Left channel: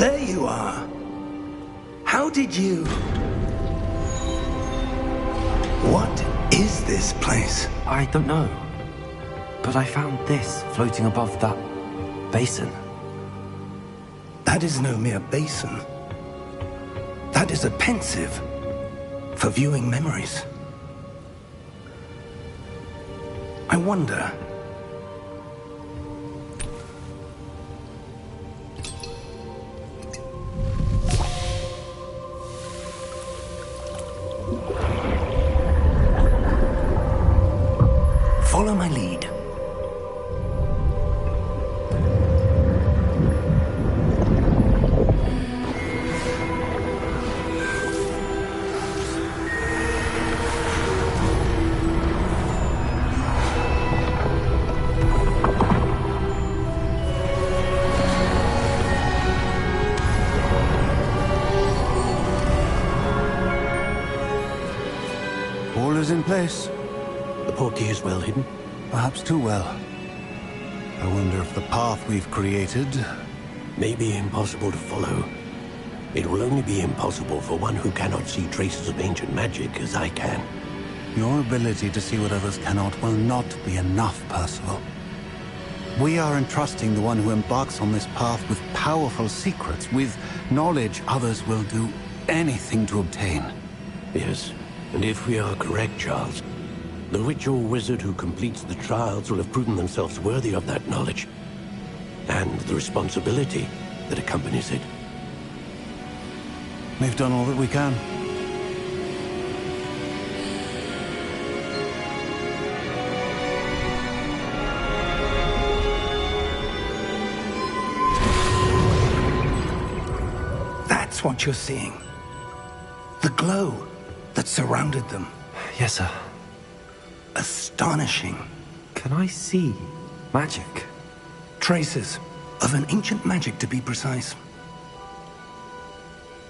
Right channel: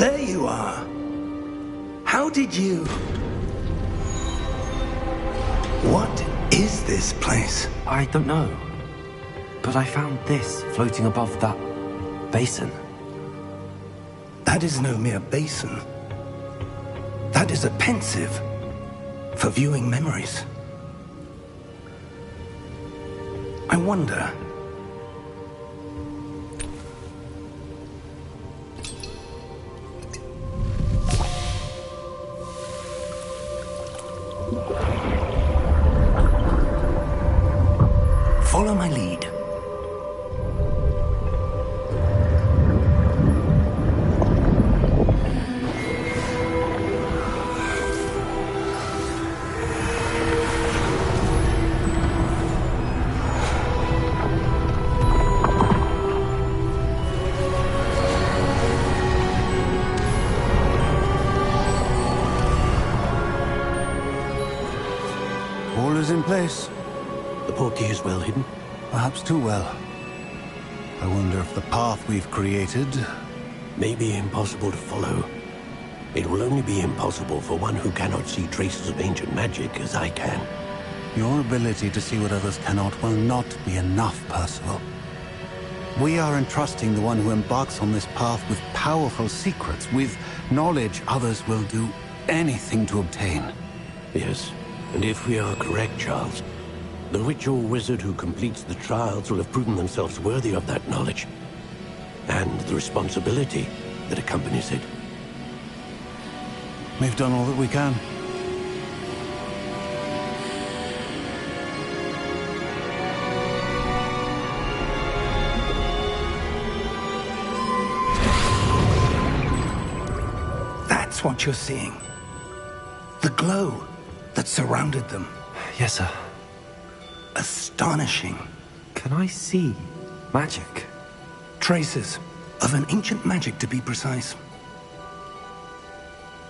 There you are. How did you... What is this place? I don't know. But I found this floating above that basin. That is no mere basin. That is a pensive for viewing memories. I wonder... Follow my lead. All is in place. The portkey is well hidden. Perhaps too well. I wonder if the path we've created... may be impossible to follow. It will only be impossible for one who cannot see traces of ancient magic as I can. Your ability to see what others cannot will not be enough, Percival. We are entrusting the one who embarks on this path with powerful secrets, with knowledge others will do anything to obtain. Yes, and if we are correct, Charles, the witch or wizard who completes the trials will have proven themselves worthy of that knowledge, and the responsibility that accompanies it. We've done all that we can. That's what you're seeing. The glow that surrounded them. Yes, sir. Astonishing. Can I see magic? Traces of an ancient magic, to be precise.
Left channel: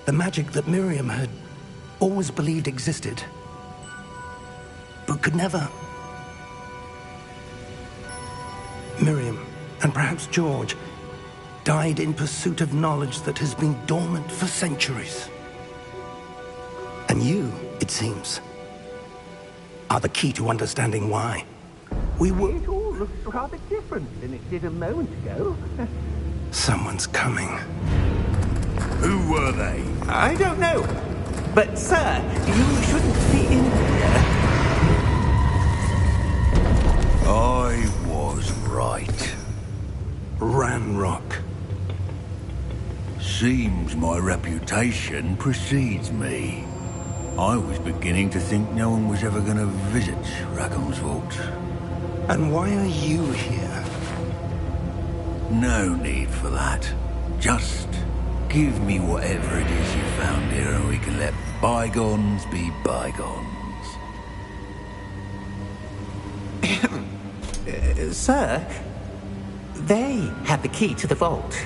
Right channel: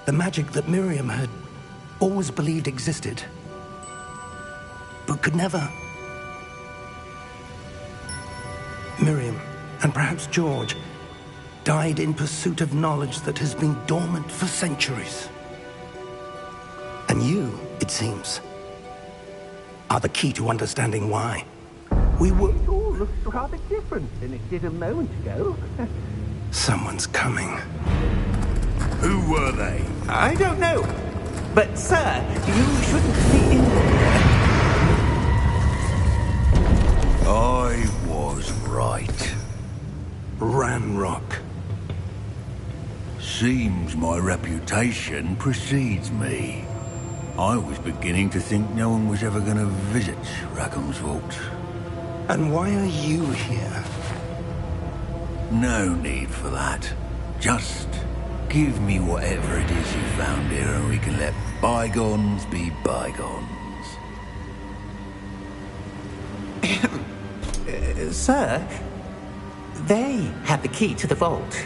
The magic that Miriam had always believed existed, but could never. Miriam, and perhaps George, died in pursuit of knowledge that has been dormant for centuries. And you, it seems, are the key to understanding why. We were... It all looks rather different than it did a moment ago. Someone's coming. Who were they? I don't know. But, sir, you shouldn't be in here. I was right. Ranrock. Seems my reputation precedes me. I was beginning to think no one was ever going to visit Rackham's Vault. And why are you here? No need for that. Just give me whatever it is you found here and we can let bygones be bygones. Sir, they had the key to the vault.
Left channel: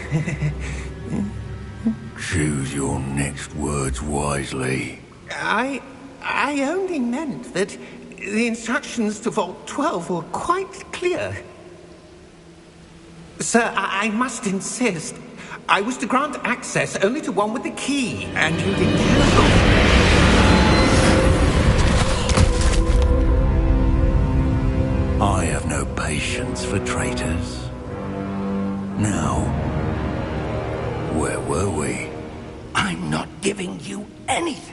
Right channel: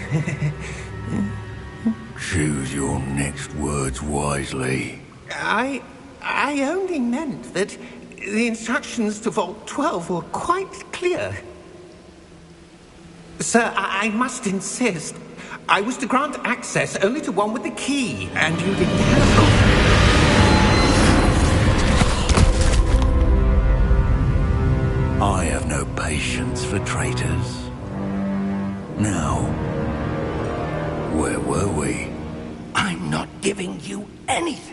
Choose your next words wisely. I only meant that the instructions to Vault 12 were quite clear. Sir, I must insist. I was to grant access only to one with the key, and you didn't have I have no patience for traitors. Now, where were we? I'm not giving you anything.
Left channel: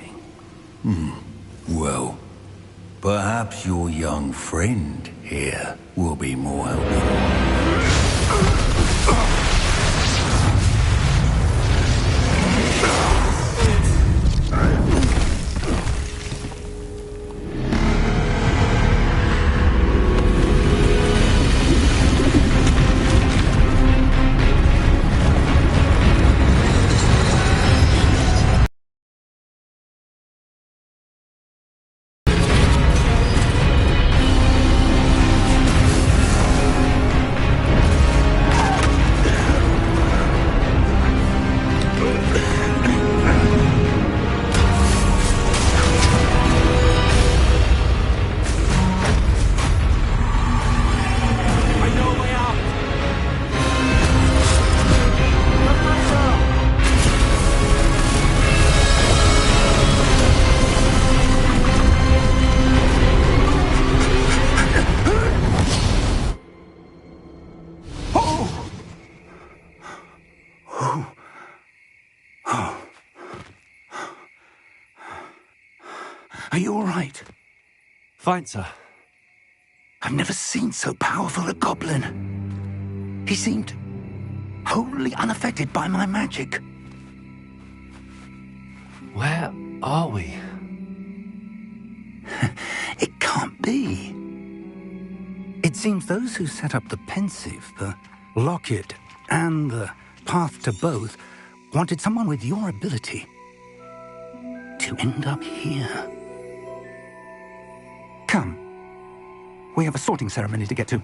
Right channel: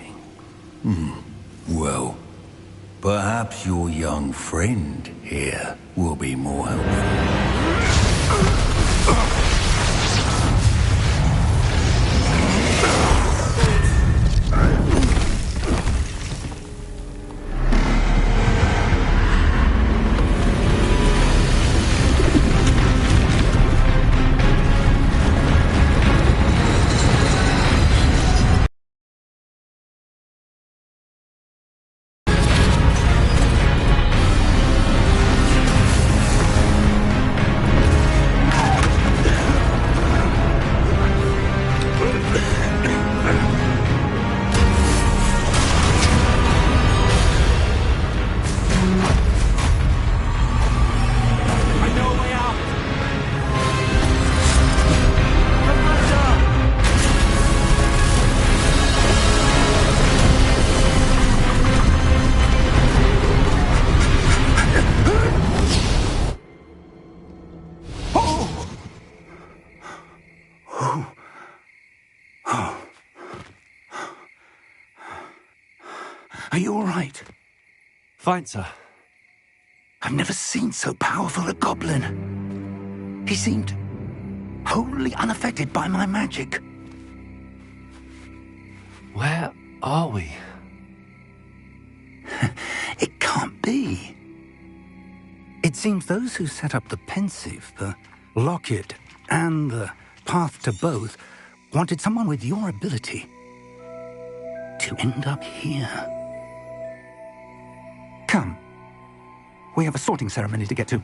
Well, perhaps your young friend here will be more helpful. Are you all right? Fine, sir. I've never seen so powerful a goblin. He seemed wholly unaffected by my magic. Where are we? It can't be. It seems those who set up the pensive, the locket, and the path to both wanted someone with your ability to end up here. Come. We have a sorting ceremony to get to.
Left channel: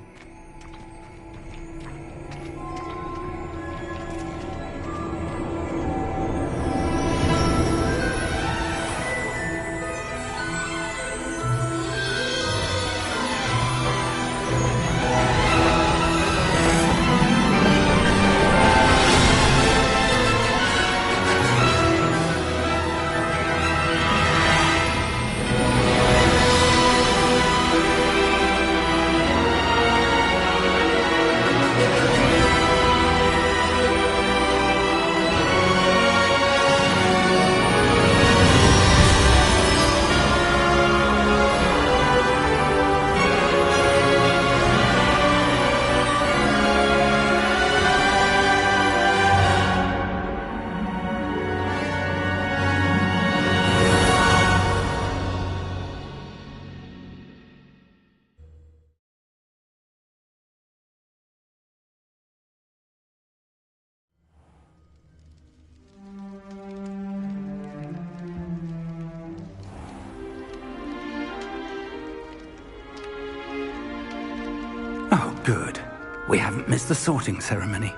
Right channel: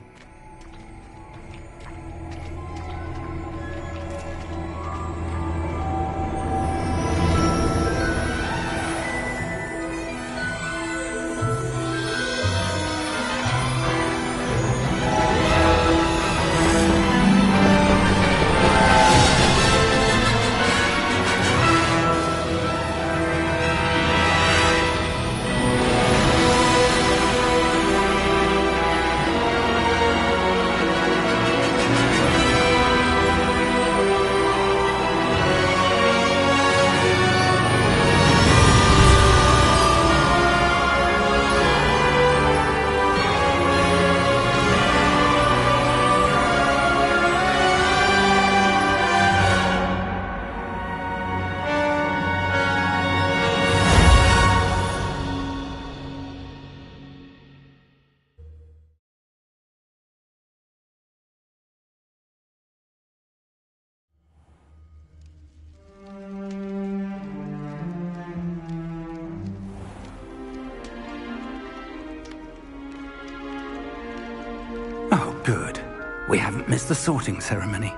Oh, good. We haven't missed the sorting ceremony.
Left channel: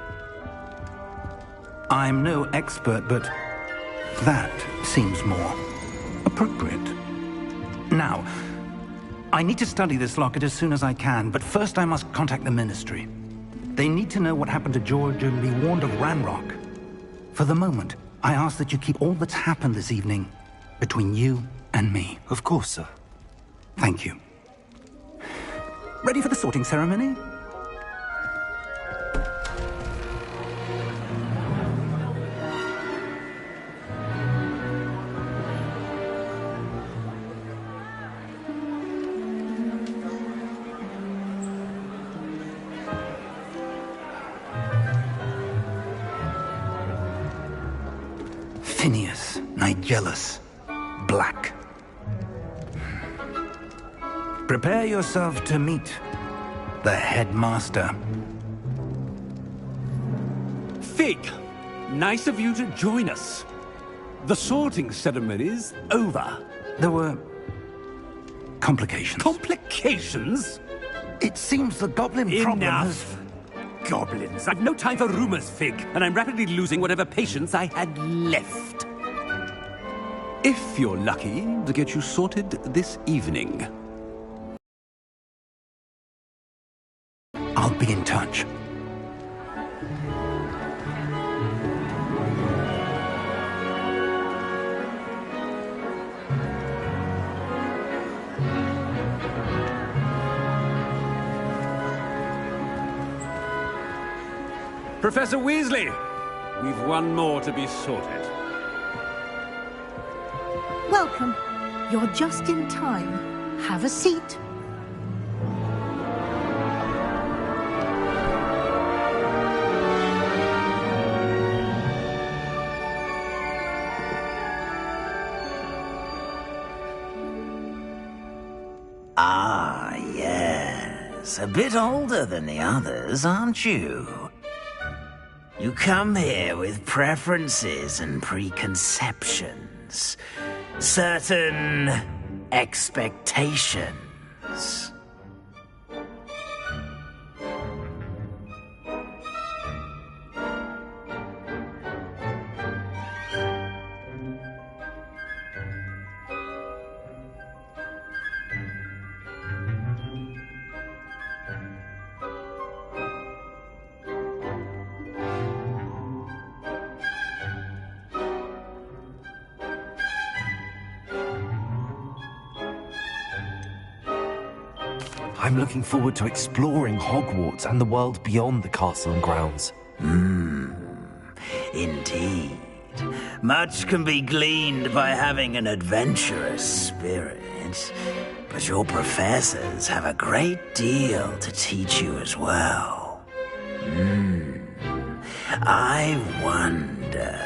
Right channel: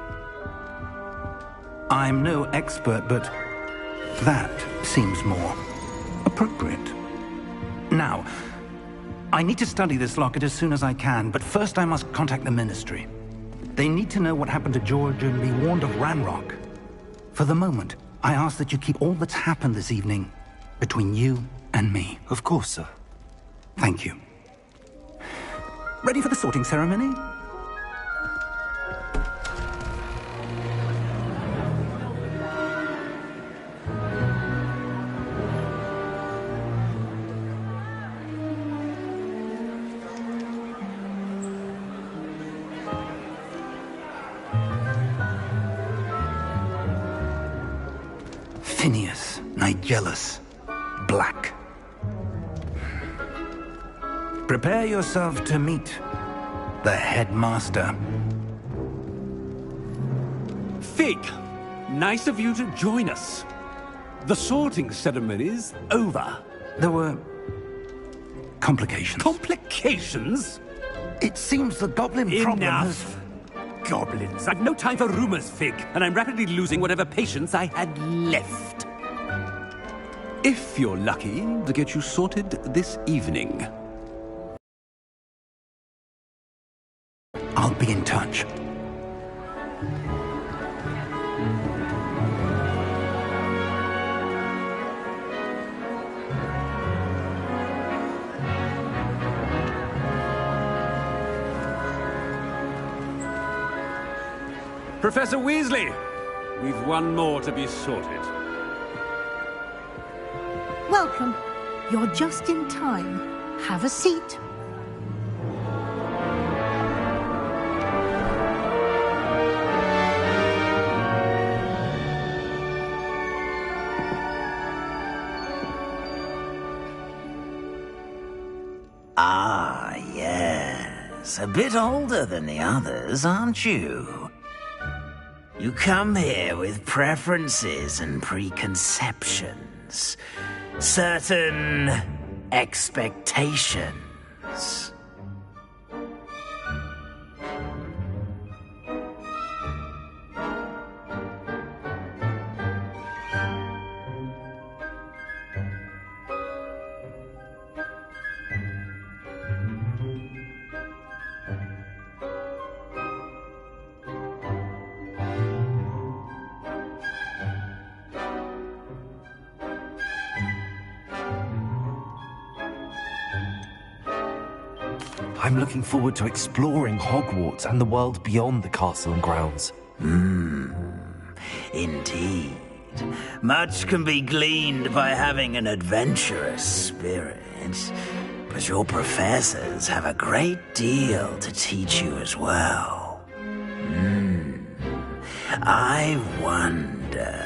I'm no expert, but that seems more appropriate. Now, I need to study this locket as soon as I can, but first I must contact the Ministry. They need to know what happened to George and be warned of Ranrock. For the moment, I ask that you keep all that's happened this evening between you and me. Of course, sir. Thank you. Ready for the sorting ceremony? Phineas, Nigellus, Black. Prepare yourself to meet the headmaster. Fig, nice of you to join us. The sorting ceremony's over. There were complications. Complications? It seems the goblin problem has... Enough! Goblins. I've no time for rumors, Fig, and I'm rapidly losing whatever patience I had left. If you're lucky, to get you sorted this evening. I'll be in touch. Professor Weasley, we've one more to be sorted. Welcome. You're just in time. Have a seat. Ah, yes. A bit older than the others, aren't you? You come here with preferences and preconceptions. Certain expectations. I'm looking forward to exploring Hogwarts and the world beyond the castle and grounds. Indeed. Much can be gleaned by having an adventurous spirit, but your professors have a great deal to teach you as well. I wonder...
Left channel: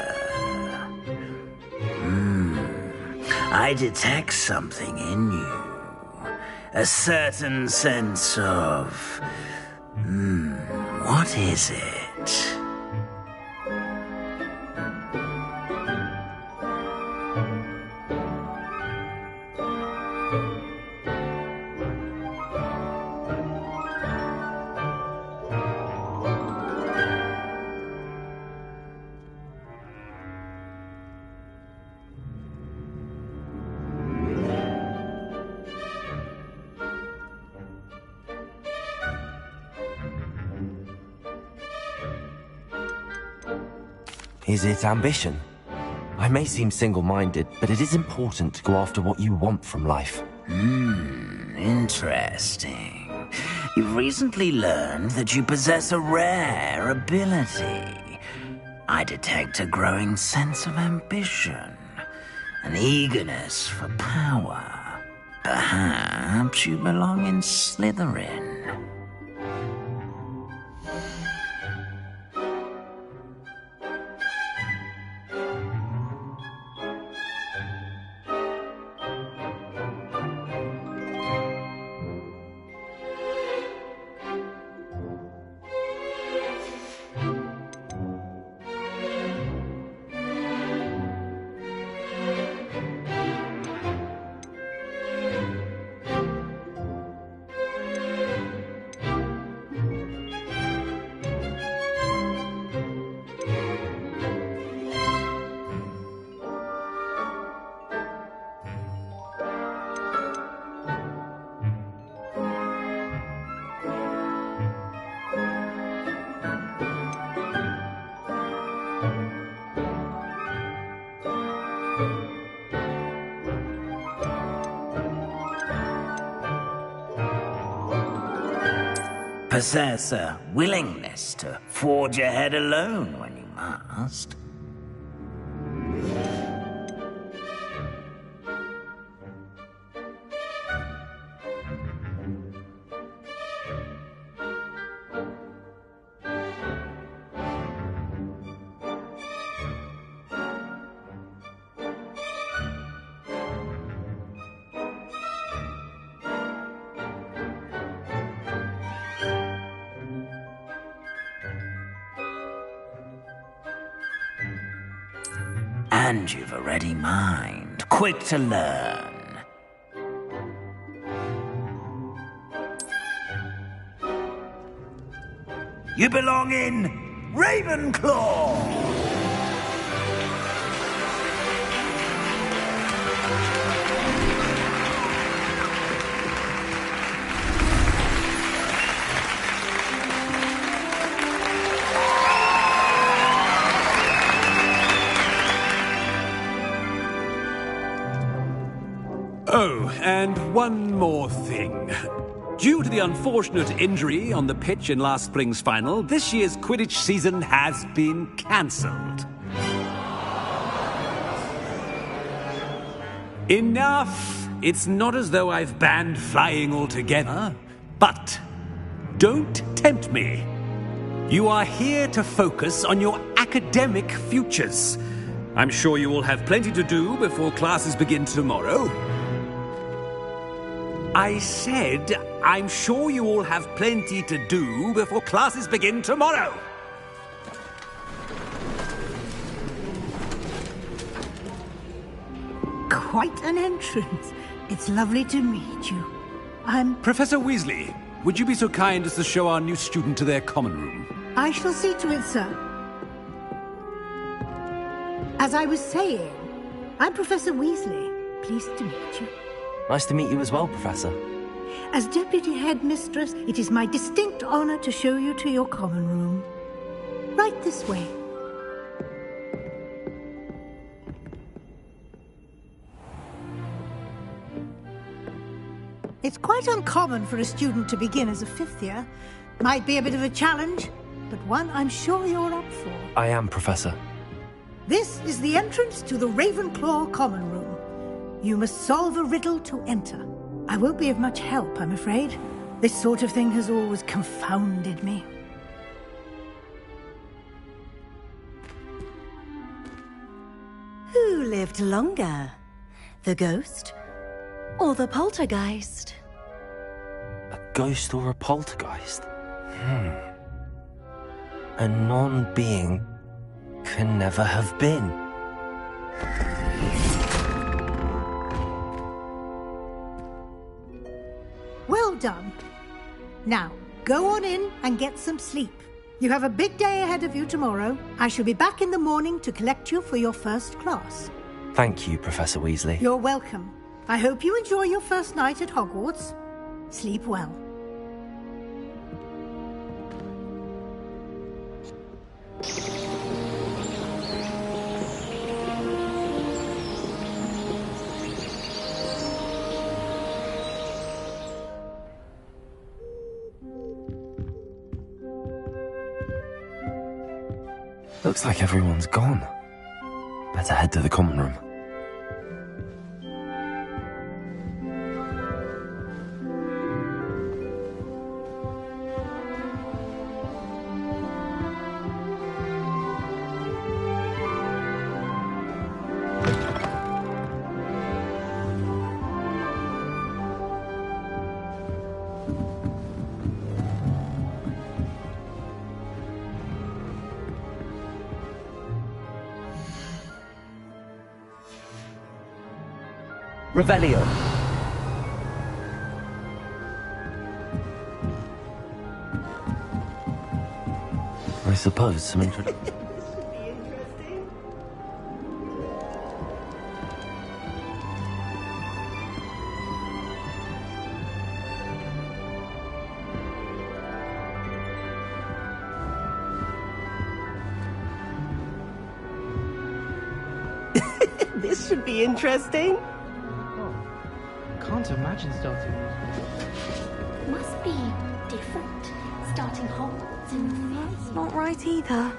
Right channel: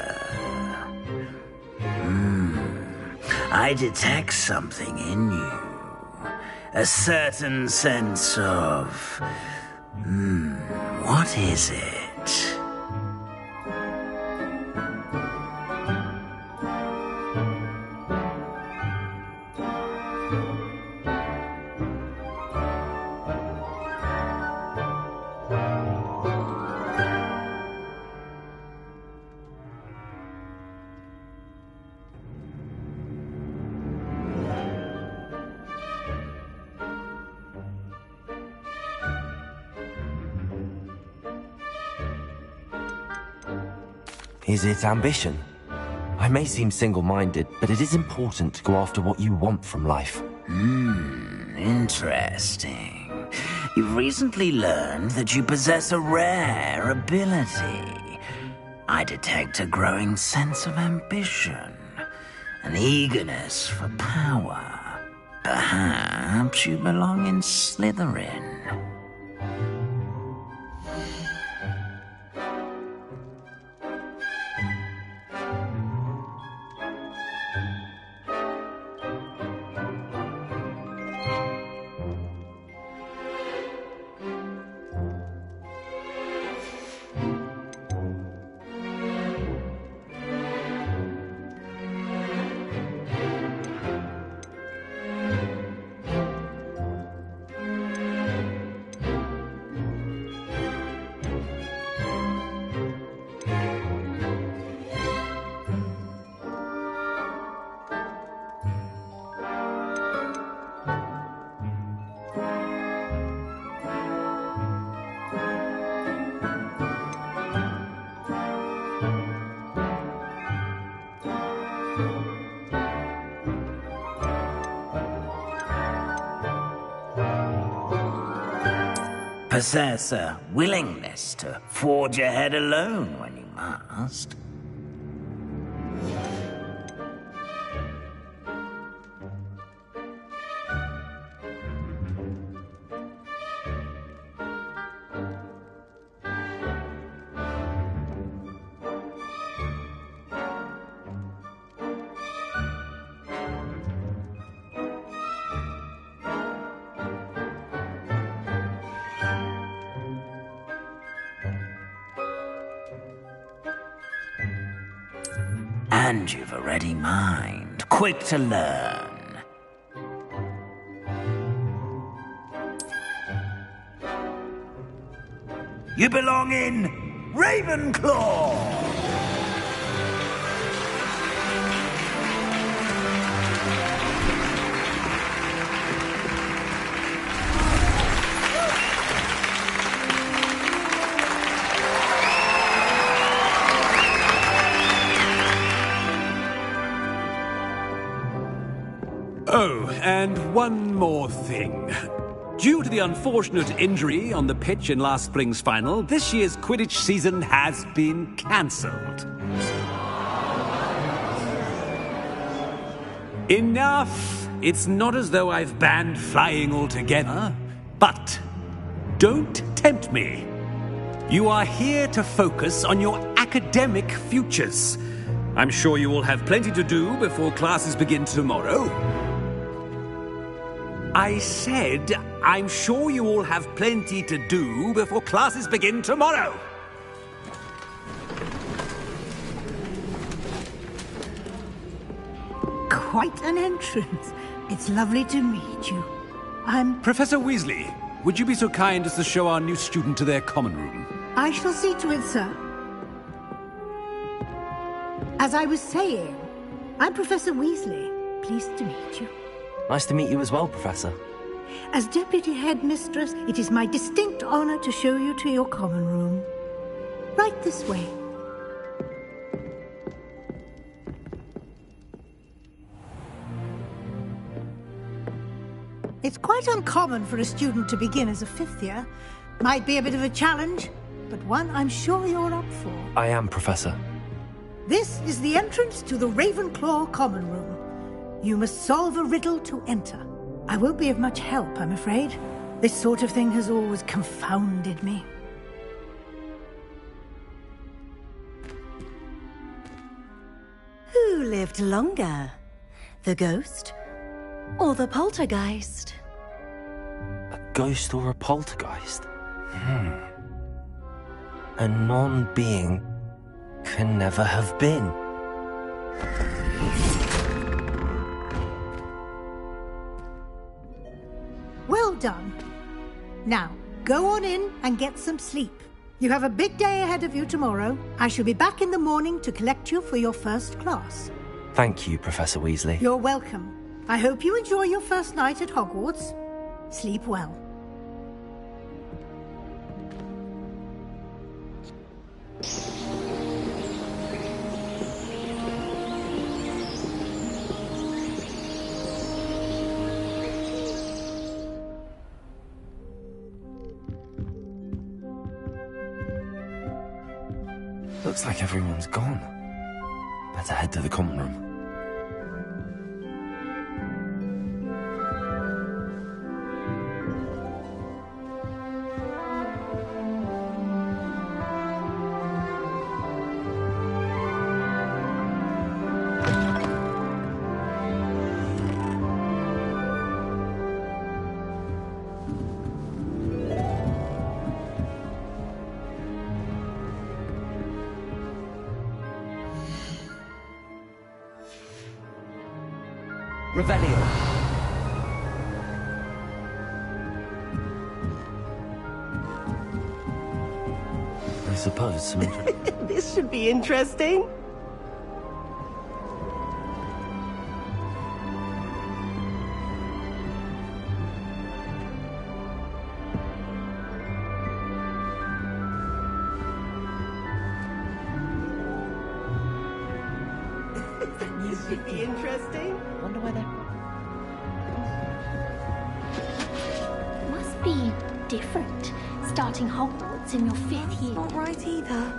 I detect something in you. A certain sense of... what is it? Is it ambition? I may seem single-minded, but it is important to go after what you want from life. Interesting. You've recently learned that you possess a rare ability. I detect a growing sense of ambition, an eagerness for power. Perhaps you belong in Slytherin. Possess a willingness to forge ahead alone when you must. And you've a ready mind, quick to learn. You belong in Ravenclaw! Oh, and one more thing. Due to the unfortunate injury on the pitch in last spring's final, this year's Quidditch season has been cancelled. Enough! It's not as though I've banned flying altogether, but don't tempt me. You are here to focus on your academic futures. I'm sure you will have plenty to do before classes begin tomorrow. I said, I'm sure you all have plenty to do before classes begin tomorrow. Quite an entrance. It's lovely to meet you. I'm... Professor Weasley, would you be so kind as to show our new student to their common room? I shall see to it, sir. As I was saying, I'm Professor Weasley. Pleased to meet you. Nice to meet you as well, Professor. As Deputy Headmistress, it is my distinct honor to show you to your common room. Right this way. It's quite uncommon for a student to begin as a fifth year. Might be a bit of a challenge, but one I'm sure you're up for. I am, Professor. This is the entrance to the Ravenclaw common room. You must solve a riddle to enter. I won't be of much help, I'm afraid. This sort of thing has always confounded me. Who lived longer? The ghost or the poltergeist? A ghost or a poltergeist? A non-being can never have been. Well done. Now, go on in and get some sleep. You have a big day ahead of you tomorrow. I shall be back in the morning to collect you for your first class. Thank you, Professor Weasley. You're welcome. I hope you enjoy your first night at Hogwarts. Sleep well. Looks like everyone's gone. Better head to the common room. Revelio. I suppose some This should be interesting. This should be interesting. Can't imagine starting. Must be different, starting Hogwarts in your 5th year. Not right either.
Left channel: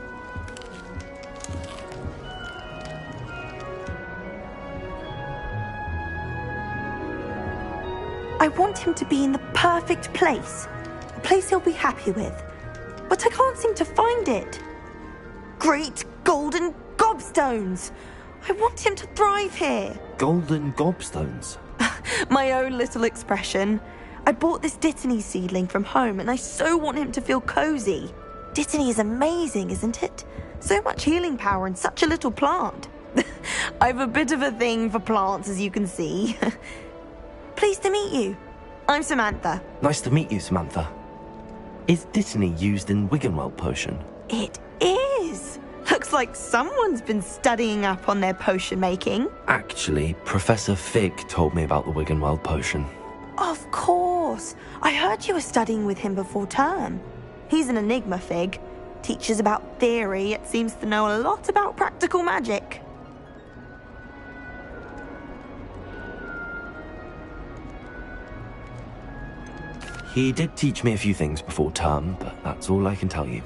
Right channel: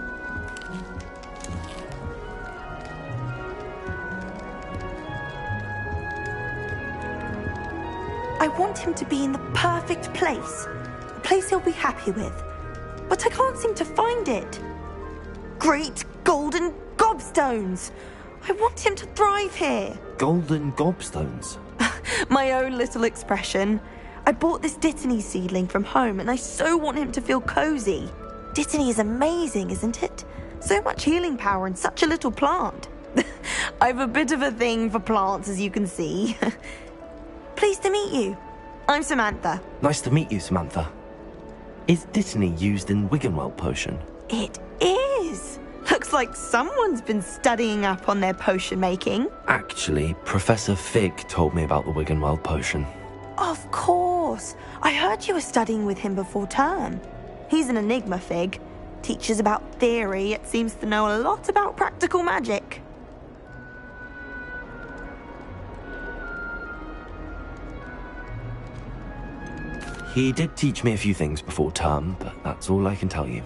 I want him to be in the perfect place. A place he'll be happy with. But I can't seem to find it. Great golden gobstones! I want him to thrive here. golden gobstones. My own little expression. I bought this Dittany seedling from home and I so want him to feel cozy. Dittany is amazing, isn't it? So much healing power in such a little plant. I've a bit of a thing for plants, as you can see. Pleased to meet you. I'm Samantha. Nice to meet you, Samantha. Is Dittany used in Wiggenweld potion? It is. Looks like someone's been studying up on their potion making. Actually, Professor Fig told me about the Wiggenweld potion. Of course. I heard you were studying with him before term. He's an enigma, Fig. Teaches about theory, yet seems to know a lot about practical magic. He did teach me a few things before term, but that's all I can tell you.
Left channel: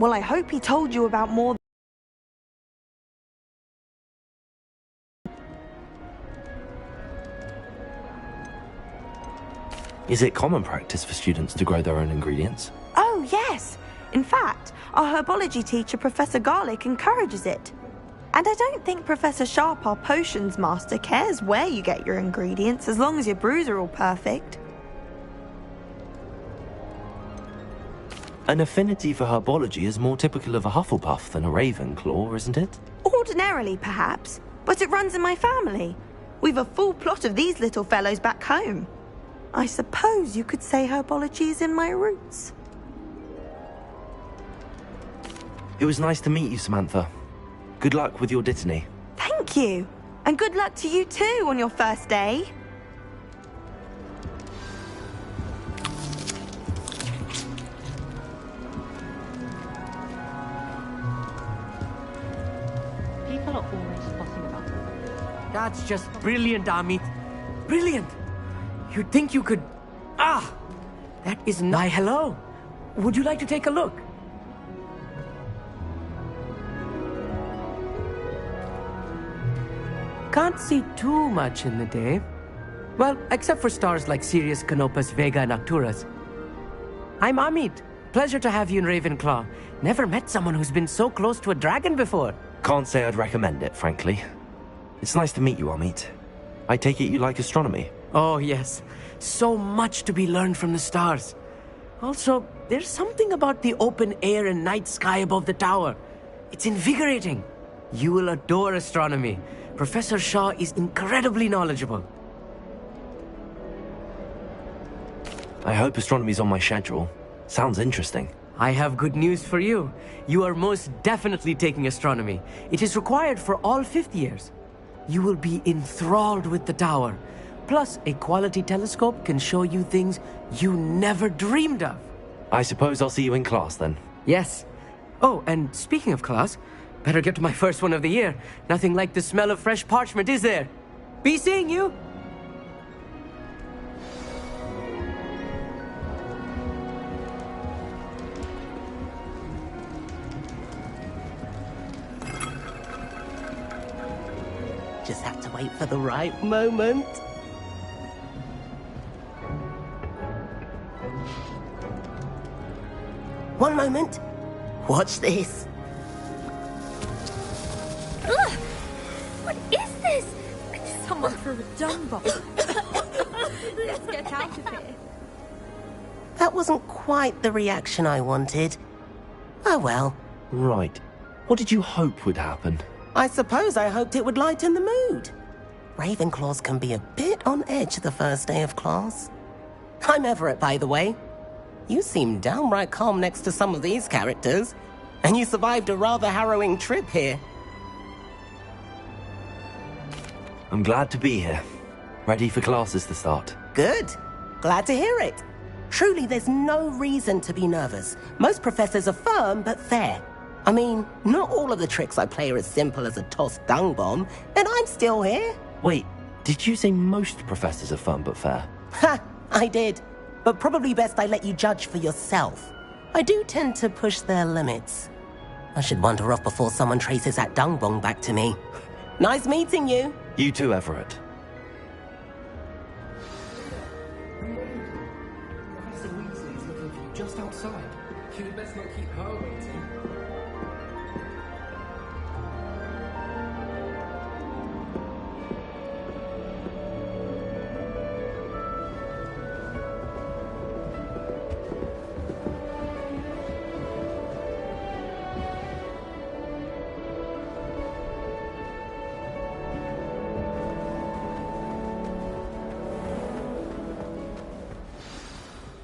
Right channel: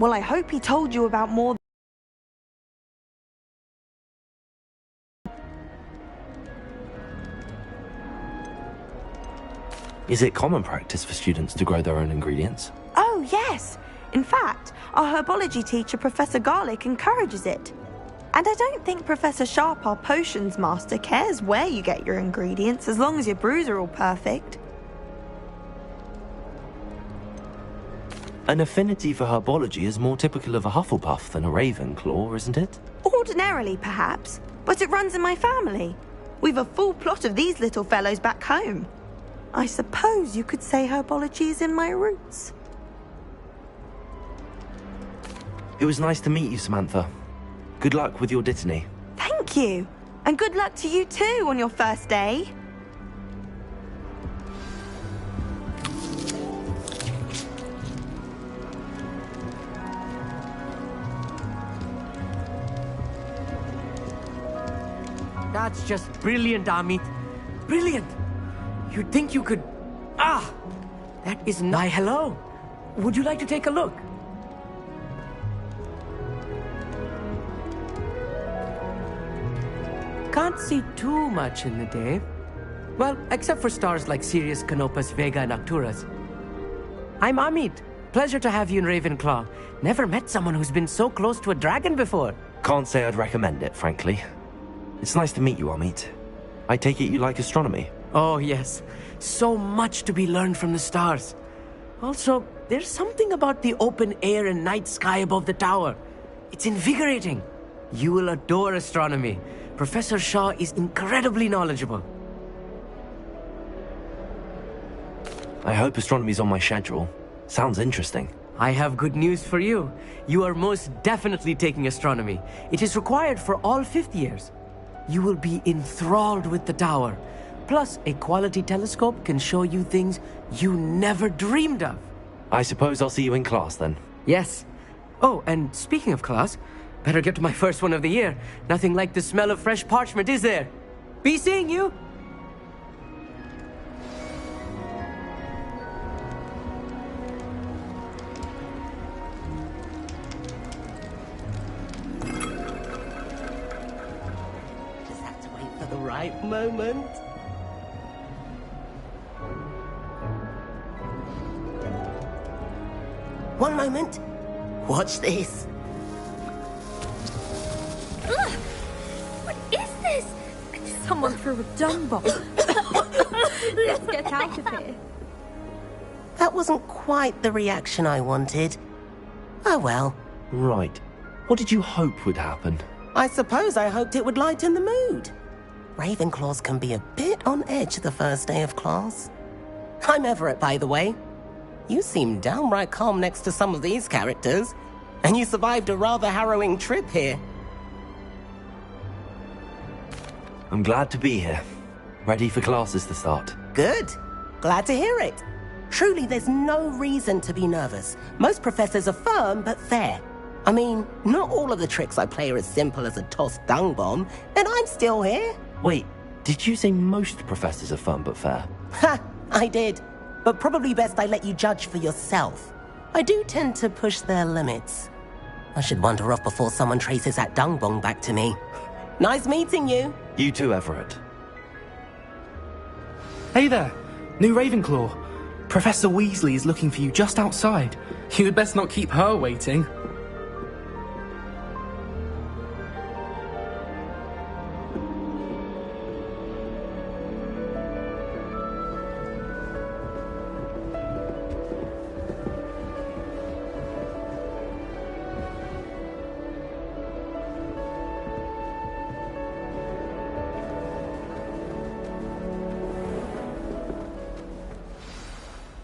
Well, I hope he told you about more. Is it common practice for students to grow their own ingredients? Oh, yes. In fact, our herbology teacher, Professor Garlick, encourages it. And I don't think Professor Sharp, our potions master, cares where you get your ingredients, as long as your brews are all perfect. An affinity for herbology is more typical of a Hufflepuff than a Ravenclaw, isn't it? Ordinarily, perhaps, but it runs in my family. We've a full plot of these little fellows back home. I suppose you could say herbology is in my roots. It was nice to meet you, Samantha. Good luck with your Dittany. Thank you. And good luck to you too on your first day. That's just brilliant, Amit. Brilliant. You'd think you could... Ah! That is not... Why, hello. Would you like to take a look? can't see too much in the day. Well, except for stars like Sirius, Canopus, Vega, and Arcturus. I'm Amit. Pleasure to have you in Ravenclaw. Never met someone who's been so close to a dragon before. Can't say I'd recommend it, frankly. It's nice to meet you, Amit. I take it you like astronomy? Oh, yes. So much to be learned from the stars. Also, there's something about the open air and night sky above the tower. It's invigorating. You will adore astronomy. Professor Shaw is incredibly knowledgeable. I hope astronomy's on my schedule. Sounds interesting. I have good news for you. You are most definitely taking astronomy. It is required for all fifth years. You will be enthralled with the tower. Plus, a quality telescope can show you things you never dreamed of. I suppose I'll see you in class then. Yes. Oh, and speaking of class, better get to my first one of the year. Nothing like the smell of fresh parchment, is there? Be seeing you! Just have to wait for the right moment. One moment. Watch this. Ugh! What is this? Someone threw a dung bomb. Let's get out of here. That wasn't quite the reaction I wanted. Oh well. Right. What did you hope would happen? I suppose I hoped it would lighten the mood. Ravenclaws can be a bit on edge the first day of class. I'm Everett, by the way. You seem downright calm next to some of these characters, and you survived a rather harrowing trip here. I'm glad to be here. Ready for classes to start. Good. Glad to hear it. Truly, there's no reason to be nervous. Most professors are firm but fair. I mean, not all of the tricks I play are as simple as a tossed dung bomb, and I'm still here. Wait, did you say most professors are fun but fair? Ha! I did. But probably best I let you judge for yourself. I do tend to push their limits. I should wander off before someone traces that dung bomb back to me. Nice meeting you. You too, Everett. Hey there, new Ravenclaw. Professor Weasley is looking for you just outside. You had best not keep her waiting.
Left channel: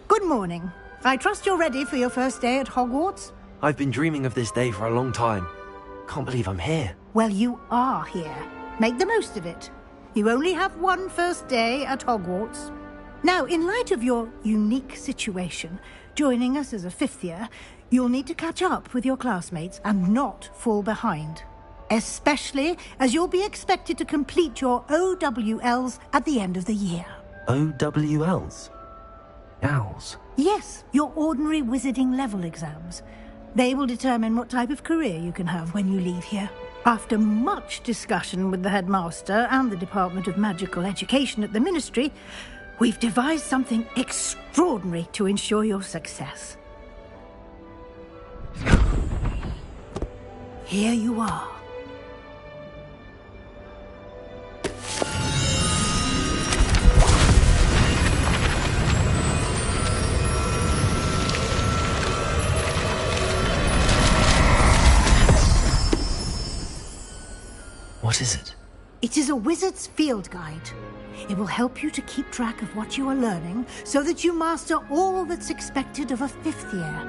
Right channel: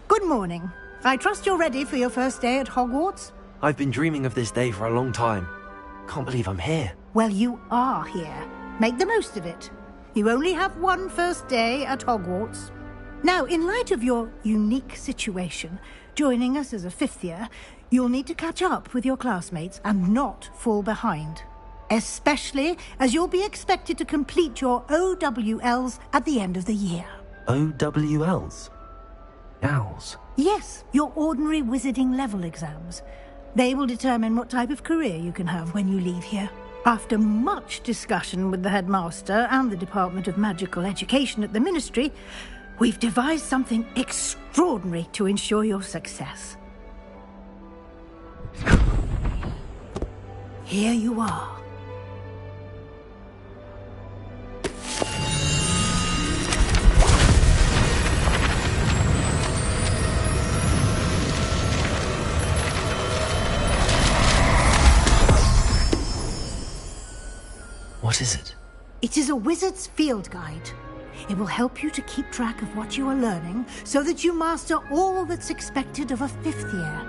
Good morning. I trust you're ready for your first day at Hogwarts? I've been dreaming of this day for a long time. Can't believe I'm here. Well, you are here. Make the most of it. You only have one first day at Hogwarts. Now, in light of your unique situation, joining us as a fifth year, you'll need to catch up with your classmates and not fall behind. Especially as you'll be expected to complete your OWLs at the end of the year. OWLs? Owls? Yes, your ordinary wizarding level exams. They will determine what type of career you can have when you leave here. After much discussion with the headmaster and the Department of Magical Education at the Ministry, we've devised something extraordinary to ensure your success. Here you are. What is it? It is a wizard's field guide. It will help you to keep track of what you are learning so that you master all that's expected of a fifth year.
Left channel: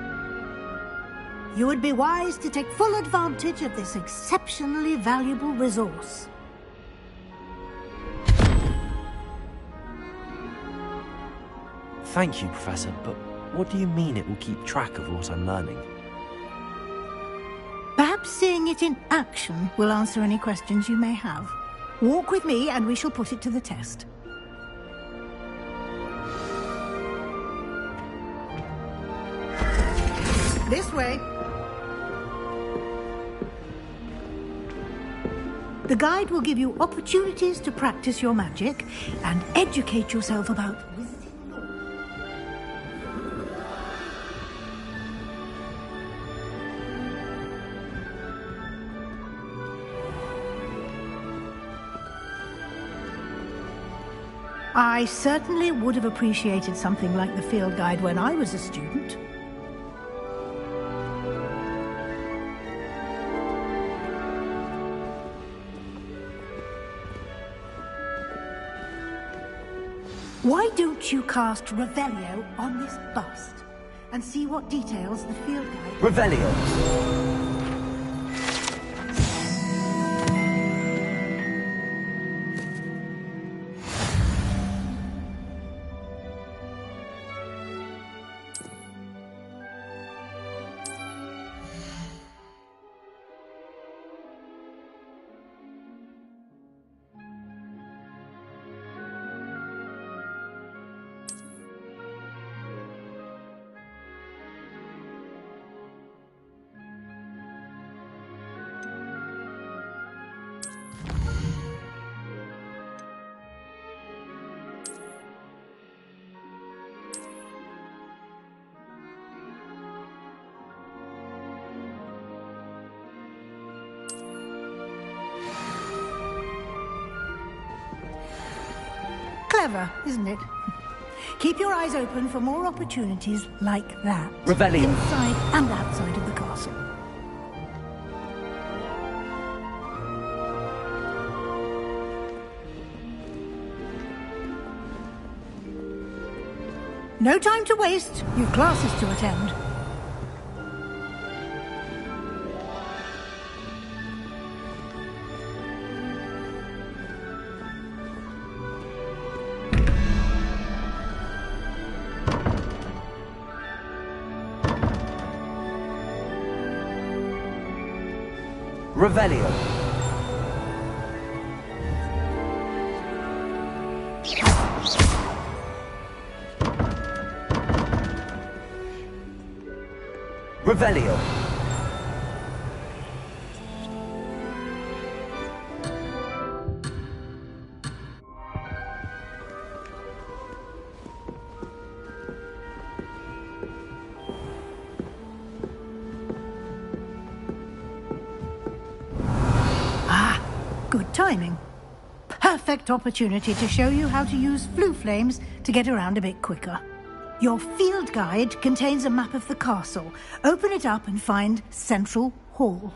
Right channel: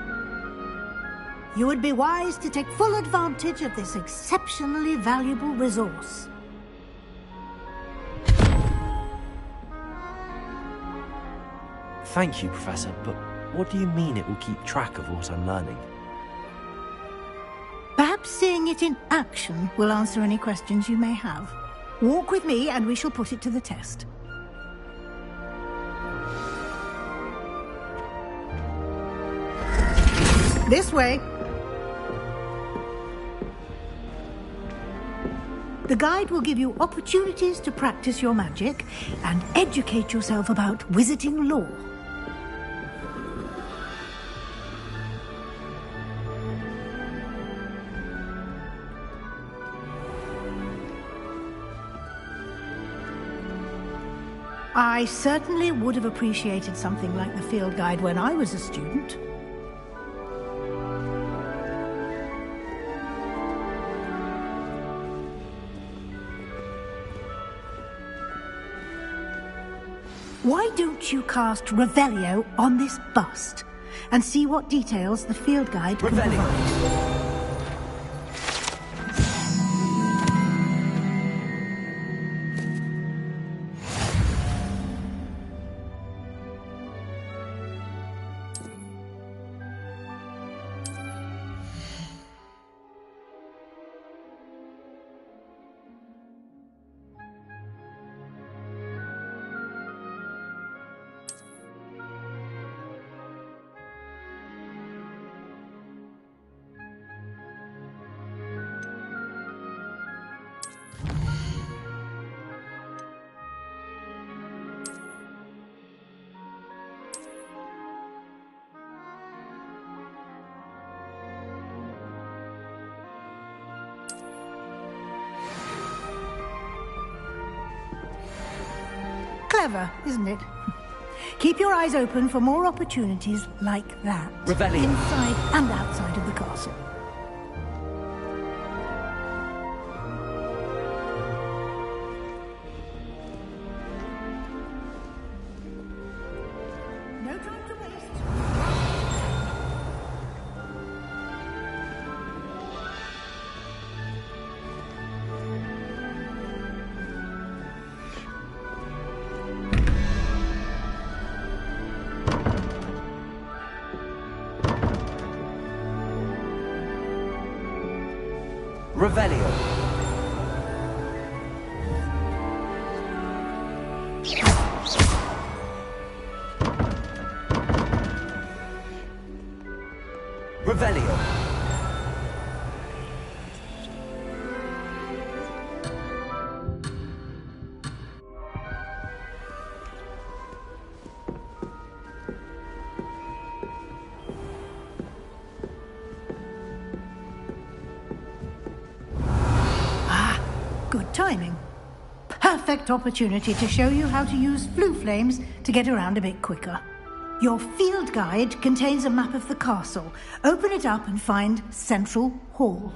You would be wise to take full advantage of this exceptionally valuable resource. Thank you, Professor, but what do you mean it will keep track of what I'm learning? Perhaps seeing it in action will answer any questions you may have. Walk with me and we shall put it to the test. This way. The guide will give you opportunities to practice your magic and educate yourself about wizarding lore. I certainly would have appreciated something like the field guide when I was a student. Why don't you cast Revelio on this bust and see what details the field guide... Revelio! Clever, isn't it? Keep your eyes open for more opportunities like that. Revelio. Inside and outside of the castle. No time to waste. You've classes to attend. Revelio. Revelio. Good timing. Perfect opportunity to show you how to use flue flames to get around a bit quicker. Your field guide contains a map of the castle. Open it up and find Central Hall.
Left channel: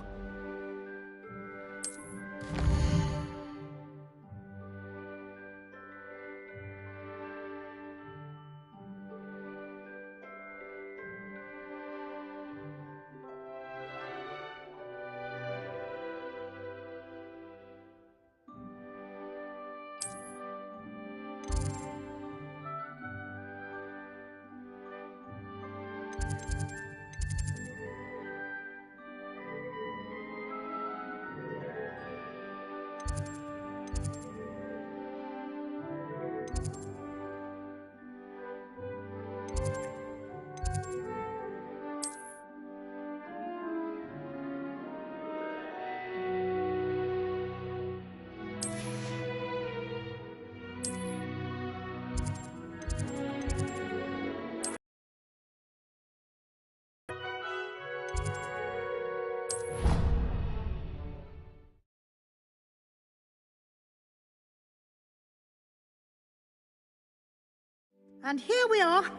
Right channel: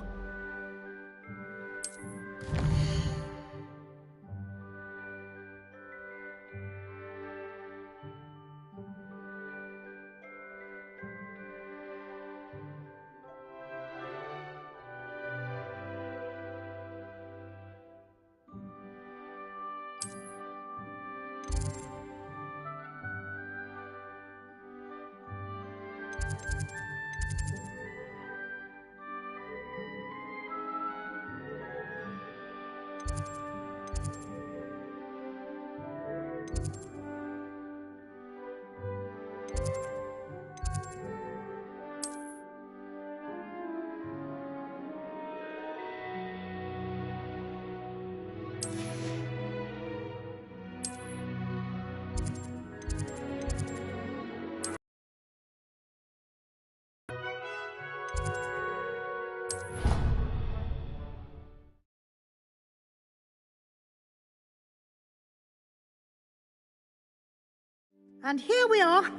And here we are.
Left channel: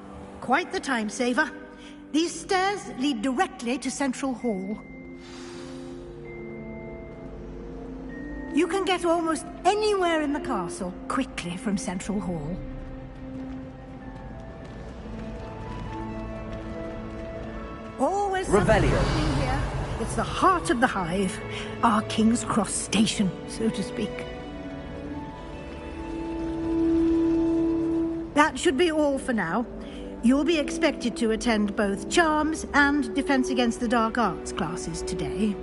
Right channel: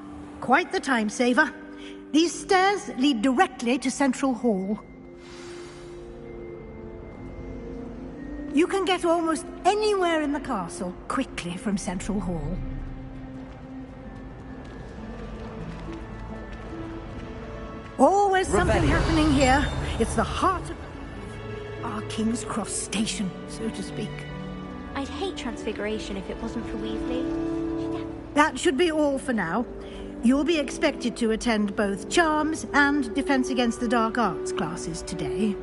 Quite the time saver. These stairs lead directly to Central Hall. You can get almost anywhere in the castle quickly from Central Hall. Always something happening here. It's the heart of the hive. Our King's Cross station, so to speak. I'd hate Transfiguration if it wasn't for Weasley. That should be all for now. You'll be expected to attend both Charms and Defense Against the Dark Arts classes today.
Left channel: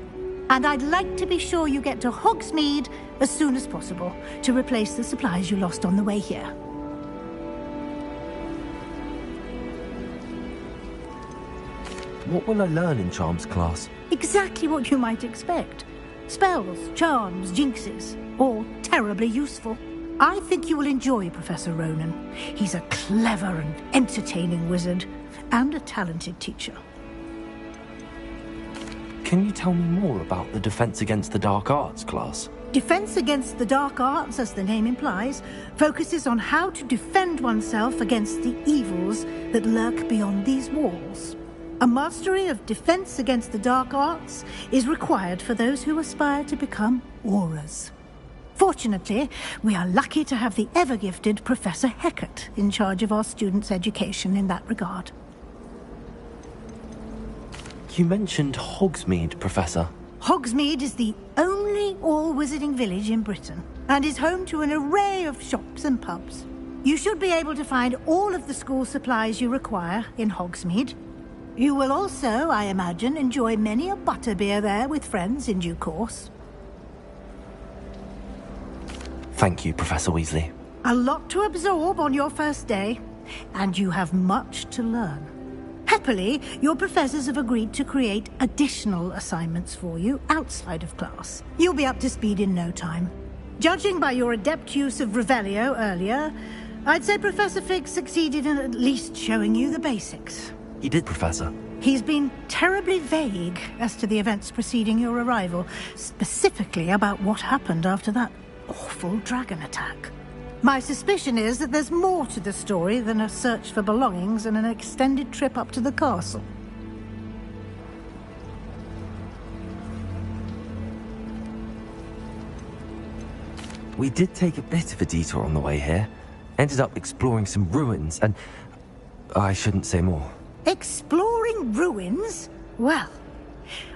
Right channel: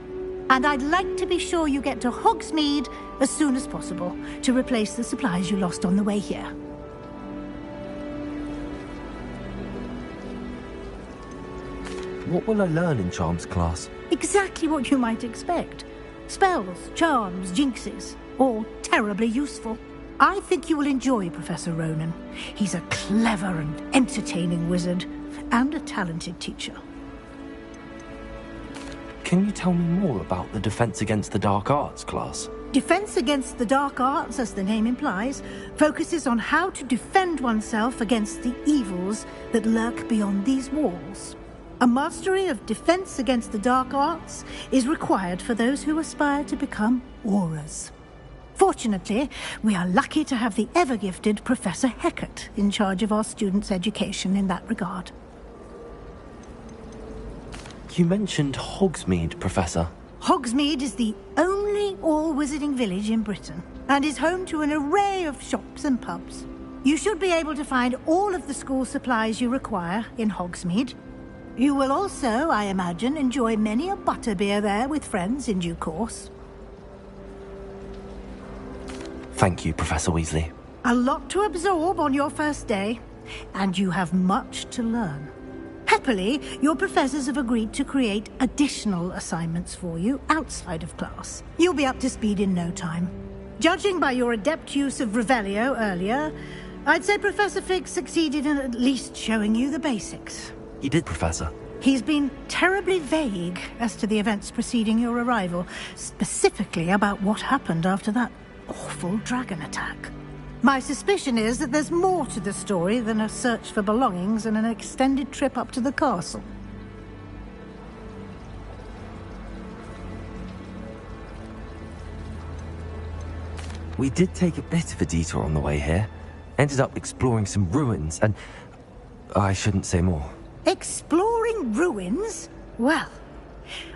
And I'd like to be sure you get to Hogsmeade as soon as possible to replace the supplies you lost on the way here. What will I learn in Charms class? Exactly what you might expect. Spells, charms, jinxes, all terribly useful. I think you will enjoy Professor Ronan. He's a clever and entertaining wizard, and a talented teacher. Can you tell me more about the Defense Against the Dark Arts class? Defense Against the Dark Arts, as the name implies, focuses on how to defend oneself against the evils that lurk beyond these walls. A mastery of Defense Against the Dark Arts is required for those who aspire to become auras. Fortunately, we are lucky to have the ever-gifted Professor Hecat in charge of our students' education in that regard. You mentioned Hogsmeade, Professor. Hogsmeade is the only all-wizarding village in Britain, and is home to an array of shops and pubs. You should be able to find all of the school supplies you require in Hogsmeade. You will also, I imagine, enjoy many a butterbeer there with friends in due course. Thank you, Professor Weasley. A lot to absorb on your first day, and you have much to learn. Happily, your professors have agreed to create additional assignments for you outside of class. You'll be up to speed in no time. Judging by your adept use of Revelio earlier, I'd say Professor Fig succeeded in at least showing you the basics. He did, Professor. He's been terribly vague as to the events preceding your arrival, specifically about what happened after that awful dragon attack. My suspicion is that there's more to the story than a search for belongings and an extended trip up to the castle. We did take a bit of a detour on the way here. Ended up exploring some ruins and... I shouldn't say more. Exploring ruins? Well,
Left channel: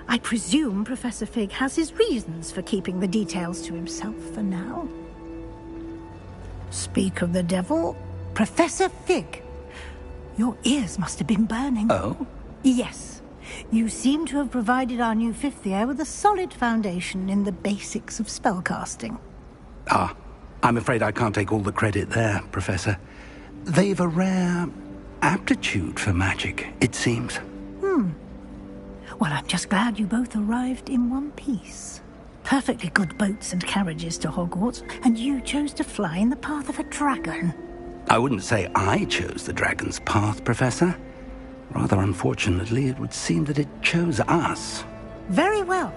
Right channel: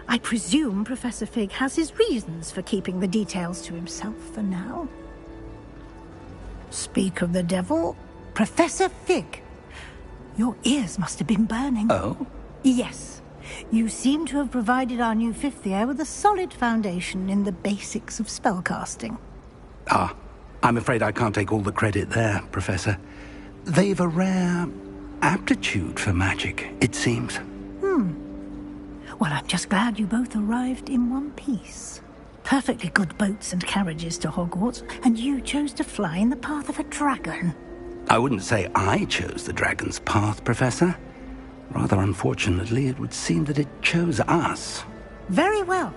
I presume Professor Fig has his reasons for keeping the details to himself for now. Speak of the devil, Professor Fig. Your ears must have been burning. Oh? Yes. You seem to have provided our new fifth year with a solid foundation in the basics of spellcasting. Ah, I'm afraid I can't take all the credit there, Professor. They've a rare aptitude for magic, it seems. Well, I'm just glad you both arrived in one piece. Perfectly good boats and carriages to Hogwarts, and you chose to fly in the path of a dragon. I wouldn't say I chose the dragon's path, Professor. Rather unfortunately, it would seem that it chose us. Very well.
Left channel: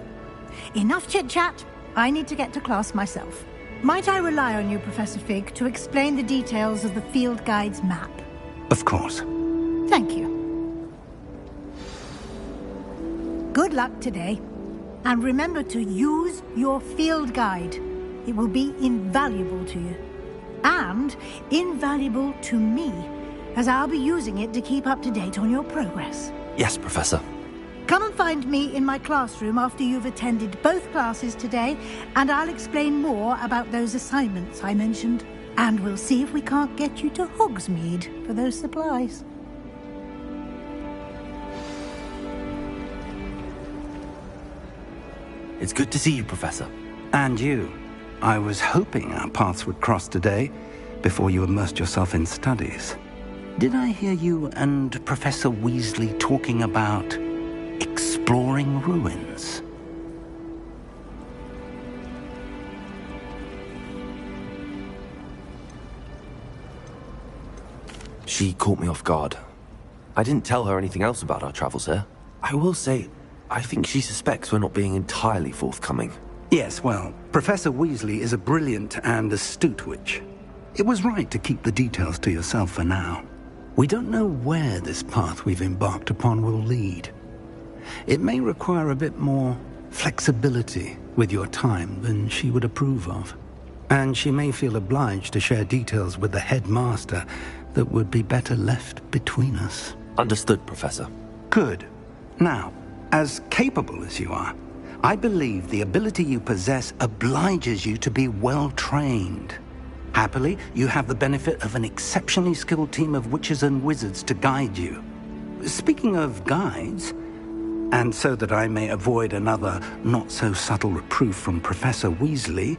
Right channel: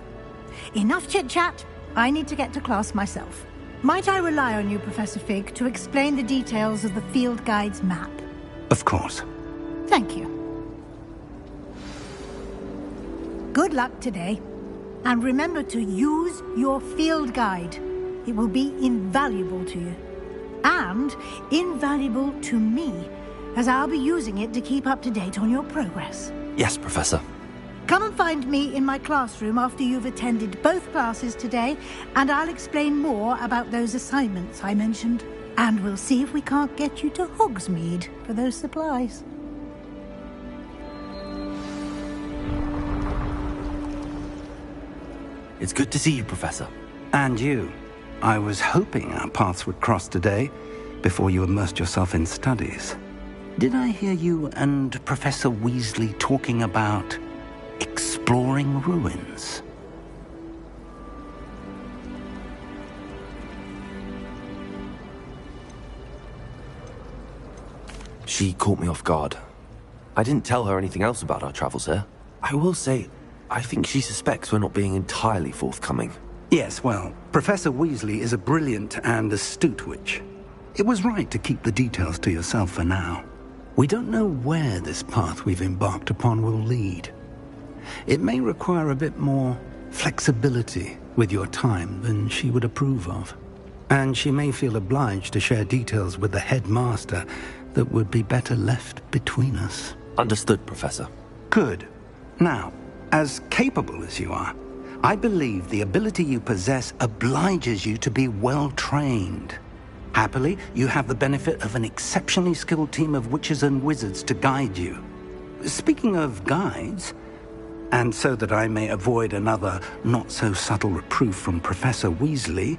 Enough chit-chat. I need to get to class myself. Might I rely on you, Professor Fig, to explain the details of the field guide's map? Of course. Thank you. Good luck today. And remember to use your field guide. It will be invaluable to you. And invaluable to me, as I'll be using it to keep up to date on your progress. Yes, Professor. Come and find me in my classroom after you've attended both classes today, and I'll explain more about those assignments I mentioned. And we'll see if we can't get you to Hogsmeade for those supplies. It's good to see you, Professor. And you. I was hoping our paths would cross today, before you immersed yourself in studies. Did I hear you and Professor Weasley talking about exploring ruins? She caught me off guard. I didn't tell her anything else about our travels here. I will say, I think she suspects we're not being entirely forthcoming. Yes, well, Professor Weasley is a brilliant and astute witch. It was right to keep the details to yourself for now. We don't know where this path we've embarked upon will lead. It may require a bit more flexibility with your time than she would approve of. And she may feel obliged to share details with the headmaster that would be better left between us. Understood, Professor. Good. Now, as capable as you are, I believe the ability you possess obliges you to be well-trained. Happily, you have the benefit of an exceptionally skilled team of witches and wizards to guide you. Speaking of guides, and so that I may avoid another not-so-subtle reproof from Professor Weasley,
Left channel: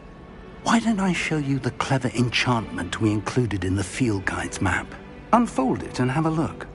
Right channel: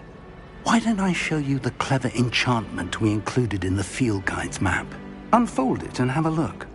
why don't I show you the clever enchantment we included in the field guide's map? Unfold it and have a look.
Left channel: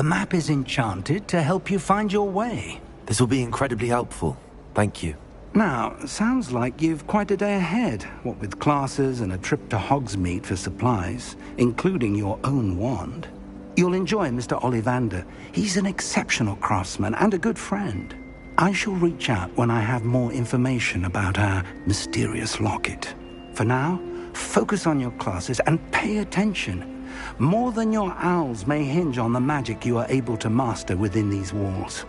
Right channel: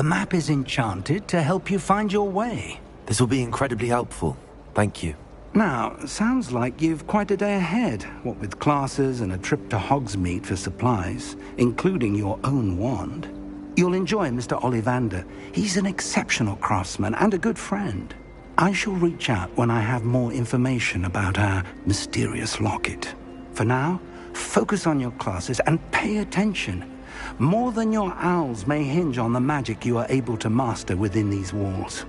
The map is enchanted to help you find your way. This will be incredibly helpful. Thank you. Now, sounds like you've quite a day ahead, what with classes and a trip to Hogsmeade for supplies, including your own wand. You'll enjoy Mr. Ollivander. He's an exceptional craftsman and a good friend. I shall reach out when I have more information about our mysterious locket. For now, focus on your classes and pay attention. More than your owls may hinge on the magic you are able to master within these walls.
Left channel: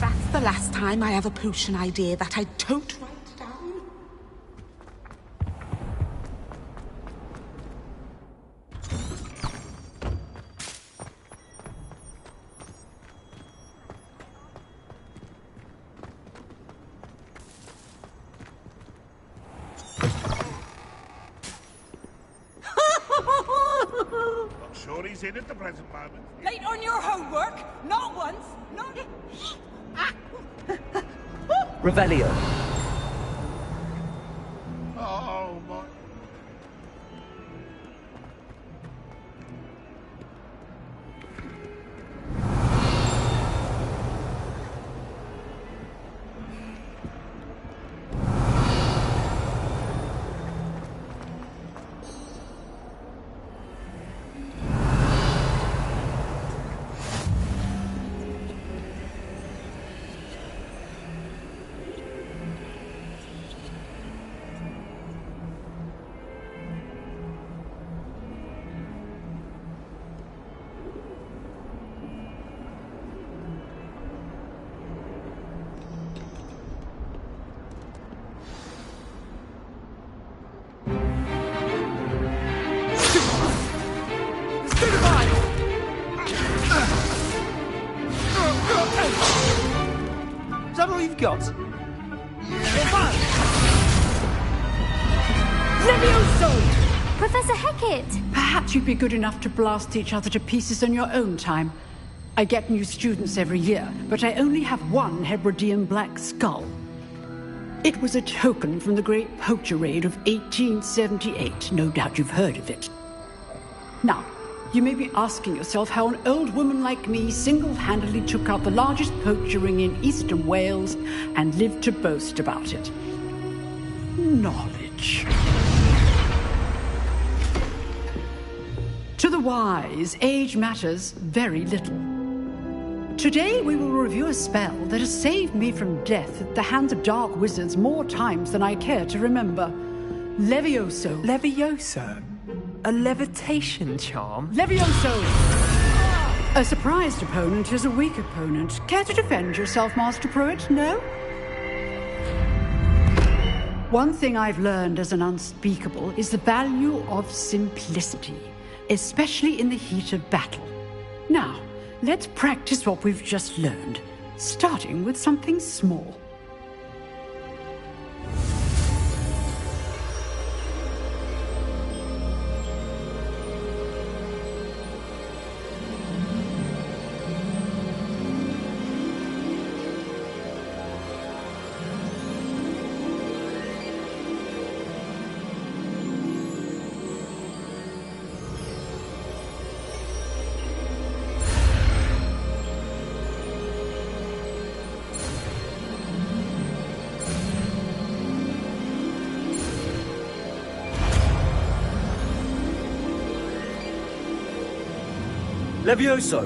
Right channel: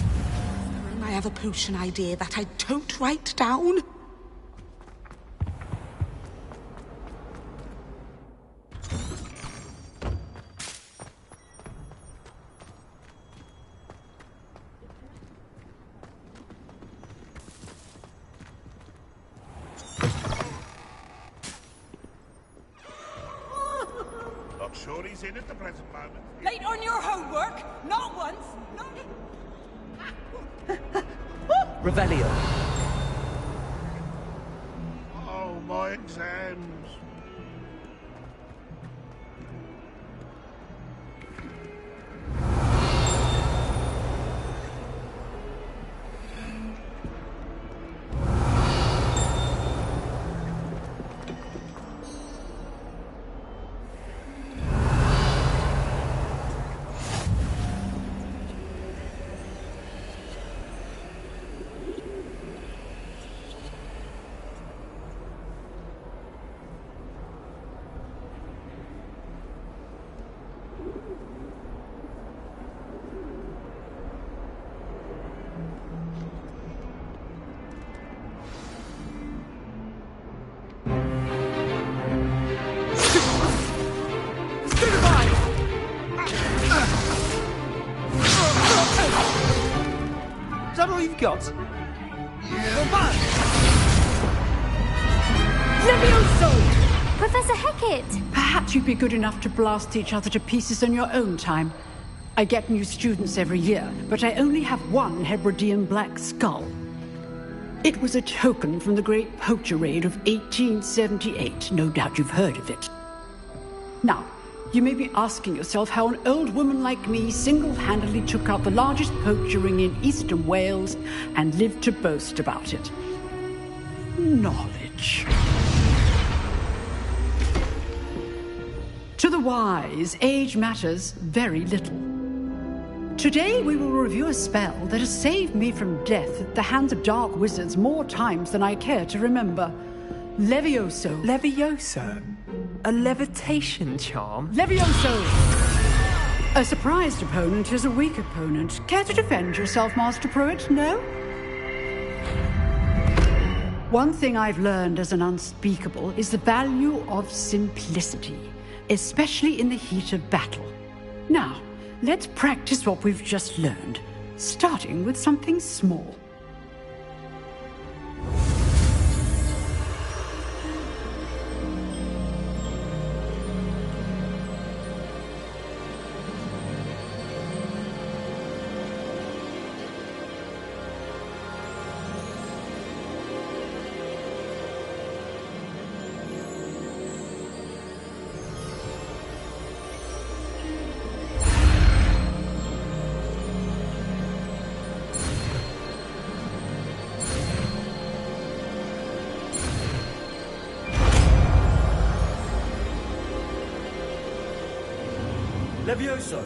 That's the last time I have a potion idea that I don't write down. Not sure he's in at the present moment. Late on your homework? Not once, not... Revelio. Oh, my exams. Is that all you've got? Levioso! Professor Hecat! Perhaps you'd be good enough to blast each other to pieces on your own time. I get new students every year, but I only have one Hebridean black skull. It was a token from the Great Poacher Raid of 1878. No doubt you've heard of it. Now, you may be asking yourself how an old woman like me single-handedly took out the largest poacher ring in eastern Wales and lived to boast about it. Knowledge. To the wise, age matters very little. Today we will review a spell that has saved me from death at the hands of dark wizards more times than I care to remember. Levioso. Levioso? A levitation charm? Levioso! A surprised opponent is a weak opponent. Care to defend yourself, Master Pruitt? No? One thing I've learned as an unspeakable is the value of simplicity, especially in the heat of battle. Now, let's practice what we've just learned, starting with something small. Levioso!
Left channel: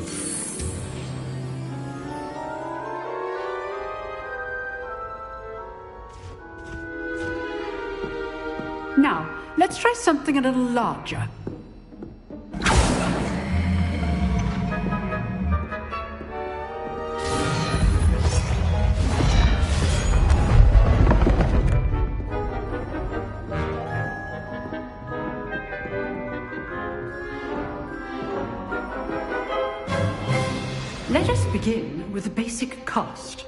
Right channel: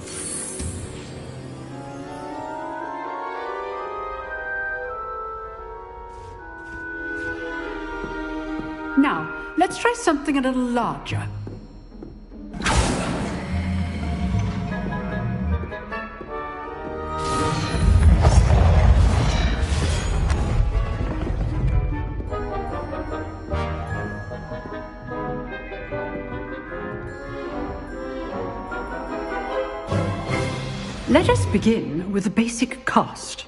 Now, let's try something a little larger. Let us begin with the basic cast.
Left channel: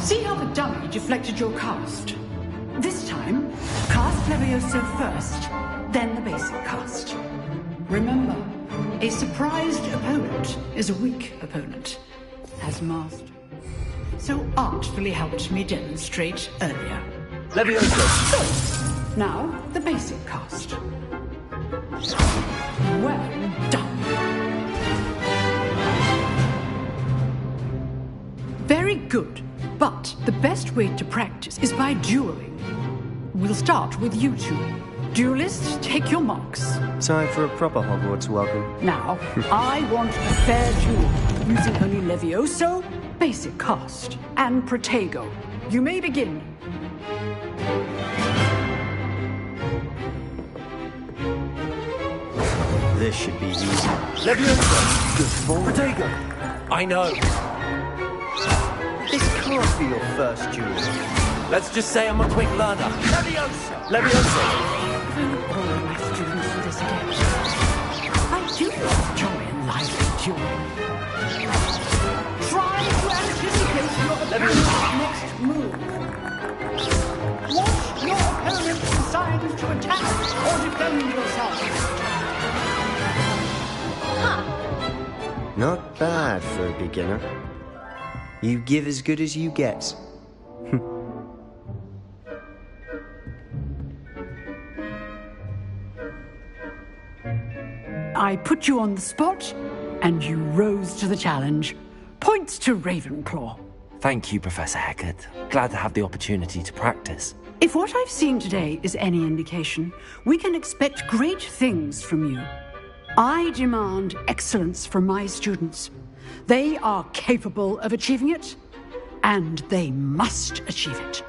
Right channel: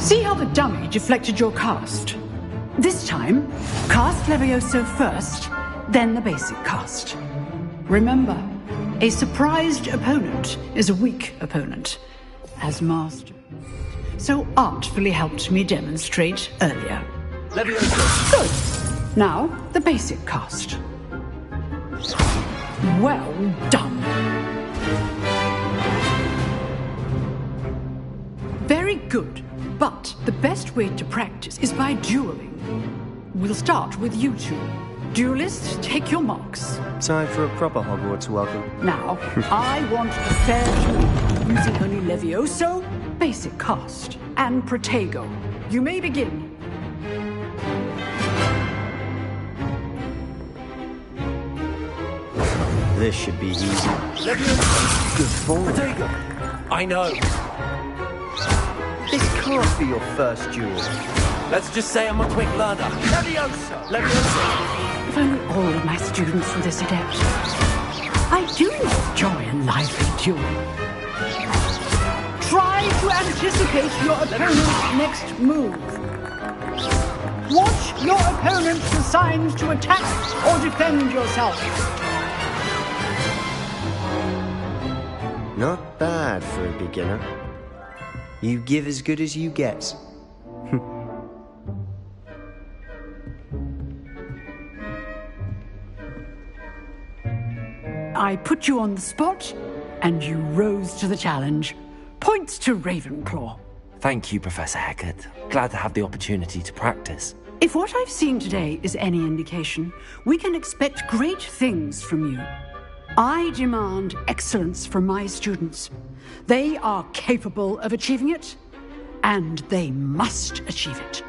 See how the dummy deflected your cast? This time, cast Levioso first, then the basic cast. Remember, a surprised opponent is a weak opponent, as Master so artfully helped me demonstrate earlier. Levioso! Good. Now, the basic cast. Well done. Very good. But the best way to practice is by dueling. We'll start with you two. Duelists, take your marks. Time for a proper Hogwarts welcome. Now, I want a fair duel, using only Levioso, basic cast, and Protego. You may begin. This should be easy. Levioso! Good form. Protego! I know. This can't be your first duel. Let's just say I'm a quick learner. Levioso! Levioso! If only all of my students were this adept. I do enjoy a lively duel. Try to anticipate your opponent's next move. Watch your opponent's assigned to attack or defend yourself. Not bad for a beginner. You give as good as you get. I put you on the spot, and you rose to the challenge. Points to Ravenclaw. Thank you, Professor Hecat. Glad to have the opportunity to practice. If what I've seen today is any indication, we can expect great things from you. I demand excellence from my students. They are capable of achieving it, and they must achieve it.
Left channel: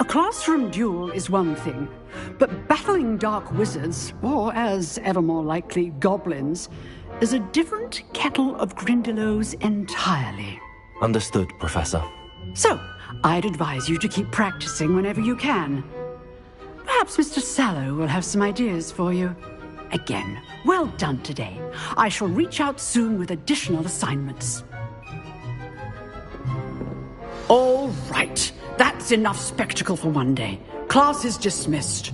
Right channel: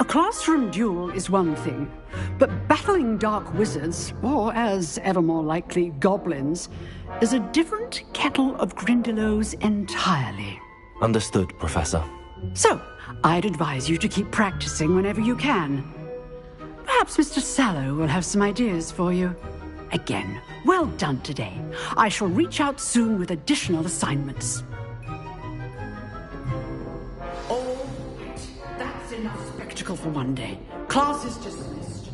A classroom duel is one thing, but battling dark wizards, or as ever more likely, goblins, is a different kettle of Grindylows entirely. Understood, Professor. So, I'd advise you to keep practicing whenever you can. Perhaps Mr. Sallow will have some ideas for you. Again, well done today. I shall reach out soon with additional assignments. All right. That's enough spectacle for one day. Class is dismissed.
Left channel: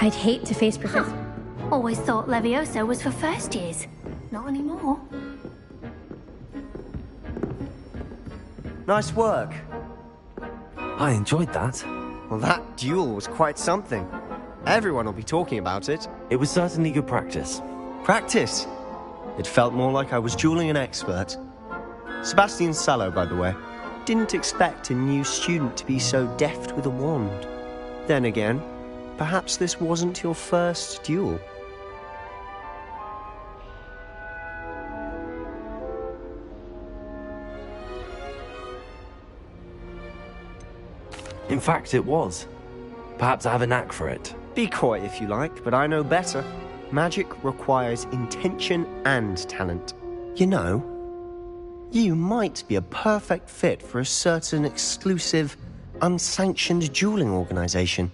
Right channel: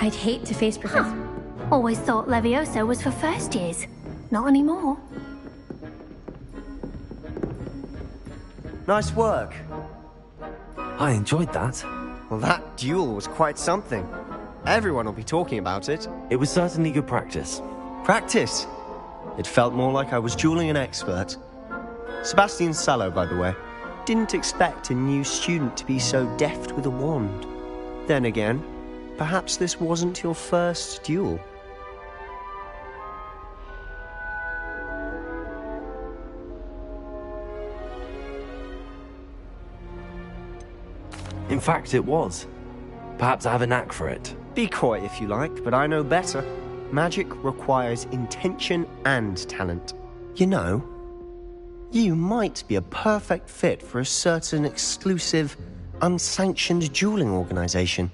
I'd hate to face Professor... Always thought Levioso was for first years. Not anymore. Nice work. I enjoyed that. Well, that duel was quite something. Everyone will be talking about it. It was certainly good practice. Practice? It felt more like I was dueling an expert. Sebastian Sallow, by the way. Didn't expect a new student to be so deft with a wand. Then again, perhaps this wasn't your first duel. In fact, it was. Perhaps I have a knack for it. Be coy if you like, but I know better. Magic requires intention and talent. You know, you might be a perfect fit for a certain exclusive, unsanctioned dueling organization.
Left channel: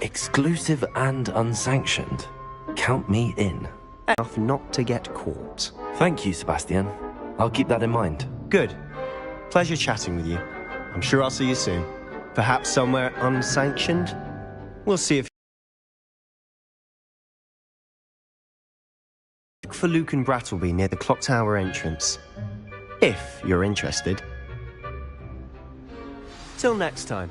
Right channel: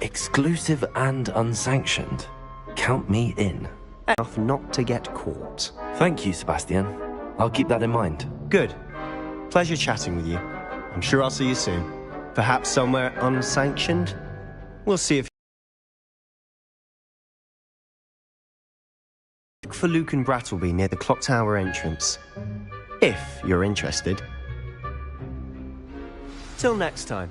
Exclusive and unsanctioned. Count me in. Enough not to get caught. Thank you, Sebastian. I'll keep that in mind. Good. Pleasure chatting with you. I'm sure I'll see you soon. Perhaps somewhere unsanctioned? We'll see if... Look for Luke and Brattleby near the clock tower entrance. If you're interested. Till next time.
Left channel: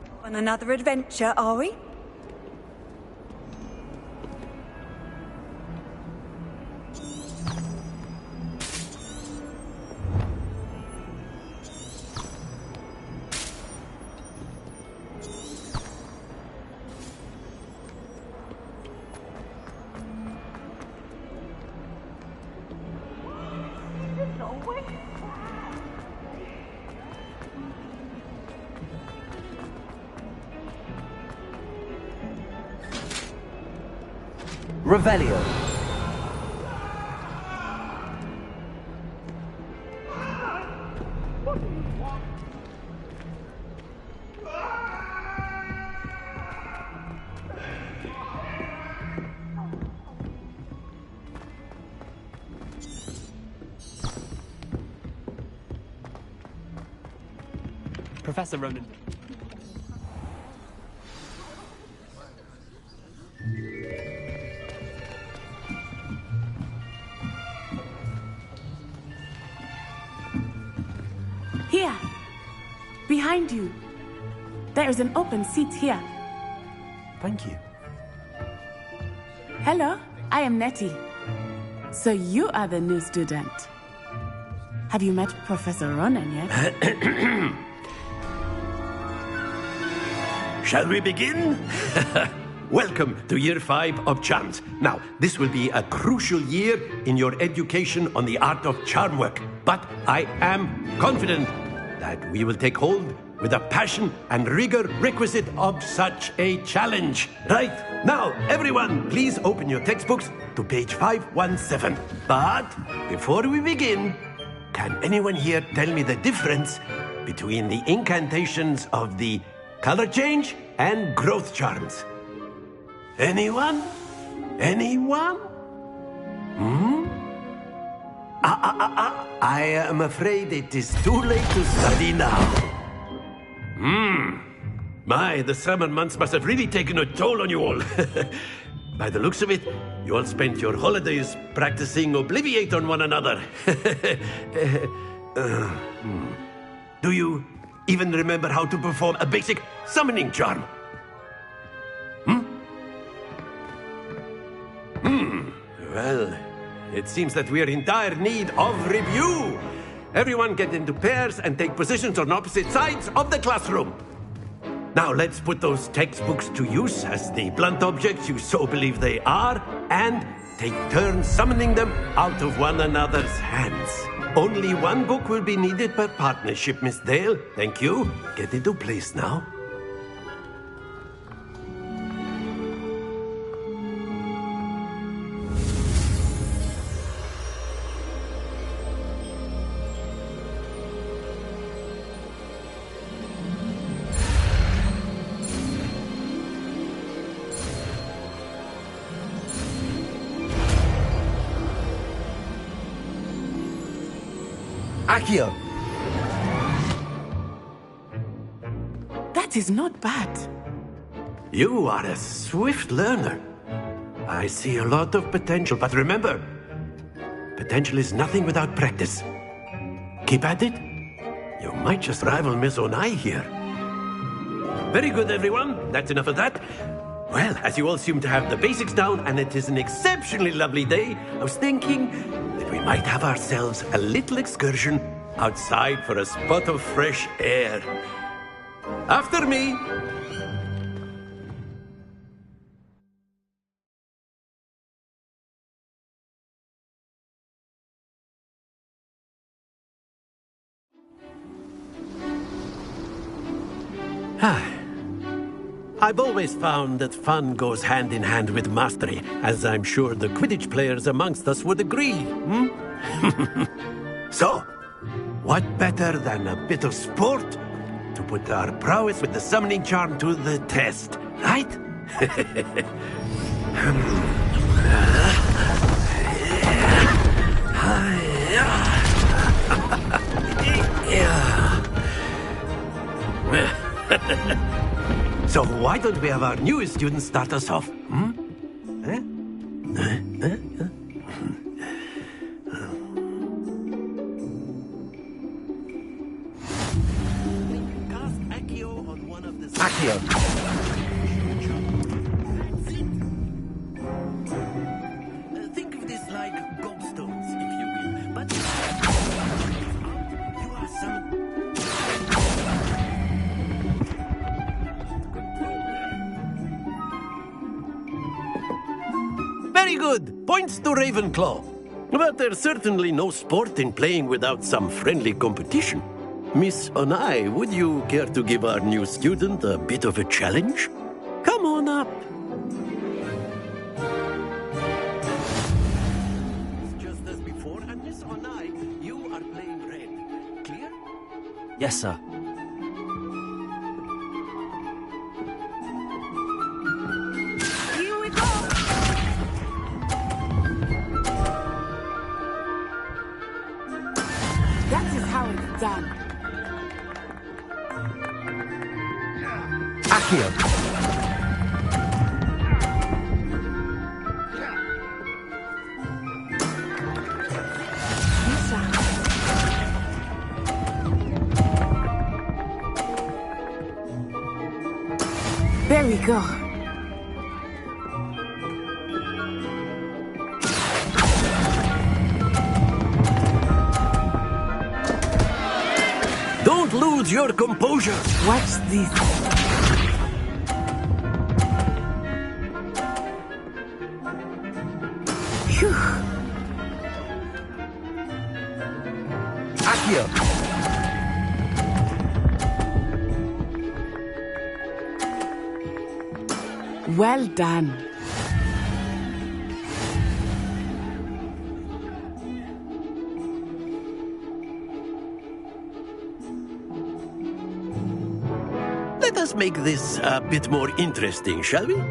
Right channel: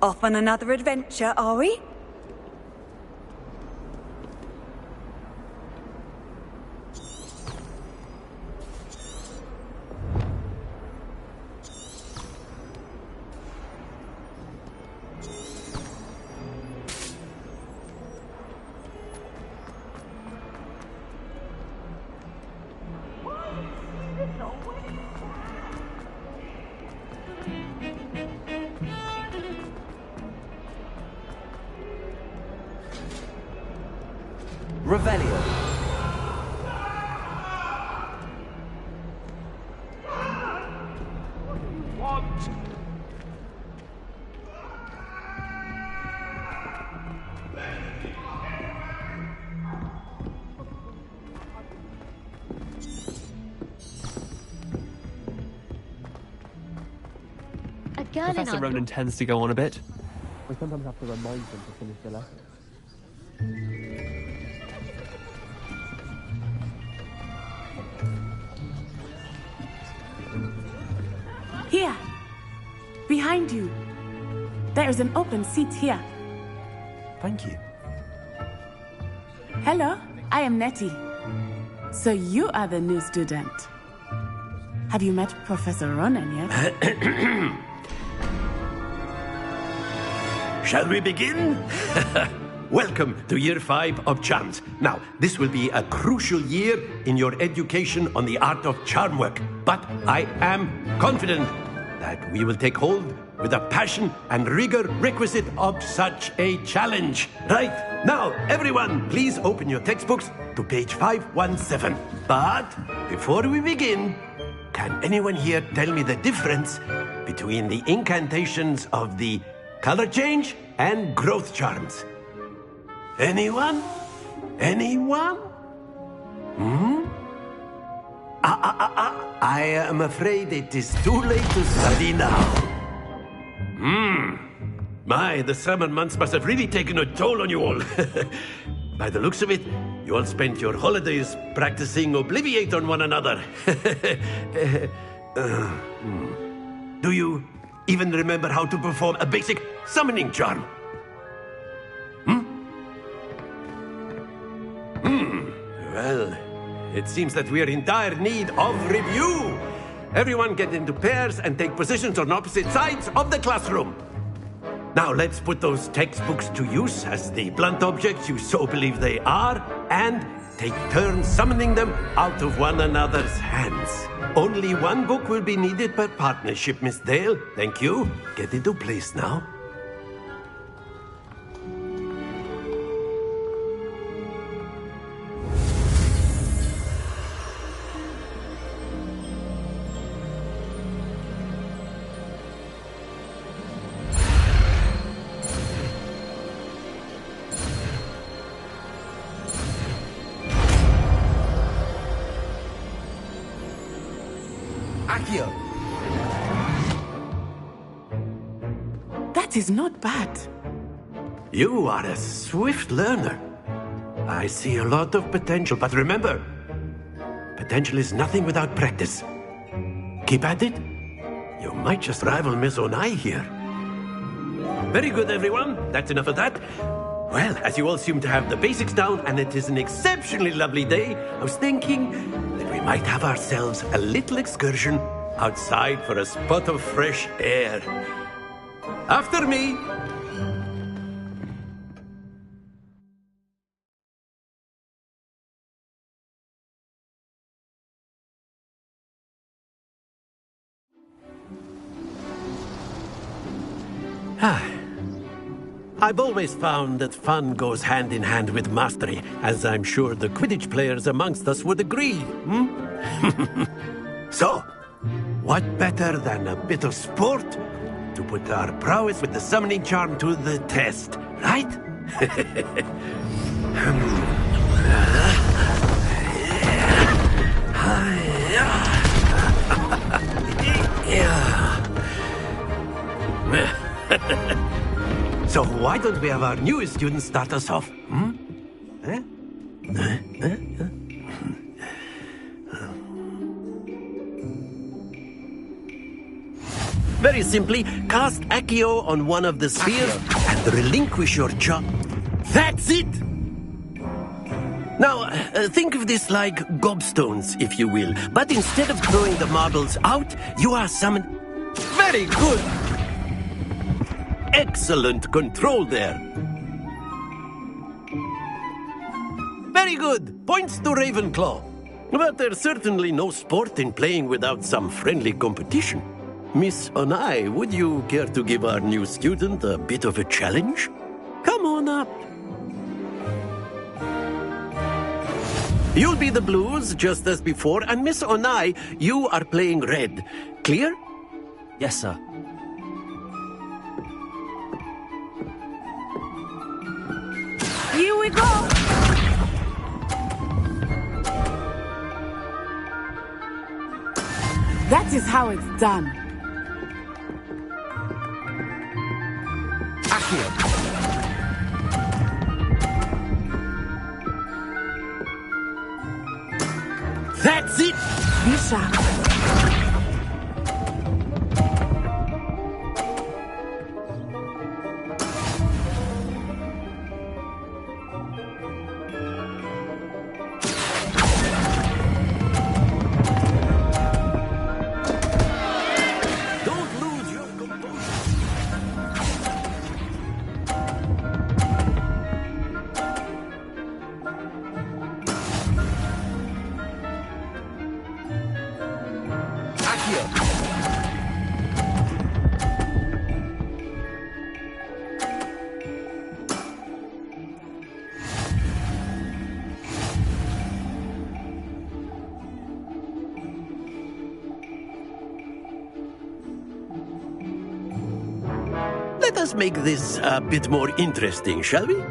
Off on another adventure, are we? Revelio. What do you want? Professor Ronan tends to go on a bit. I sometimes have to remind him to finish the lesson. Here! Behind you! There is an open seat here. Thank you. Hello, I am Nettie. So you are the new student. Have you met Professor Ronan yet? Shall we begin? Welcome to Year 5 of Charms. Now, this will be a crucial year in your education on the art of charm work. But I am confident that we will take hold with the passion and rigor requisite of such a challenge. Right, now, everyone, please open your textbooks to page 517. But before we begin, can anyone here tell me the difference between the incantations of the color change and growth charms? Anyone? Anyone? I am afraid it is too late to study now. My, the summer months must have really taken a toll on you all. By the looks of it, you all spent your holidays practicing Obliviate on one another. Do you even remember how to perform a basic summoning charm? Well, it seems that we are in dire need of review. Everyone get into pairs and take positions on opposite sides of the classroom. Now let's put those textbooks to use as the blunt objects you so believe they are, and take turns summoning them out of one another's hands. Only one book will be needed per partnership, Miss Dale. Thank you. Get into place now. Accio! That is not bad. You are a swift learner. I see a lot of potential, but remember, potential is nothing without practice. Keep at it. You might just rival Miss Onai here. Very good, everyone. That's enough of that. Well, as you all seem to have the basics down, and it is an exceptionally lovely day, I was thinking that we might have ourselves a little excursion outside for a spot of fresh air. After me! I've always found that fun goes hand in hand with mastery, as I'm sure the Quidditch players amongst us would agree. So, what better than a bit of sport to put our prowess with the summoning charm to the test, right? So why don't we have our newest student start us off? Very simply, cast Accio on one of the spheres and relinquish your job. That's it! Now, think of this like gobstones, if you will. But instead of throwing the marbles out, you are summoned... Very good! Excellent control there. Very good! Points to Ravenclaw. But there's certainly no sport in playing without some friendly competition. Miss Onai, would you care to give our new student a bit of a challenge? Come on up. You'll be the blues, just as before, and Miss Onai, you are playing red. Clear? Yes, sir. Here we go! That is how it's done. Accio. That's it! Misha. There we go. Don't lose your composure. Watch this. Accio. Well done. Let us make this a bit more interesting, shall we?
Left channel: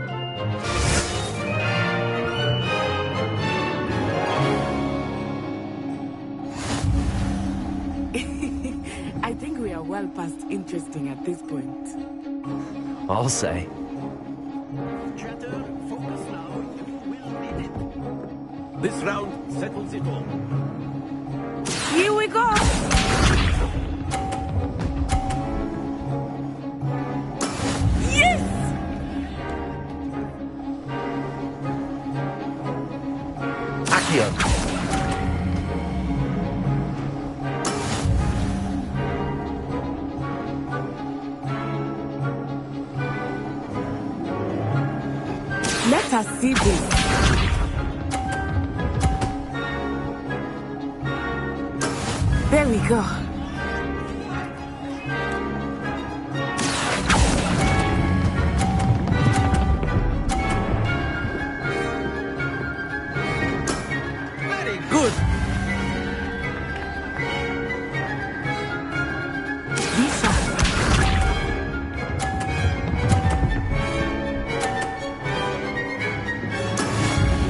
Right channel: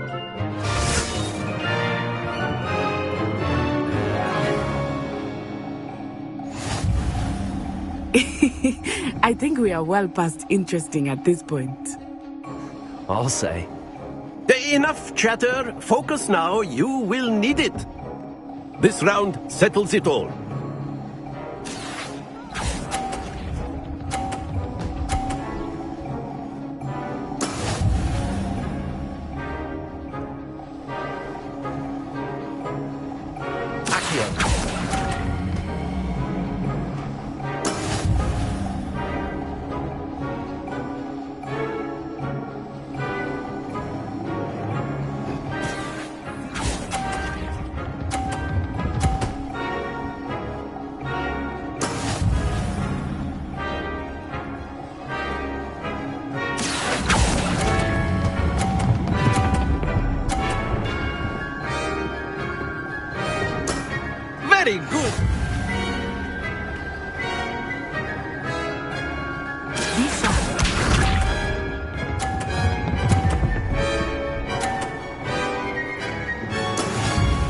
I think we are well past interesting at this point. I'll say. Enough chatter. Focus now. You will need it. This round settles it all. Here we go. Yes! Accio. Let us see this. There we go. Very good. Lisa.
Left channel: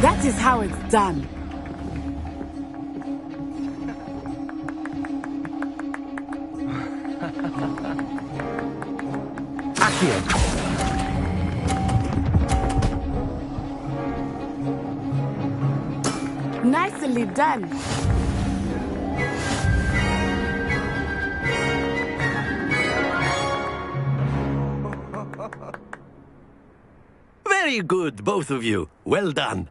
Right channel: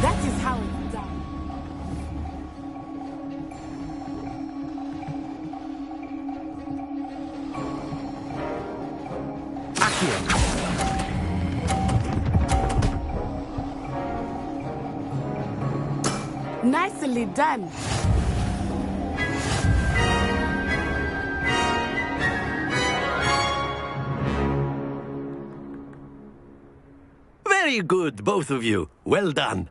That is how it's done. Accio. Nicely done. Very good, both of you. Well done.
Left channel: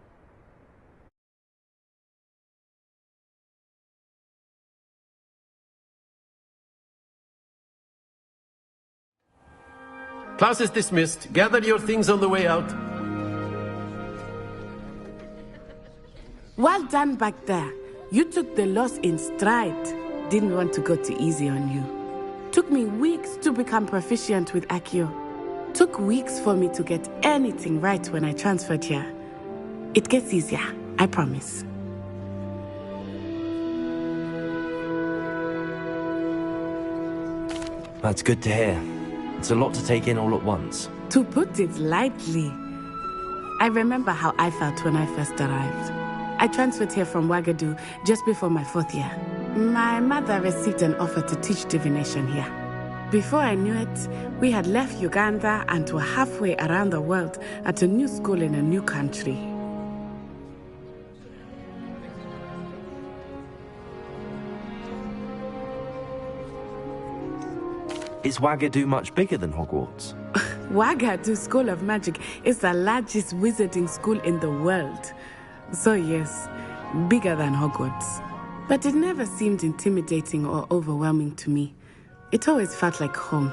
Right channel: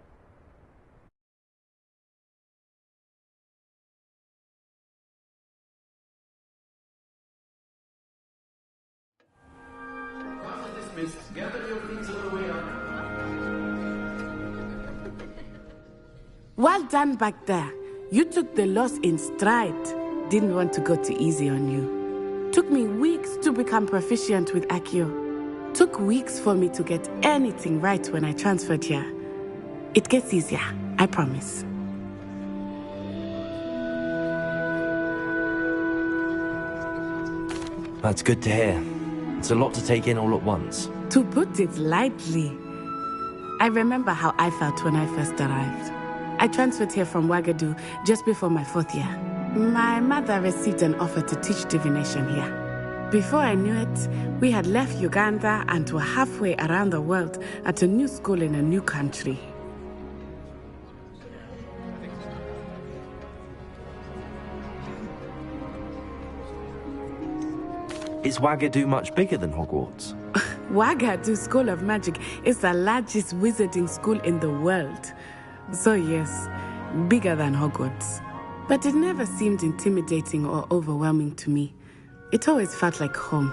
Class is dismissed. Gather your things on the way out. Well done back there. You took the loss in stride. Didn't want to go too easy on you. Took me weeks to become proficient with Accio. Took weeks for me to get anything right when I transferred here. It gets easier, I promise. That's good to hear. It's a lot to take in all at once. To put it lightly, I remember how I felt when I first arrived. I transferred here from Wagadu just before my 4th year. My mother received an offer to teach divination here. Before I knew it, we had left Uganda and were halfway around the world at a new school in a new country. Is Wagadu much bigger than Hogwarts? Wagadu School of Magic is the largest wizarding school in the world. So yes, bigger than Hogwarts. But it never seemed intimidating or overwhelming to me. It always felt like home.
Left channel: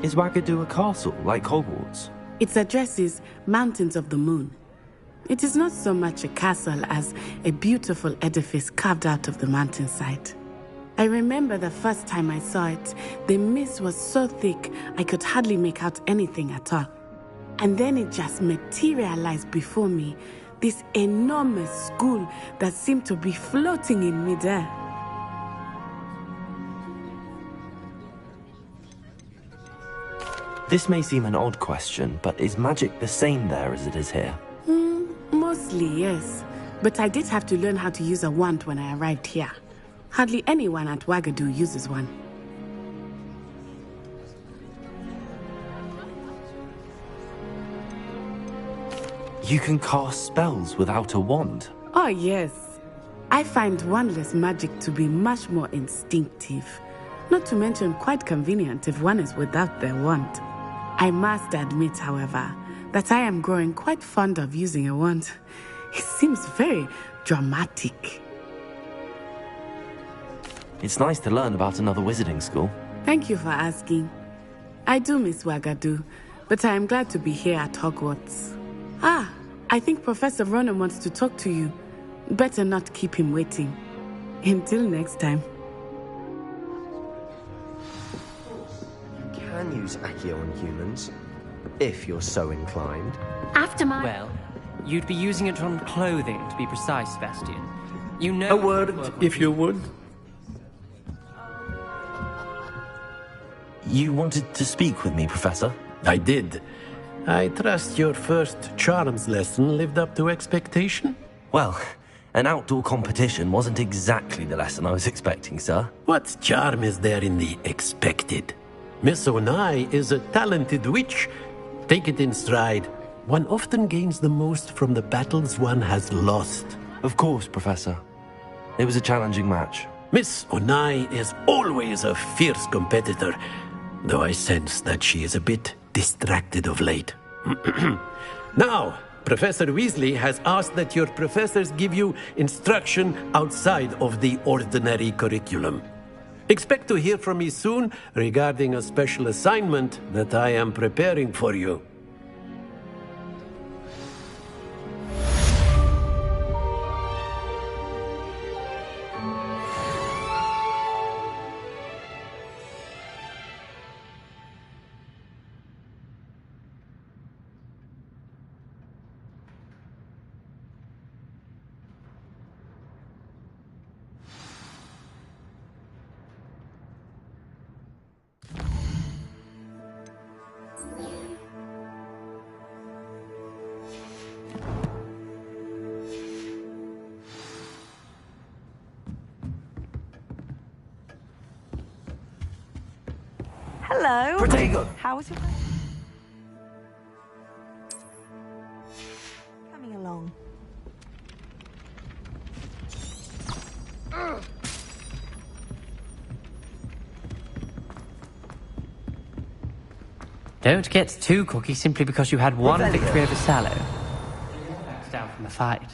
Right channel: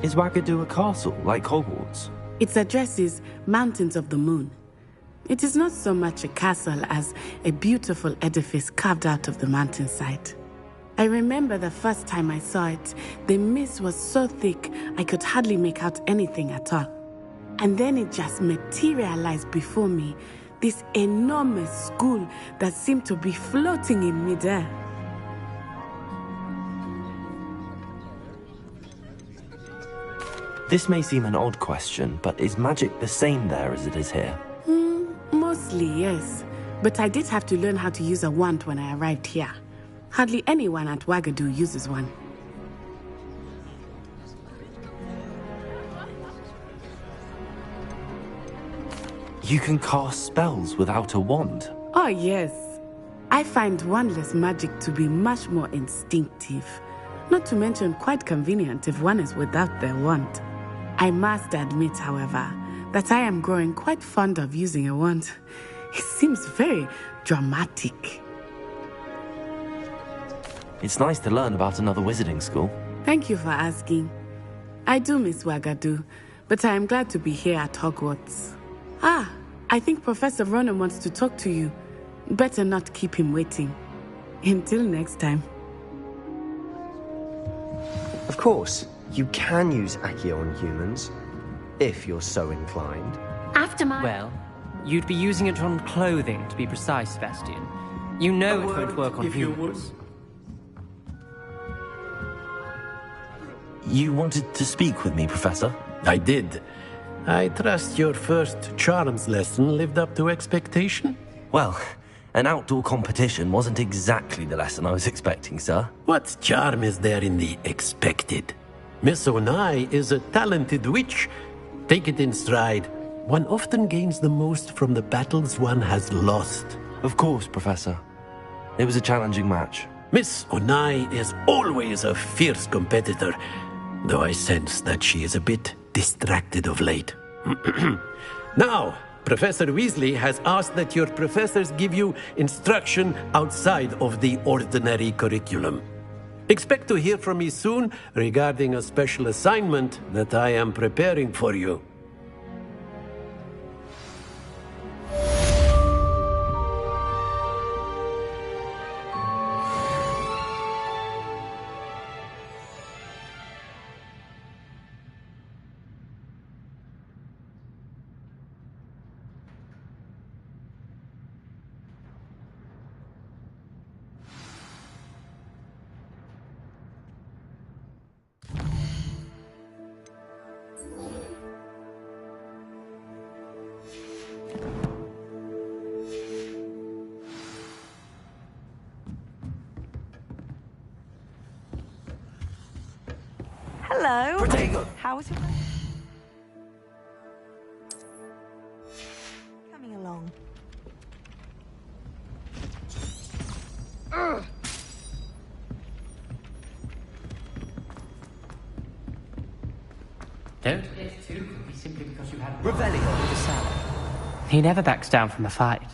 Is Wagadu a castle, like Hogwarts? Its address is Mountains of the Moon. It is not so much a castle as a beautiful edifice carved out of the mountainside. I remember the first time I saw it, the mist was so thick I could hardly make out anything at all. And then it just materialized before me, this enormous school that seemed to be floating in midair. This may seem an odd question, but is magic the same there as it is here? Mostly, yes. But I did have to learn how to use a wand when I arrived here. Hardly anyone at Wagadu uses one. You can cast spells without a wand? Oh, yes. I find wandless magic to be much more instinctive. Not to mention quite convenient if one is without their wand. I must admit, however, that I am growing quite fond of using a wand. It seems very dramatic. It's nice to learn about another wizarding school. Thank you for asking. I do miss Wagadu, but I am glad to be here at Hogwarts. Ah, I think Professor Ronan wants to talk to you. Better not keep him waiting. Until next time. Of course, you can use Accio on humans, if you're so inclined. After my... Well, you'd be using it on clothing, to be precise, Sebastian. You know A word, if you would. You wanted to speak with me, Professor? I did. I trust your first charms lesson lived up to expectation? Well, an outdoor competition wasn't exactly the lesson I was expecting, sir. What charm is there in the expected? Miss Onai is a talented witch. Take it in stride. One often gains the most from the battles one has lost. Of course, Professor. It was a challenging match. Miss Onai is always a fierce competitor, though I sense that she is a bit distracted of late. Now, Professor Weasley has asked that your professors give you instruction outside of the ordinary curriculum. Expect to hear from me soon regarding a special assignment that I am preparing for you. Hello. Protego. How was your... Coming along. Don't get too cocky simply because you had one victory over Sallow. He never backs down from a fight.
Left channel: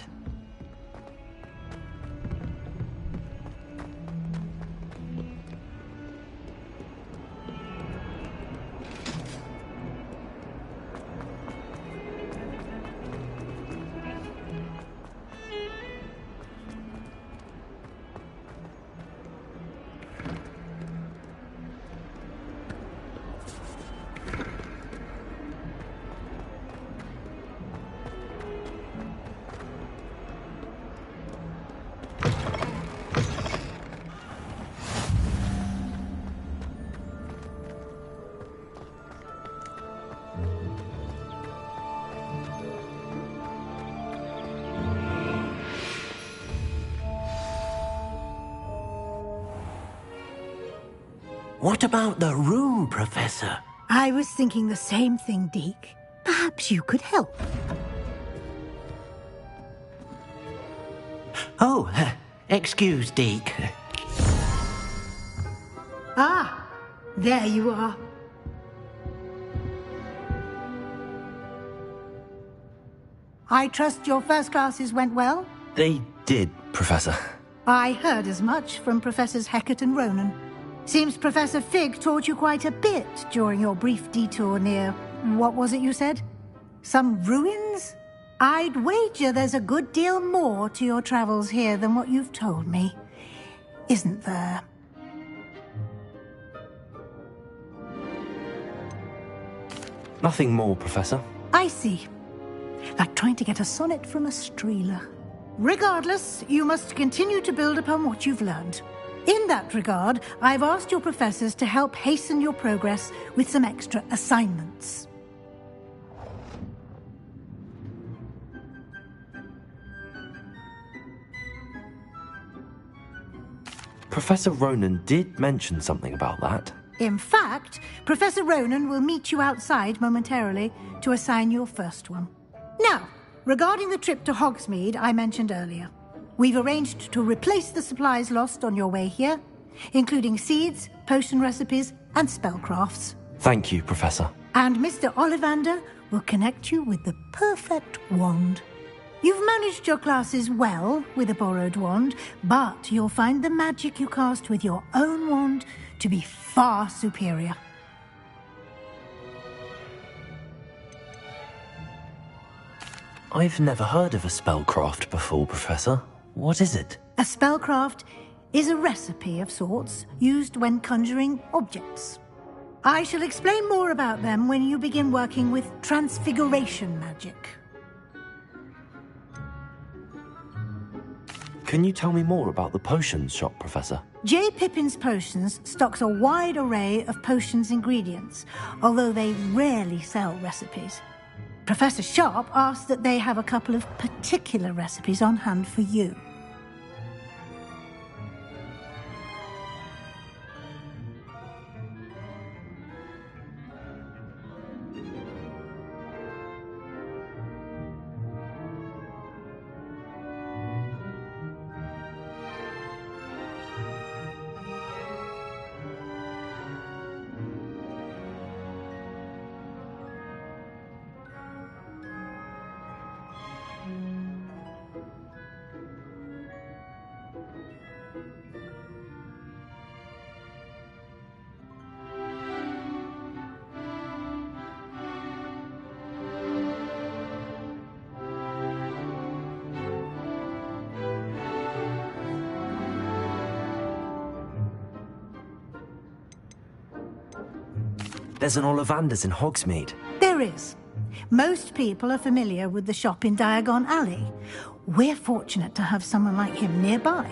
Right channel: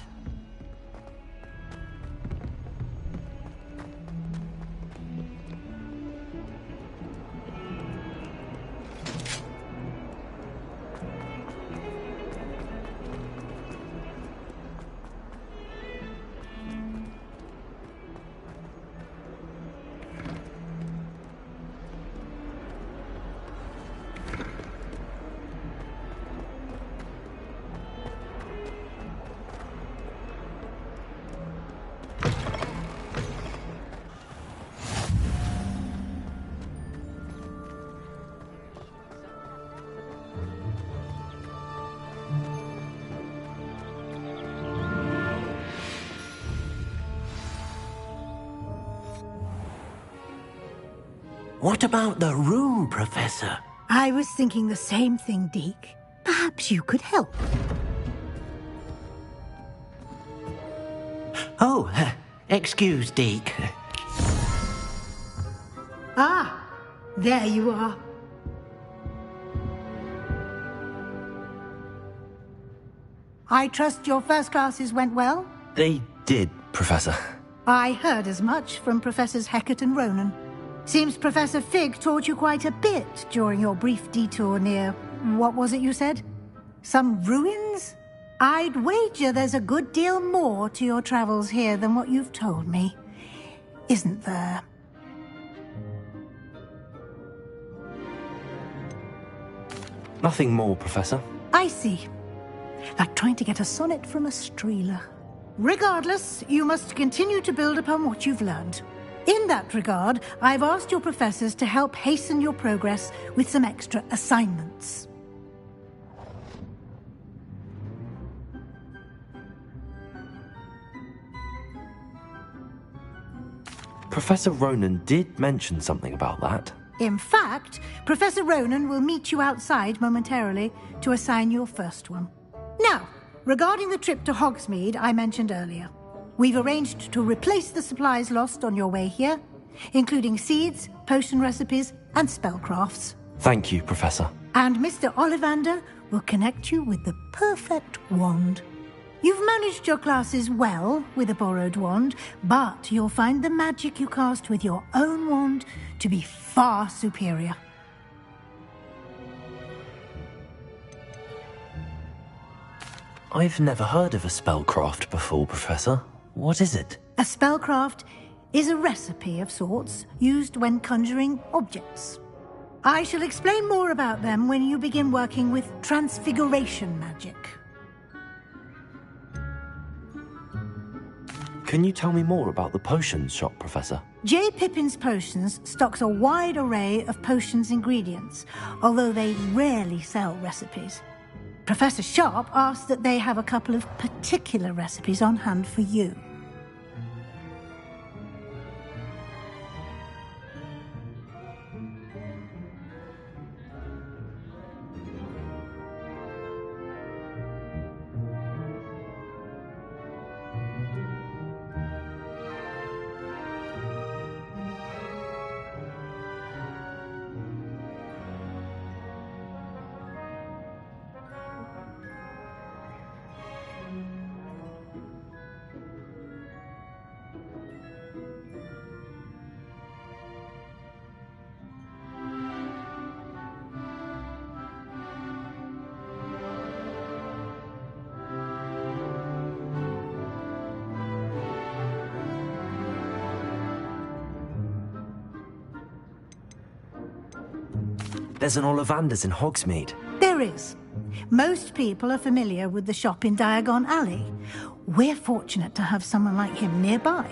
What about the room, Professor? I was thinking the same thing, Deke. Perhaps you could help. Oh, excuse, Deke. Ah, there you are. I trust your first classes went well? They did, Professor. I heard as much from Professors Hecat and Ronan. Seems Professor Fig taught you quite a bit during your brief detour near... what was it you said? Some ruins? I'd wager there's a good deal more to your travels here than what you've told me. Isn't there? Nothing more, Professor. I see. Like trying to get a sonnet from a streeler. Regardless, you must continue to build upon what you've learned. In that regard, I've asked your professors to help hasten your progress with some extra assignments. Professor Ronan did mention something about that. In fact, Professor Ronan will meet you outside momentarily to assign your first one. Now, regarding the trip to Hogsmeade I mentioned earlier, we've arranged to replace the supplies lost on your way here, including seeds, potion recipes, and spellcrafts. Thank you, Professor. And Mr. Ollivander will connect you with the perfect wand. You've managed your classes well with a borrowed wand, but you'll find the magic you cast with your own wand to be far superior. I've never heard of a spellcraft before, Professor. What is it? A spellcraft is a recipe of sorts used when conjuring objects. I shall explain more about them when you begin working with transfiguration magic. Can you tell me more about the potions shop, Professor? J. Pippin's Potions stocks a wide array of potions ingredients, although they rarely sell recipes. Professor Sharp asked that they have a couple of particular recipes on hand for you. There's an Ollivander's in Hogsmeade. There is. Most people are familiar with the shop in Diagon Alley. We're fortunate to have someone like him nearby.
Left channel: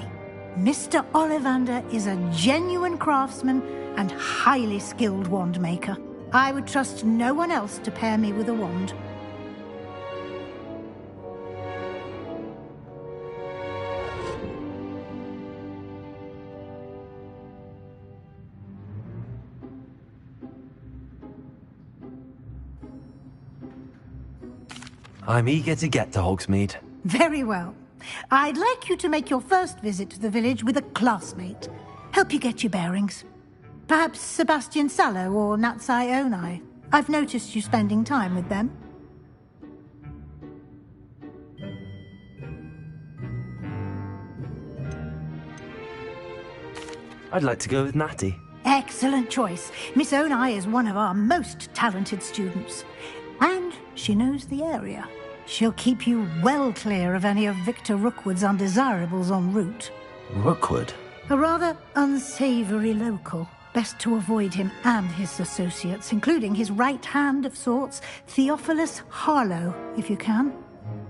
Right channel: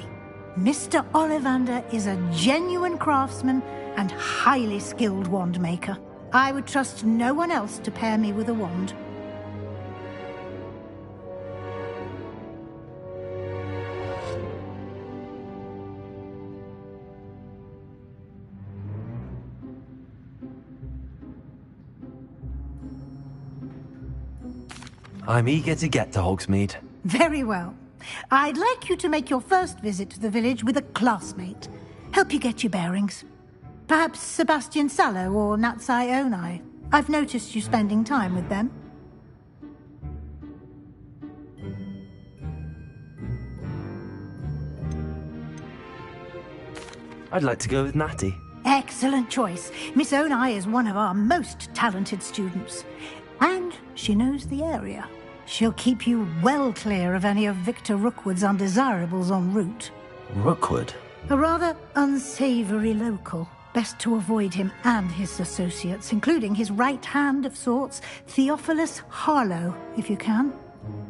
Mr. Ollivander is a genuine craftsman and highly skilled wand maker. I would trust no one else to pair me with a wand. I'm eager to get to Hogsmeade. Very well. I'd like you to make your first visit to the village with a classmate. Help you get your bearings. Perhaps Sebastian Sallow or Natsai Onai. I've noticed you spending time with them. I'd like to go with Natty. Excellent choice. Miss Onai is one of our most talented students. And she knows the area. She'll keep you well clear of any of Victor Rookwood's undesirables en route. Rookwood? A rather unsavoury local. Best to avoid him and his associates, including his right hand of sorts, Theophilus Harlow, if you can.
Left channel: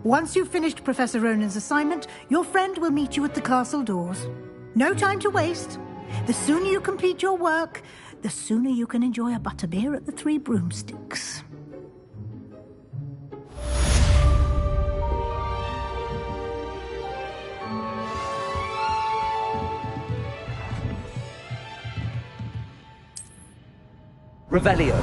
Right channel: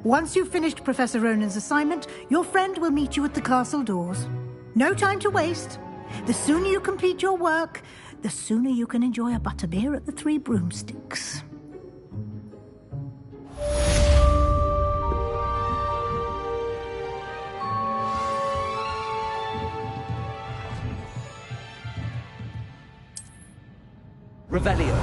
Once you've finished Professor Ronan's assignment, your friend will meet you at the castle doors. No time to waste. The sooner you complete your work, the sooner you can enjoy a butterbeer at the Three Broomsticks. Revelio.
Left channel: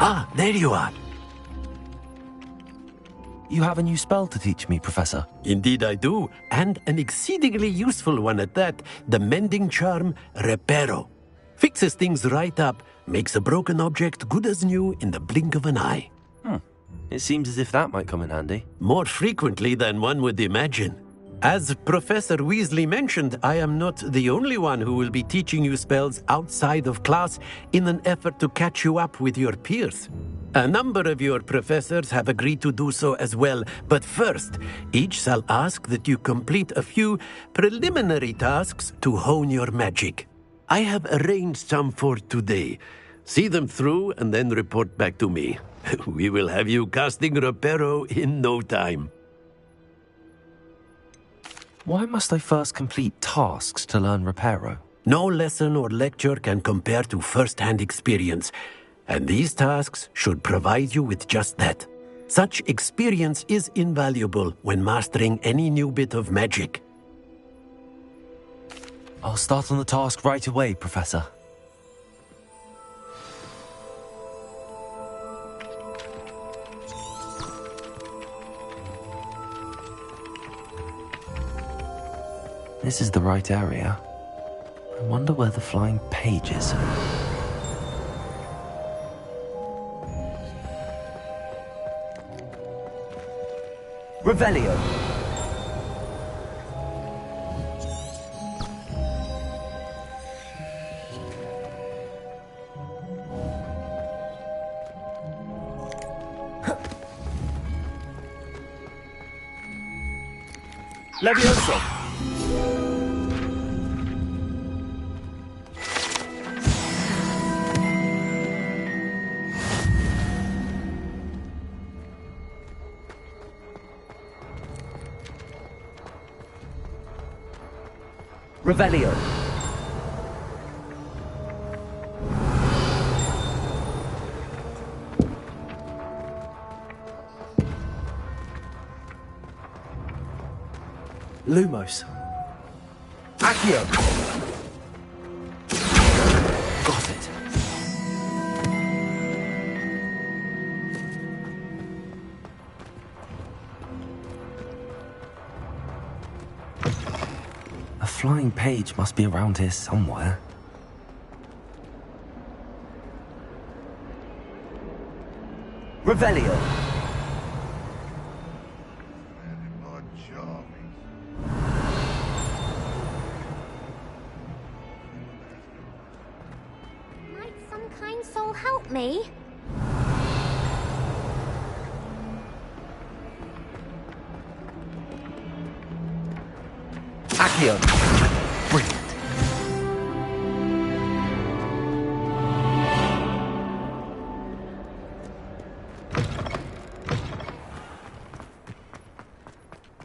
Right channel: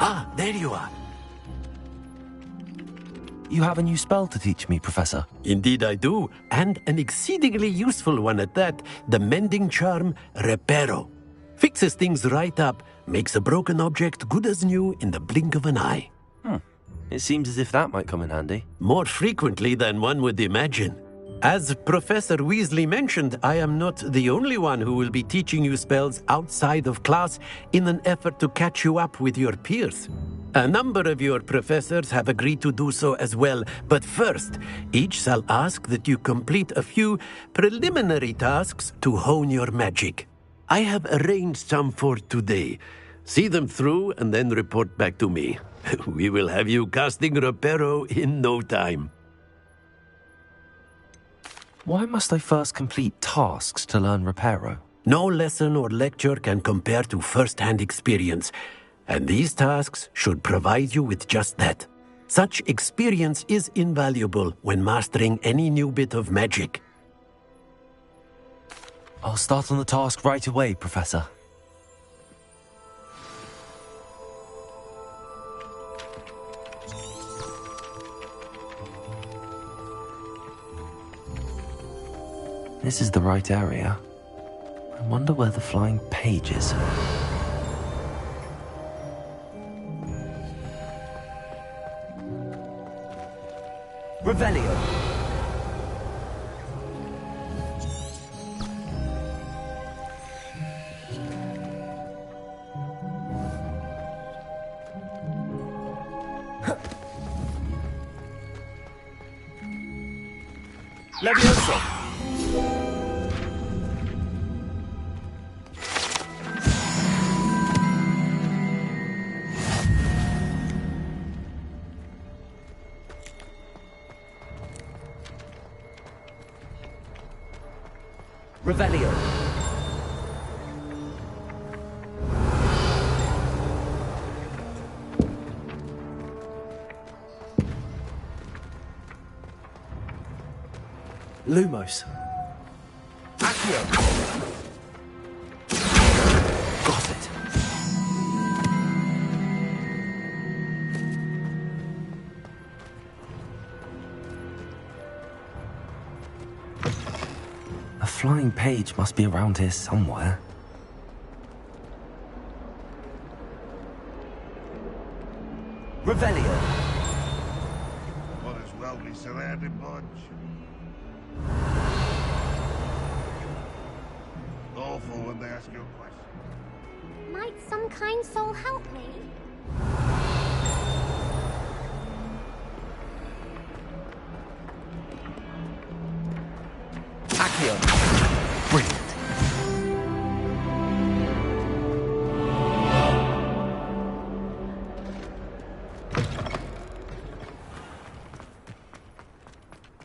Ah, there you are. You have a new spell to teach me, Professor. Indeed I do, and an exceedingly useful one at that. The mending charm, Reparo. Fixes things right up, makes a broken object good as new in the blink of an eye. It seems as if that might come in handy. More frequently than one would imagine. As Professor Weasley mentioned, I am not the only one who will be teaching you spells outside of class in an effort to catch you up with your peers. A number of your professors have agreed to do so as well, but first, each shall ask that you complete a few preliminary tasks to hone your magic. I have arranged some for today. See them through and then report back to me. We will have you casting Reparo in no time. Why must I first complete tasks to learn Reparo? No lesson or lecture can compare to first-hand experience, and these tasks should provide you with just that. Such experience is invaluable when mastering any new bit of magic. I'll start on the task right away, Professor. This is the right area. I wonder where the flying page is. Revelio. Levioso. Revelio. Lumos. Accio. Got it. A flying page must be around here somewhere. Revelio. Well, as well be surrounded by charming. Awful when they ask you a question. Might some kind soul help me? Accio. Brilliant.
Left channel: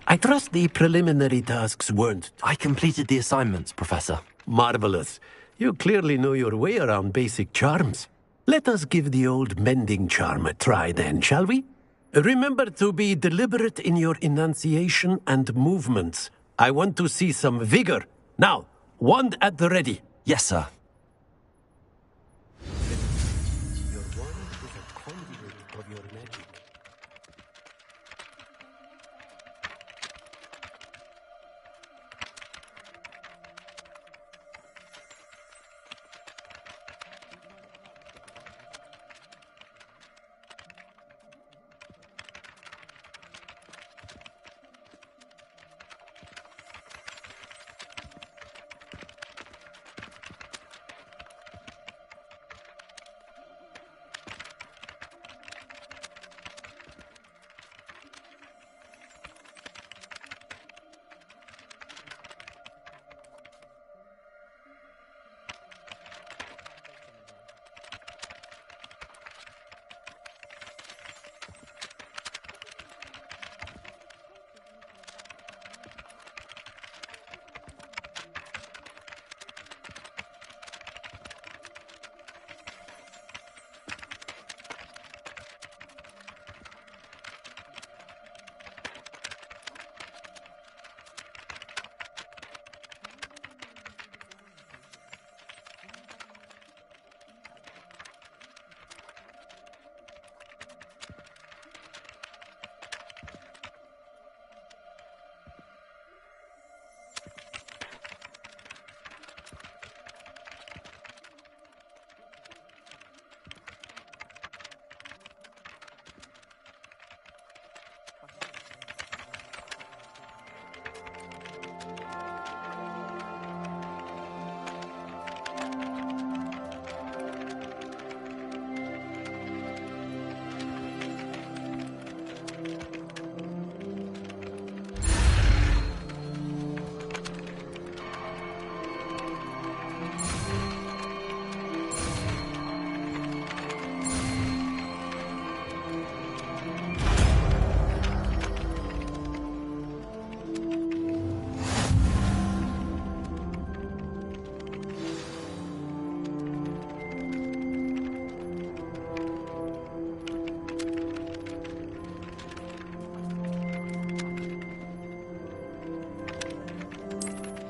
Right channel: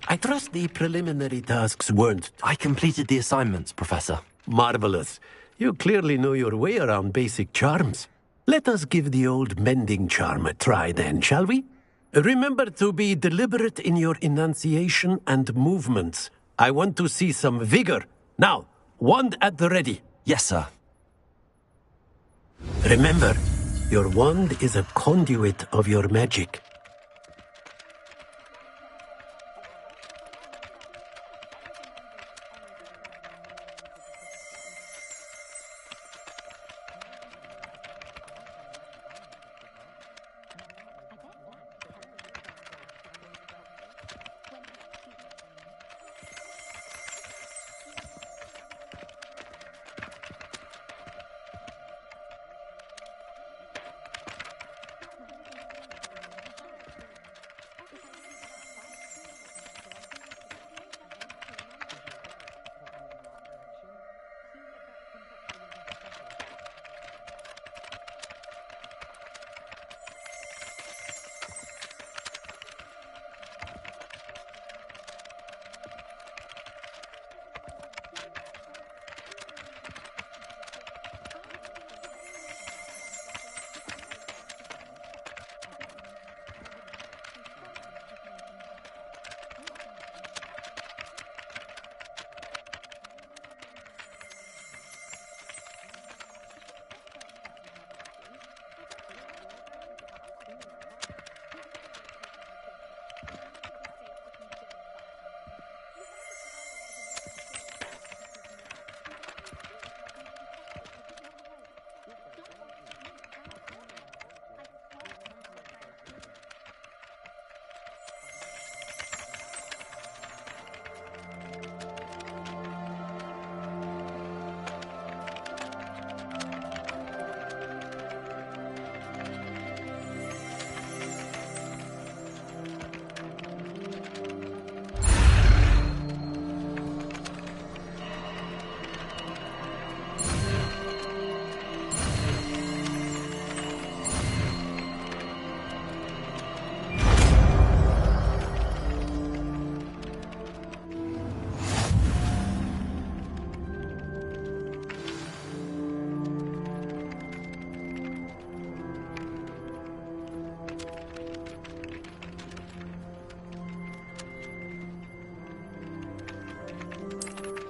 I trust the preliminary tasks weren't... I completed the assignments, Professor. Marvelous. You clearly know your way around basic charms. Let us give the old mending charm a try then, shall we? Remember to be deliberate in your enunciation and movements. I want to see some vigor. Now, wand at the ready. Yes, sir. Remember, your wand is a conduit of your magic.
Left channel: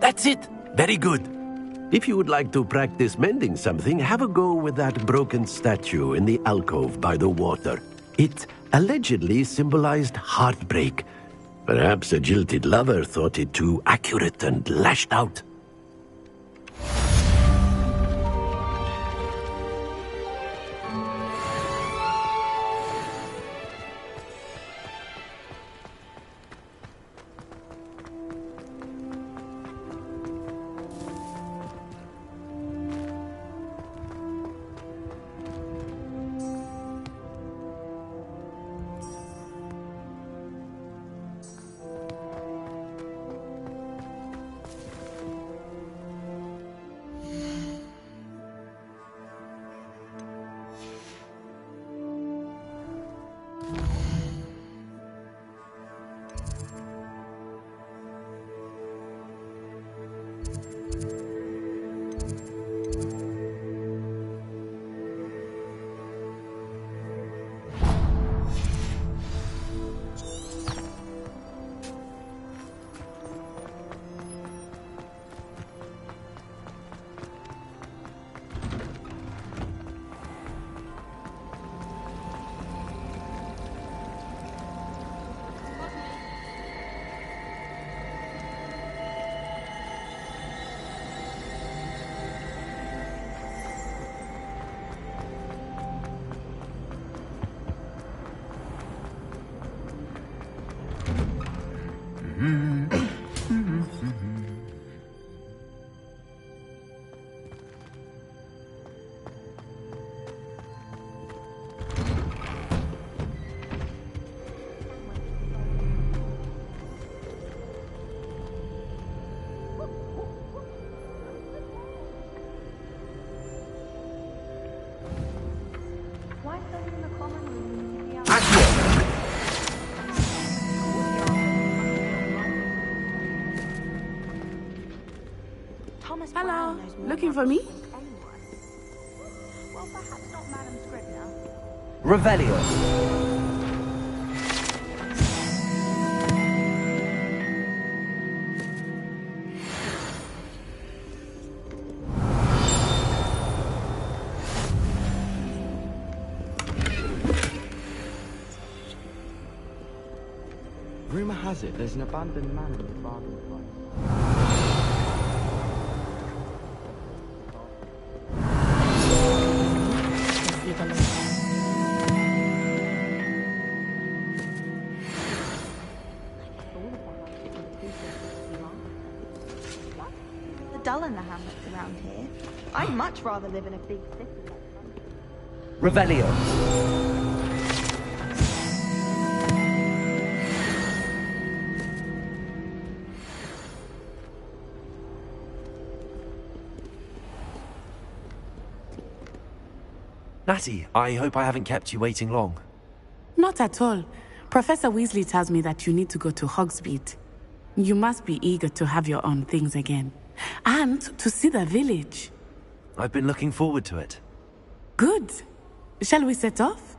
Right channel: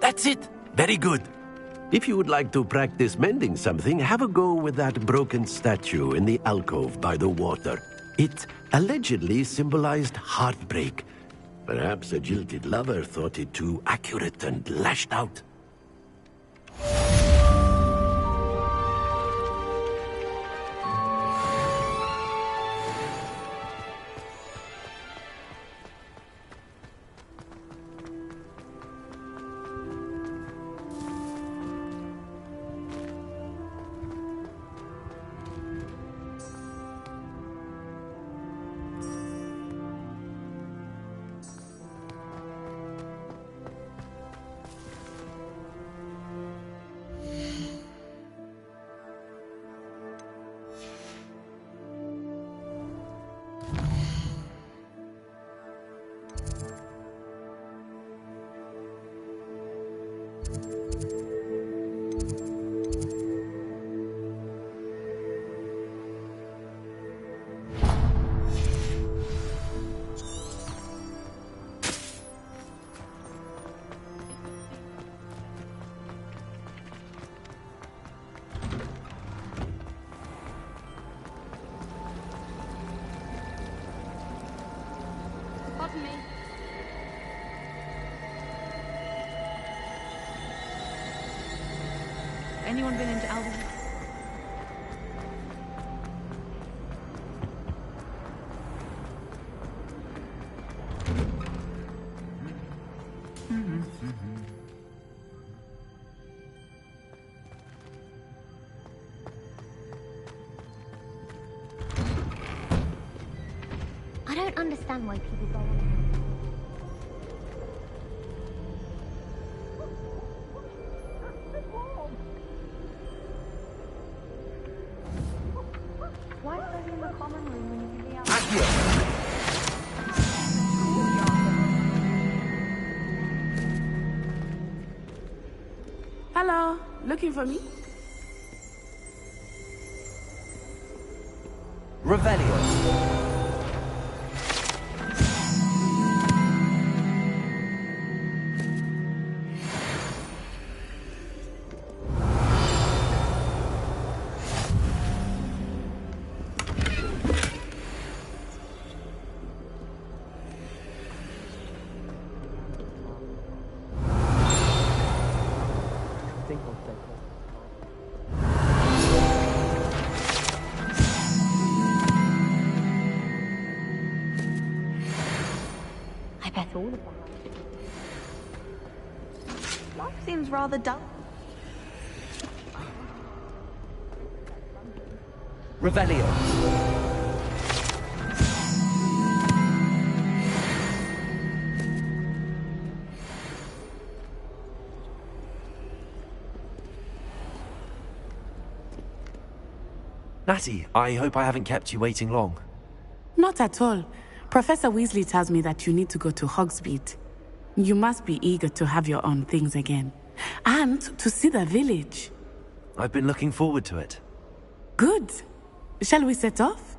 That's it. Very good. If you would like to practice mending something, have a go with that broken statue in the alcove by the water. It allegedly symbolized heartbreak. Perhaps a jilted lover thought it too accurate and lashed out. I don't understand why people go on. Why study in the common room when you can be out? Hello, looking for me? Revelio. Rumor has it there's an abandoned manor in Bargain. I bet all of the houses Life seems rather dull in the hamlets around here. I'd much rather live in a big city like London. Revelio. Natty, I hope I haven't kept you waiting long. Not at all. Professor Weasley tells me that you need to go to Hogsmeade. You must be eager to have your own things again. And to see the village. I've been looking forward to it. Good. Shall we set off?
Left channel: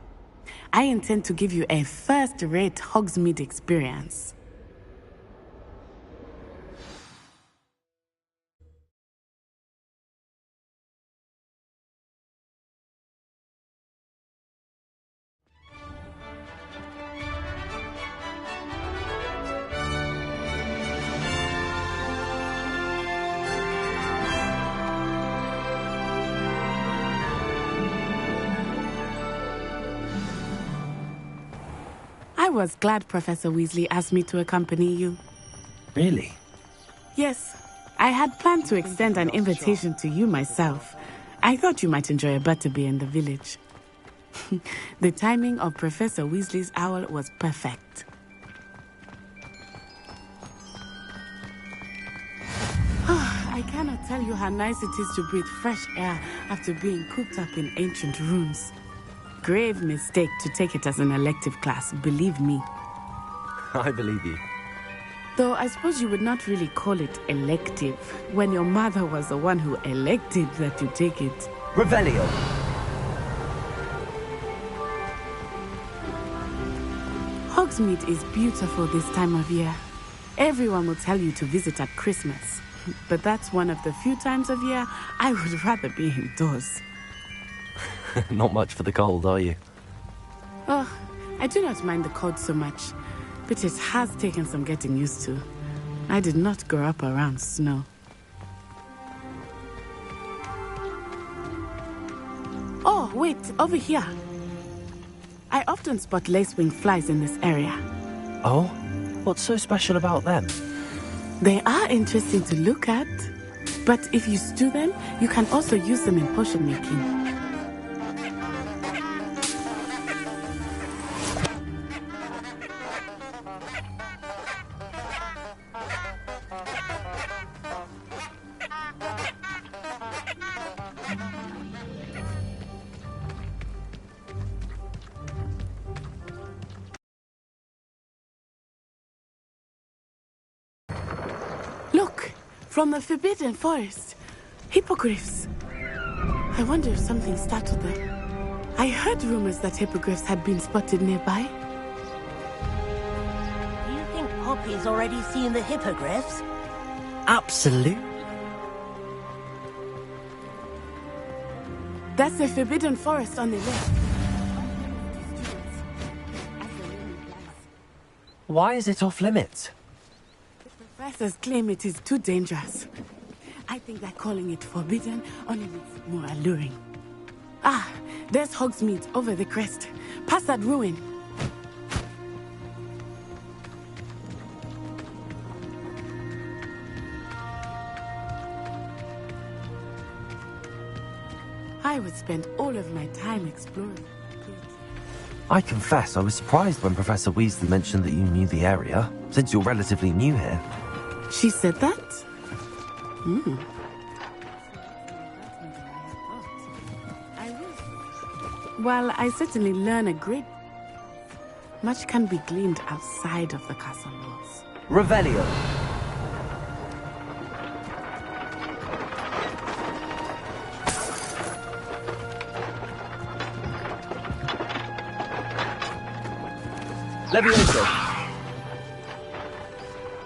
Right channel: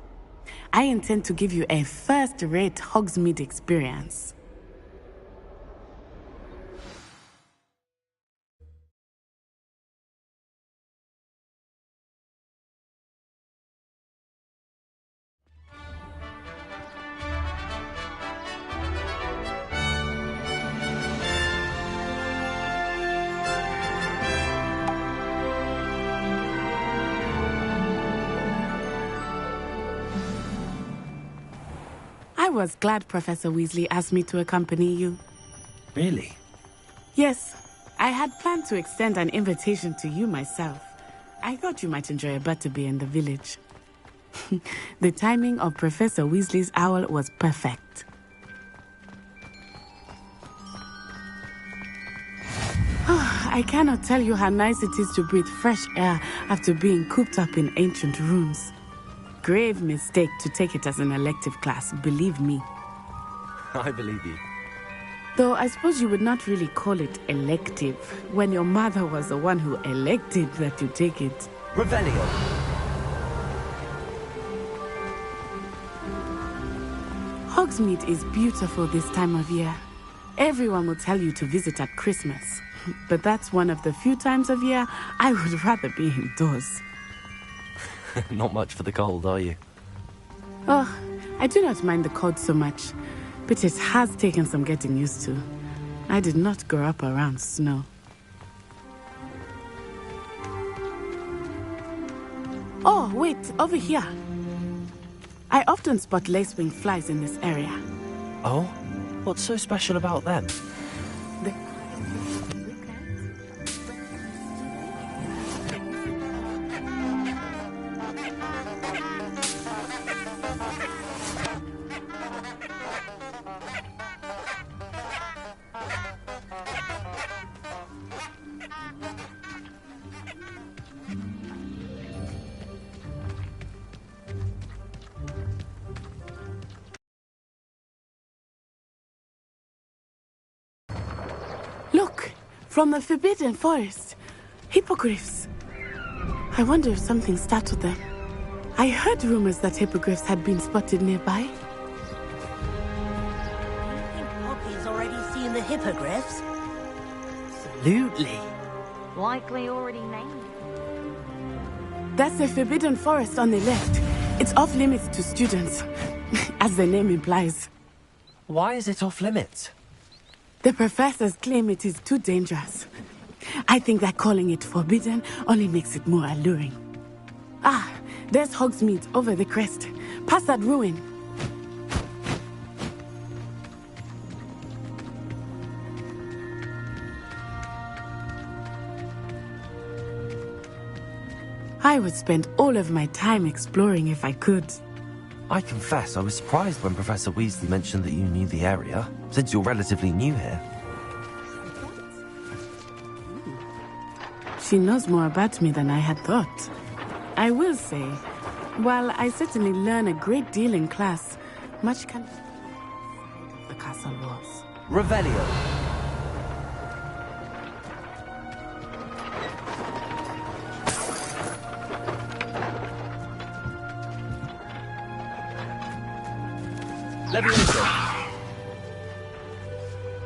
I intend to give you a first-rate Hogsmeade experience. I was glad Professor Weasley asked me to accompany you. Really? Yes, I had planned to extend an invitation to you myself. I thought you might enjoy a butterbeer in the village. The timing of Professor Weasley's owl was perfect. I cannot tell you how nice it is to breathe fresh air after being cooped up in ancient rooms. Grave mistake to take it as an elective class, believe me. I believe you. Though I suppose you would not really call it elective when your mother was the one who elected that you take it. Revelio. Hogsmeade is beautiful this time of year. Everyone will tell you to visit at Christmas. But that's one of the few times of year I would rather be indoors. Not much for the cold, are you? Oh, I do not mind the cold so much, but it has taken some getting used to. I did not grow up around snow. Oh, wait, over here. I often spot lacewing flies in this area. Oh? What's so special about them? They are interesting to look at, but if you stew them, you can also use them in potion making. Look, from the Forbidden Forest. Hippogriffs. I wonder if something startled them. I heard rumors that hippogriffs had been spotted nearby. Do you think Poppy's already seen the hippogriffs? Absolutely. Likely already made. That's the Forbidden Forest on the left. It's off limits to students, as the name implies. Why is it off limits? The professors claim it is too dangerous. I think that calling it forbidden only makes it more alluring. Ah, there's Hogsmeade over the crest. Past that ruin. I would spend all of my time exploring if I could. I confess I was surprised when Professor Weasley mentioned that you knew the area, since you're relatively new here. She said that? She knows more about me than I had thought. I will say, while I certainly learn a great deal in class, much can be gleaned outside of the castle walls. Revelio. Levioso.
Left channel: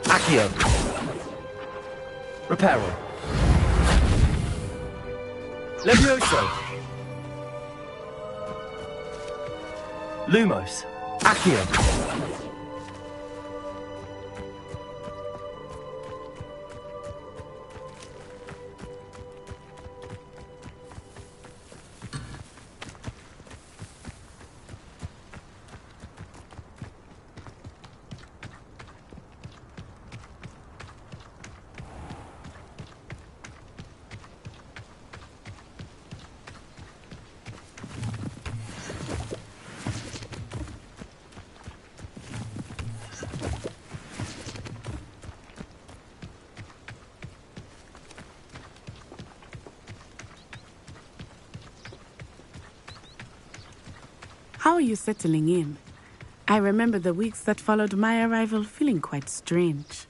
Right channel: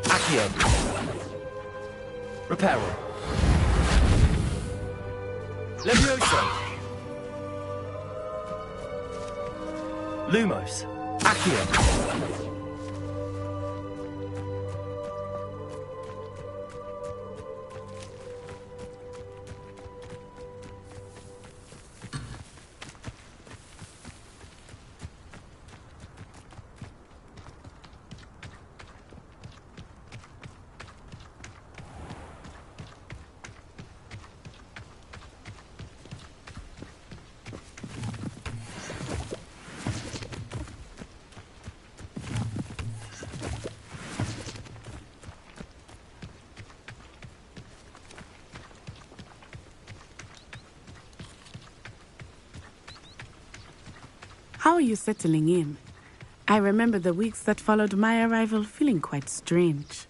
Accio. Reparo. Levioso. Lumos. Accio. How are you settling in? I remember the weeks that followed my arrival feeling quite strange.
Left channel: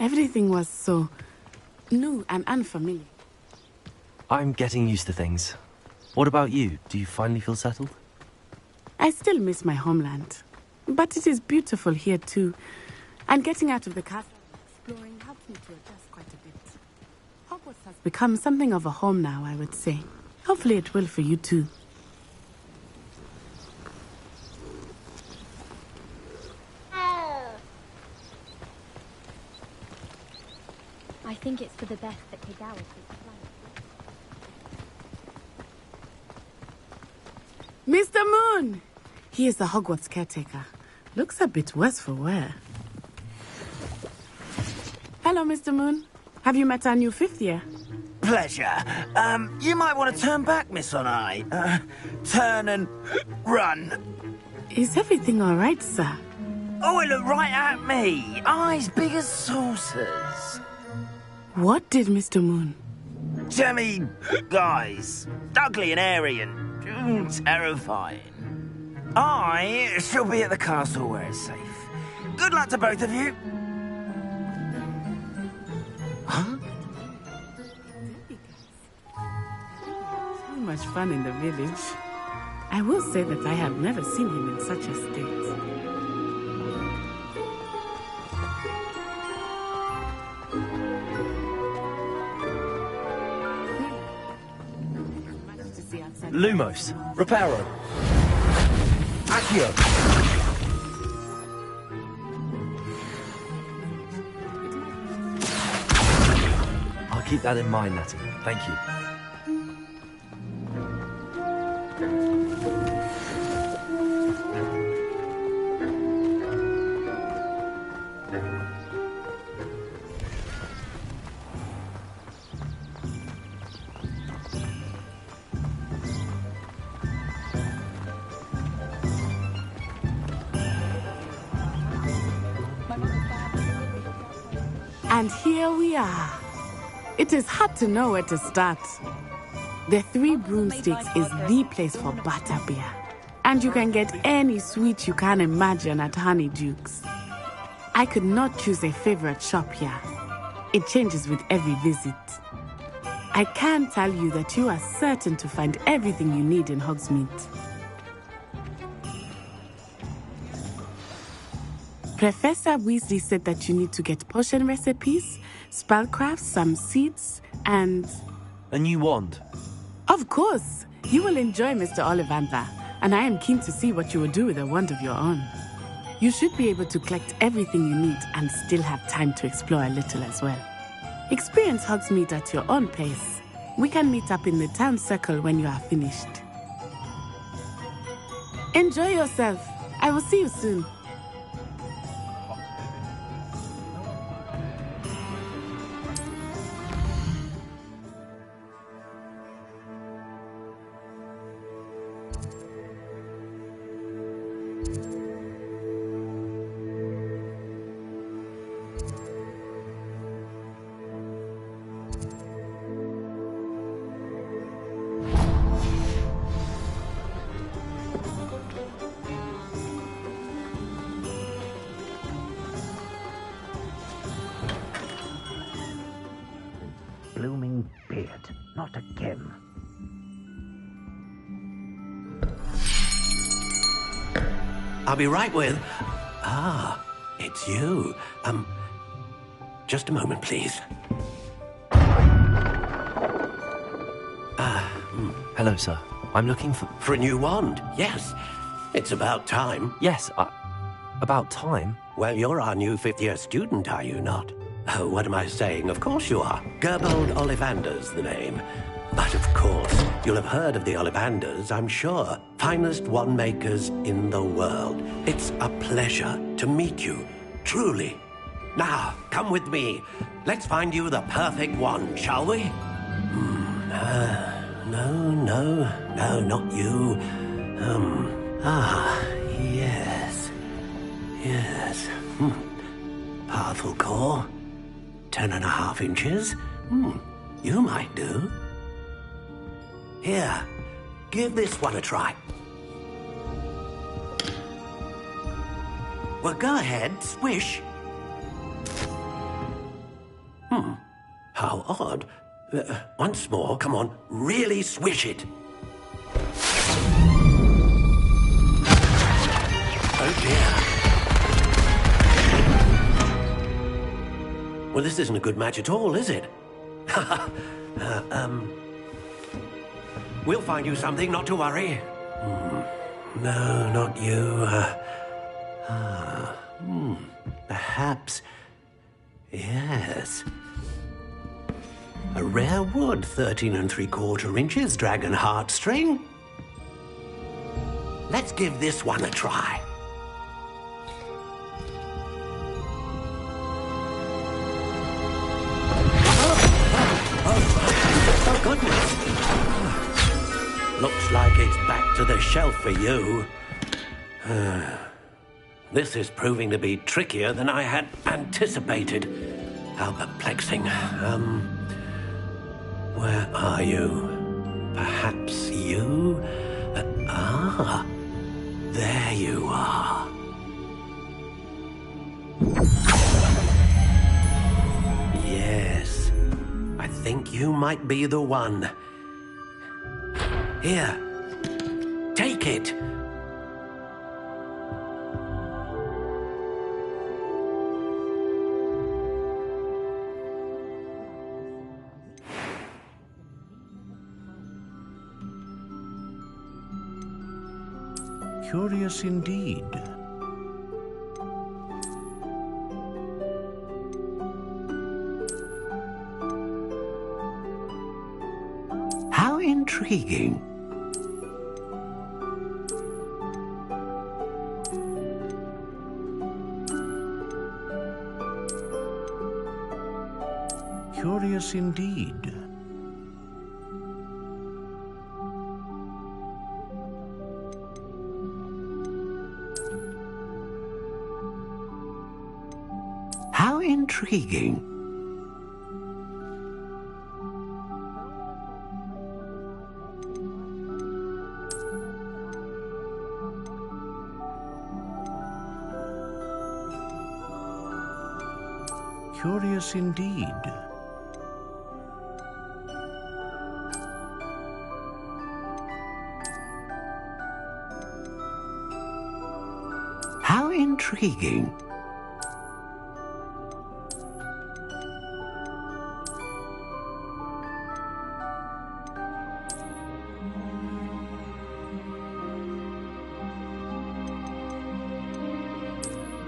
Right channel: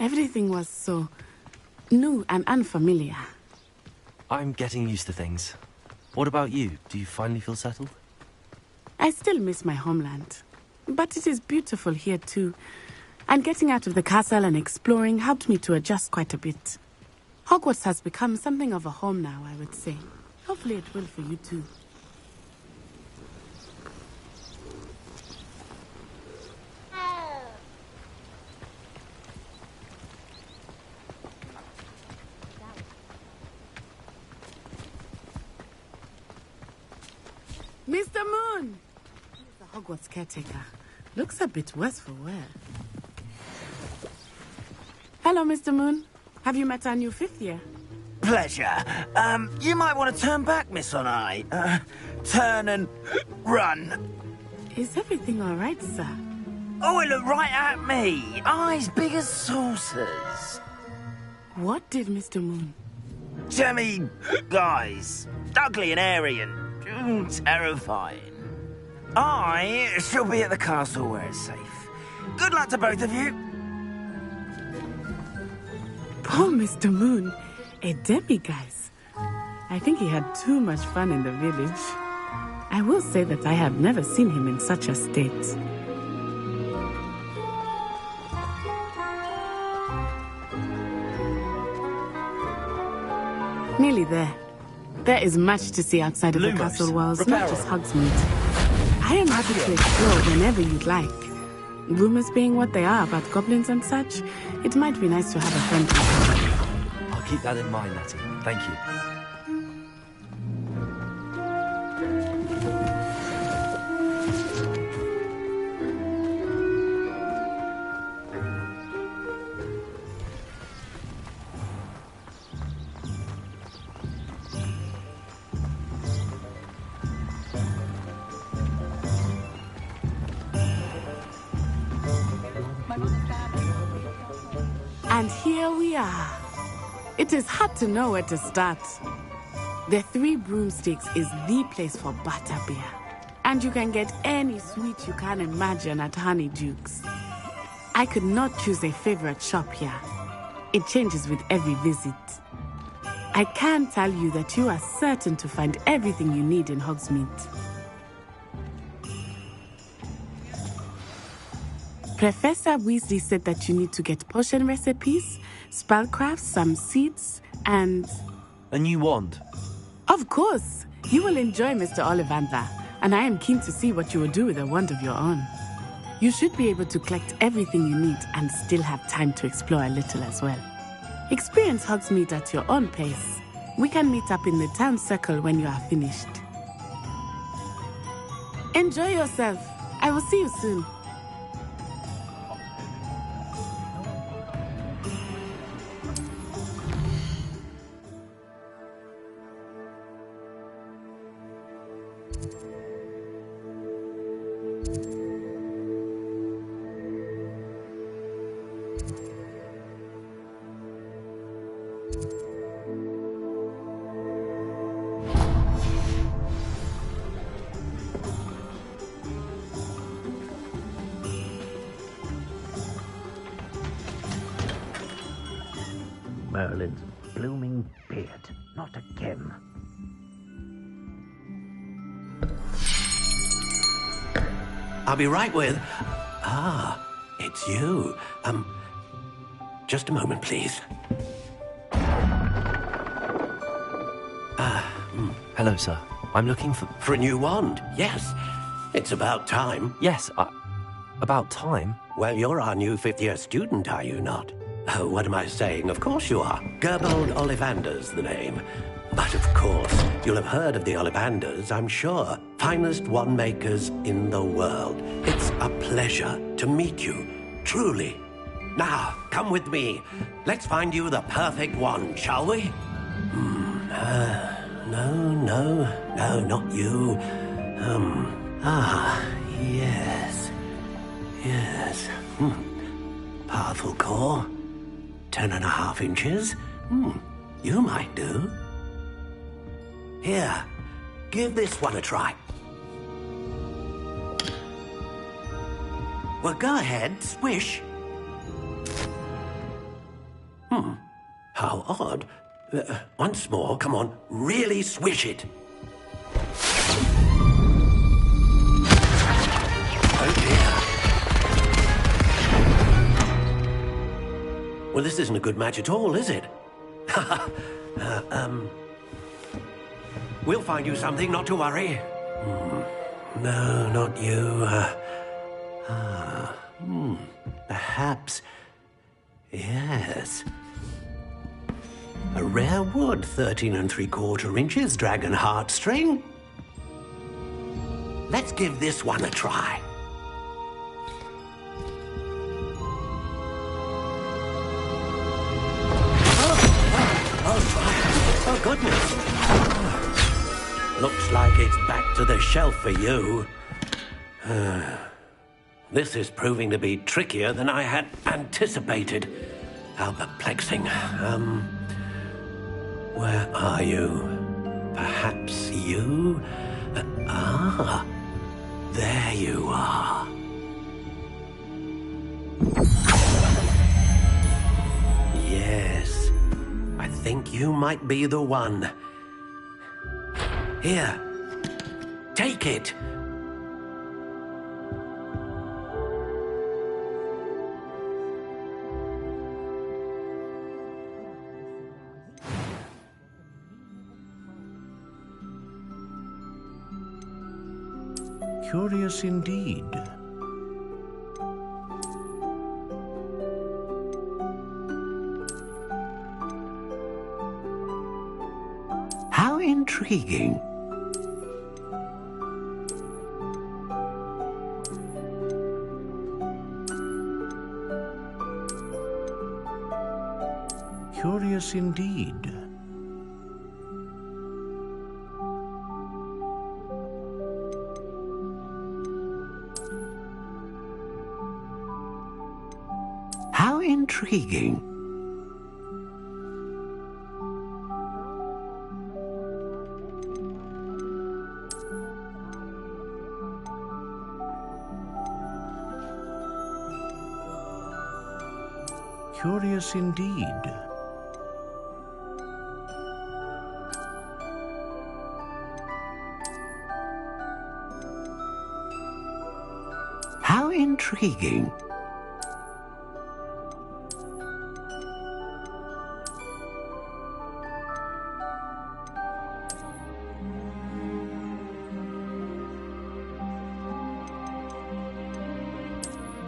Everything was so new and unfamiliar. I'm getting used to things. What about you? Do you finally feel settled? I still miss my homeland, but it is beautiful here too. And getting out of the castle and exploring helped me to adjust quite a bit. Hogwarts has become something of a home now, I would say. Hopefully it will for you too. I think it's for the best that Kagawa takes flight. Mr. Moon! He is the Hogwarts caretaker. Looks a bit worse for wear. Hello, Mr. Moon. Have you met our new fifth year? Pleasure. You might want to turn back, Miss Onai. Turn and run. Is everything all right, sir? Oh, it looked right at me. Eyes big as saucers. What did Mr. Moon? Jemmy, guys. Ugly and airy and terrifying. I shall be at the castle where it's safe. Good luck to both of you. Oh, Mr. Moon. A demiguise. I think he had too much fun in the village. I will say that I have never seen him in such a state. There is much to see outside of the Lumos, castle walls. Reparo. Not just Hogsmeade. I am happy to explore whenever you'd like. Rumors being what they are about goblins and such, it might be nice to have a friend. I'll keep that in mind, Natty. Thank you. And here we are. It is hard to know where to start. The Three Broomsticks is the place for butterbeer. And you can get any sweet you can imagine at Honeyduke's. I could not choose a favorite shop here. It changes with every visit. I can tell you that you are certain to find everything you need in Hogsmeade. Professor Weasley said that you need to get potion recipes, spellcrafts, some seeds, and... A new wand? Of course! You will enjoy Mr. Ollivander, and I am keen to see what you will do with a wand of your own. You should be able to collect everything you need and still have time to explore a little as well. Experience Hogsmeade at your own pace. We can meet up in the town circle when you are finished. Enjoy yourself. I will see you soon. Merlin's blooming beard. Not again. I'll be right with... Ah, it's you. Just a moment, please. Hello, sir. I'm looking for... For a new wand, yes. It's about time. Yes, about time? Well, you're our new fifth-year student, are you not? Oh, what am I saying? Of course you are. Gerbold Ollivander's the name. But of course, you'll have heard of the Ollivanders, I'm sure. Finest wand makers in the world. It's a pleasure to meet you, truly. Now, come with me. Let's find you the perfect wand, shall we? No, not you. Yes. Powerful core. 10.5 inches. You might do. Here, give this one a try. Well, go ahead, swish. How odd. Once more, come on, really swish it. Oh dear. Well, this isn't a good match at all, is it? We'll find you something, not to worry. No, not you. Perhaps. Yes. A rare wood, 13 3/4 inches, dragon heartstring. Let's give this one a try. Oh, goodness. Looks like it's back to the shelf for you. This is proving to be trickier than I had anticipated. How perplexing. Where are you? Perhaps you? There you are. Yes, I think you might be the one. Here, take it. Curious indeed. How intriguing. Curious indeed. How intriguing. Curious indeed. How intriguing.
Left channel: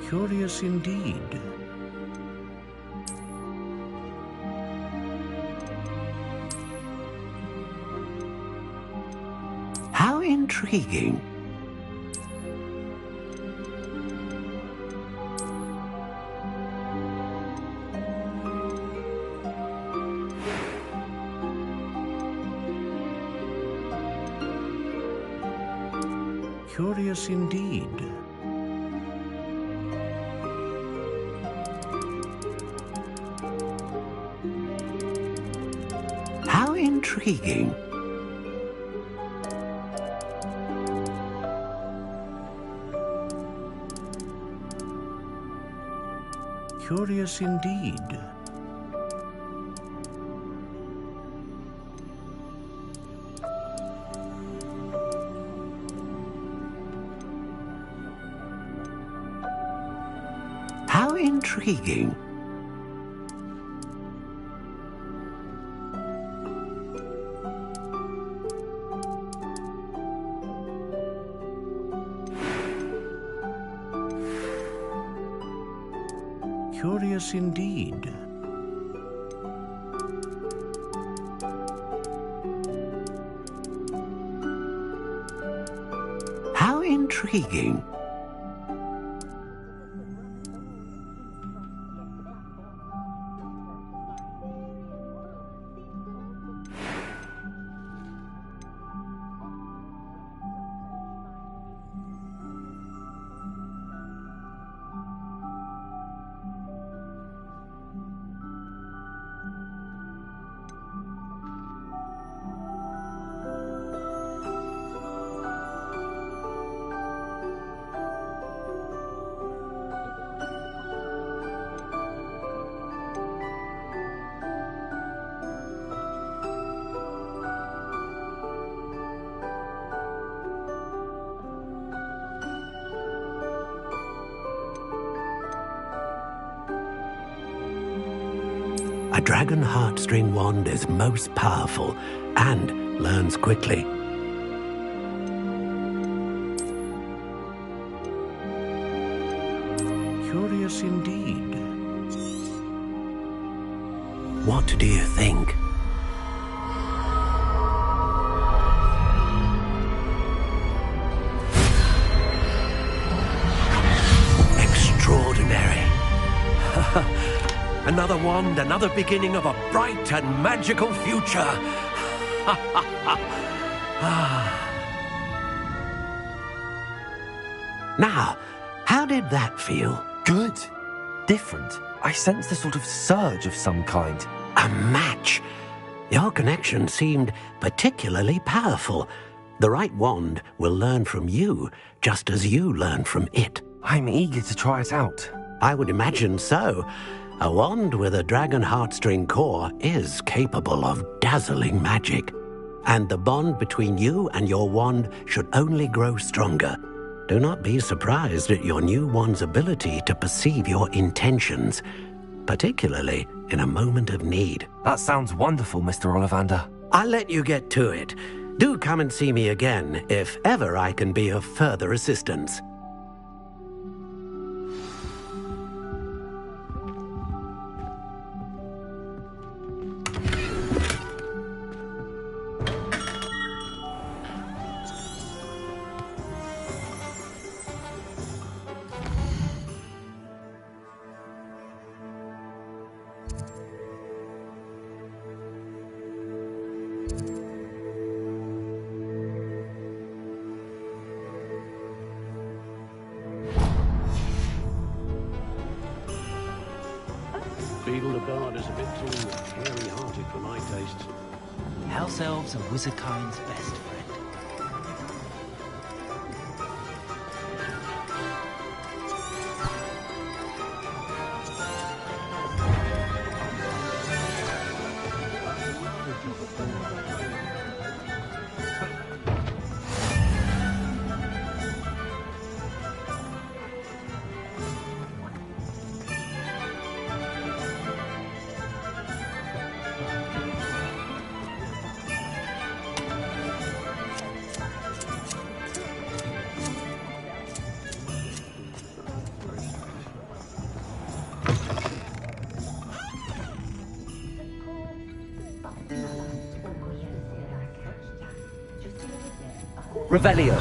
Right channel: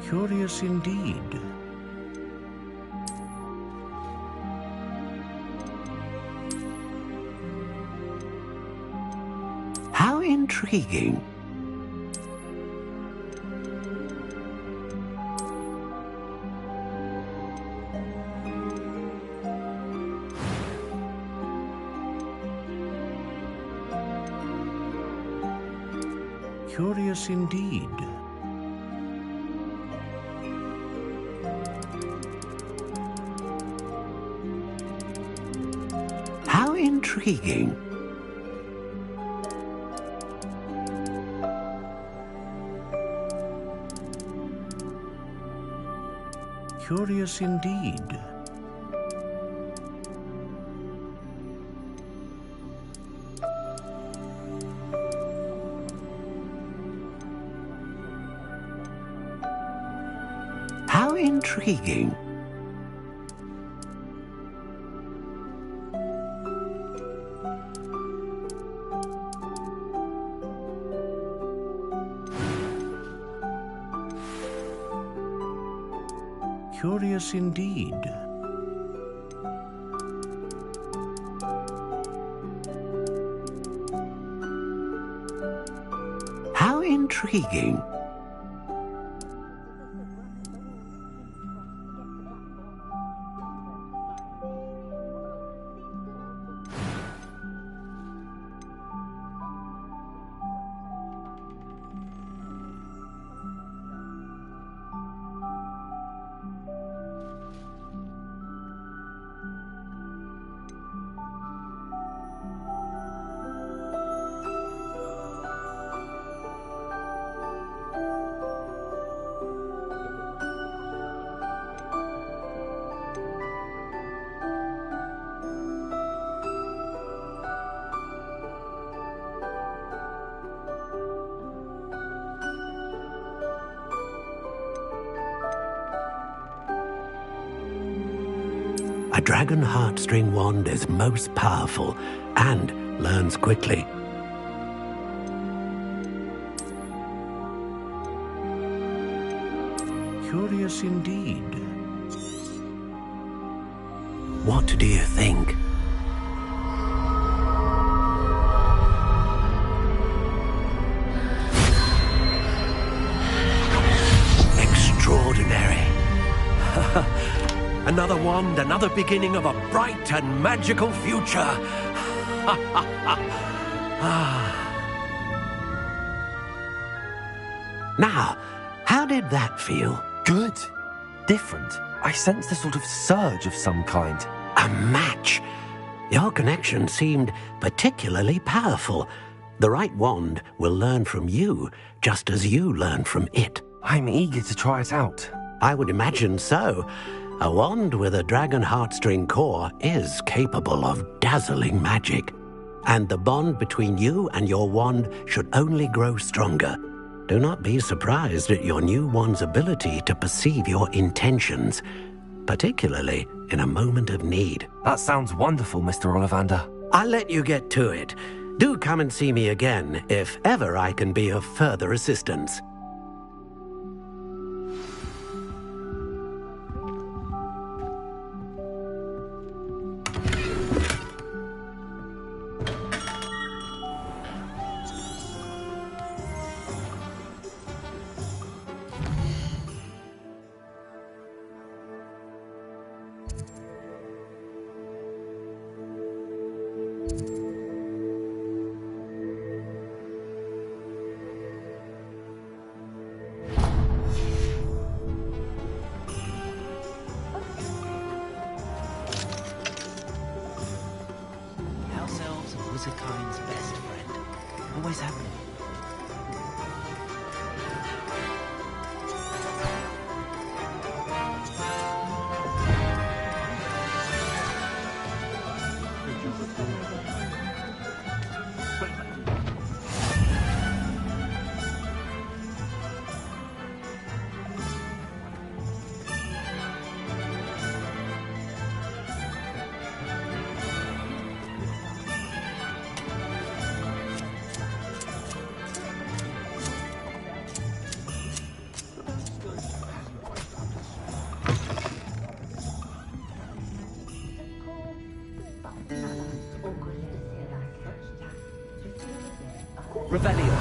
Curious indeed. How intriguing. Curious indeed. How intriguing. Curious indeed. How intriguing. Curious indeed. How intriguing. A dragon heartstring wand is most powerful and learns quickly. Curious indeed. What do you think? Extraordinary. Another wand, another beginning of a bright and magical future. Now, how did that feel? Good. Different. I sensed a sort of surge of some kind. A match. Your connection seemed particularly powerful. The right wand will learn from you, just as you learn from it. I'm eager to try it out. I would imagine so. A wand with a dragon heartstring core is capable of dazzling magic. And the bond between you and your wand should only grow stronger. Do not be surprised at your new wand's ability to perceive your intentions, particularly in a moment of need. That sounds wonderful, Mr. Ollivander. I'll let you get to it. Do come and see me again if ever I can be of further assistance. House elves are wizardkind's best friend. Always have been. Revelio.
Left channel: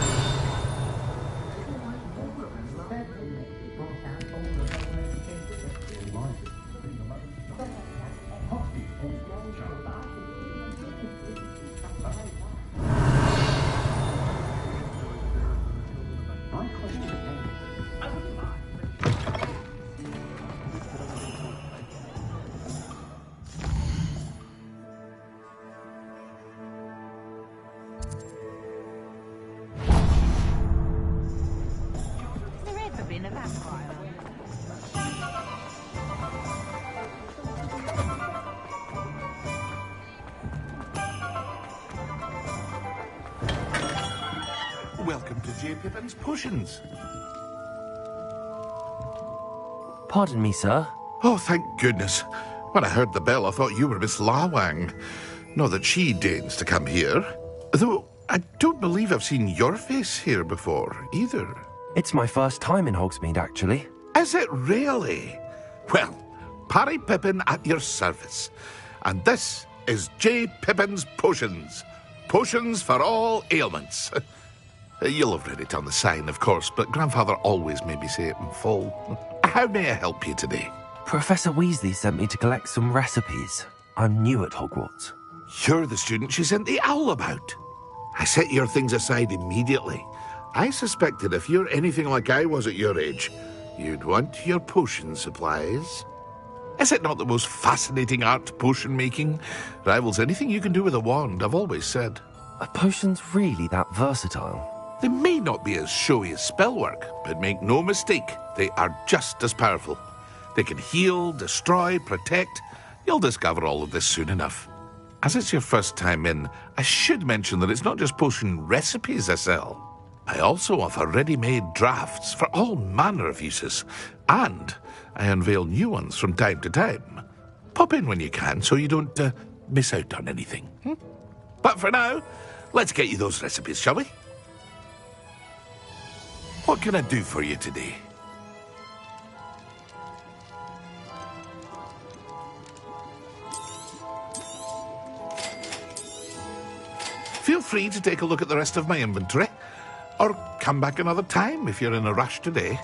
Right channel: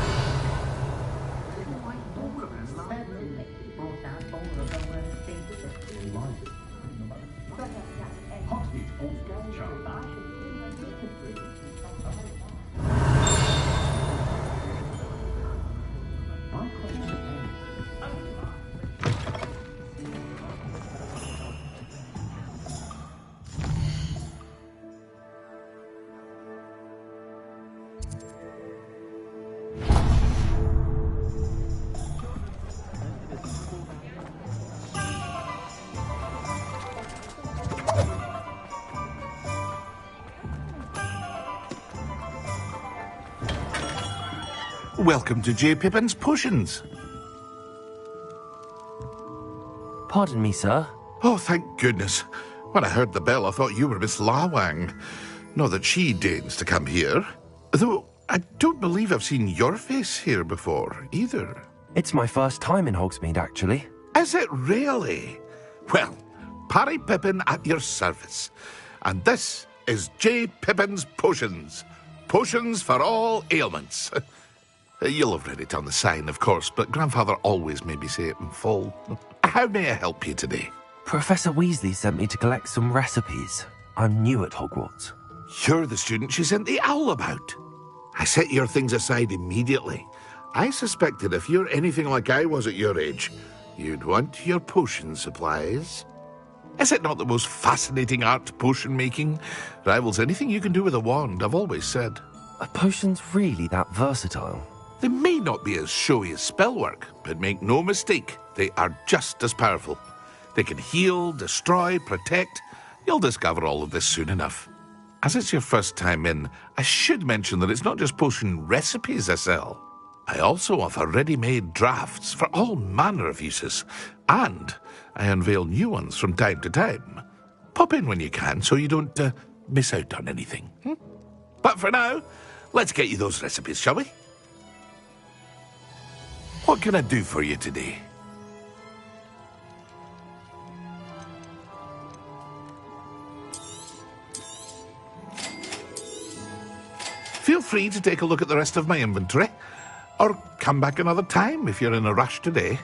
Welcome to J. Pippin's Potions. Pardon me, sir. Oh, thank goodness. When I heard the bell, I thought you were Miss Lawang. Not that she deigns to come here. Though, I don't believe I've seen your face here before, either. It's my first time in Hogsmeade, actually. Is it really? Well, Parry Pippin at your service. And this is J. Pippin's Potions. Potions for all ailments. You'll have read it on the sign, of course, but Grandfather always made me say it in full. How may I help you today? Professor Weasley sent me to collect some recipes. I'm new at Hogwarts. You're the student she sent the owl about. I set your things aside immediately. I suspected if you're anything like I was at your age, you'd want your potion supplies. Is it not the most fascinating art, potion making? Rivals anything you can do with a wand, I've always said. Are potions really that versatile? They may not be as showy as spellwork, but make no mistake, they are just as powerful. They can heal, destroy, protect. You'll discover all of this soon enough. As it's your first time in, I should mention that it's not just potion recipes I sell. I also offer ready-made drafts for all manner of uses, and I unveil new ones from time to time. Pop in when you can so you don't miss out on anything. But for now, let's get you those recipes, shall we? What can I do for you today? Feel free to take a look at the rest of my inventory, or come back another time if you're in a rush today.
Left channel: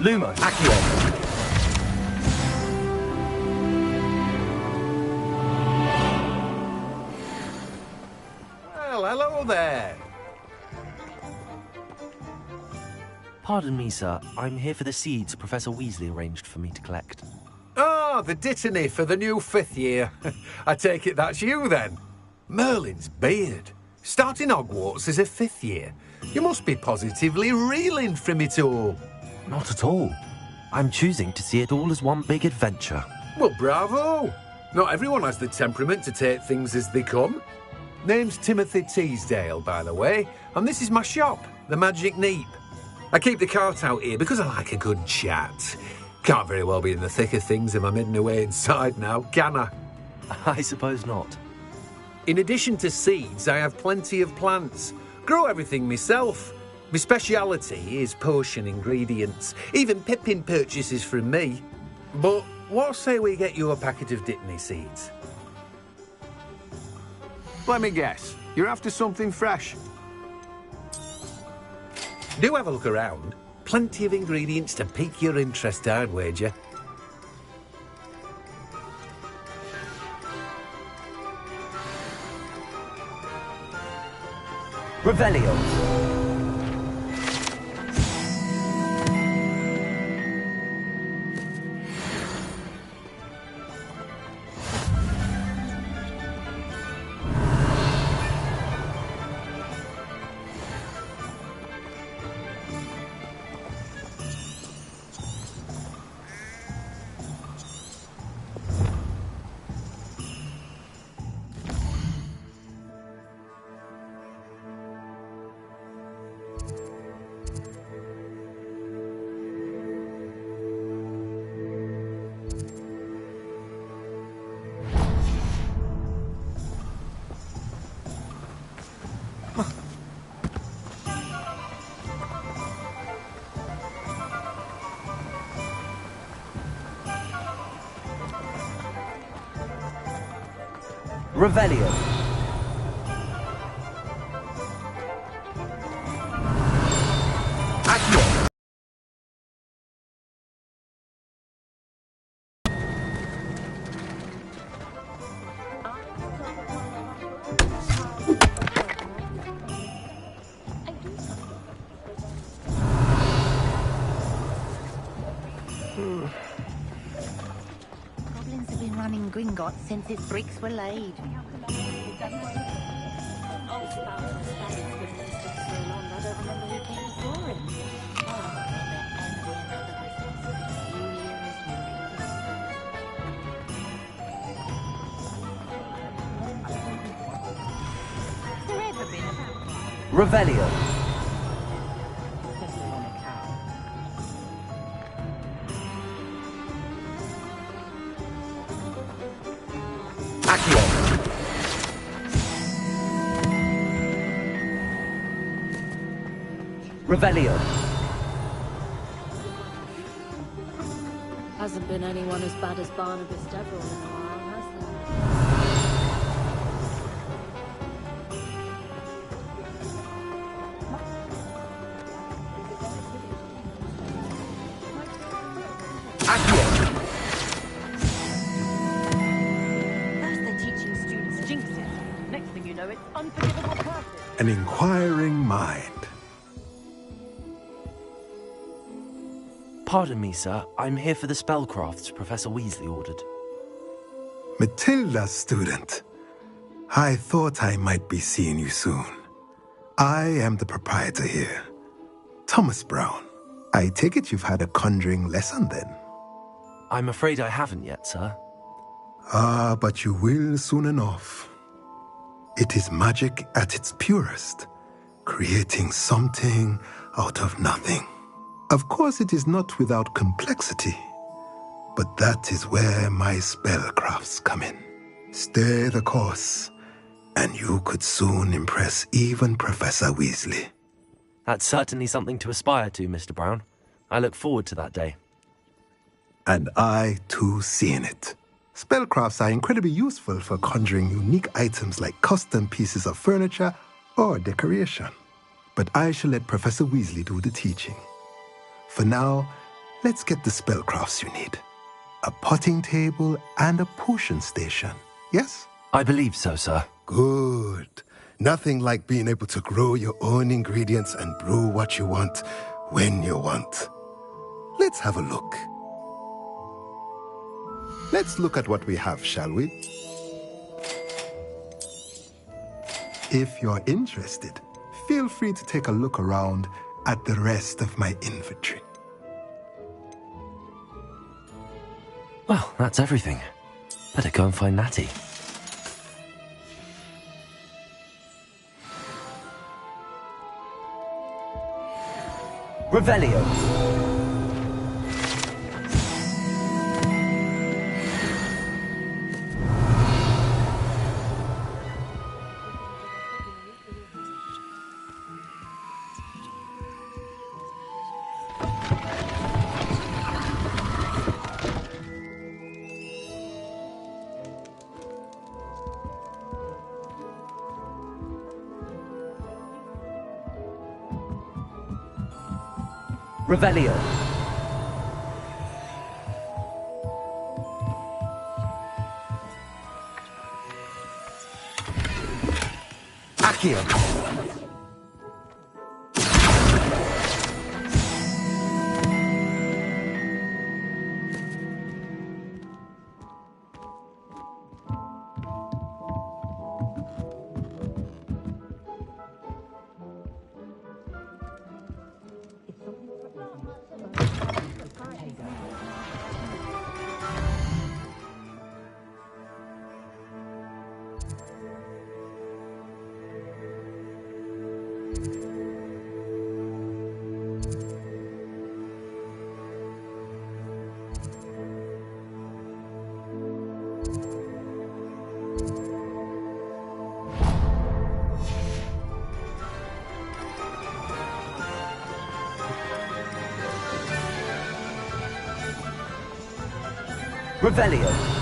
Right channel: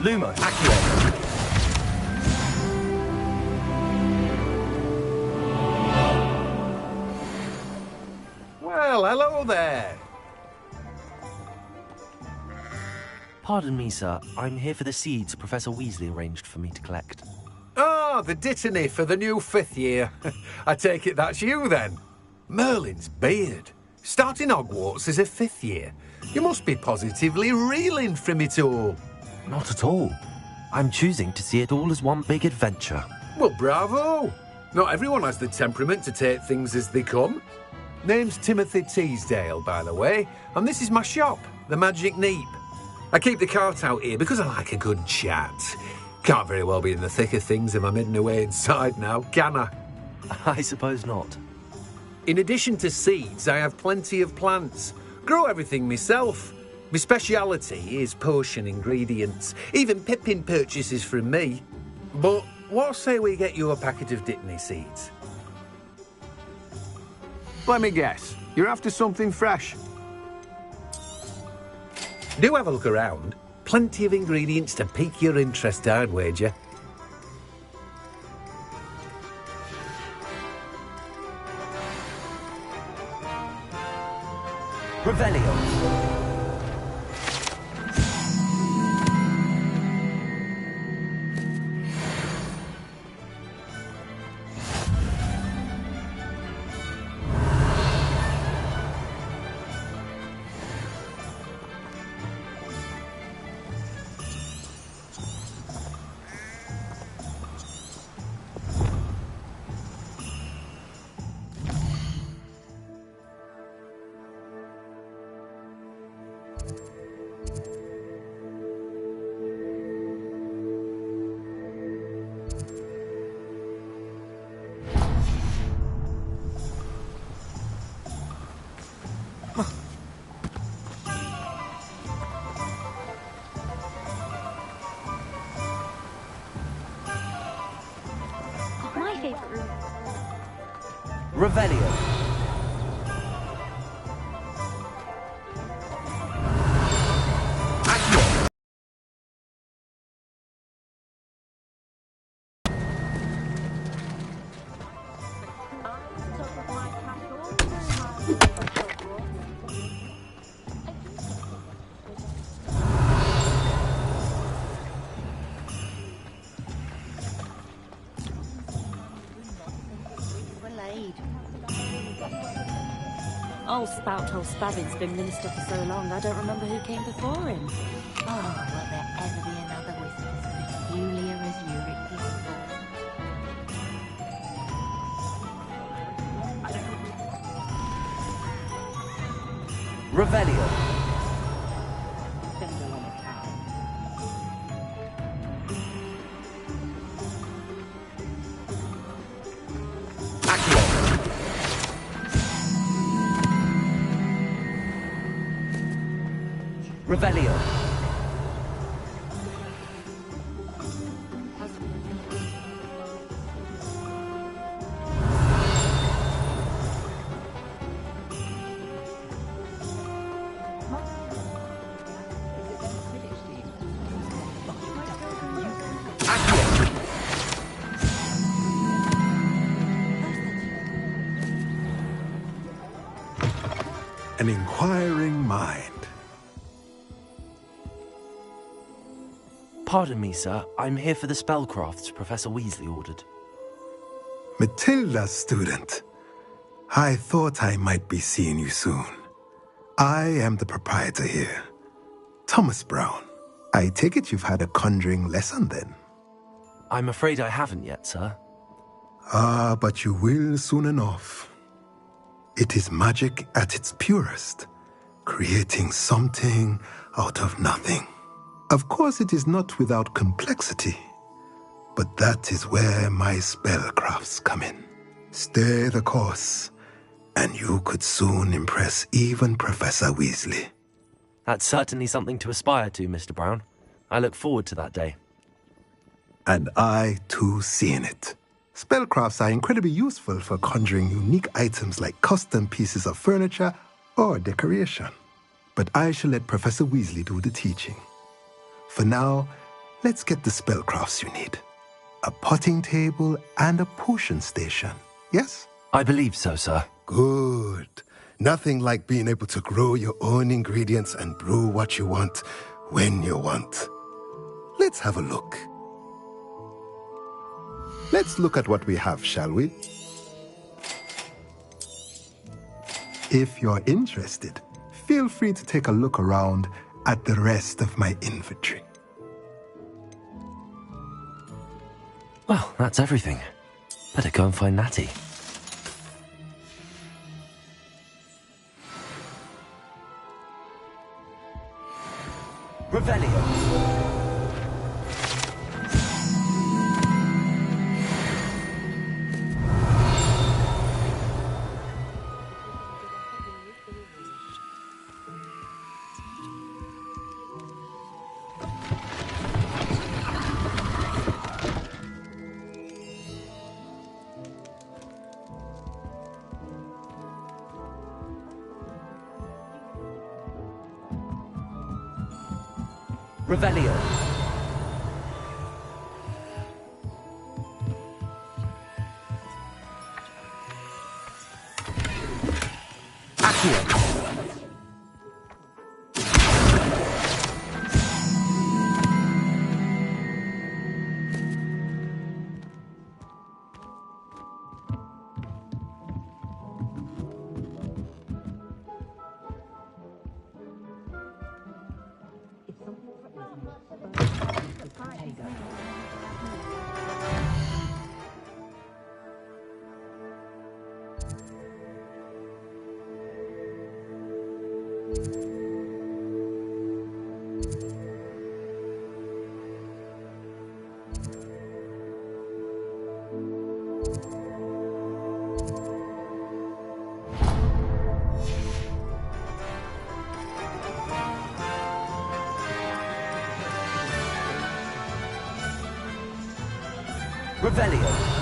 Lumo, Accio. Well, hello there. Pardon me, sir. I'm here for the seeds Professor Weasley arranged for me to collect. Oh, the dittany for the new 5th year. I take it that's you, then. Merlin's beard. Starting Hogwarts as a 5th year. You must be positively reeling from it all. Not at all. I'm choosing to see it all as one big adventure. Well, bravo! Not everyone has the temperament to take things as they come. Name's Timothy Teasdale, by the way, and this is my shop, the Magic Neep. I keep the cart out here because I like a good chat. Can't very well be in the thick of things if I'm hidden away inside now, can I? I suppose not. In addition to seeds, I have plenty of plants. Grow everything myself. My speciality is potion ingredients. Even Pippin purchases from me. But what say we get you a packet of Dittany seeds? Let me guess. You're after something fresh. Do have a look around. Plenty of ingredients to pique your interest, I'd wager. Revelio. Revelio. Goblins have been running Gringotts since its bricks were laid. Old Spouthole Spavin's been minister for so long, I don't remember who came before him. Oh, will there ever be another wizard as peculiar as Ulrich Revelio. Revelio. Hasn't been anyone as bad as Barnabas Deverell. An inquiring mind. Pardon me, sir. I'm here for the spellcrafts Professor Weasley ordered. Matilda's student. I thought I might be seeing you soon. I am the proprietor here, Thomas Brown. I take it you've had a conjuring lesson then? I'm afraid I haven't yet, sir. Ah, but you will soon enough. It is magic at its purest, creating something out of nothing. Of course, it is not without complexity, but that is where my spellcrafts come in. Stay the course, and you could soon impress even Professor Weasley. That's certainly something to aspire to, Mr. Brown. I look forward to that day. And I, too, seeing it. Spellcrafts are incredibly useful for conjuring unique items like custom pieces of furniture or decoration. But I shall let Professor Weasley do the teaching. For now, let's get the spellcrafts you need. A potting table and a potion station, yes? I believe so, sir. Good. Nothing like being able to grow your own ingredients and brew what you want when you want. Let's have a look. Let's look at what we have, shall we? If you're interested, feel free to take a look around at the rest of my inventory. Well, that's everything. Better go and find Natty. Revelio. Revelio. Accio. Revelio.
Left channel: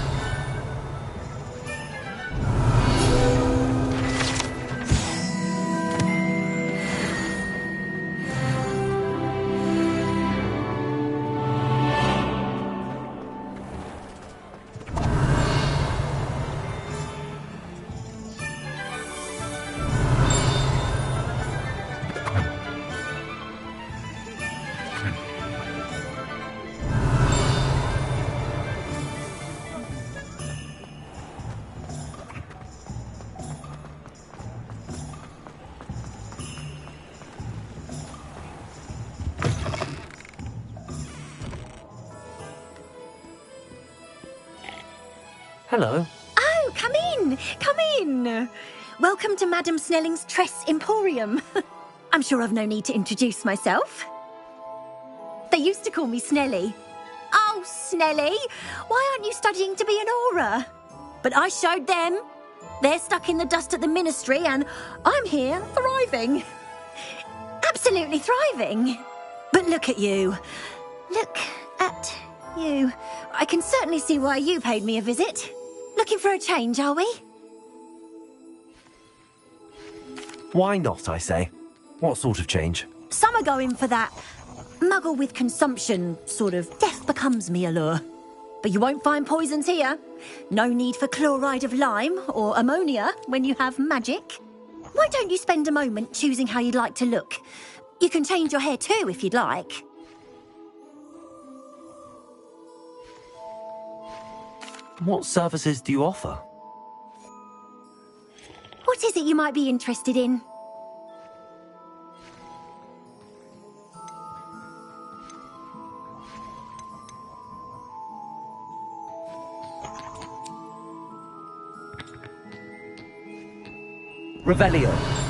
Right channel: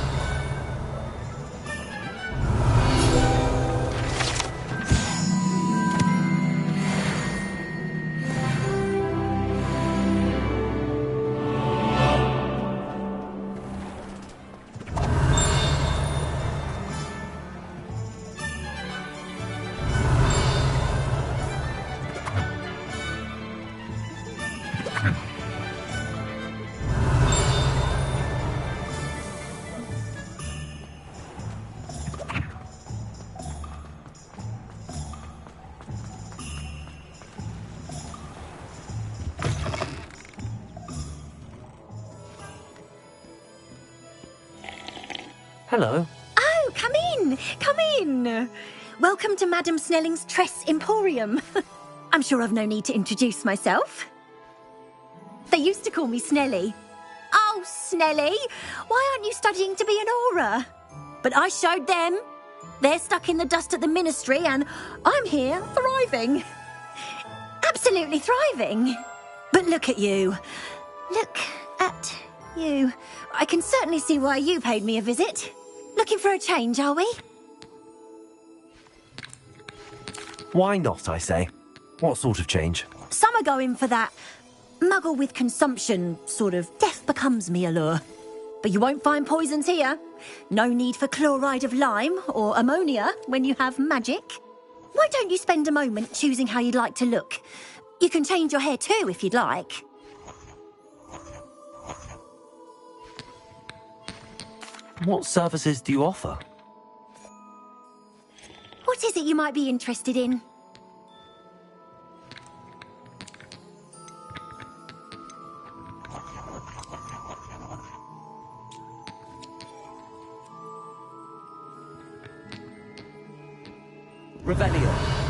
Hello. Oh, come in! Come in! Welcome to Madame Snelling's Tress Emporium. I'm sure I've no need to introduce myself. They used to call me Snelly. Oh, Snelly! Why aren't you studying to be an aura? But I showed them. They're stuck in the dust at the ministry and I'm here thriving. Absolutely thriving. But look at you. Look at you. I can certainly see why you paid me a visit. Looking for a change, are we? Why not, I say? What sort of change? Some are going for that muggle with consumption, sort of death becomes me allure. But you won't find poisons here. No need for chloride of lime or ammonia when you have magic. Why don't you spend a moment choosing how you'd like to look? You can change your hair too if you'd like. What services do you offer? What is it you might be interested in? Revelio.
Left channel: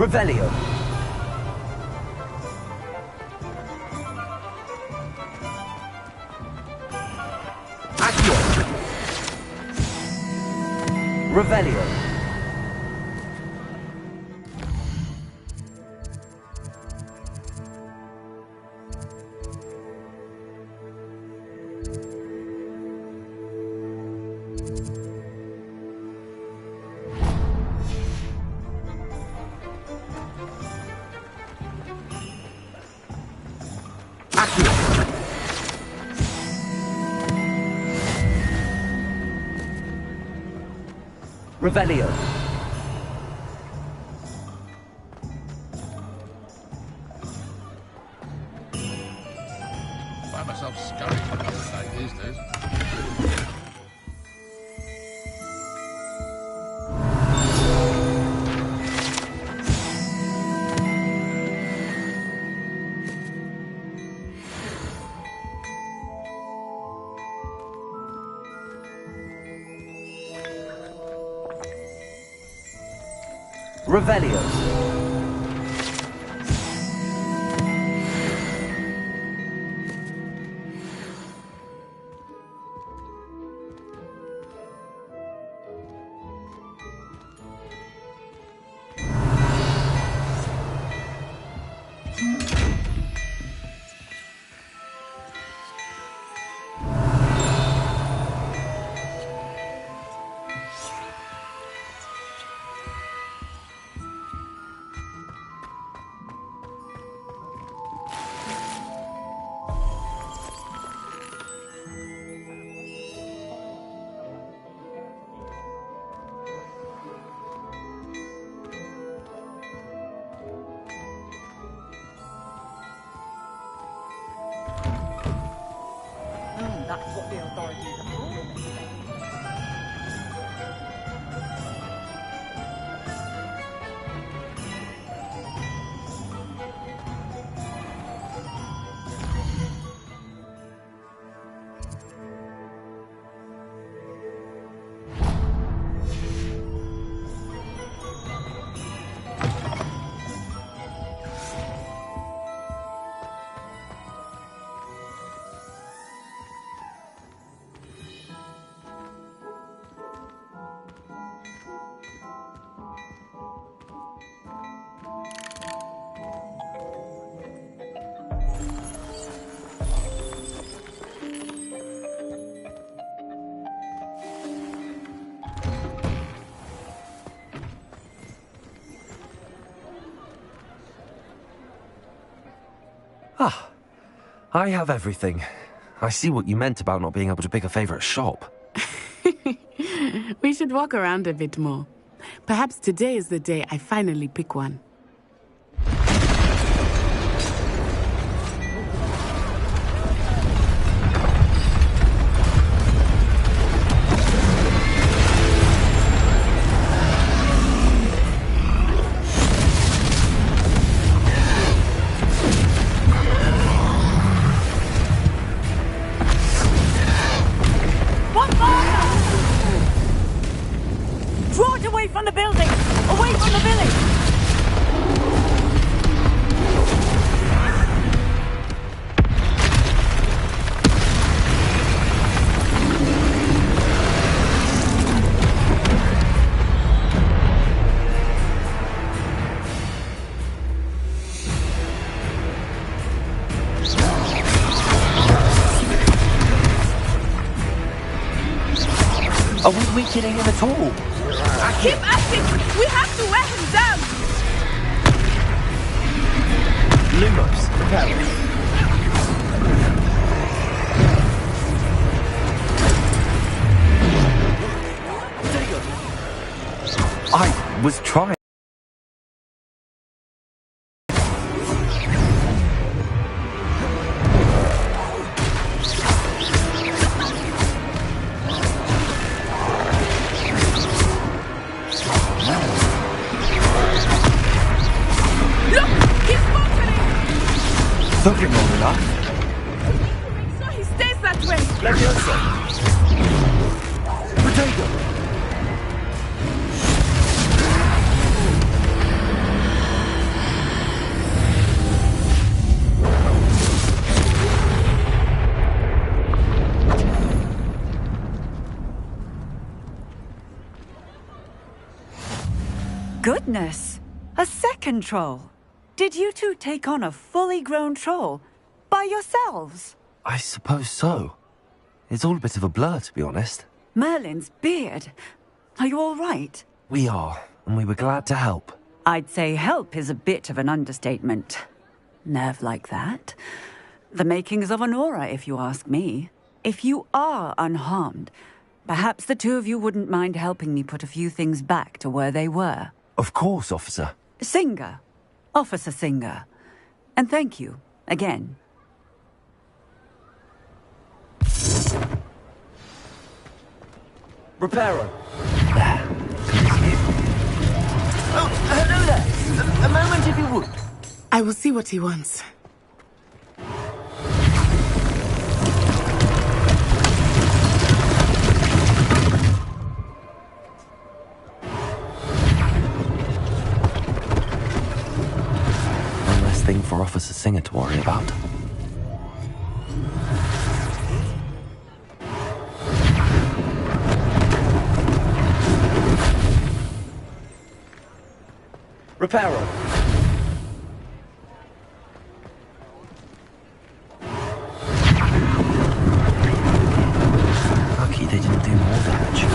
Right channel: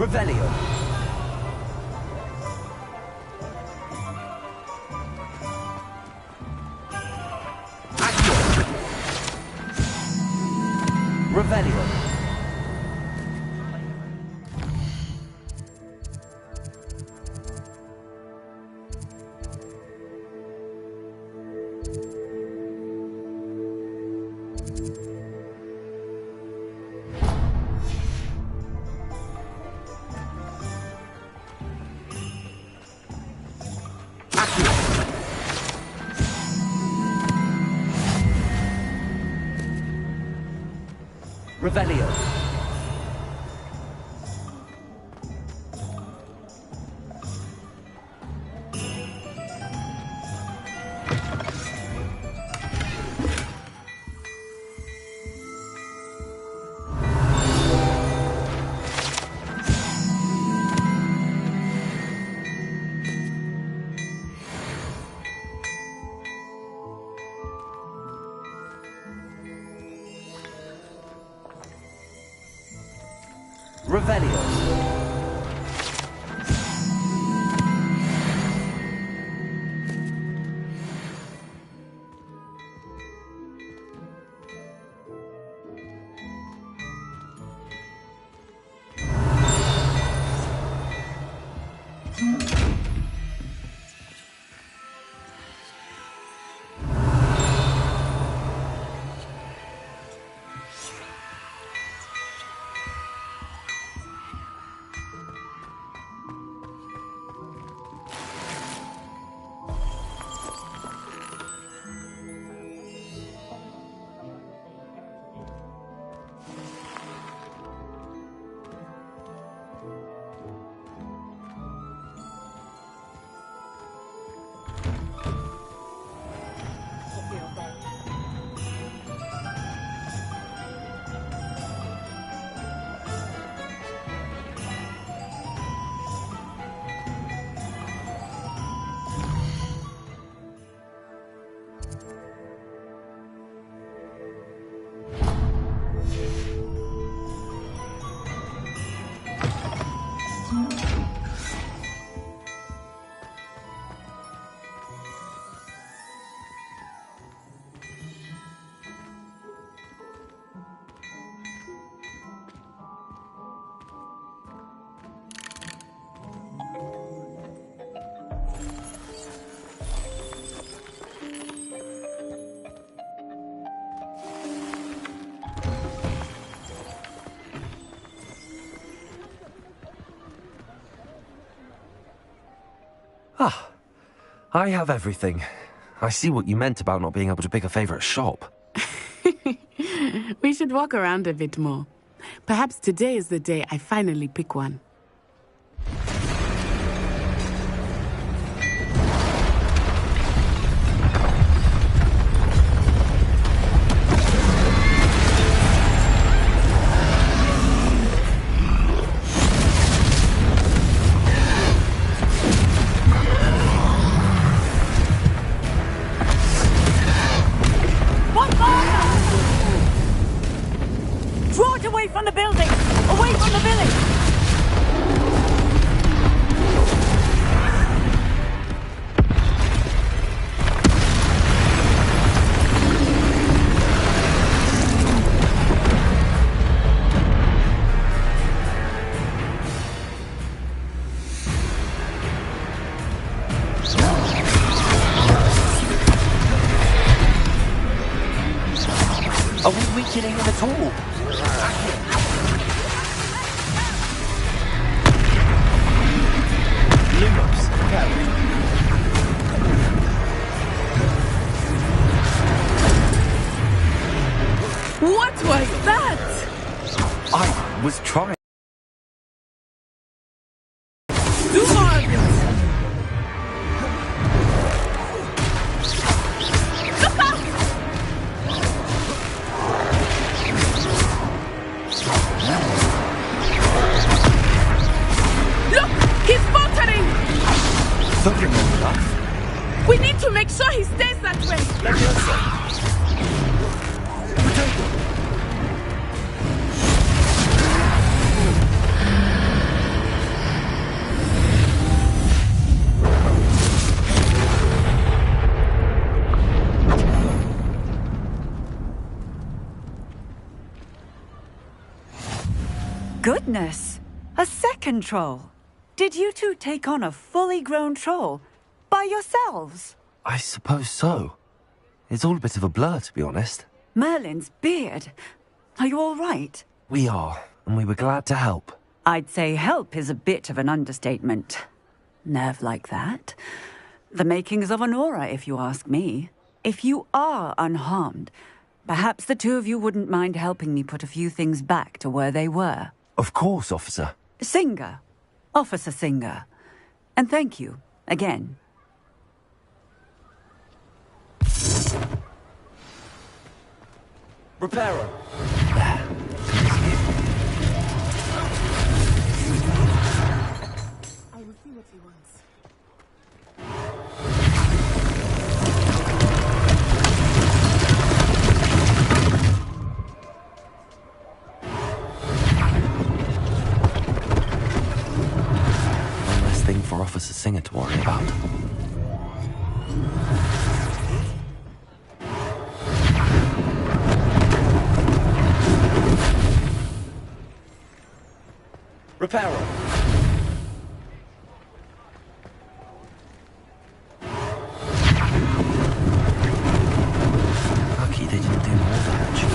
Revelio. Accio. Revelio. Revelio. Revelio. Ah, I have everything. I see what you meant about not being able to pick a favorite shop. We should walk around a bit more. Perhaps today is the day I finally pick one. Are we weakening him at all? Keep acting! We have to wear him down! Lumos, carry. What was that? I was trying. Took him long enough. We need to make sure he stays that way. Let me answer. Potato. Goodness! A second troll. Did you two take on a fully grown troll by yourselves? I suppose so. It's all a bit of a blur, to be honest. Merlin's beard. Are you all right? We are, and we were glad to help. I'd say help is a bit of an understatement. Nerve like that. The makings of an aura, if you ask me. If you are unharmed, Perhaps the two of you wouldn't mind helping me put a few things back to where they were. Of course, officer. Singer. Officer Singer. And thank you, again. Repairer. I will see what he wants. One less thing for Officer Singer to worry about. Repairer. Lucky they didn't do more damage.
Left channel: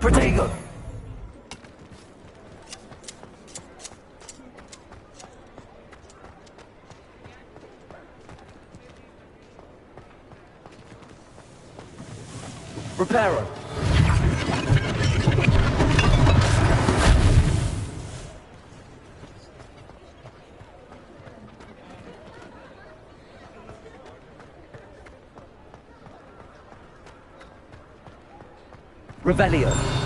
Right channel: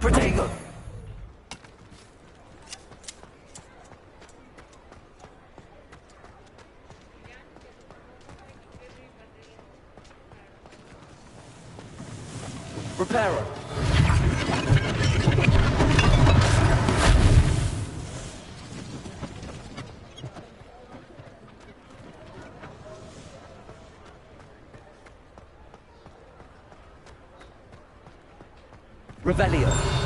Protego! Repairer. Revelio.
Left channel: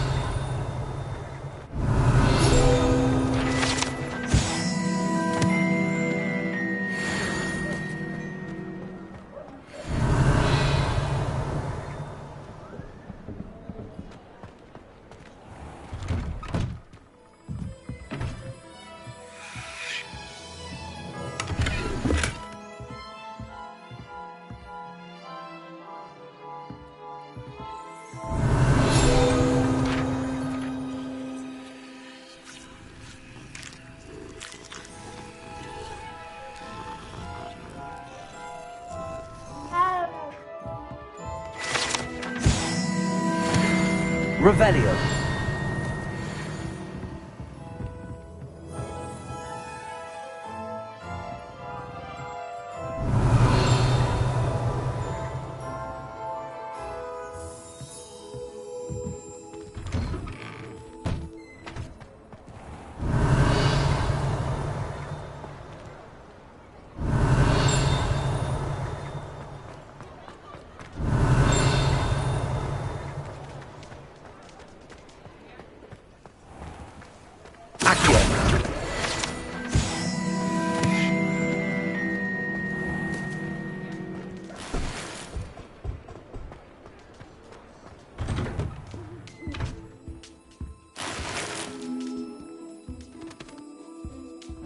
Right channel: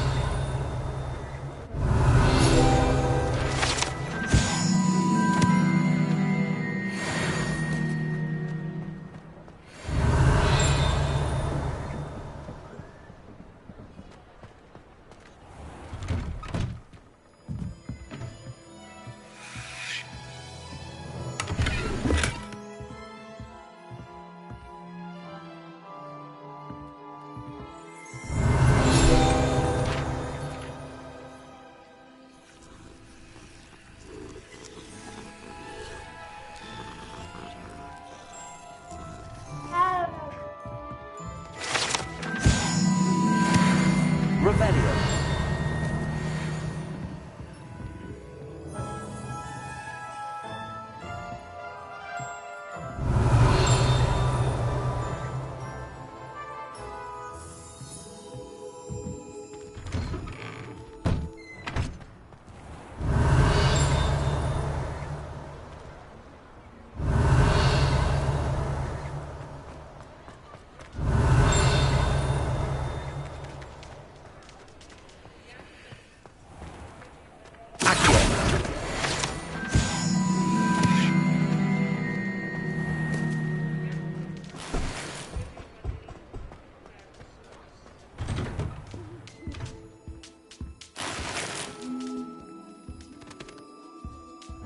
Revelio.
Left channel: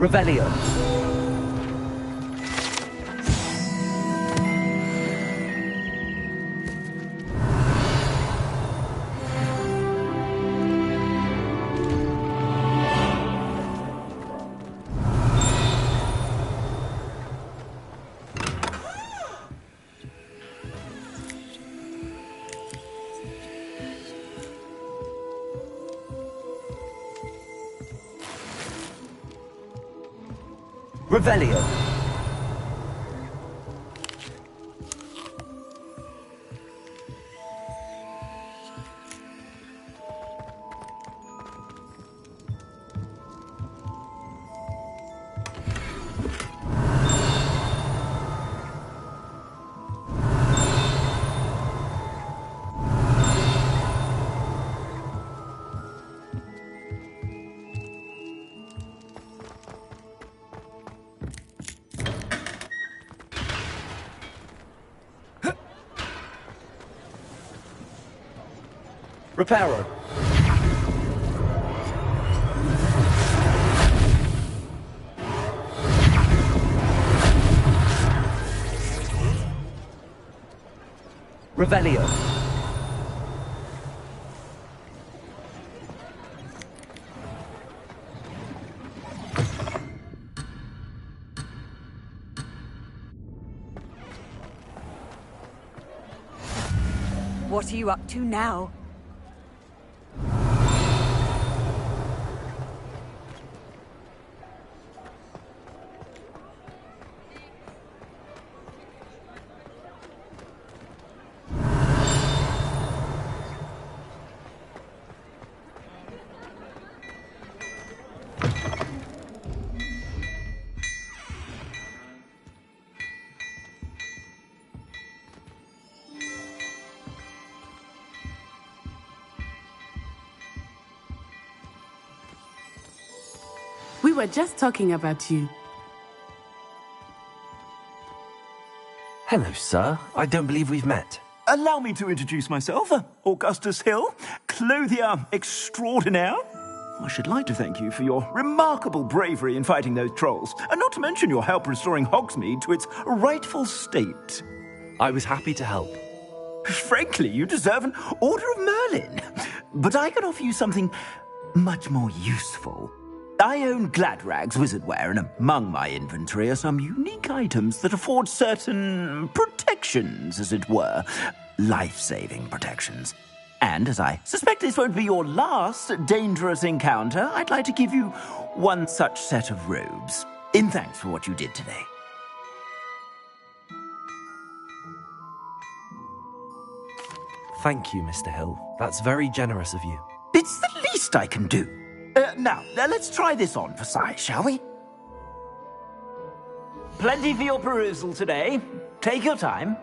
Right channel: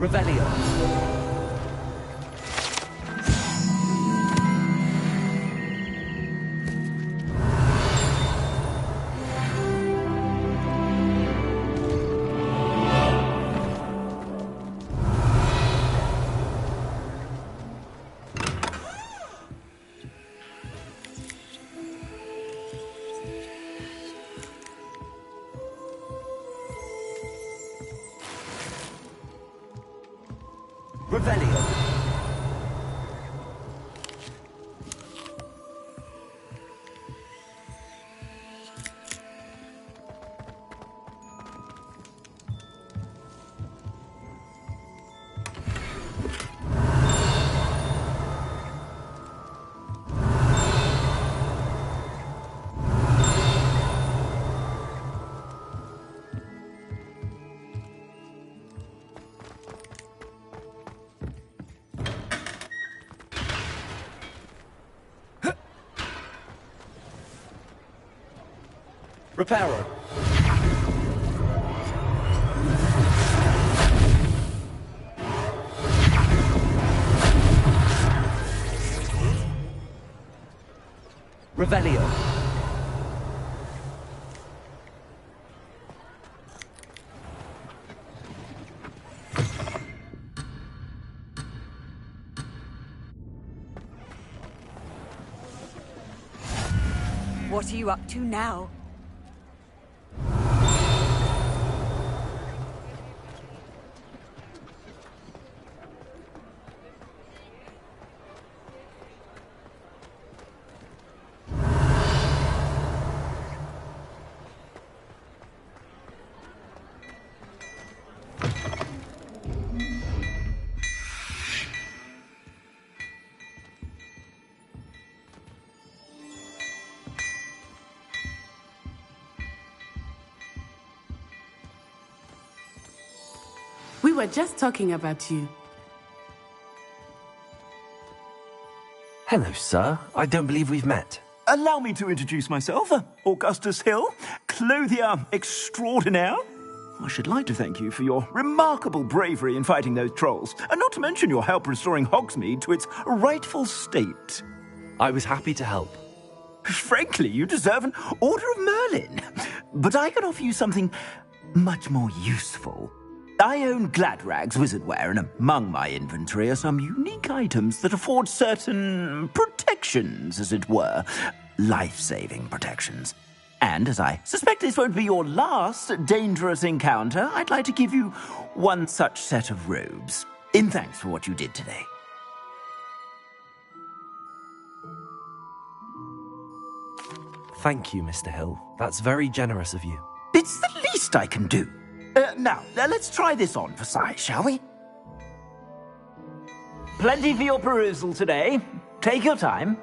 Revelio. Revelio. Repairer. Revelio. What are you up to now? We were just talking about you. Hello, sir. I don't believe we've met. Allow me to introduce myself, Augustus Hill, clothier extraordinaire. I should like to thank you for your remarkable bravery in fighting those trolls, and not to mention your help restoring Hogsmeade to its rightful state. I was happy to help. Frankly, you deserve an Order of Merlin. But I can offer you something much more useful. I own Gladrag's wizardware, and among my inventory are some unique items that afford certain protections, as it were. Life-saving protections. And as I suspect this won't be your last dangerous encounter, I'd like to give you one such set of robes, in thanks for what you did today. Thank you, Mr. Hill. That's very generous of you. It's the least I can do. Now, let's try this on for size, shall we? Plenty for your perusal today. Take your time.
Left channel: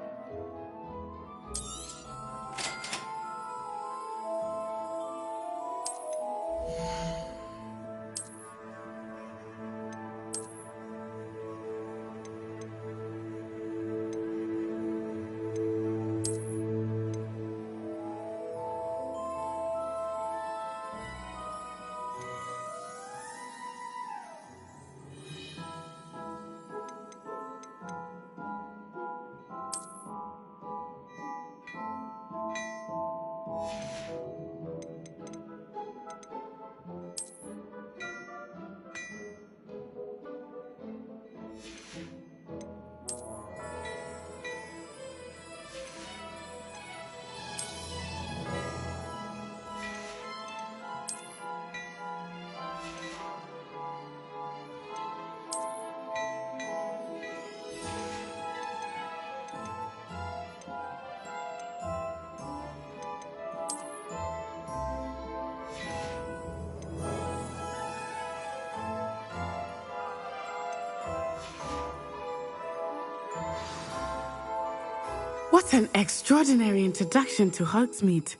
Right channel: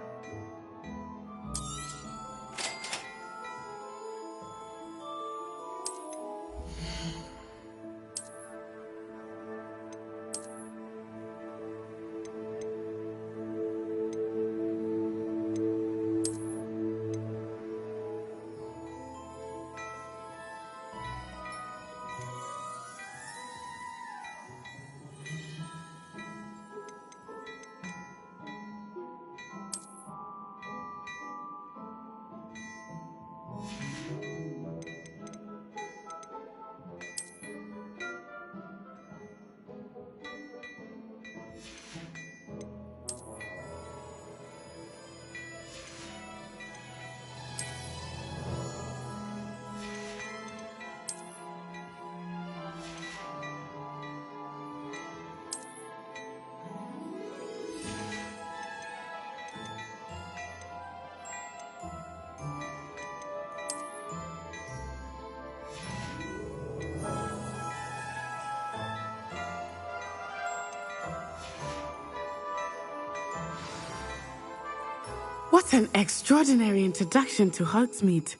What an extraordinary introduction to Hogsmeade.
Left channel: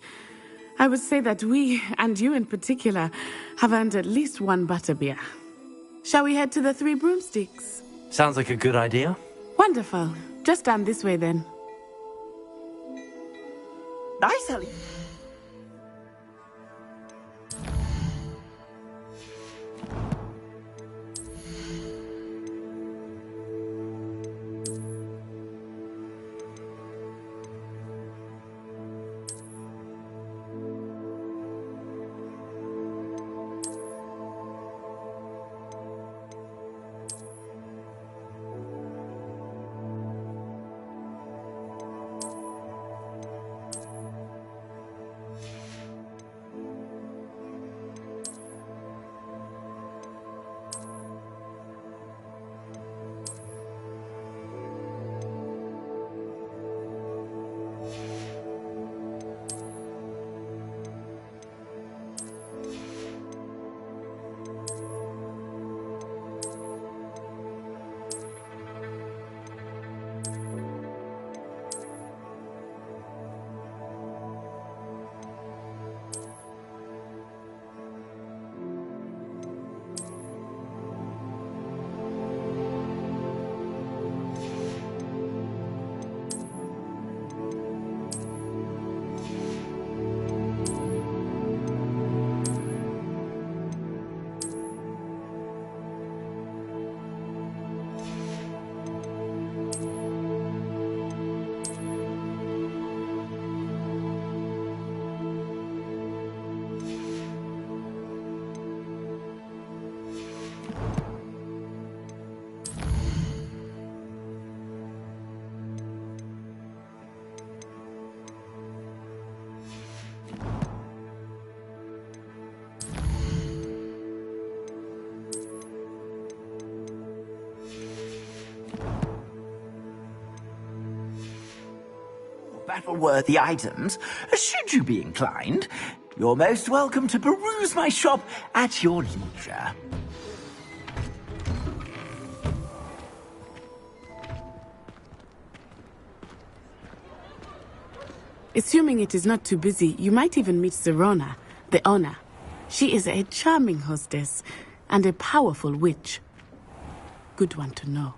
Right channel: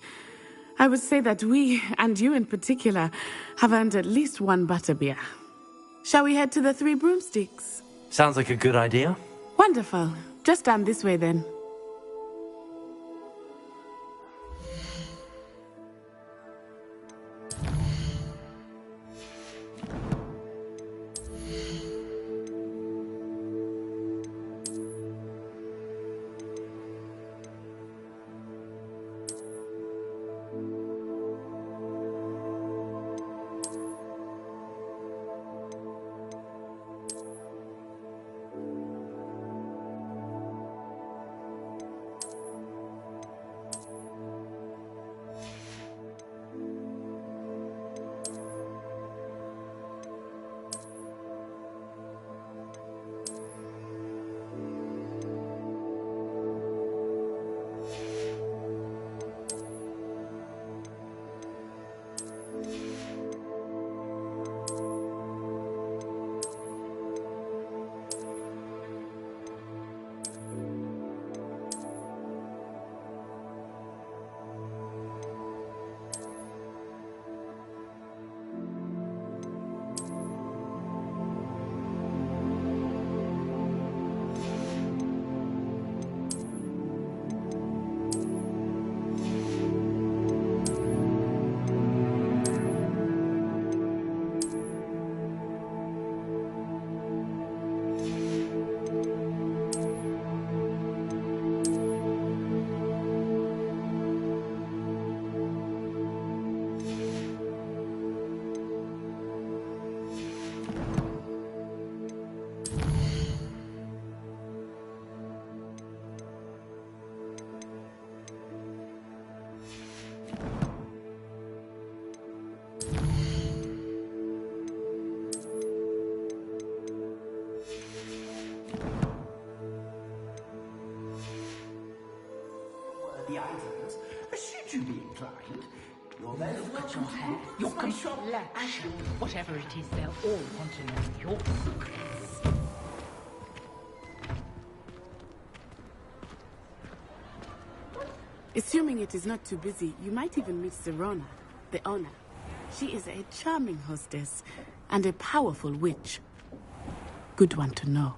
I would say that we, and you in particular, have earned at least one butterbeer. Shall we head to the Three Broomsticks? Sounds like a good idea. Wonderful. Just down this way then. Nice, Ellie. worthy items, should you be inclined, you're most welcome to peruse my shop at your leisure. Assuming it is not too busy, you might even meet Serona, the owner. She is a charming hostess and a powerful witch. Good one to know.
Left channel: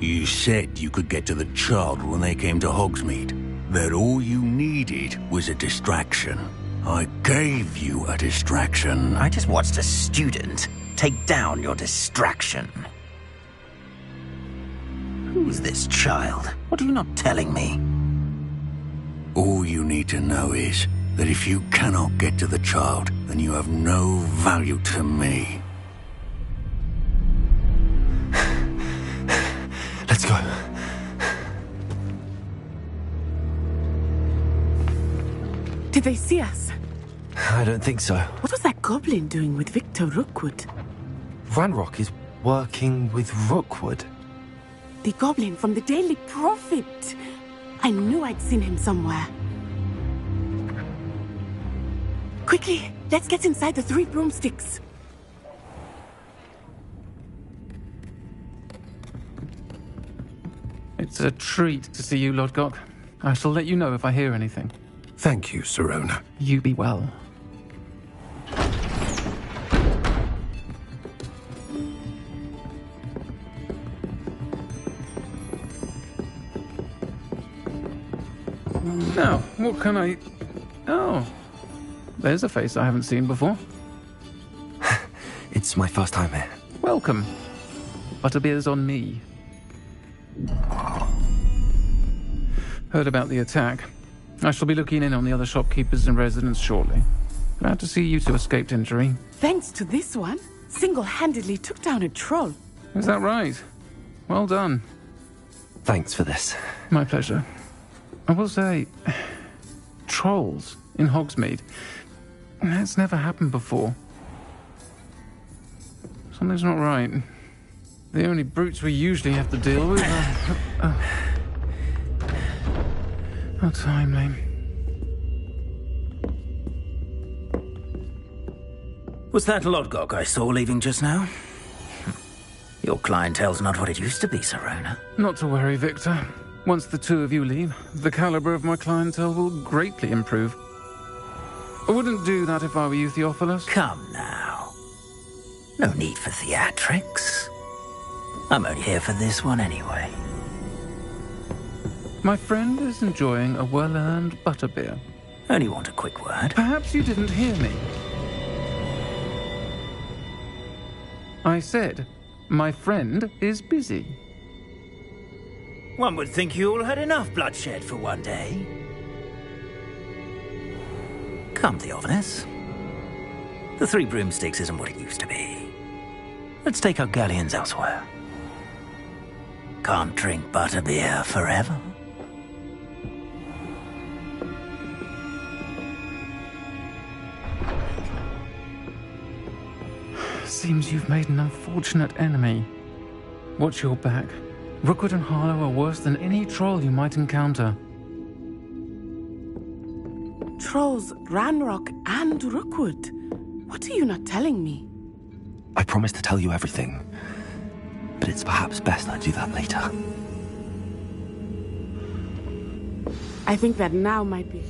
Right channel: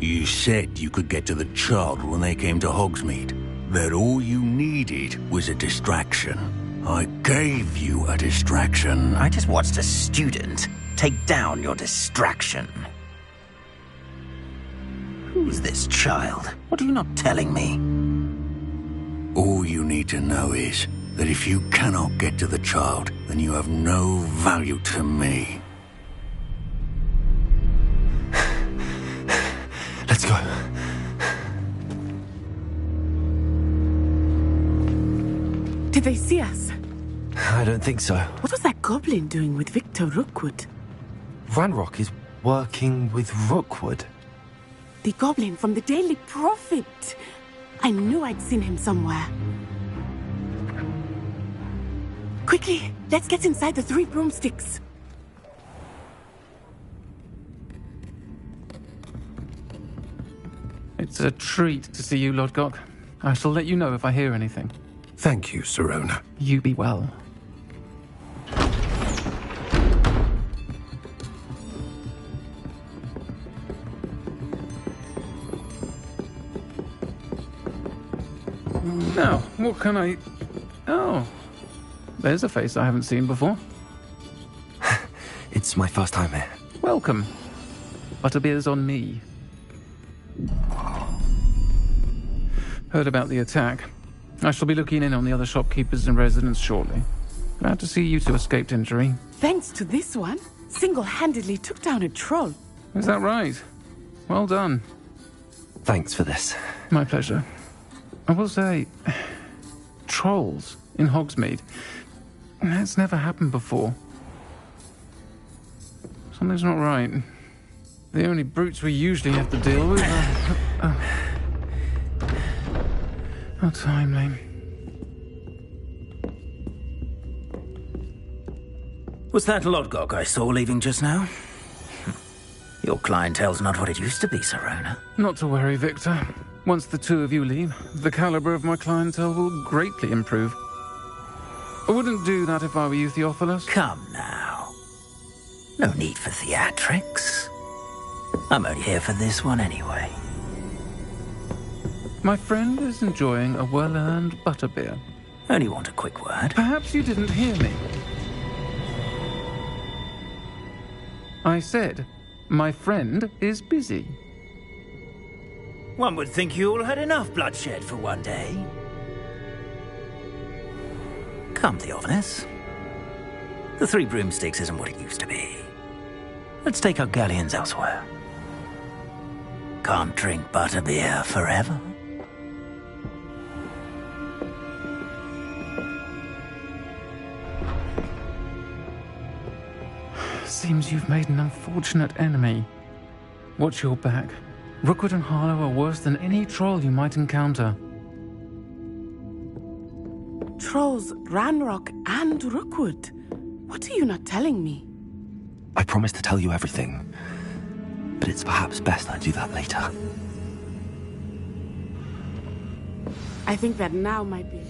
You said you could get to the child when they came to Hogsmeade. That all you needed was a distraction. I gave you a distraction. I just watched a student take down your distraction. Who's this child? What are you not telling me? All you need to know is that if you cannot get to the child, then you have no value to me. Let's go. Did they see us? I don't think so. What was that goblin doing with Victor Rookwood? Ranrock is working with Rookwood. The goblin from the Daily Prophet. I knew I'd seen him somewhere. Quickly, let's get inside the 3 broomsticks. It's a treat to see you, Lodgok. I shall let you know if I hear anything. Thank you, Serona. You be well. Now, what can I... Oh, there's a face I haven't seen before. It's my first time here. Welcome. Butterbeer's on me. Heard about the attack. I shall be looking in on the other shopkeepers and residents shortly. Glad to see you two escaped injury. Thanks to this one, single-handedly took down a troll. Is that right? Well done. Thanks for this. My pleasure. I will say, trolls in Hogsmeade. That's never happened before. Something's not right. The only brutes we usually have to deal with are... How timely. Was that Lodgok I saw leaving just now? Your clientele's not what it used to be, Serona. Not to worry, Victor. Once the two of you leave, the caliber of my clientele will greatly improve. I wouldn't do that if I were you, Theophilus. Come now. No need for theatrics. I'm only here for this one anyway. My friend is enjoying a well-earned butterbeer. Only want a quick word. Perhaps you didn't hear me. I said, my friend is busy. One would think you all had enough bloodshed for one day. Come, Theophilus. The 3 broomsticks isn't what it used to be. Let's take our galleons elsewhere. Can't drink butterbeer forever. Seems you've made an unfortunate enemy. Watch your back. Rookwood and Harlow are worse than any troll you might encounter. Trolls, Ranrock, and Rookwood. What are you not telling me? I promise to tell you everything, but it's perhaps best I do that later. I think that now might be...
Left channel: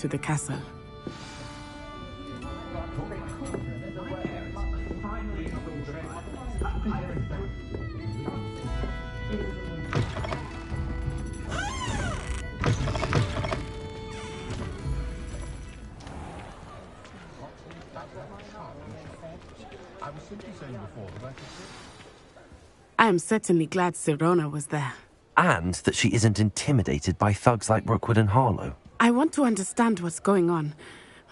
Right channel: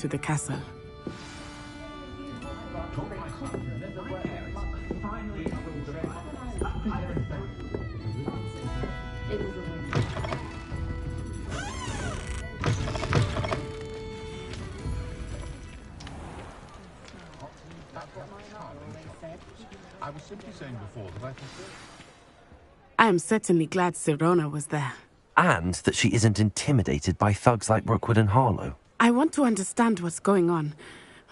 to the castle. I was simply saying before that I prefer... I am certainly glad Sirona was there. And that she isn't intimidated by thugs like Rookwood and Harlow. I want to understand what's going on,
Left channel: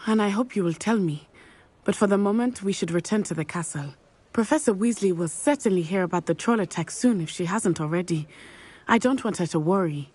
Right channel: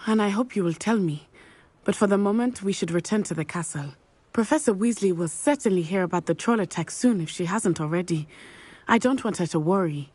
and I hope you will tell me. But for the moment, we should return to the castle. Professor Weasley will certainly hear about the troll attack soon if she hasn't already. I don't want her to worry.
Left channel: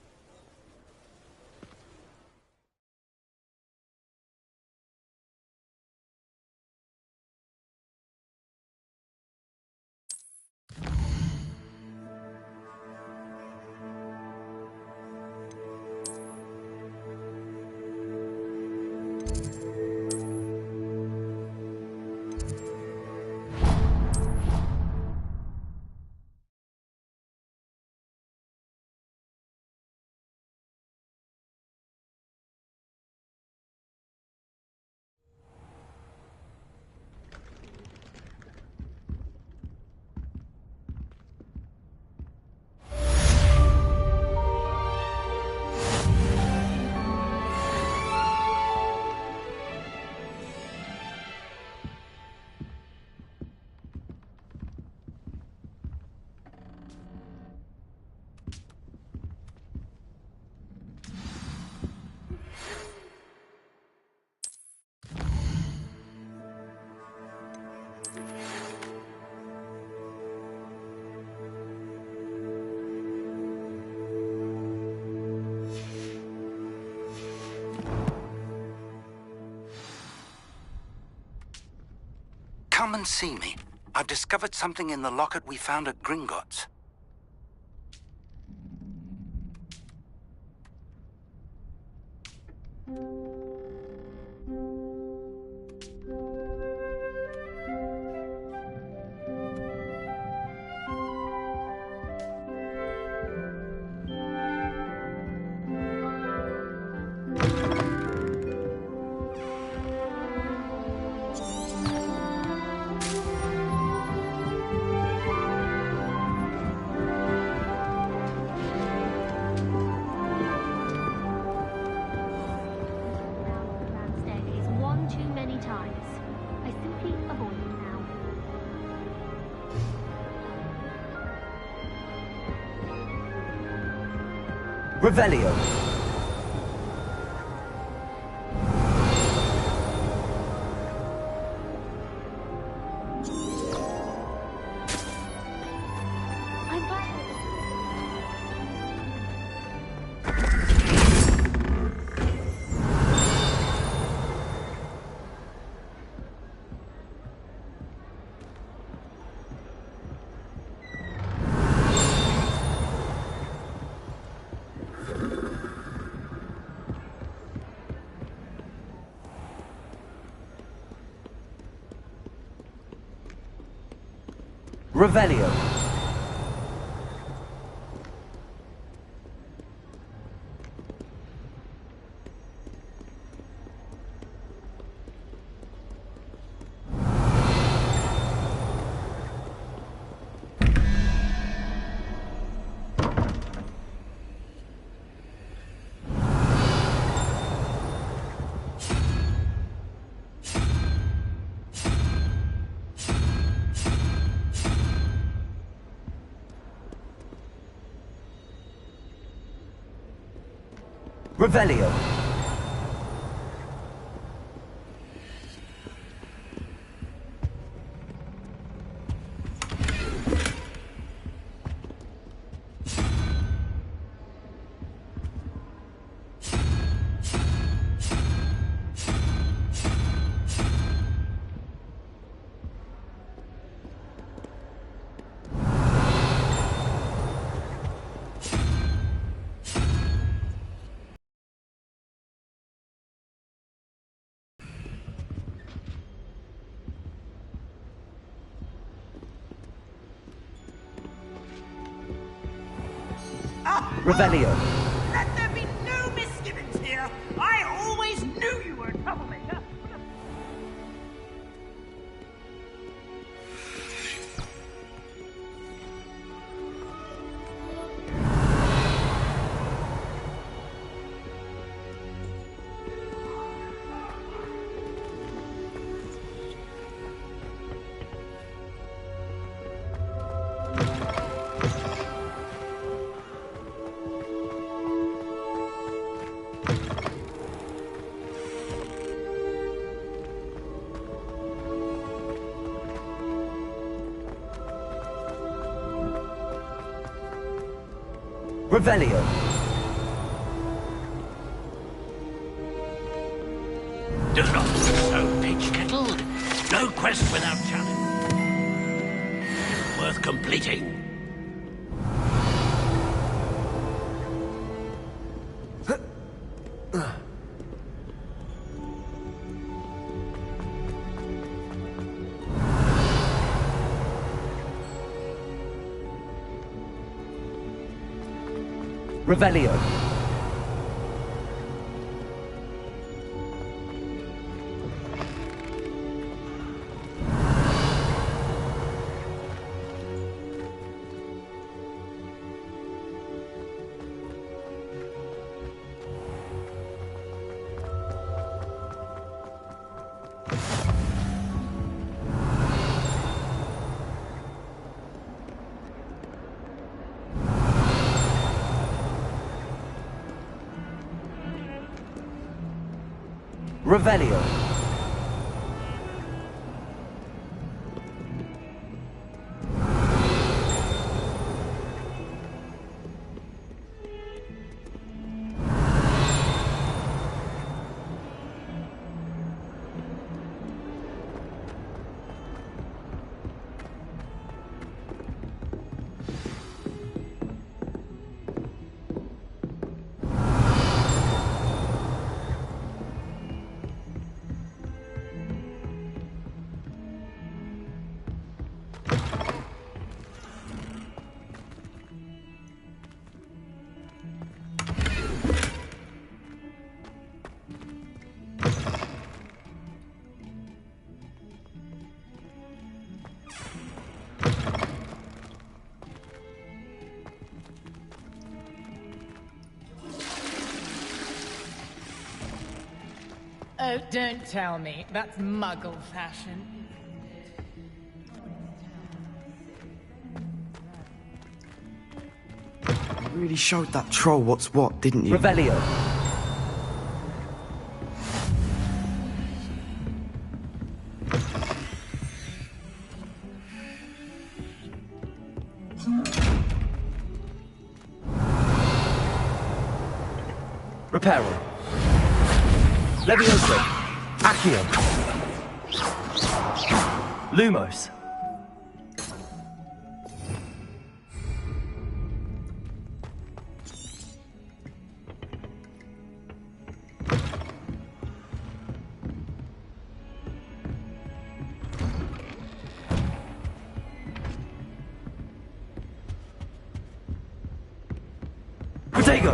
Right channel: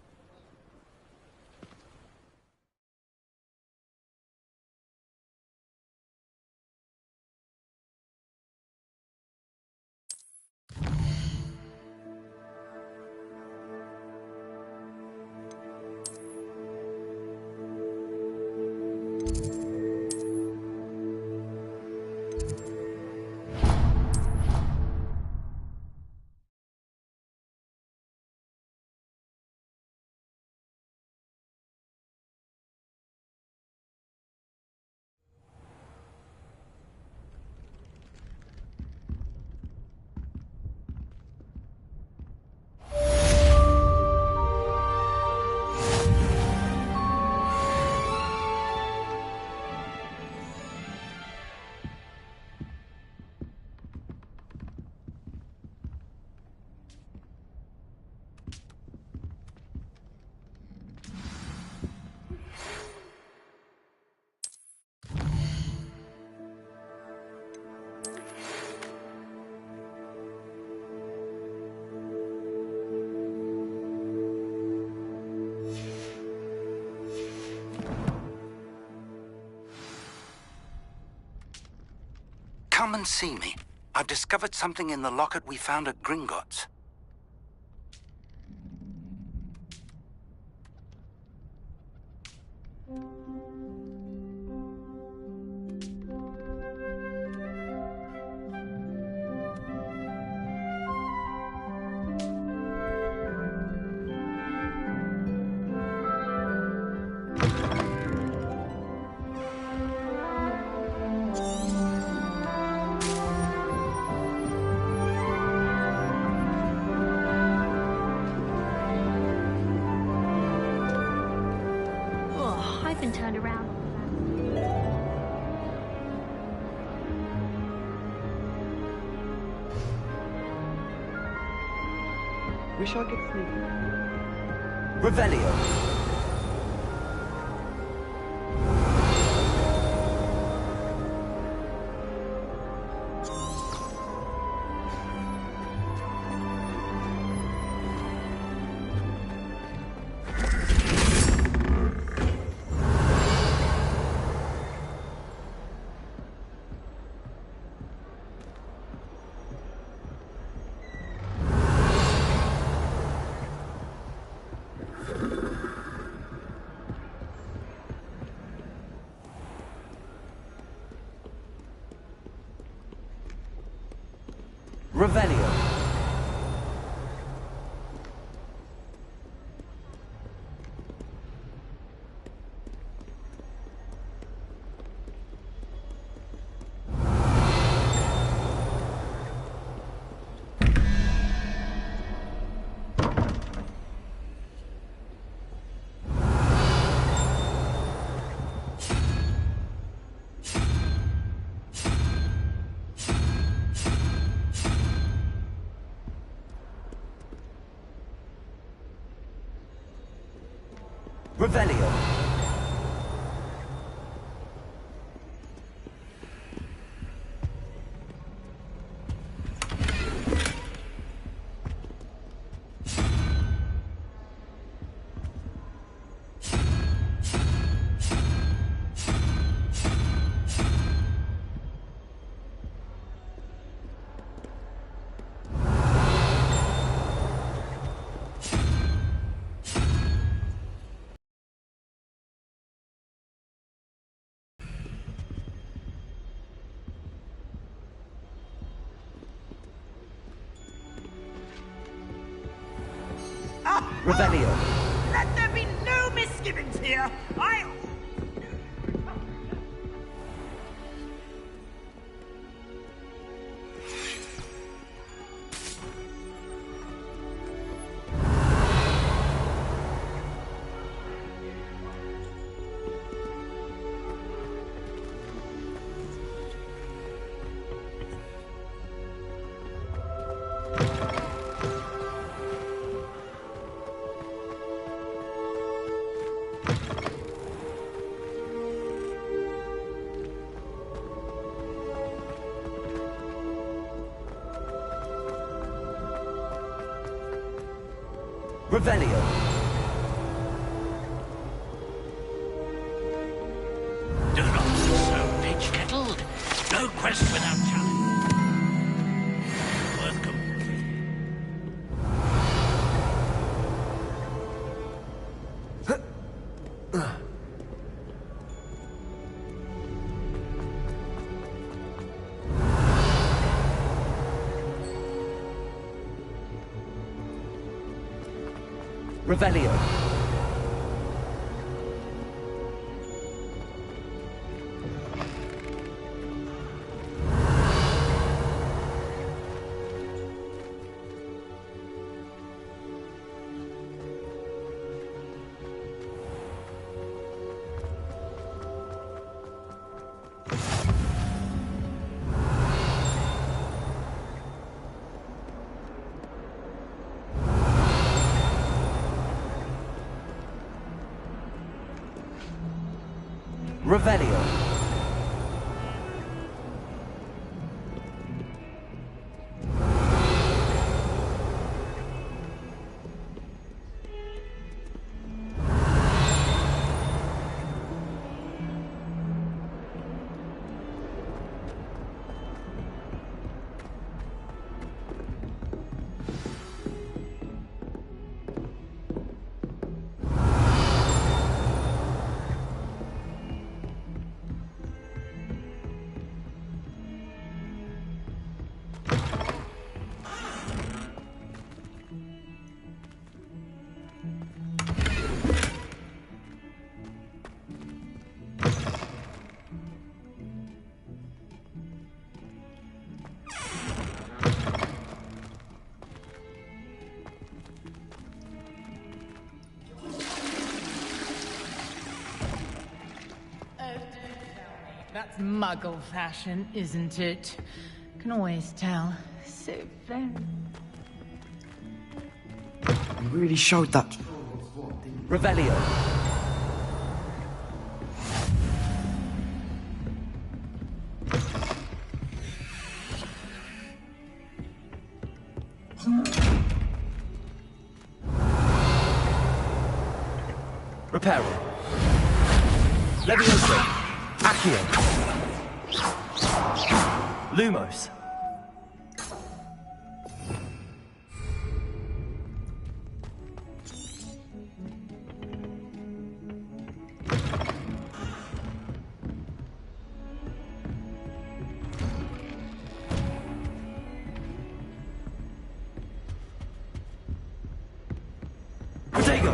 Come and see me. I've discovered something in the locket we found at Gringotts. I've been turned around on the grand staircase one too many times. I simply avoid it now. We shall get through. Revelio. Revelio. Revelio. Revelio. Let there be no misgivings here. I always knew Revelio. Do not be so pitch-kettled. No quest without challenge. Worth completing. Revelio. Revelio. Oh, don't tell me. That's Muggle fashion, isn't it? Can always tell. So very... You really showed that troll what's what, didn't you? Revelio. Reparo. Levioso. Accio. Lumos. Protego.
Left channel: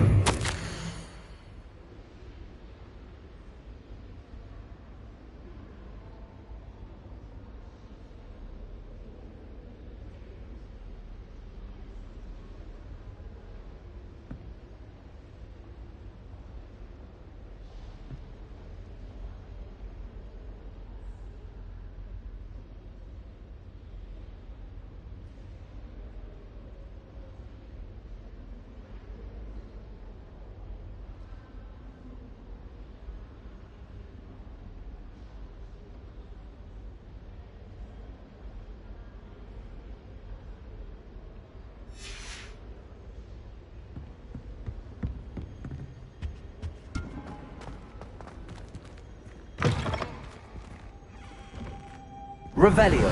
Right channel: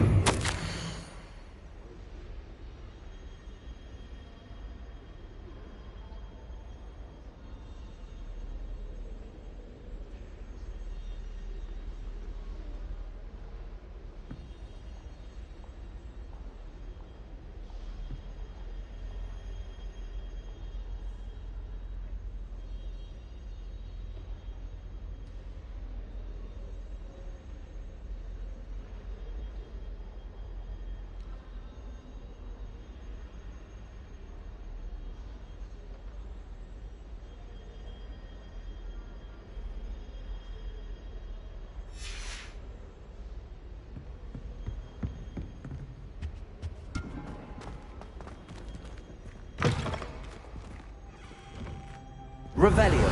Revelio.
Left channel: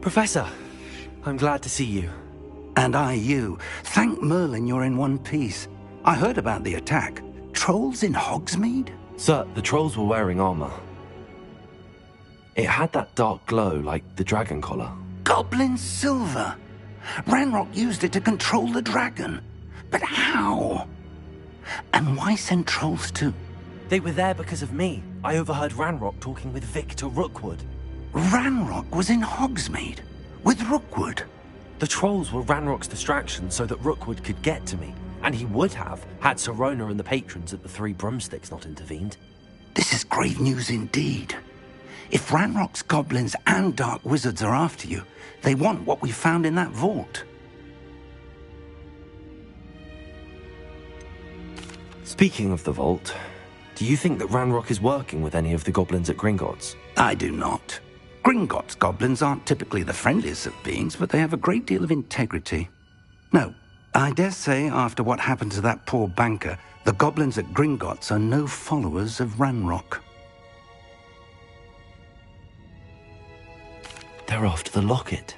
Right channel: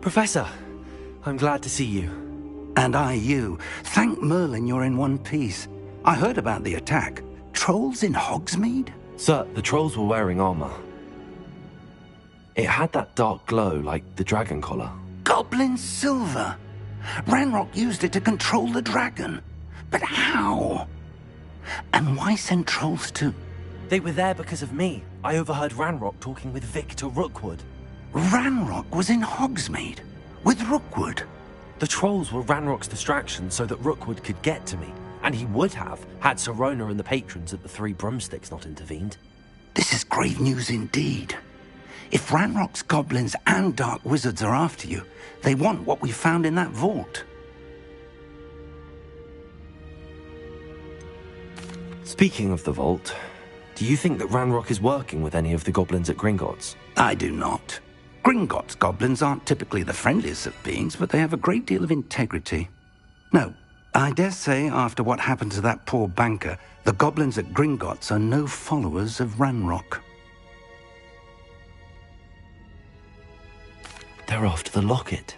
Professor, I'm glad to see you. And I you. Thank Merlin you're in one piece. I heard about the attack. Trolls in Hogsmeade? Sir, the trolls were wearing armor. It had that dark glow like the dragon collar. Goblin silver! Ranrock used it to control the dragon. But how? And why send trolls to... They were there because of me. I overheard Ranrock talking with Victor Rookwood. Ranrock was in Hogsmeade? With Rookwood? The trolls were Ranrock's distraction so that Rookwood could get to me. And he would have, had Sirona and the patrons at the Three Broomsticks not intervened. This is grave news indeed. If Ranrock's goblins and dark wizards are after you, they want what we found in that vault. Speaking of the vault, do you think that Ranrock is working with any of the goblins at Gringotts? I do not. Gringotts goblins aren't typically the friendliest of beings, but they have a great deal of integrity. No, I dare say after what happened to that poor banker, the goblins at Gringotts are no followers of Ranrock. They're after the locket.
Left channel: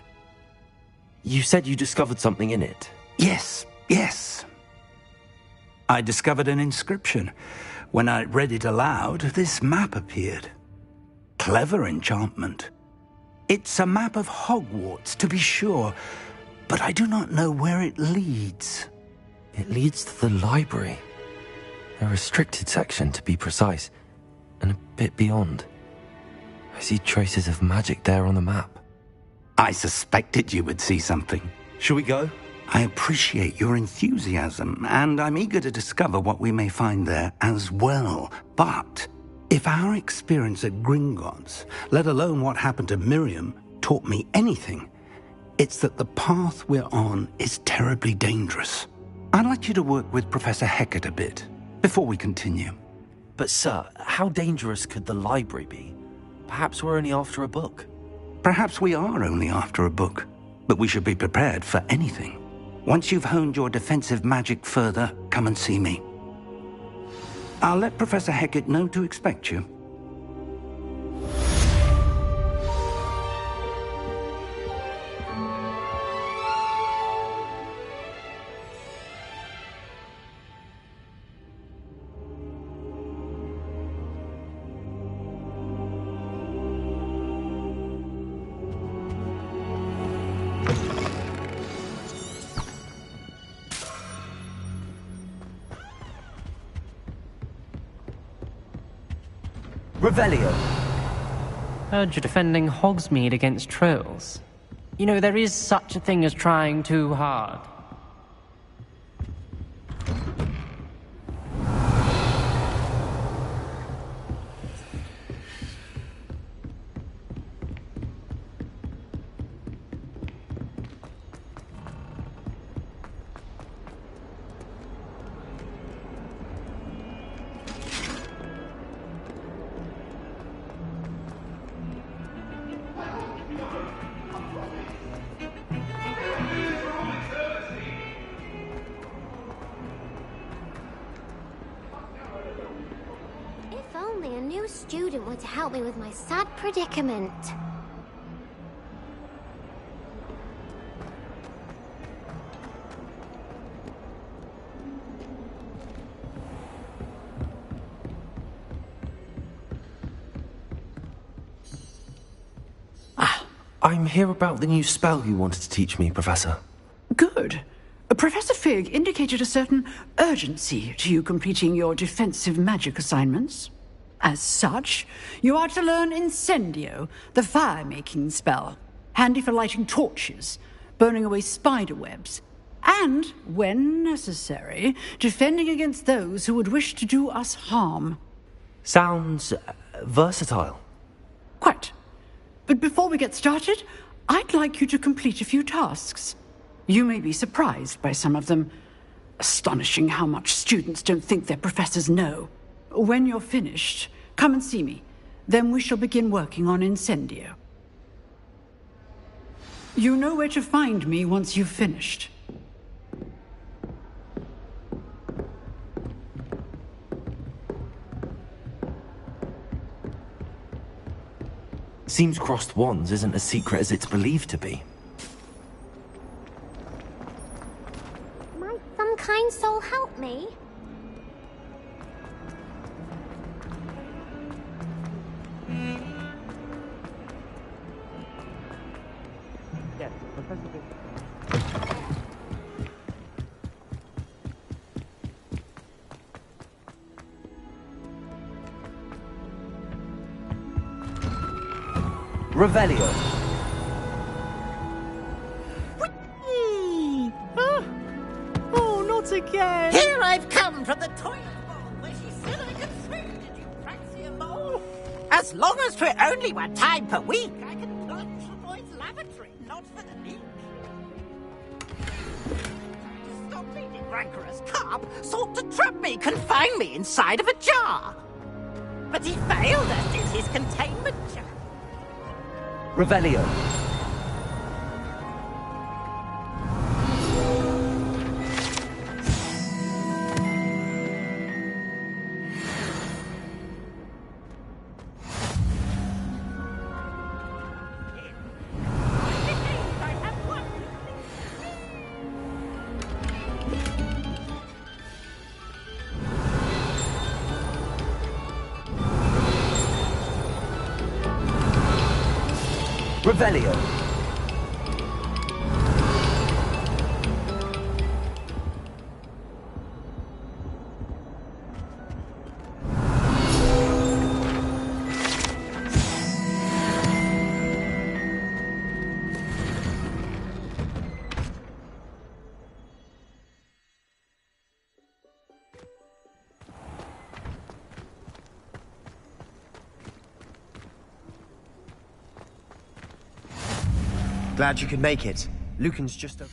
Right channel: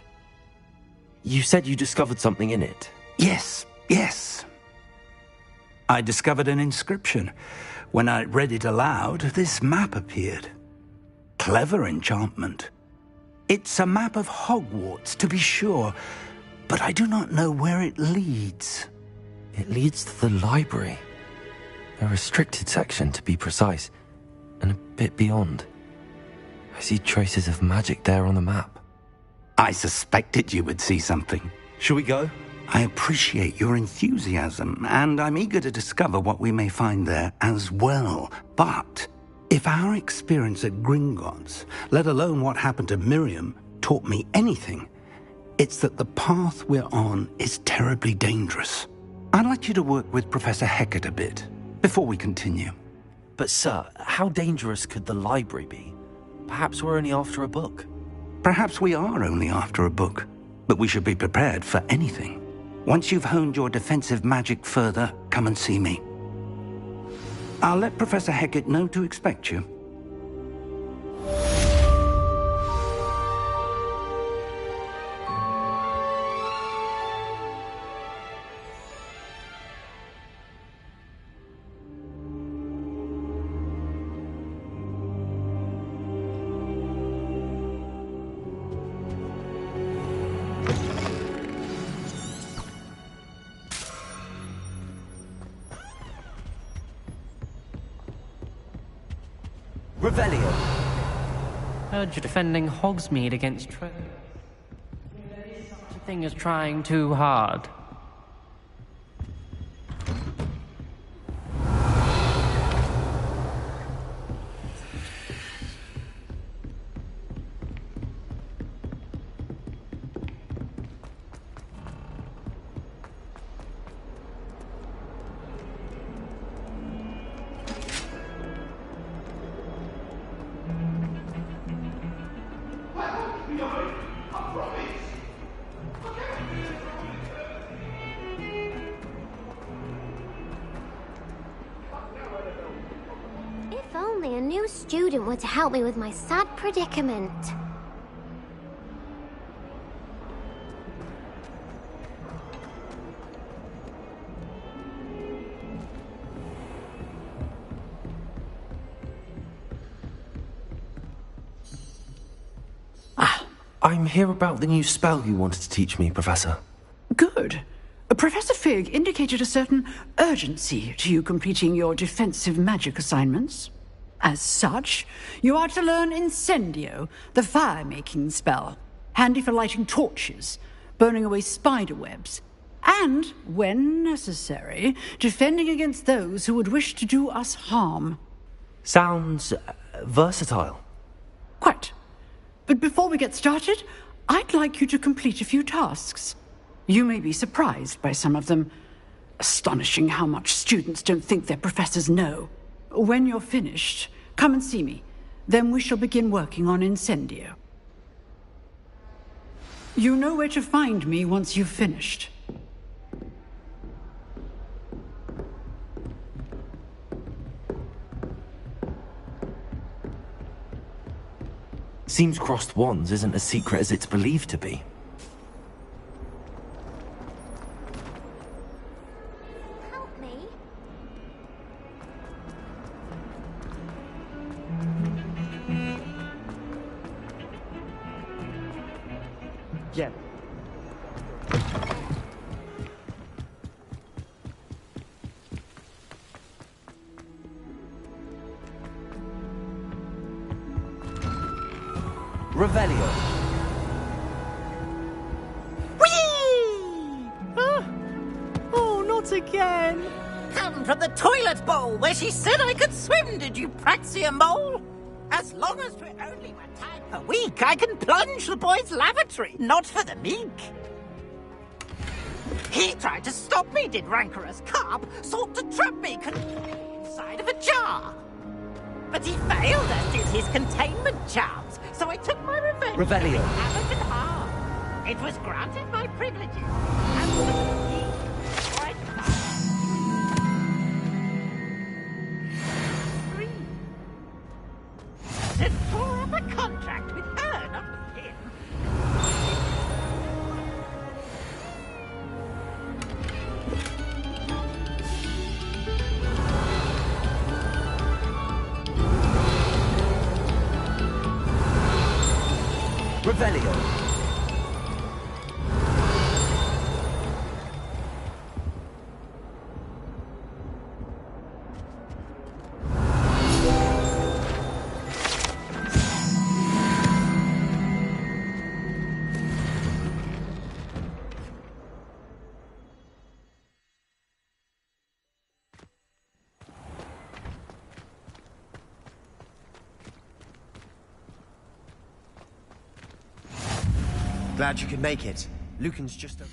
You said you discovered something in it. Yes. I discovered an inscription. When I read it aloud, this map appeared. Clever enchantment. It's a map of Hogwarts, to be sure, but I do not know where it leads. It leads to the library. A restricted section, to be precise, and a bit beyond. I see traces of magic there on the map. I suspected you would see something. Shall we go? I appreciate your enthusiasm, and I'm eager to discover what we may find there as well. But if our experience at Gringotts, let alone what happened to Miriam, taught me anything, it's that the path we're on is terribly dangerous. I'd like you to work with Professor Hecat a bit before we continue. But sir, how dangerous could the library be? Perhaps we're only after a book. Perhaps we are only after a book, but we should be prepared for anything. Once you've honed your defensive magic further, come and see me. I'll let Professor Hecat know to expect you. Revelio. Heard you're defending Hogsmeade against trolls. You know, there is such a thing as trying too hard. If only a new student were to help me with my sad predicament. I'm here about the new spell you wanted to teach me, Professor. Good. Professor Fig indicated a certain urgency to you completing your defensive magic assignments. As such, you are to learn Incendio, the fire-making spell, handy for lighting torches, burning away spider webs, and, when necessary, defending against those who would wish to do us harm. Sounds versatile. Quite. But before we get started, I'd like you to complete a few tasks. You may be surprised by some of them. Astonishing how much students don't think their professors know. When you're finished, come and see me. Then we shall begin working on Incendio. You know where to find me once you've finished. Seems crossed wands isn't as secret as it's believed to be. Might some kind soul help me? Yes. Revelio. Whee! Oh, not again! Here I've come from the toilet bowl where she said I could swim, did you praxia mole? As long as 'twere only 1 time per week, I can plunge the boy's lavatory, not for the meek. He tried to stop me, did rancorous carp, sought to trap me, confine me inside of a jar. But he failed, as did his containment charms, so I took my revenge. Revelio. It was granted my privileges. To draw up a contract with her, not with him. I have one. Revelio. Glad you could make it. Lucan's just a...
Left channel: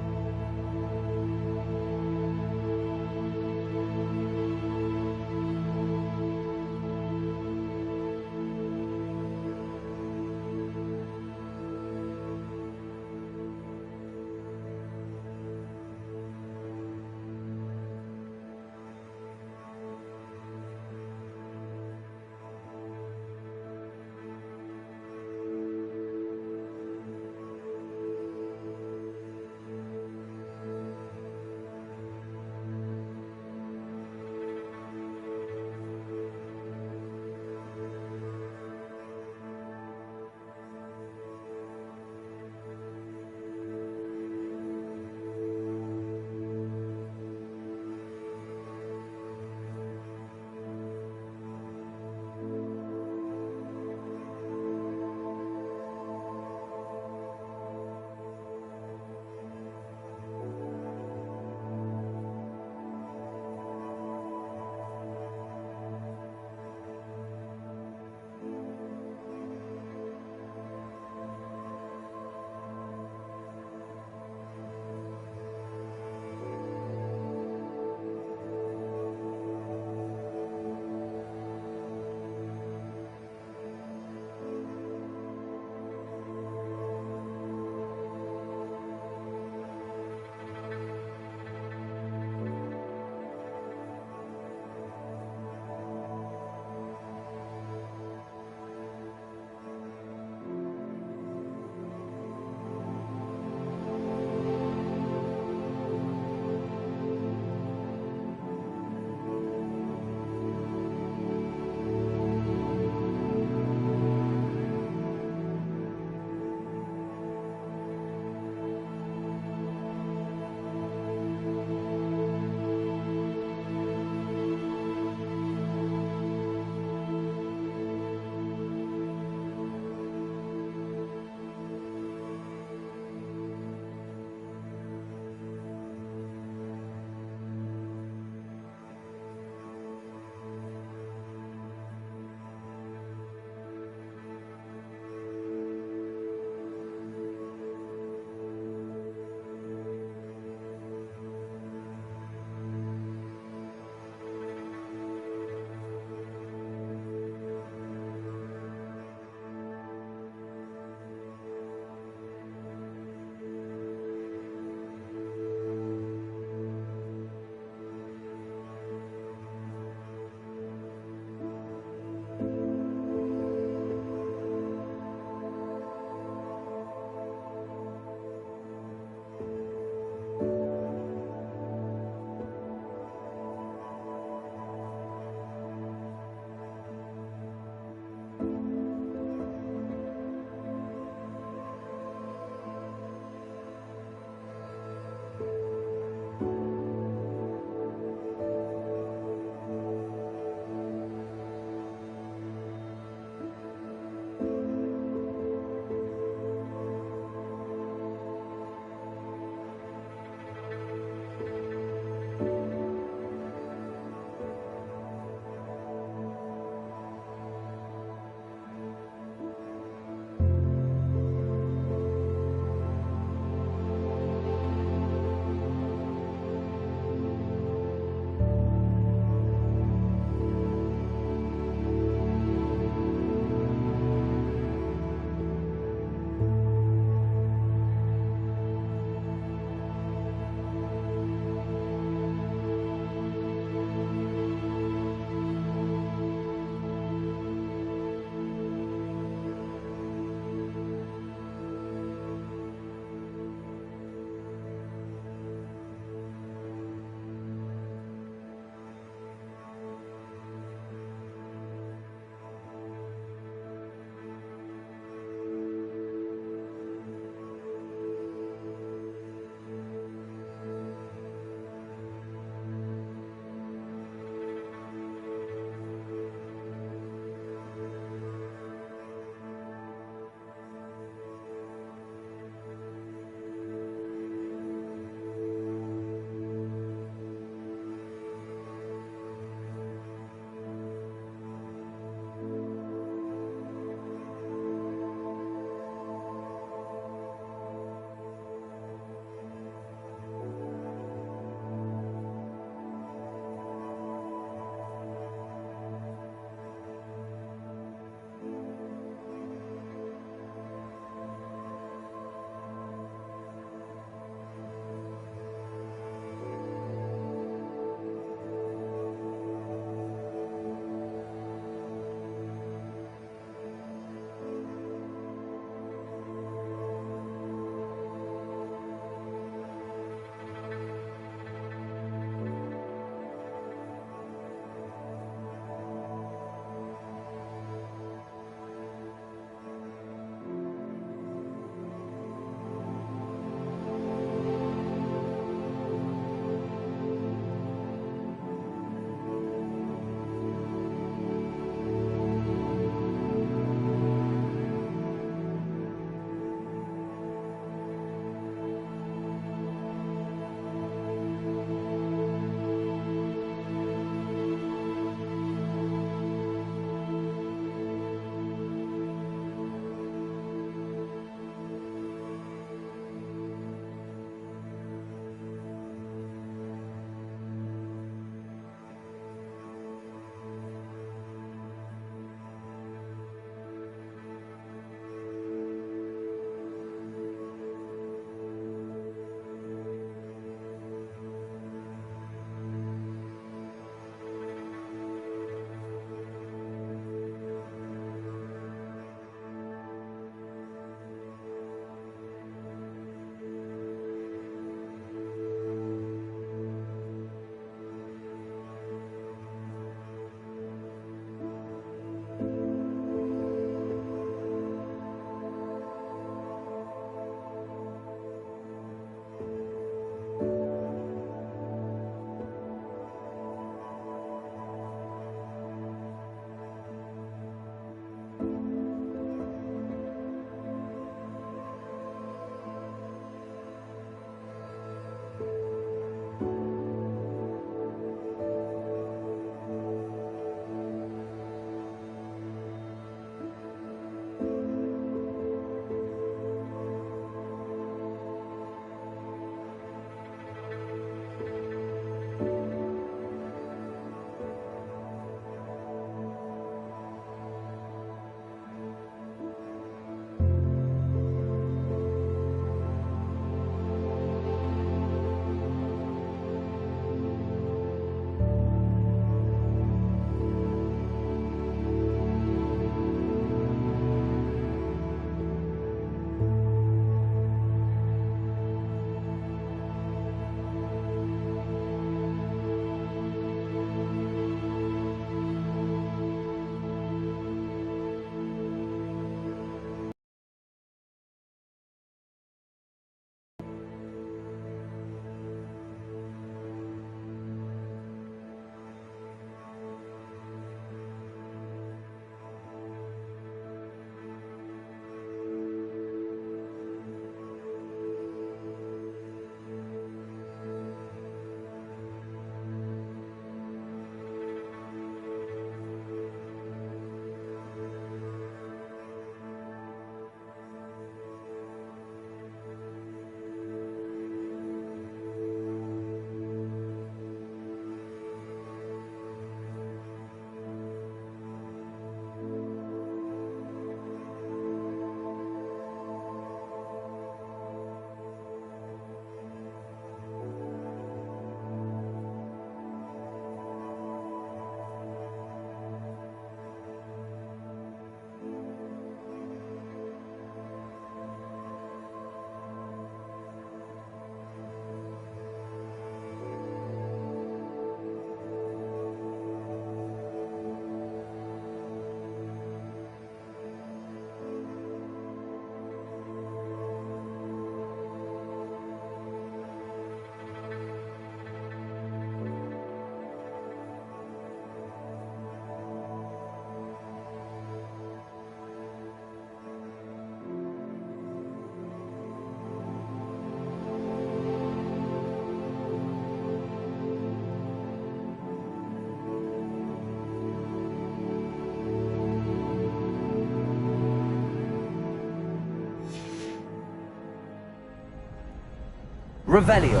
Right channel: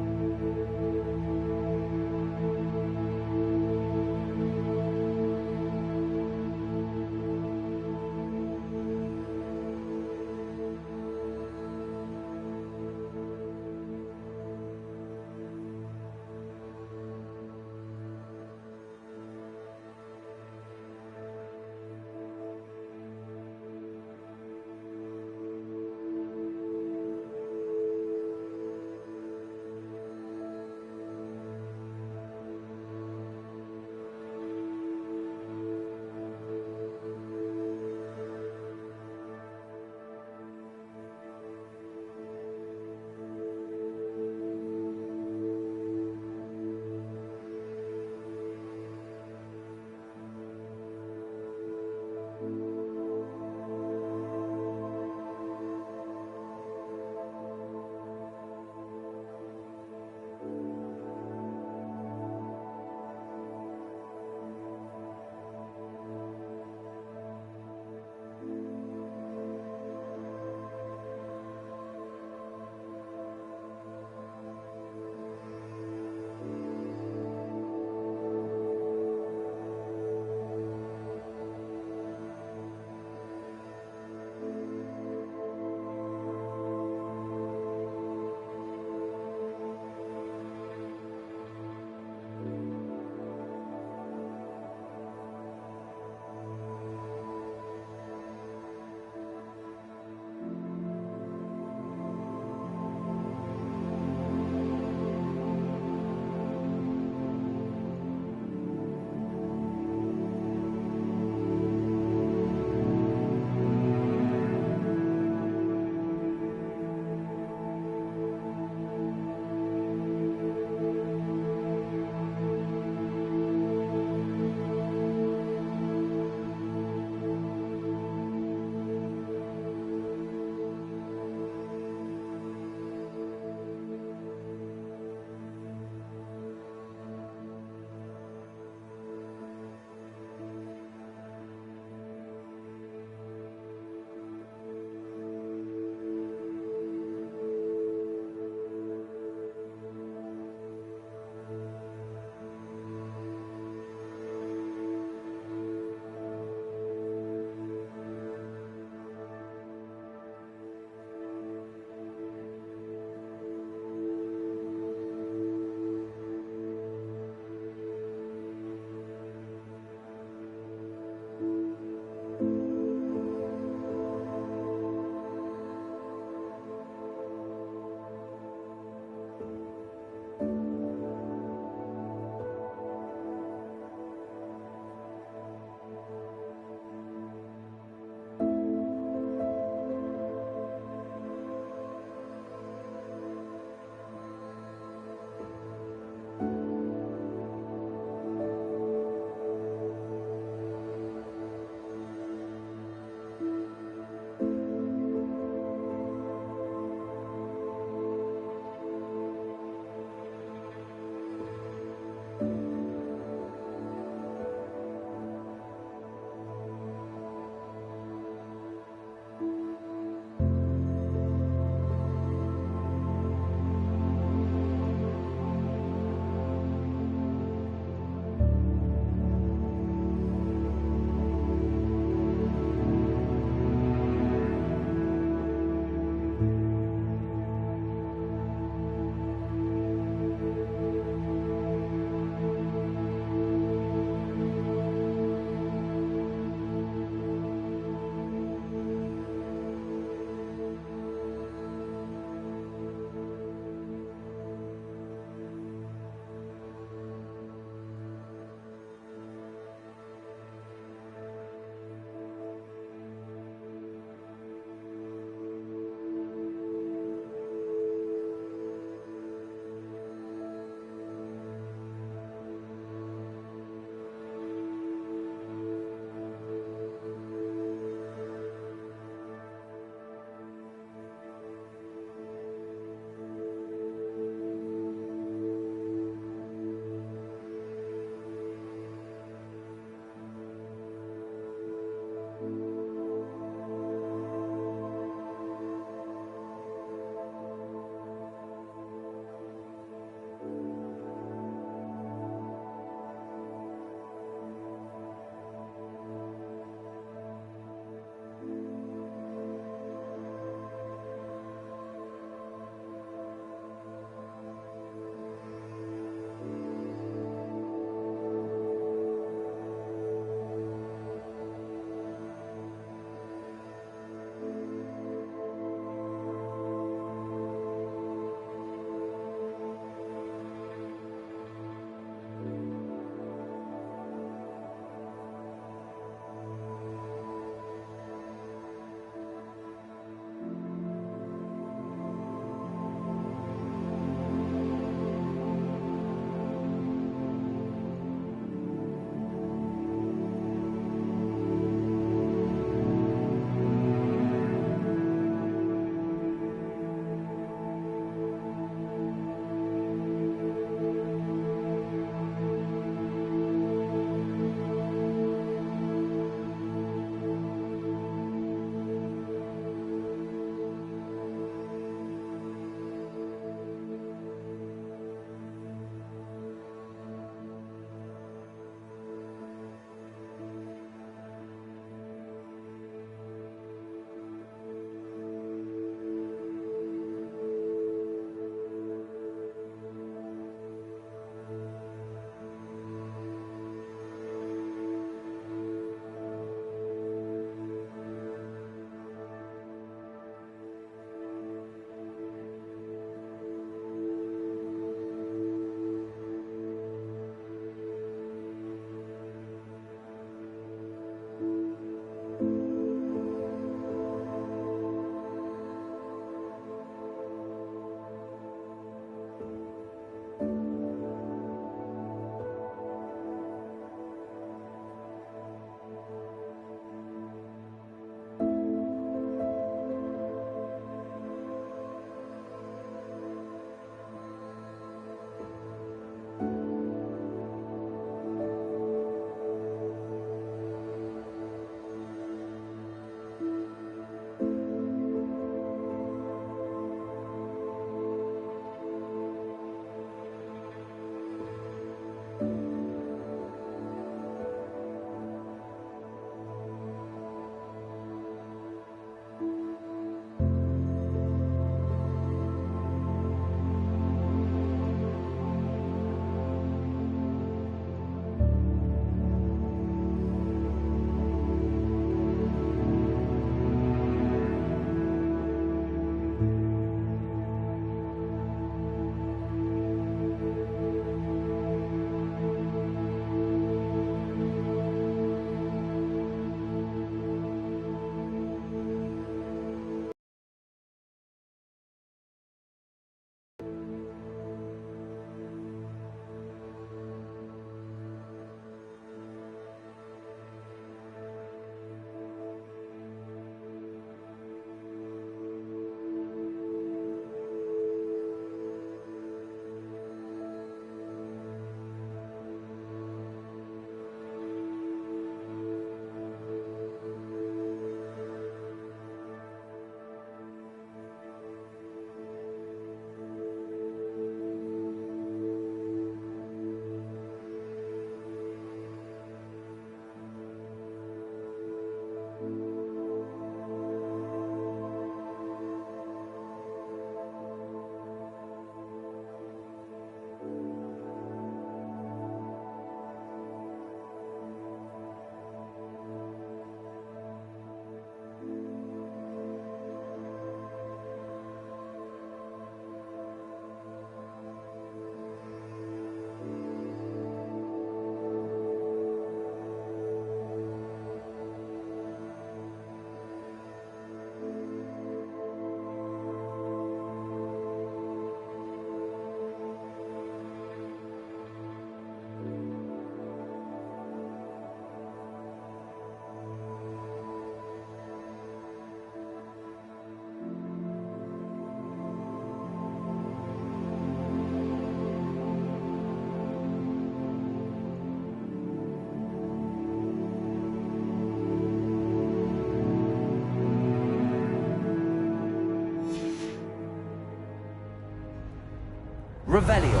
Revelio.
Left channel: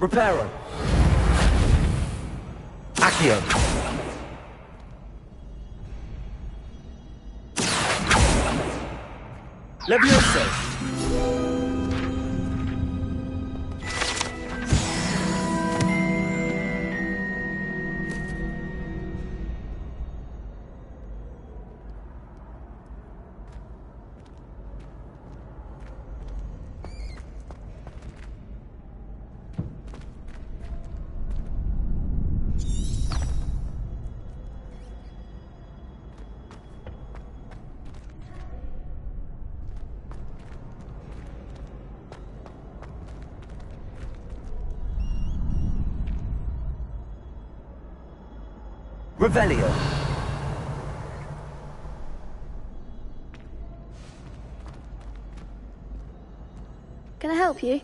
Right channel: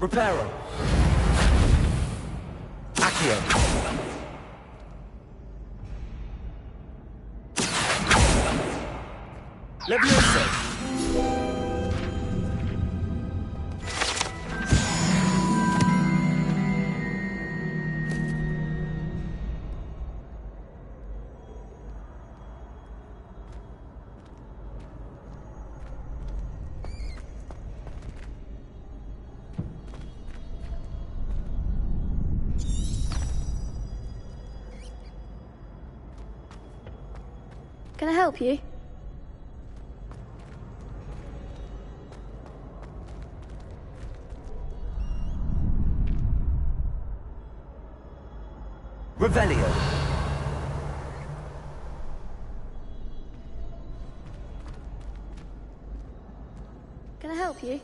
Reparo. Accio. Levioso. Can I help you? Revelio. Can I help you?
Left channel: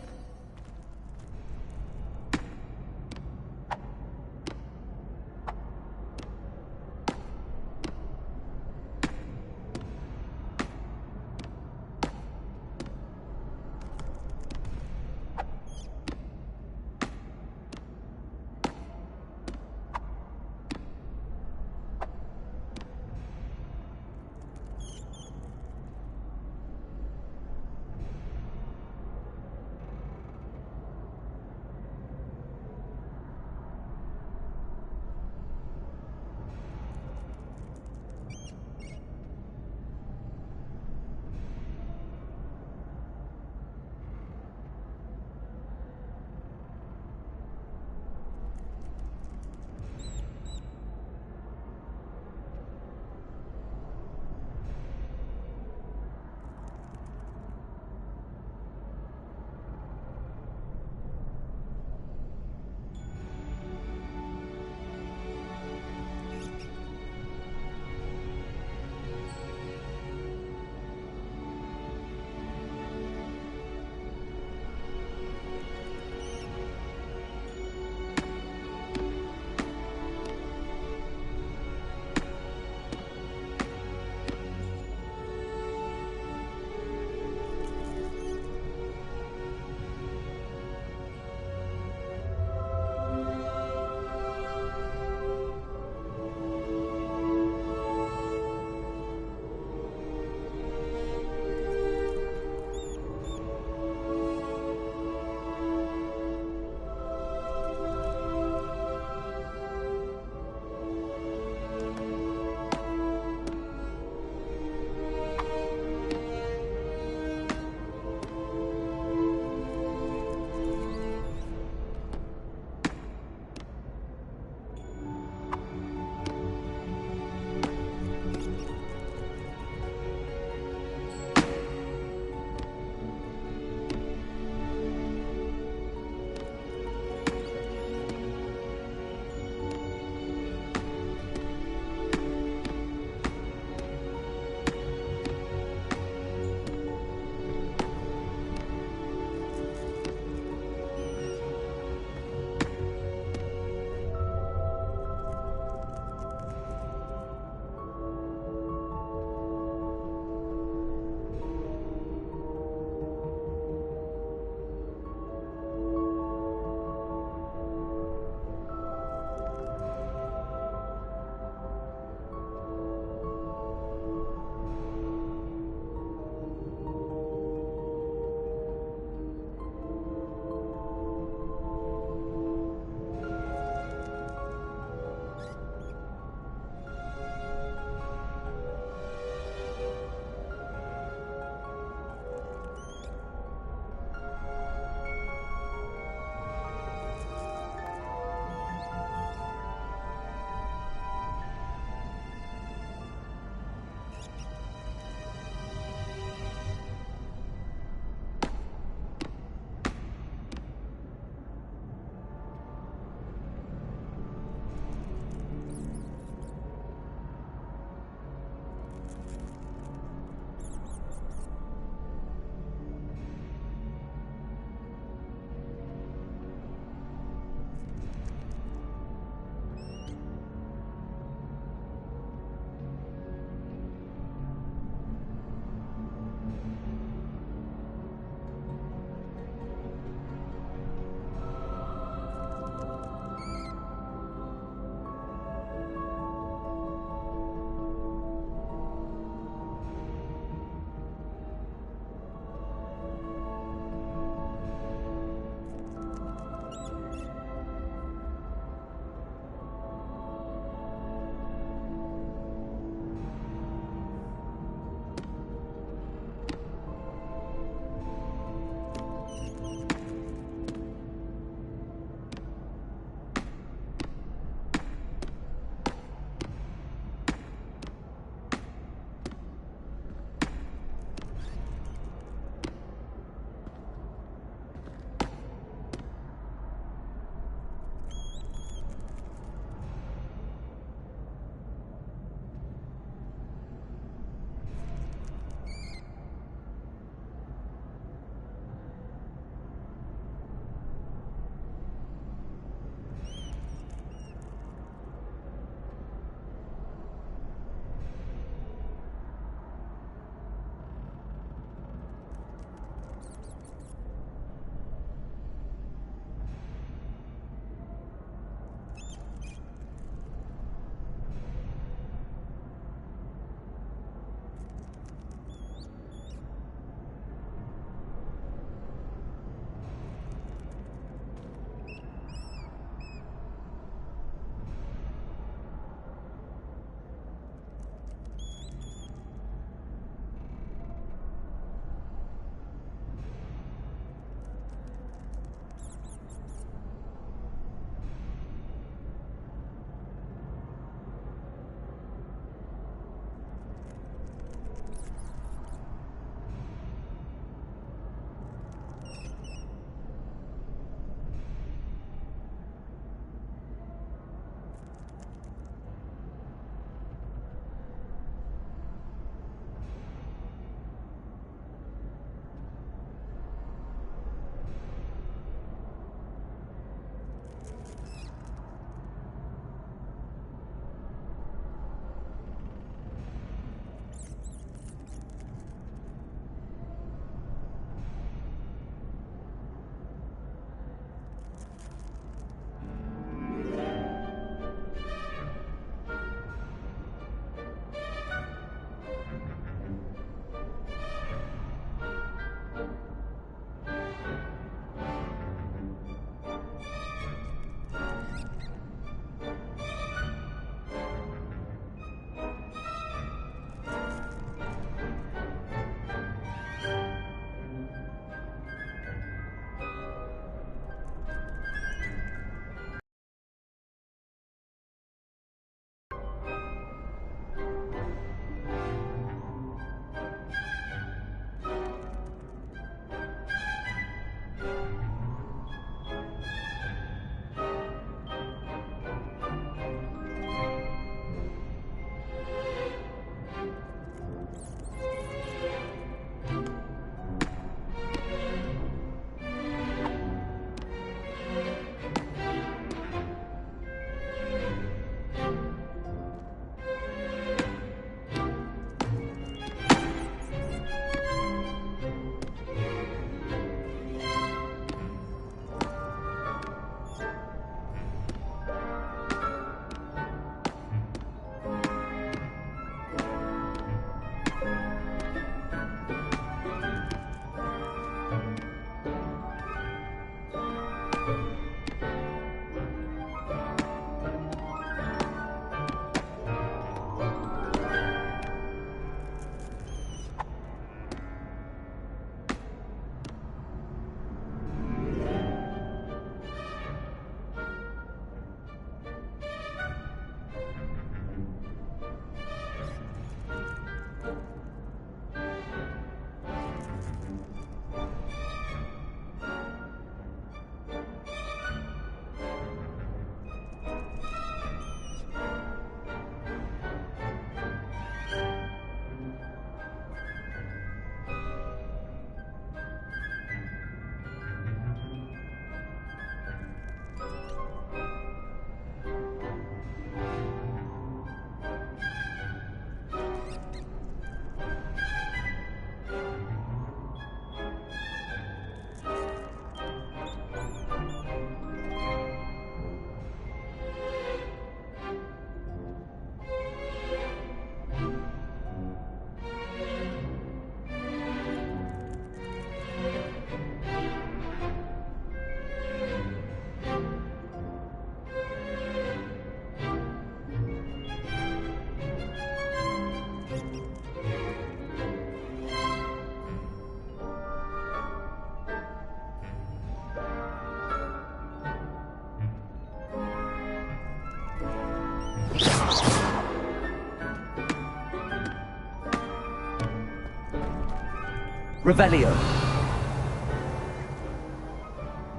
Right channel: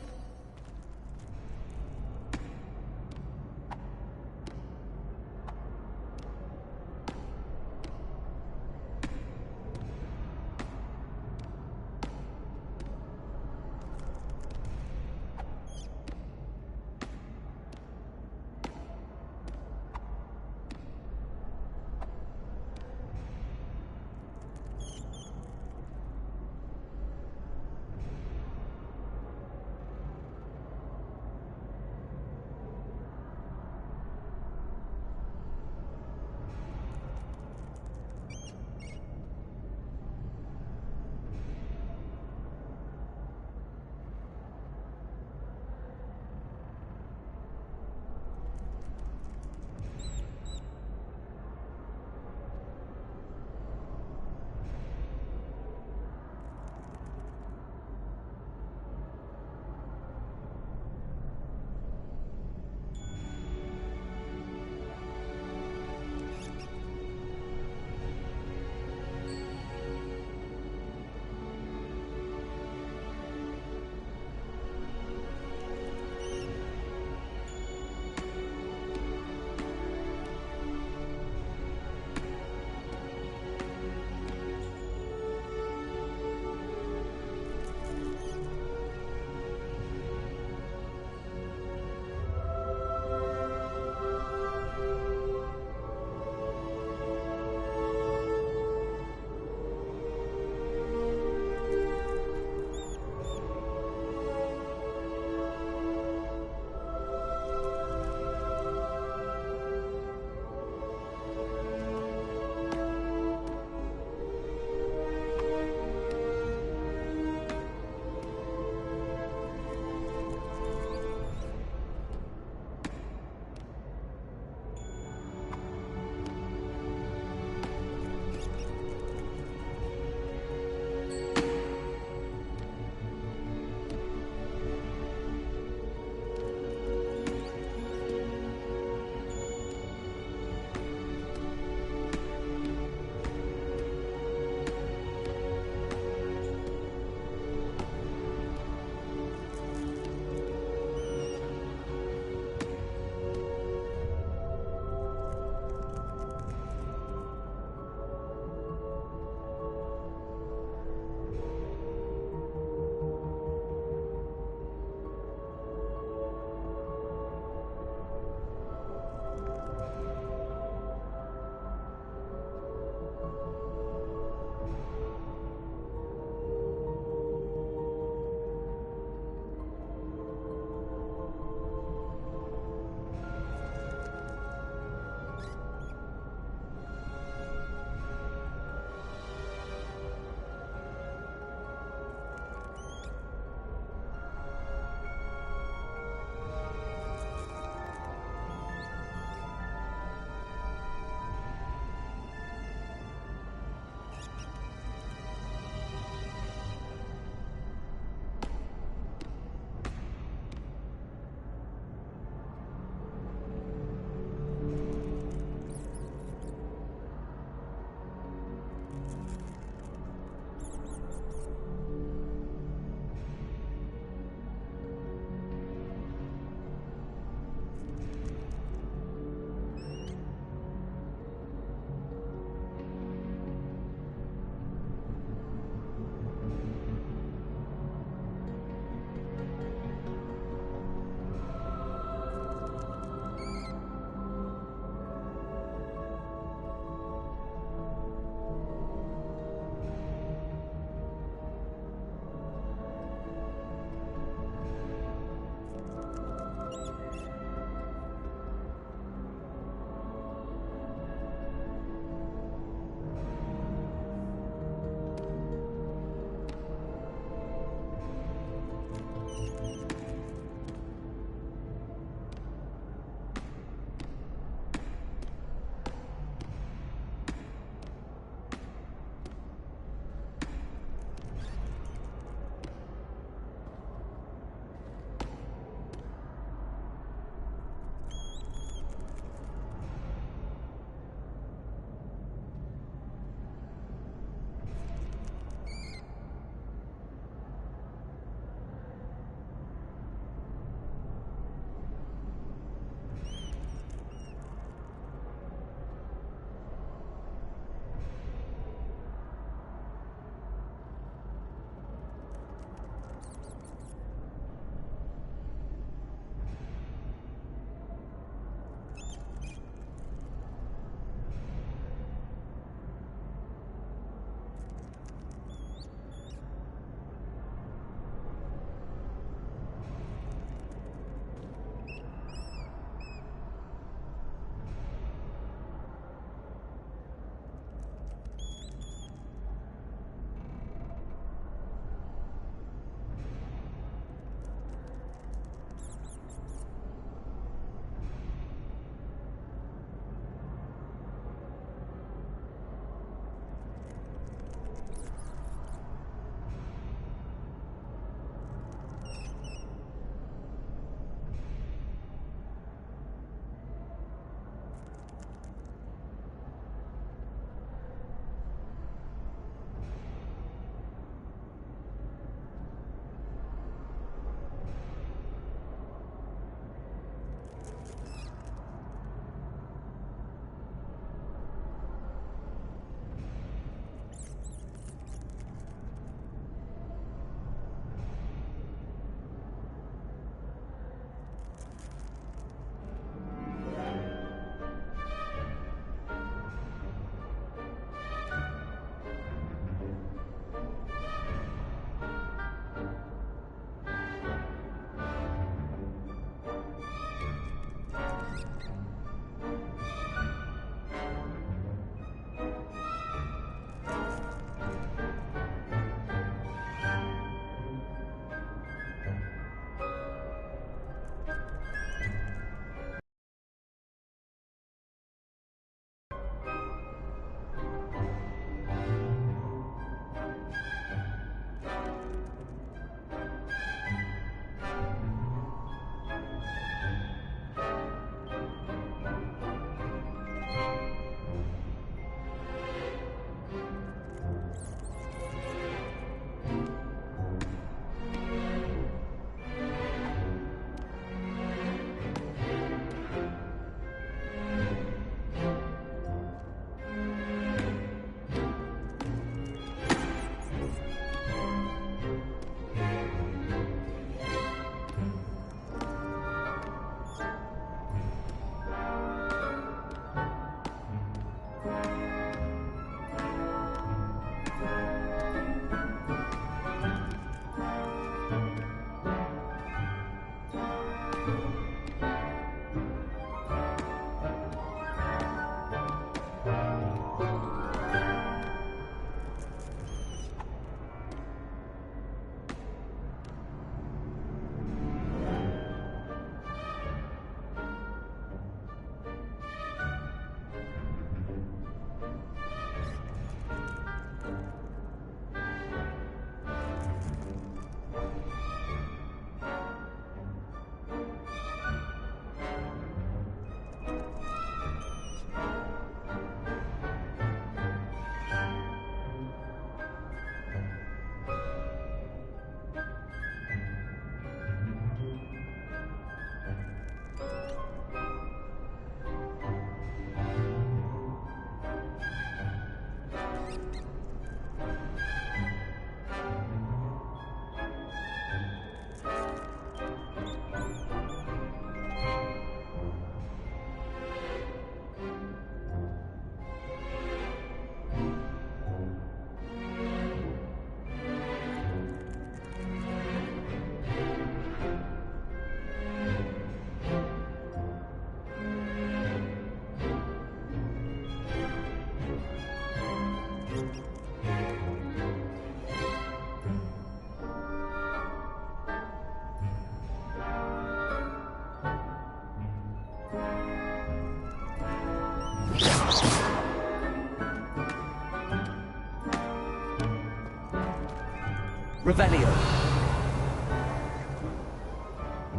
Revelio.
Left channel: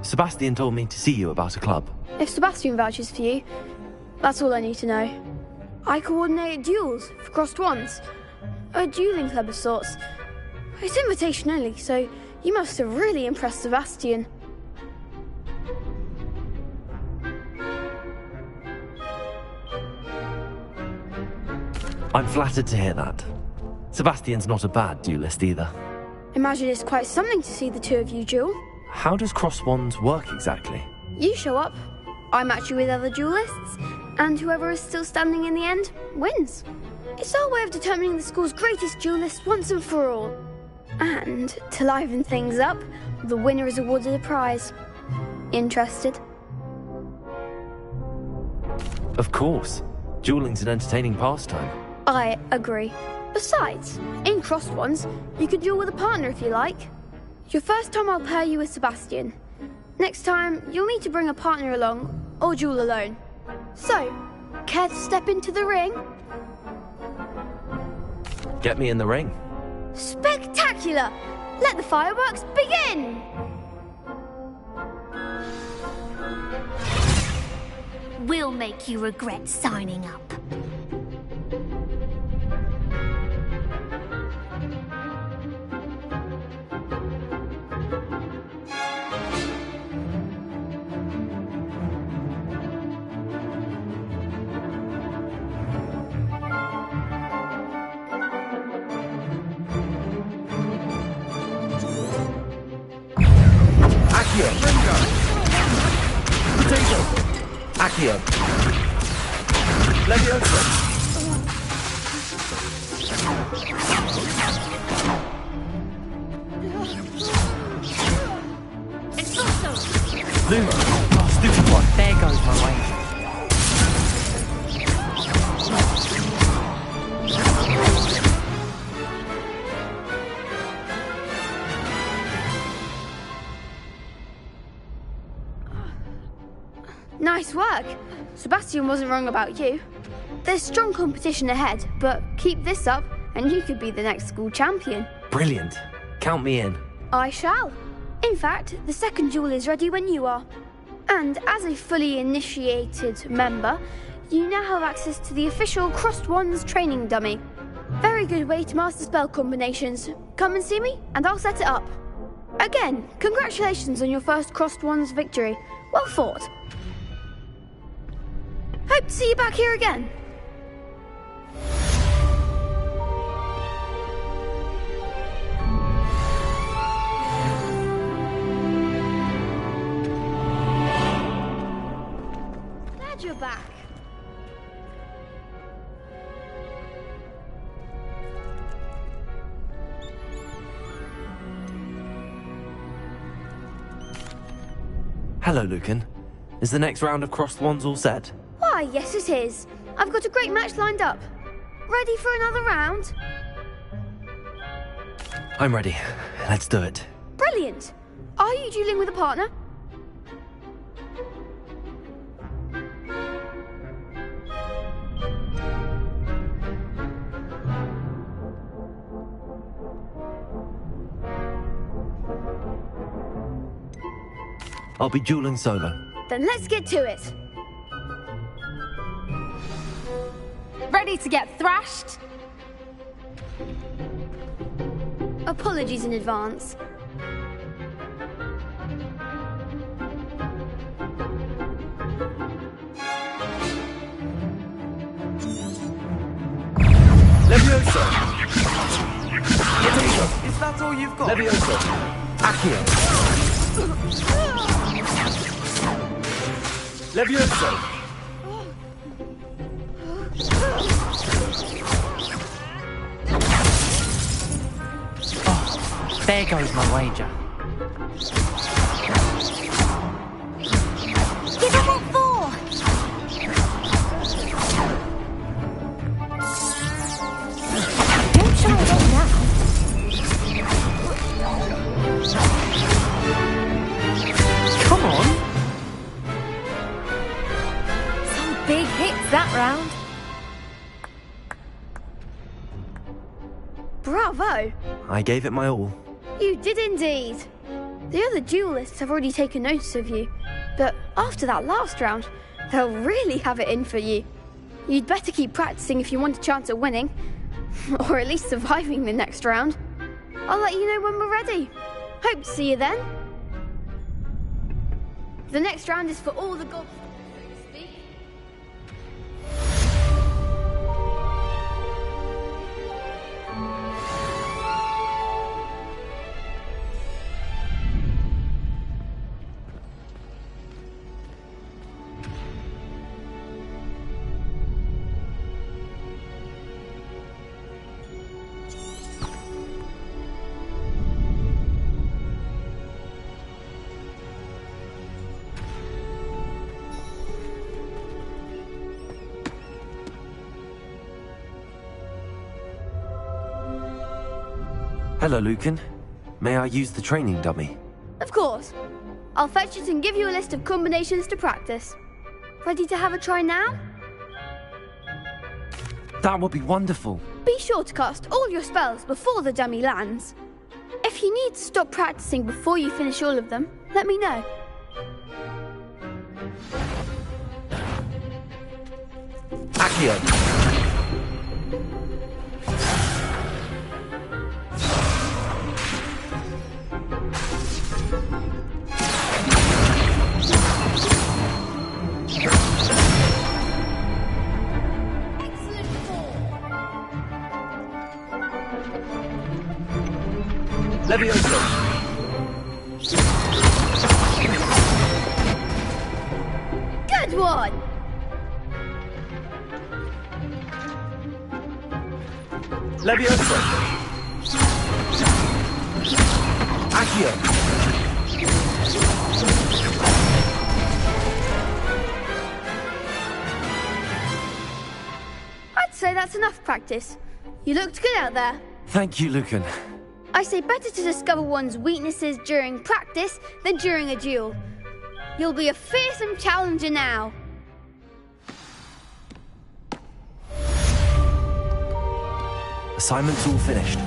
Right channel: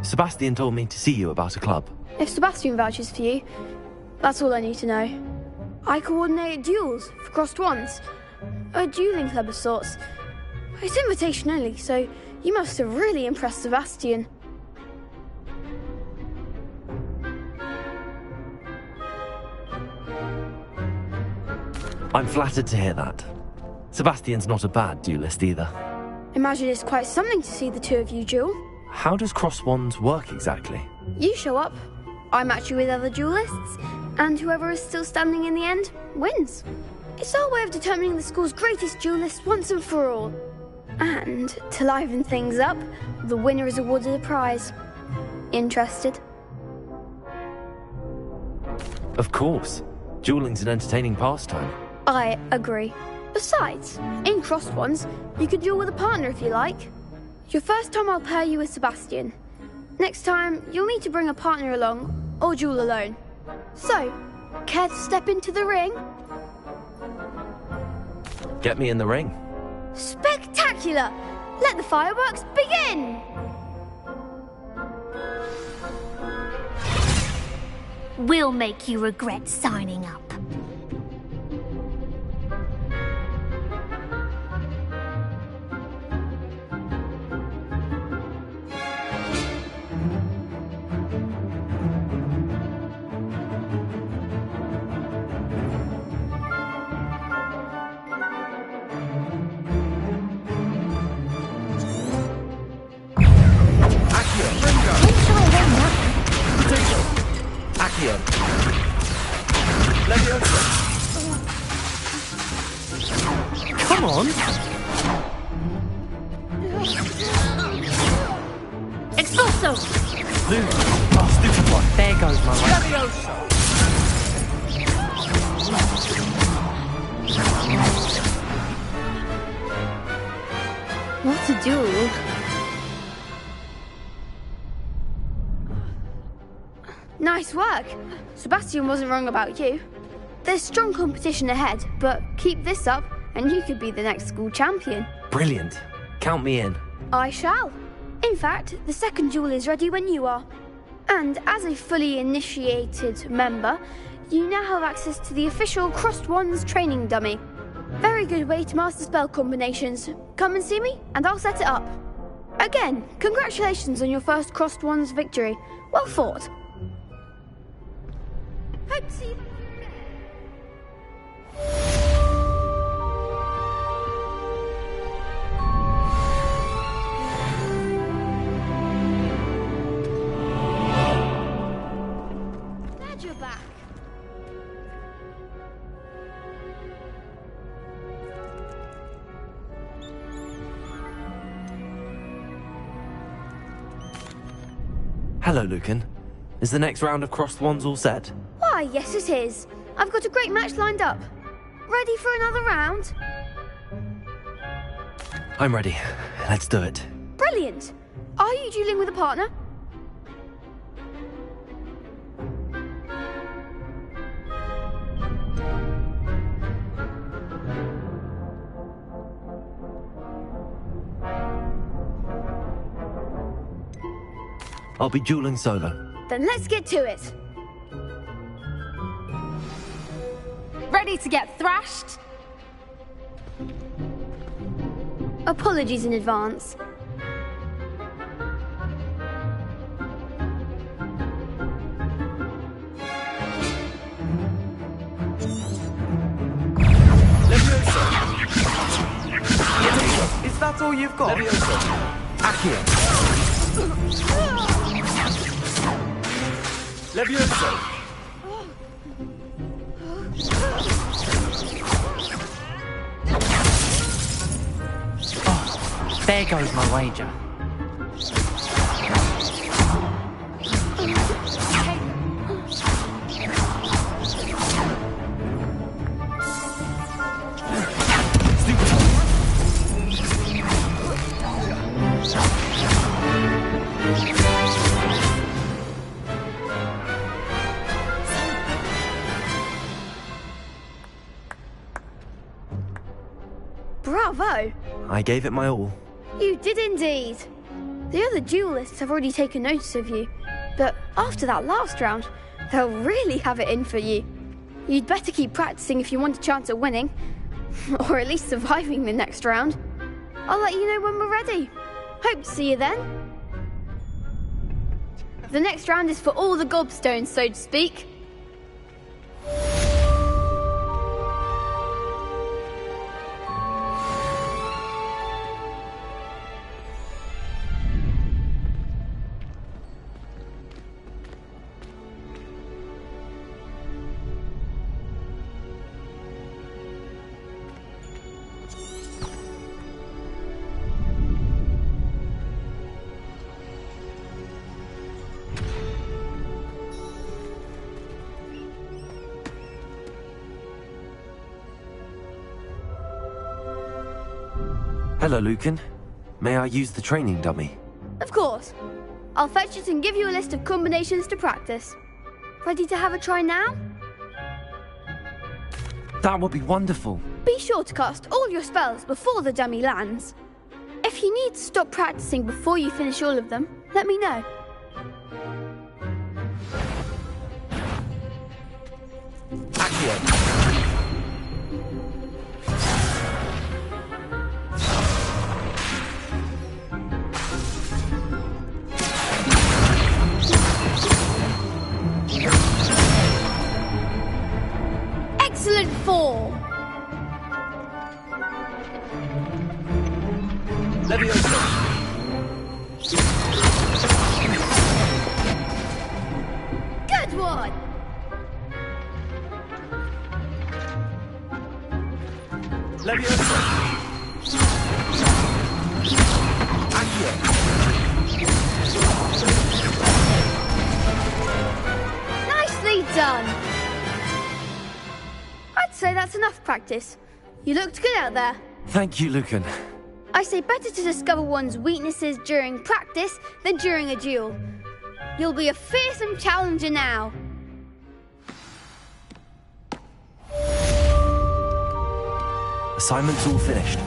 Sebastian told me to see you about a club. If Sebastian vouches for you, that's all I need to know. I coordinate duels for crossed wands. A dueling club of sorts. It's invitation only, so you must have really impressed Sebastian. I'm flattered to hear that. Sebastian's not a bad duelist either. Imagine it's quite something to see the two of you duel. How does crossed wands work exactly? You show up, I match you with other duelists, and whoever is still standing in the end wins. It's our way of determining the school's greatest duelist once and for all. And to liven things up, the winner is awarded a prize. Interested? Of course. Dueling's an entertaining pastime. I agree. Besides, in crossed ones, you can duel with a partner if you like. Your first time I'll pair you with Sebastian. Next time, you'll need to bring a partner along, or duel alone. So, care to step into the ring? Get me in the ring. Spectacular! Let the fireworks begin! We'll make you regret signing up. Accio. Leviosa. Come on. Expulso. Luma. Oh, stupid one. There goes my way. What to do? Nice work. Sebastian wasn't wrong about you. There's strong competition ahead, but keep this up and you could be the next school champion. Brilliant. Count me in. I shall. In fact, the second duel is ready when you are. And as a fully initiated member, you now have access to the official Crossed Wands training dummy. Very good way to master spell combinations. Come and see me and I'll set it up. Again, congratulations on your first Crossed Wands victory. Well fought. Hope to see you back here again. Glad you're back. Hello, Lucan. Is the next round of crossed wands all set? Why, yes it is. I've got a great match lined up. Ready for another round? I'm ready. Let's do it. Brilliant. Are you dueling with a partner? I'll be dueling solo. Then let's get to it. Ready to get thrashed? Apologies in advance. Leviosa. Leviosa. Is that all you've got? Leviosa. Accio. Leviosa. Oh, there goes my wager. Bravo! I gave it my all. You did indeed. The other duelists have already taken notice of you, but after that last round, they'll really have it in for you. You'd better keep practicing if you want a chance at winning, or at least surviving the next round. I'll let you know when we're ready. Hope to see you then. The next round is for all the gobstones, so to speak. Hello, Lucan. May I use the training dummy? Of course. I'll fetch it and give you a list of combinations to practice. Ready to have a try now? That would be wonderful. Be sure to cast all your spells before the dummy lands. If you need to stop practicing before you finish all of them, let me know. Accio. Excellent form. Levioso. Good one. Levioso. Accio. Nicely done. I'd say that's enough practice. You looked good out there. Thank you, Lucan. I say better to discover one's weaknesses during practice than during a duel. You'll be a fearsome challenger now. Assignment's all finished.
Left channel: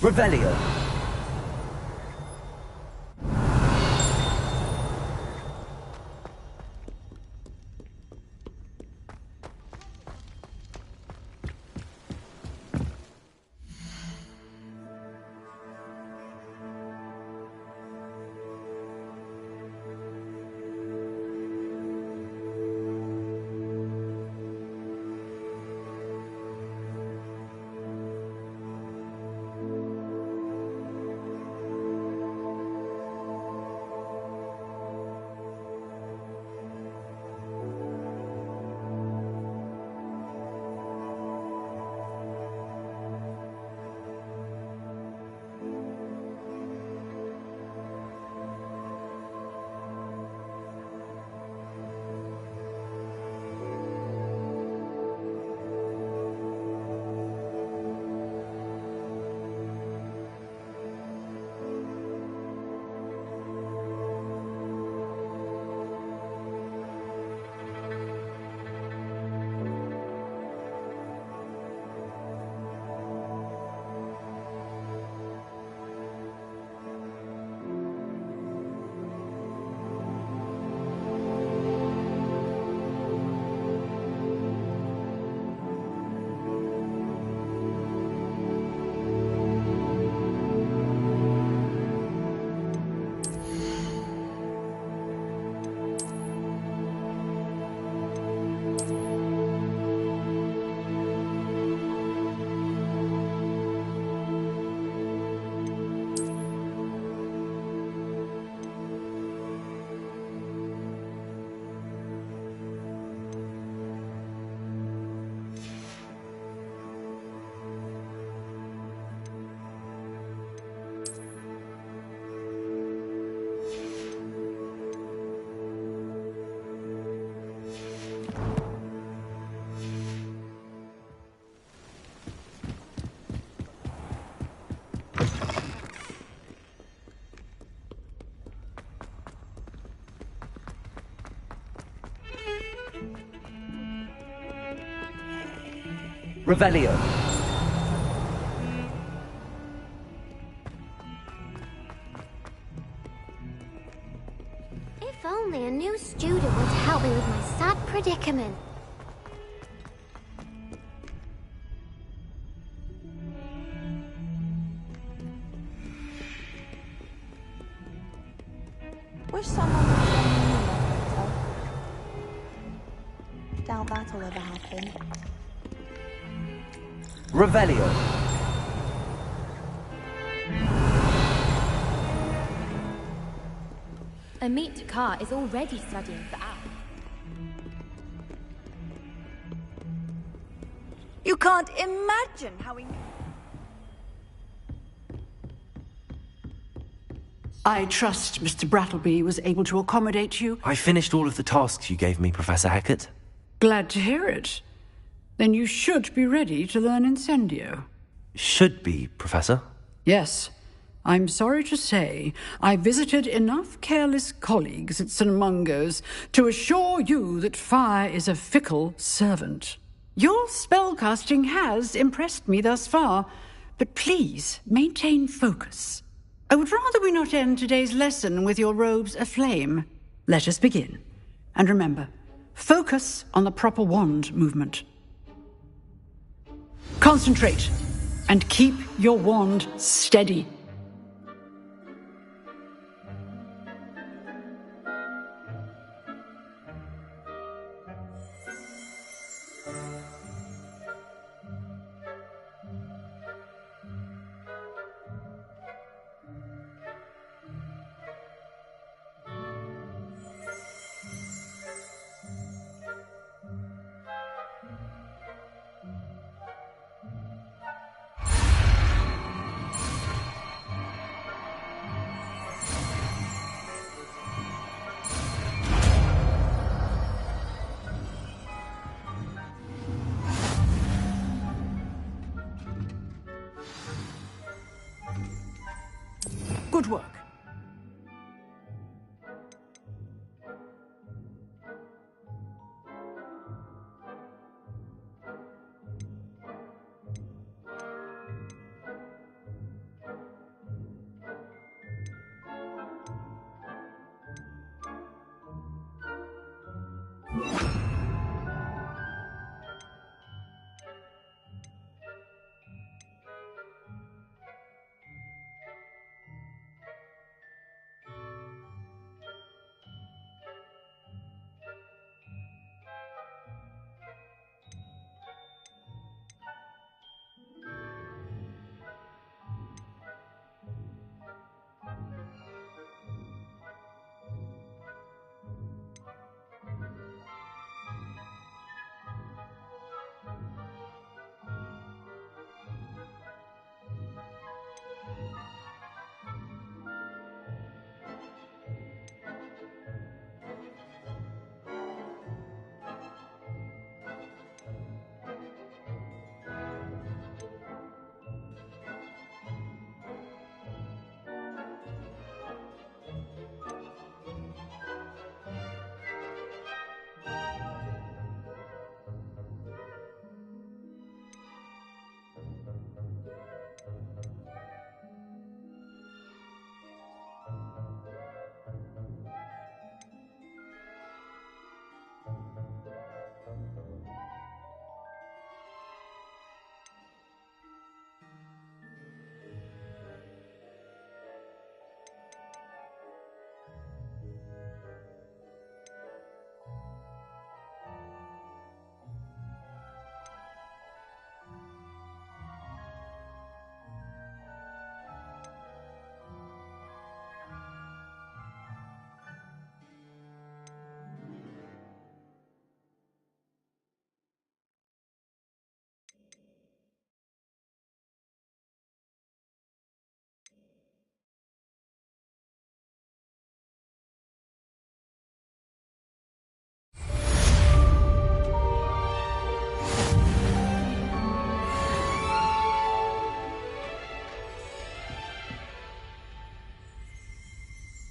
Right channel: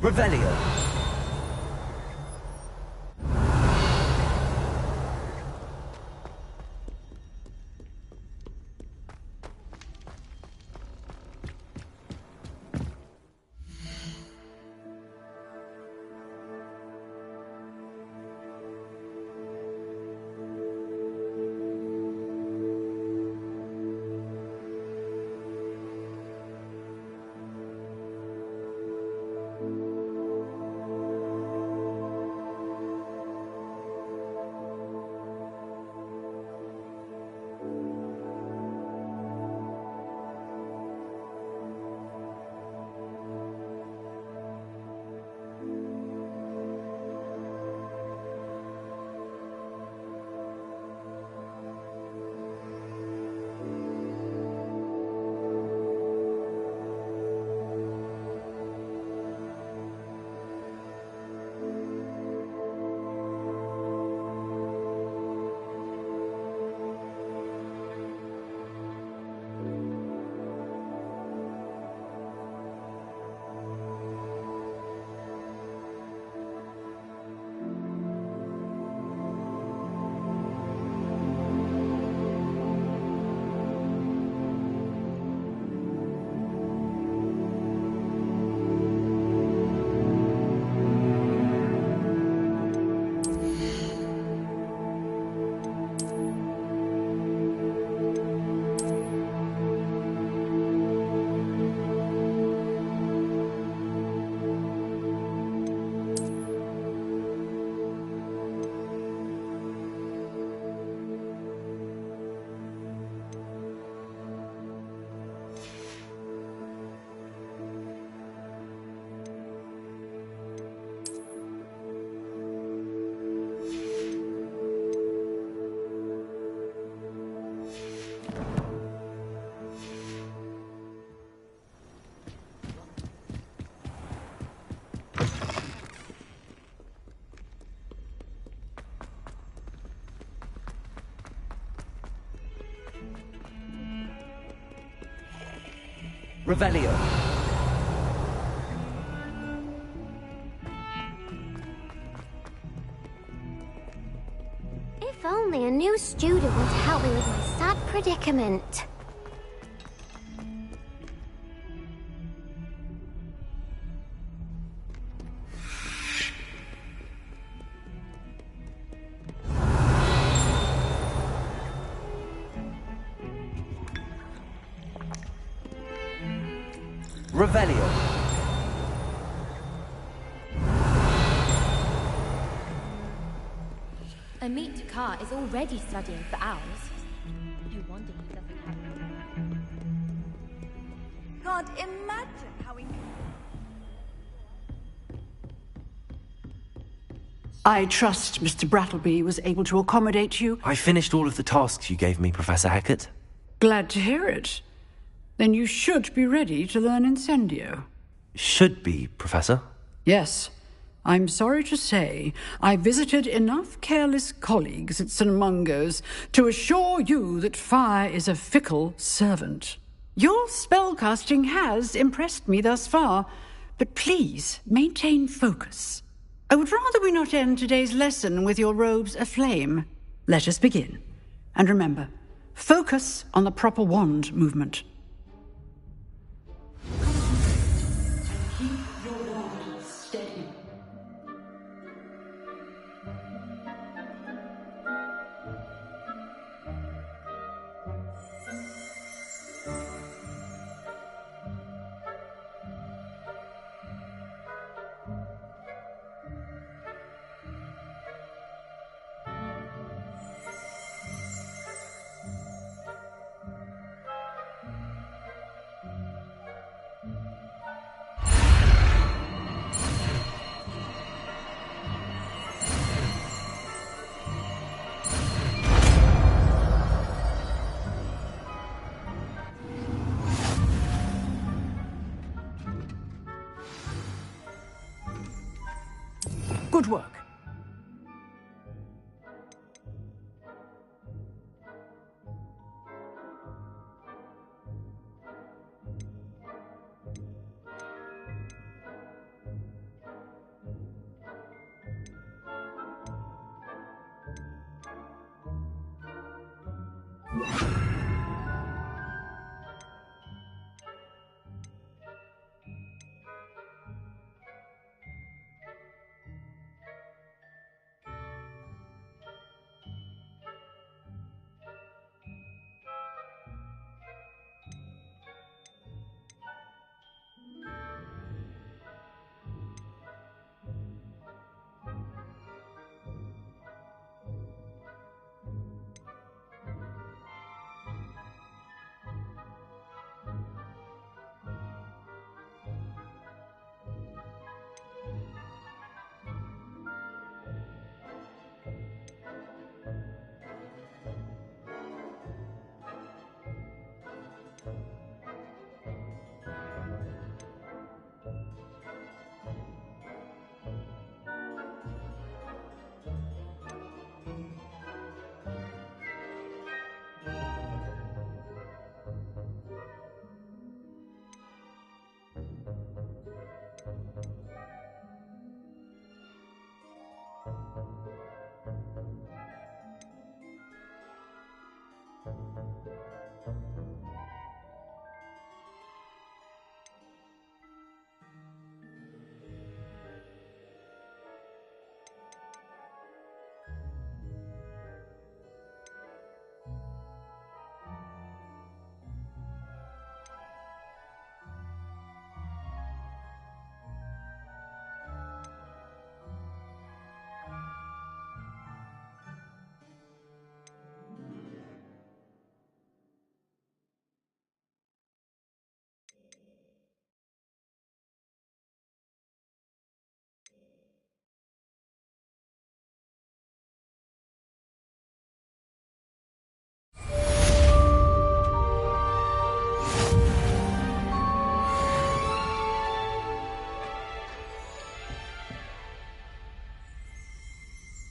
Revelio. Revelio. If only a new student would help me with my sad predicament. Wish someone doubt that'll ever happen. Revelio. Amit Takar is already studying for owls. You can't imagine how I trust Mr. Brattleby was able to accommodate you. I finished all of the tasks you gave me, Professor Hackett. Glad to hear it. Then you should be ready to learn Incendio. Should be, Professor. Yes. I'm sorry to say, I visited enough careless colleagues at St. Mungo's to assure you that fire is a fickle servant. Your spellcasting has impressed me thus far, but please maintain focus. I would rather we not end today's lesson with your robes aflame. Let us begin. And remember, focus on the proper wand movement. Concentrate and keep your wand steady. Good work.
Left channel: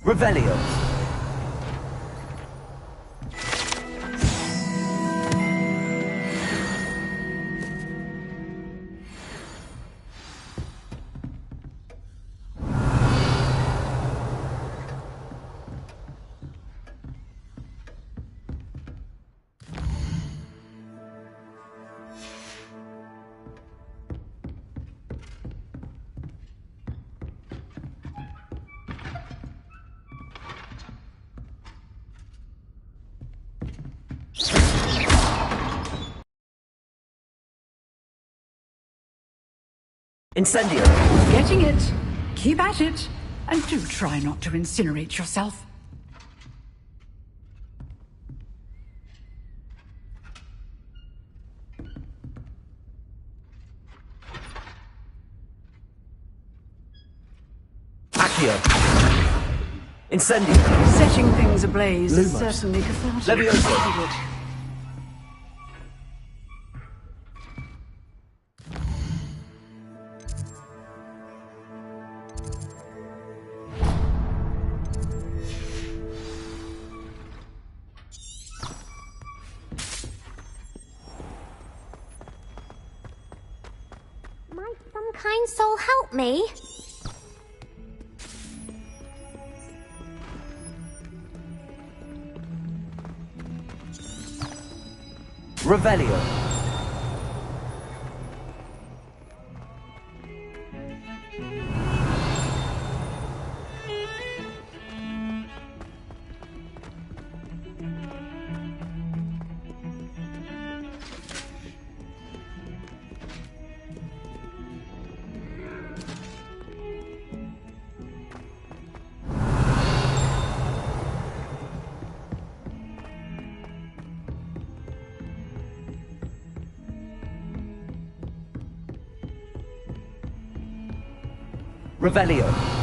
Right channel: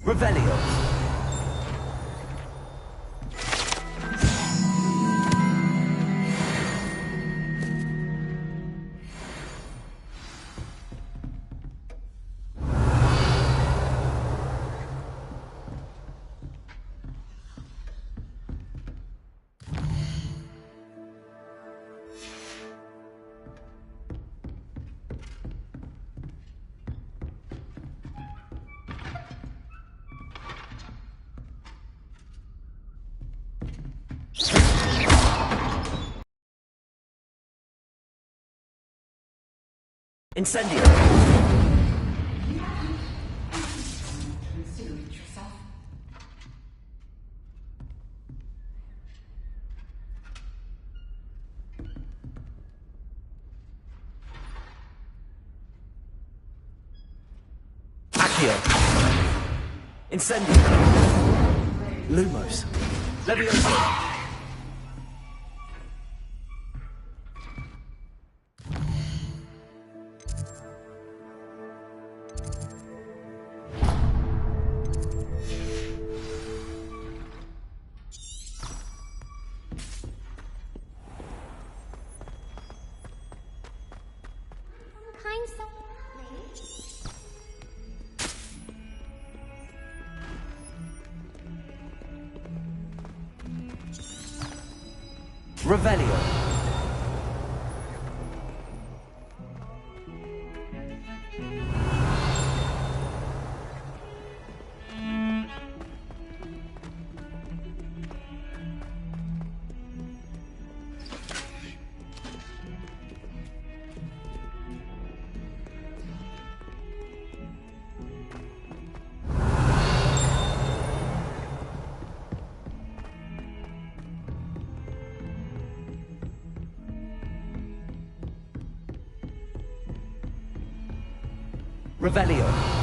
Revelio. Incendio! Getting it. Keep at it. And do try not to incinerate yourself. Accio! Incendio! Setting things ablaze. Lumos. Certainly Levioso! Might some kind soul help me? Revelio! Revelio!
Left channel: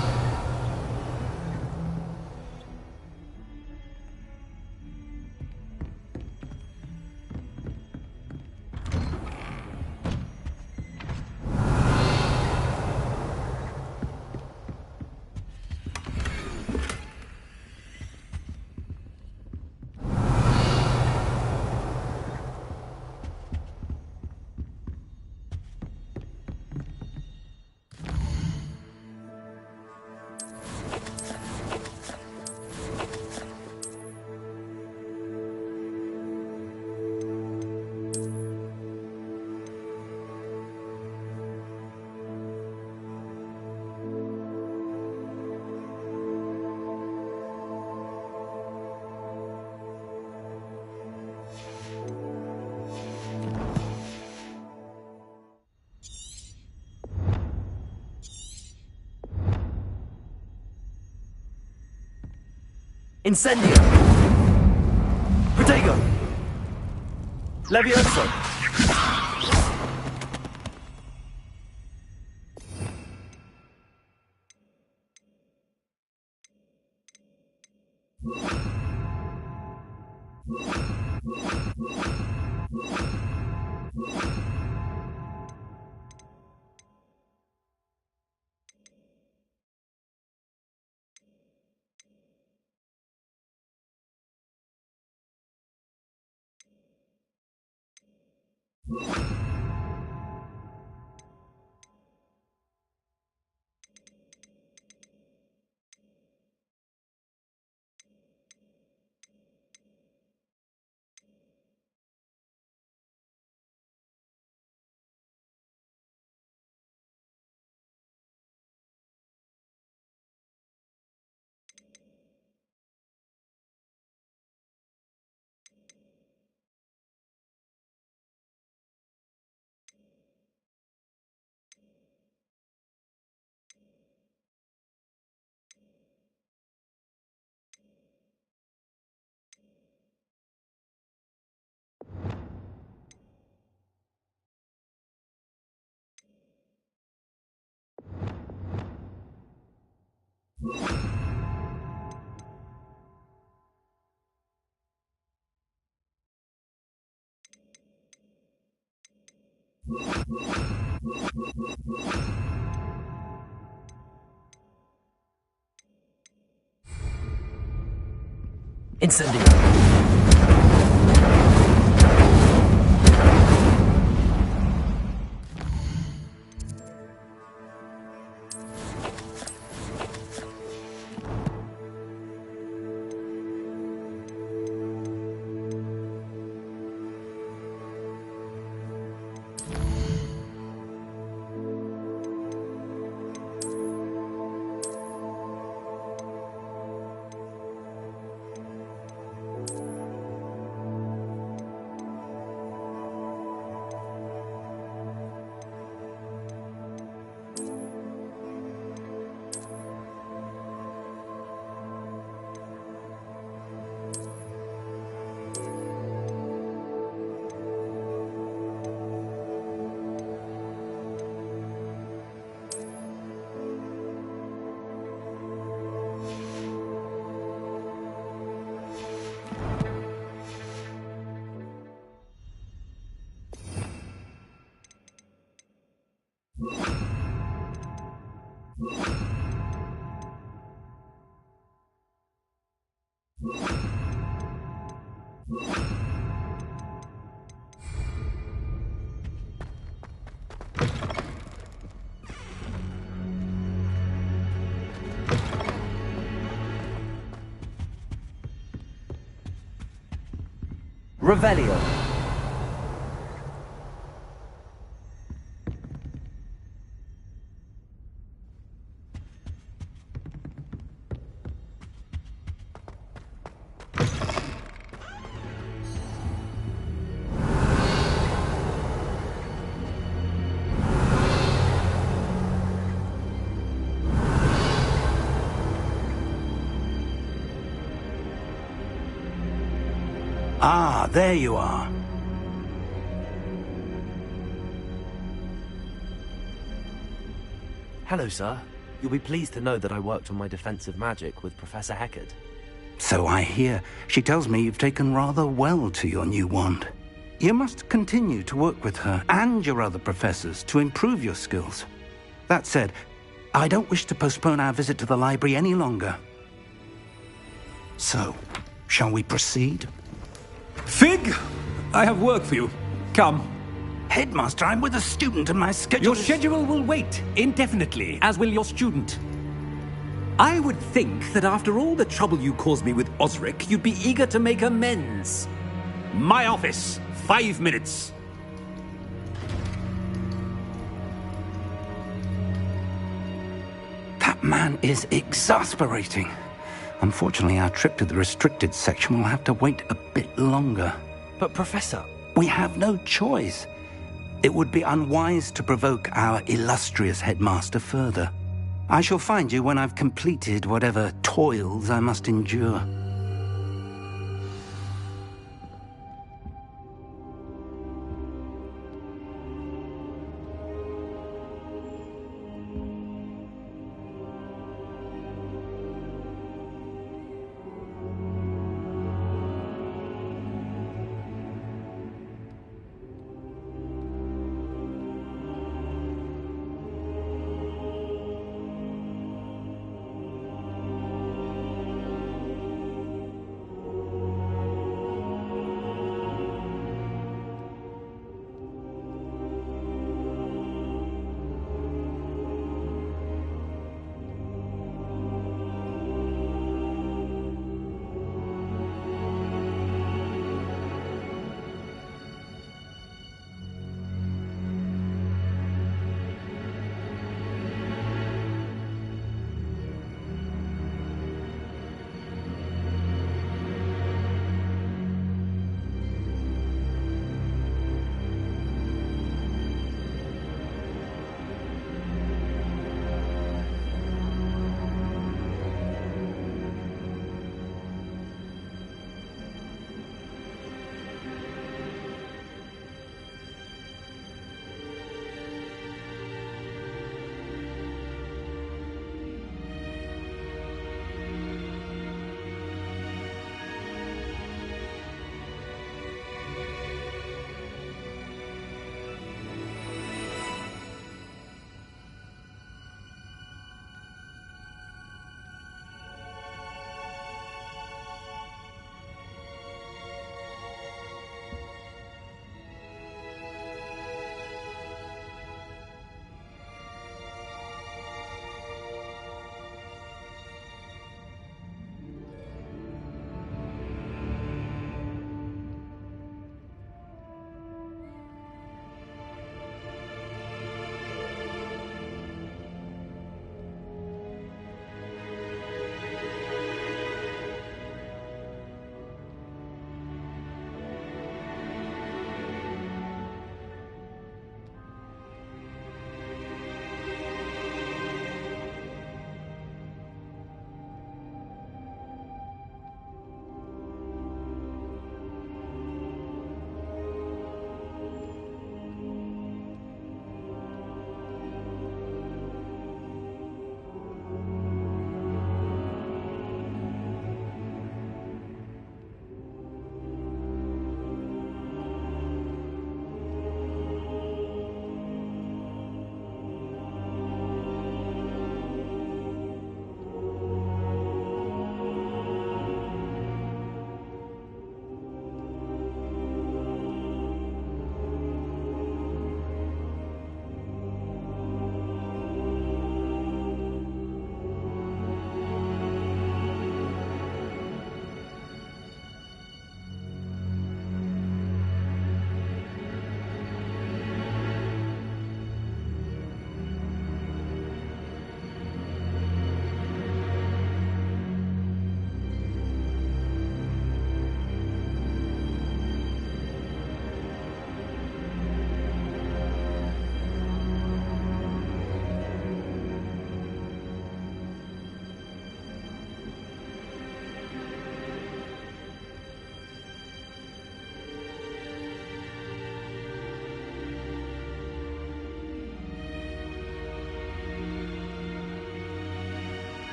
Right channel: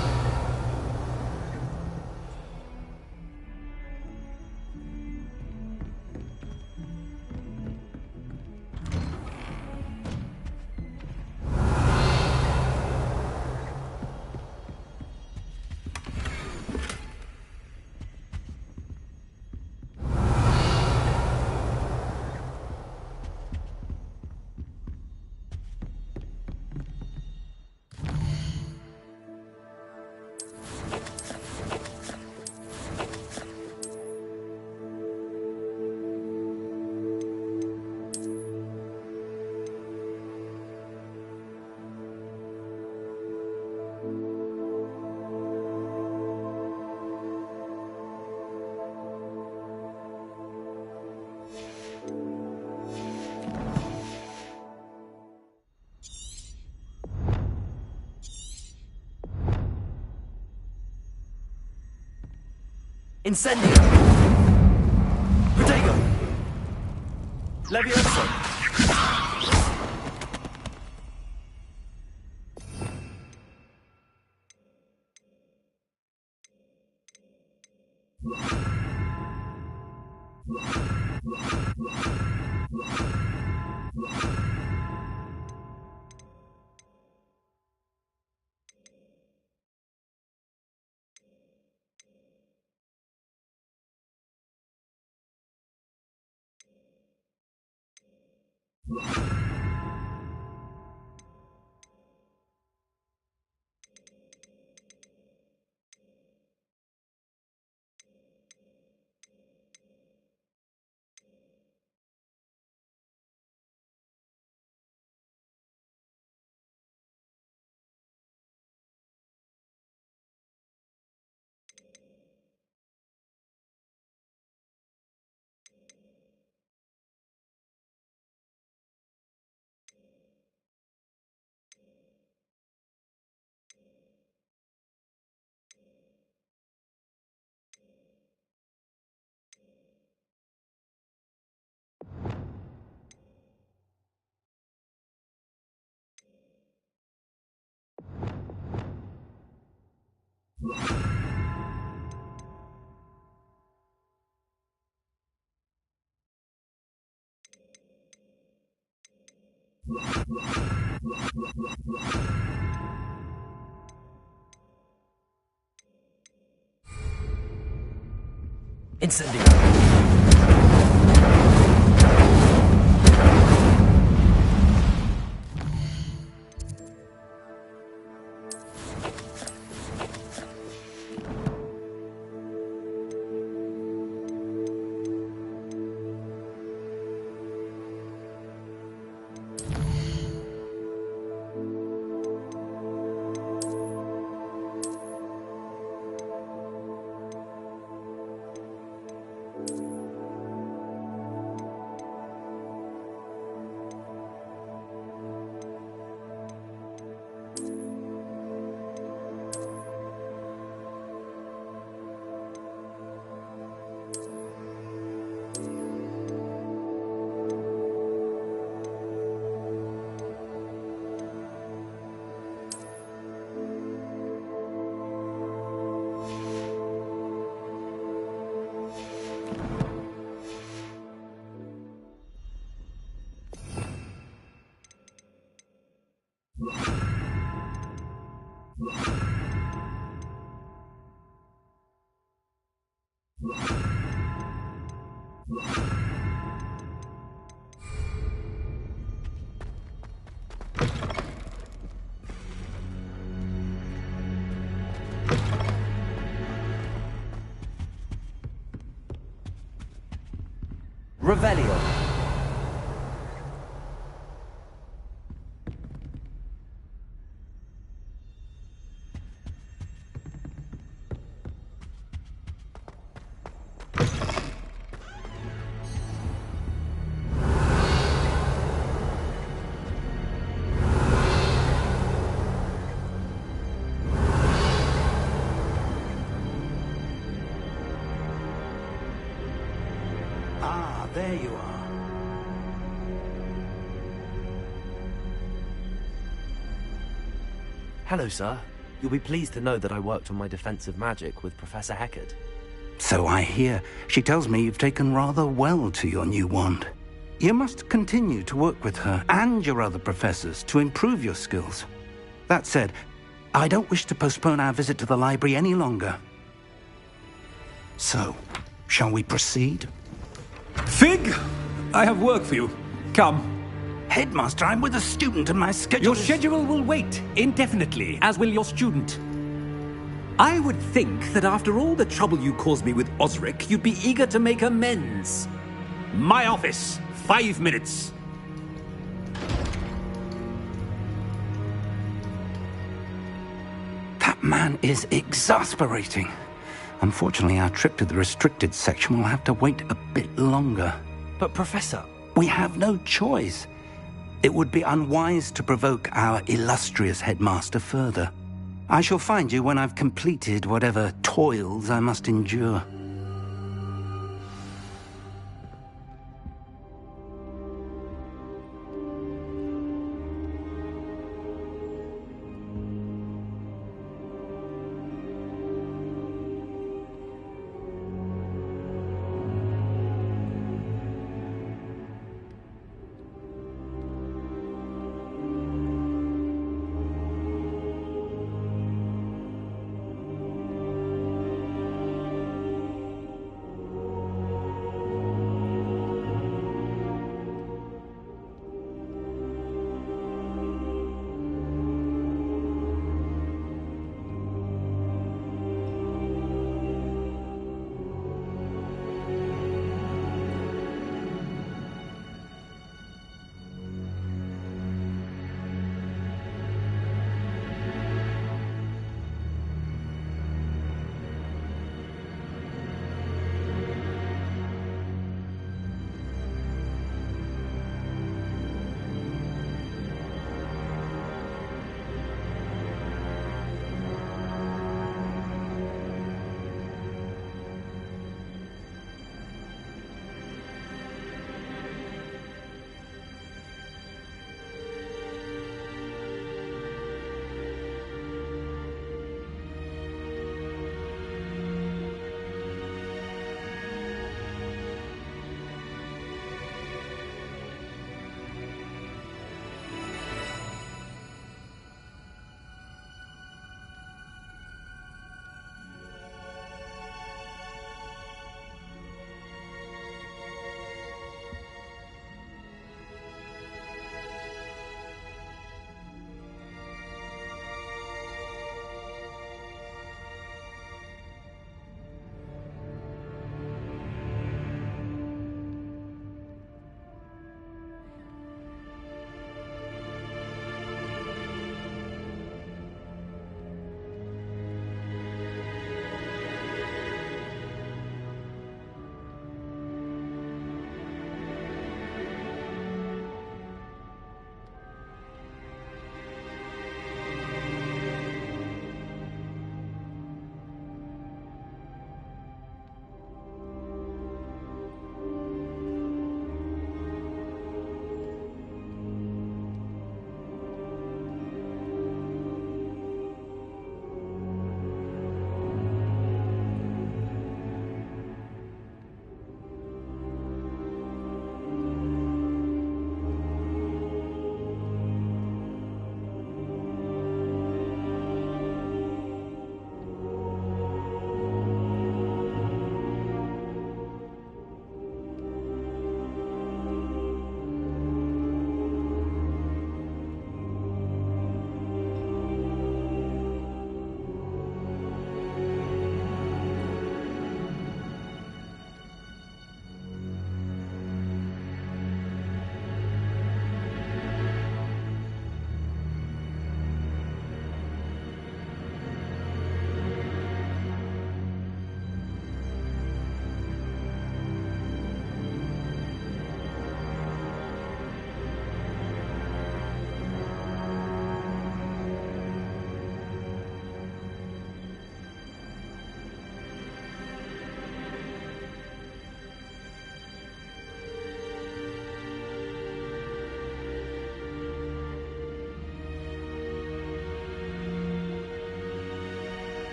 Incendio! Protego! Levioso! Incendio! Revelio. Ah, there you are. Hello, sir. You'll be pleased to know that I worked on my defensive magic with Professor Heckard. So I hear. She tells me you've taken rather well to your new wand. You must continue to work with her and your other professors to improve your skills. That said, I don't wish to postpone our visit to the library any longer. So, shall we proceed? Fig! I have work for you. Come. Headmaster, I'm with a student and my schedule Your schedule will wait indefinitely, as will your student. I would think that after all the trouble you caused me with Osric, you'd be eager to make amends. My office, 5 minutes. That man is exasperating. Unfortunately, our trip to the restricted section will have to wait a bit longer. But, Professor... We have no choice. It would be unwise to provoke our illustrious headmaster further. I shall find you when I've completed whatever toils I must endure.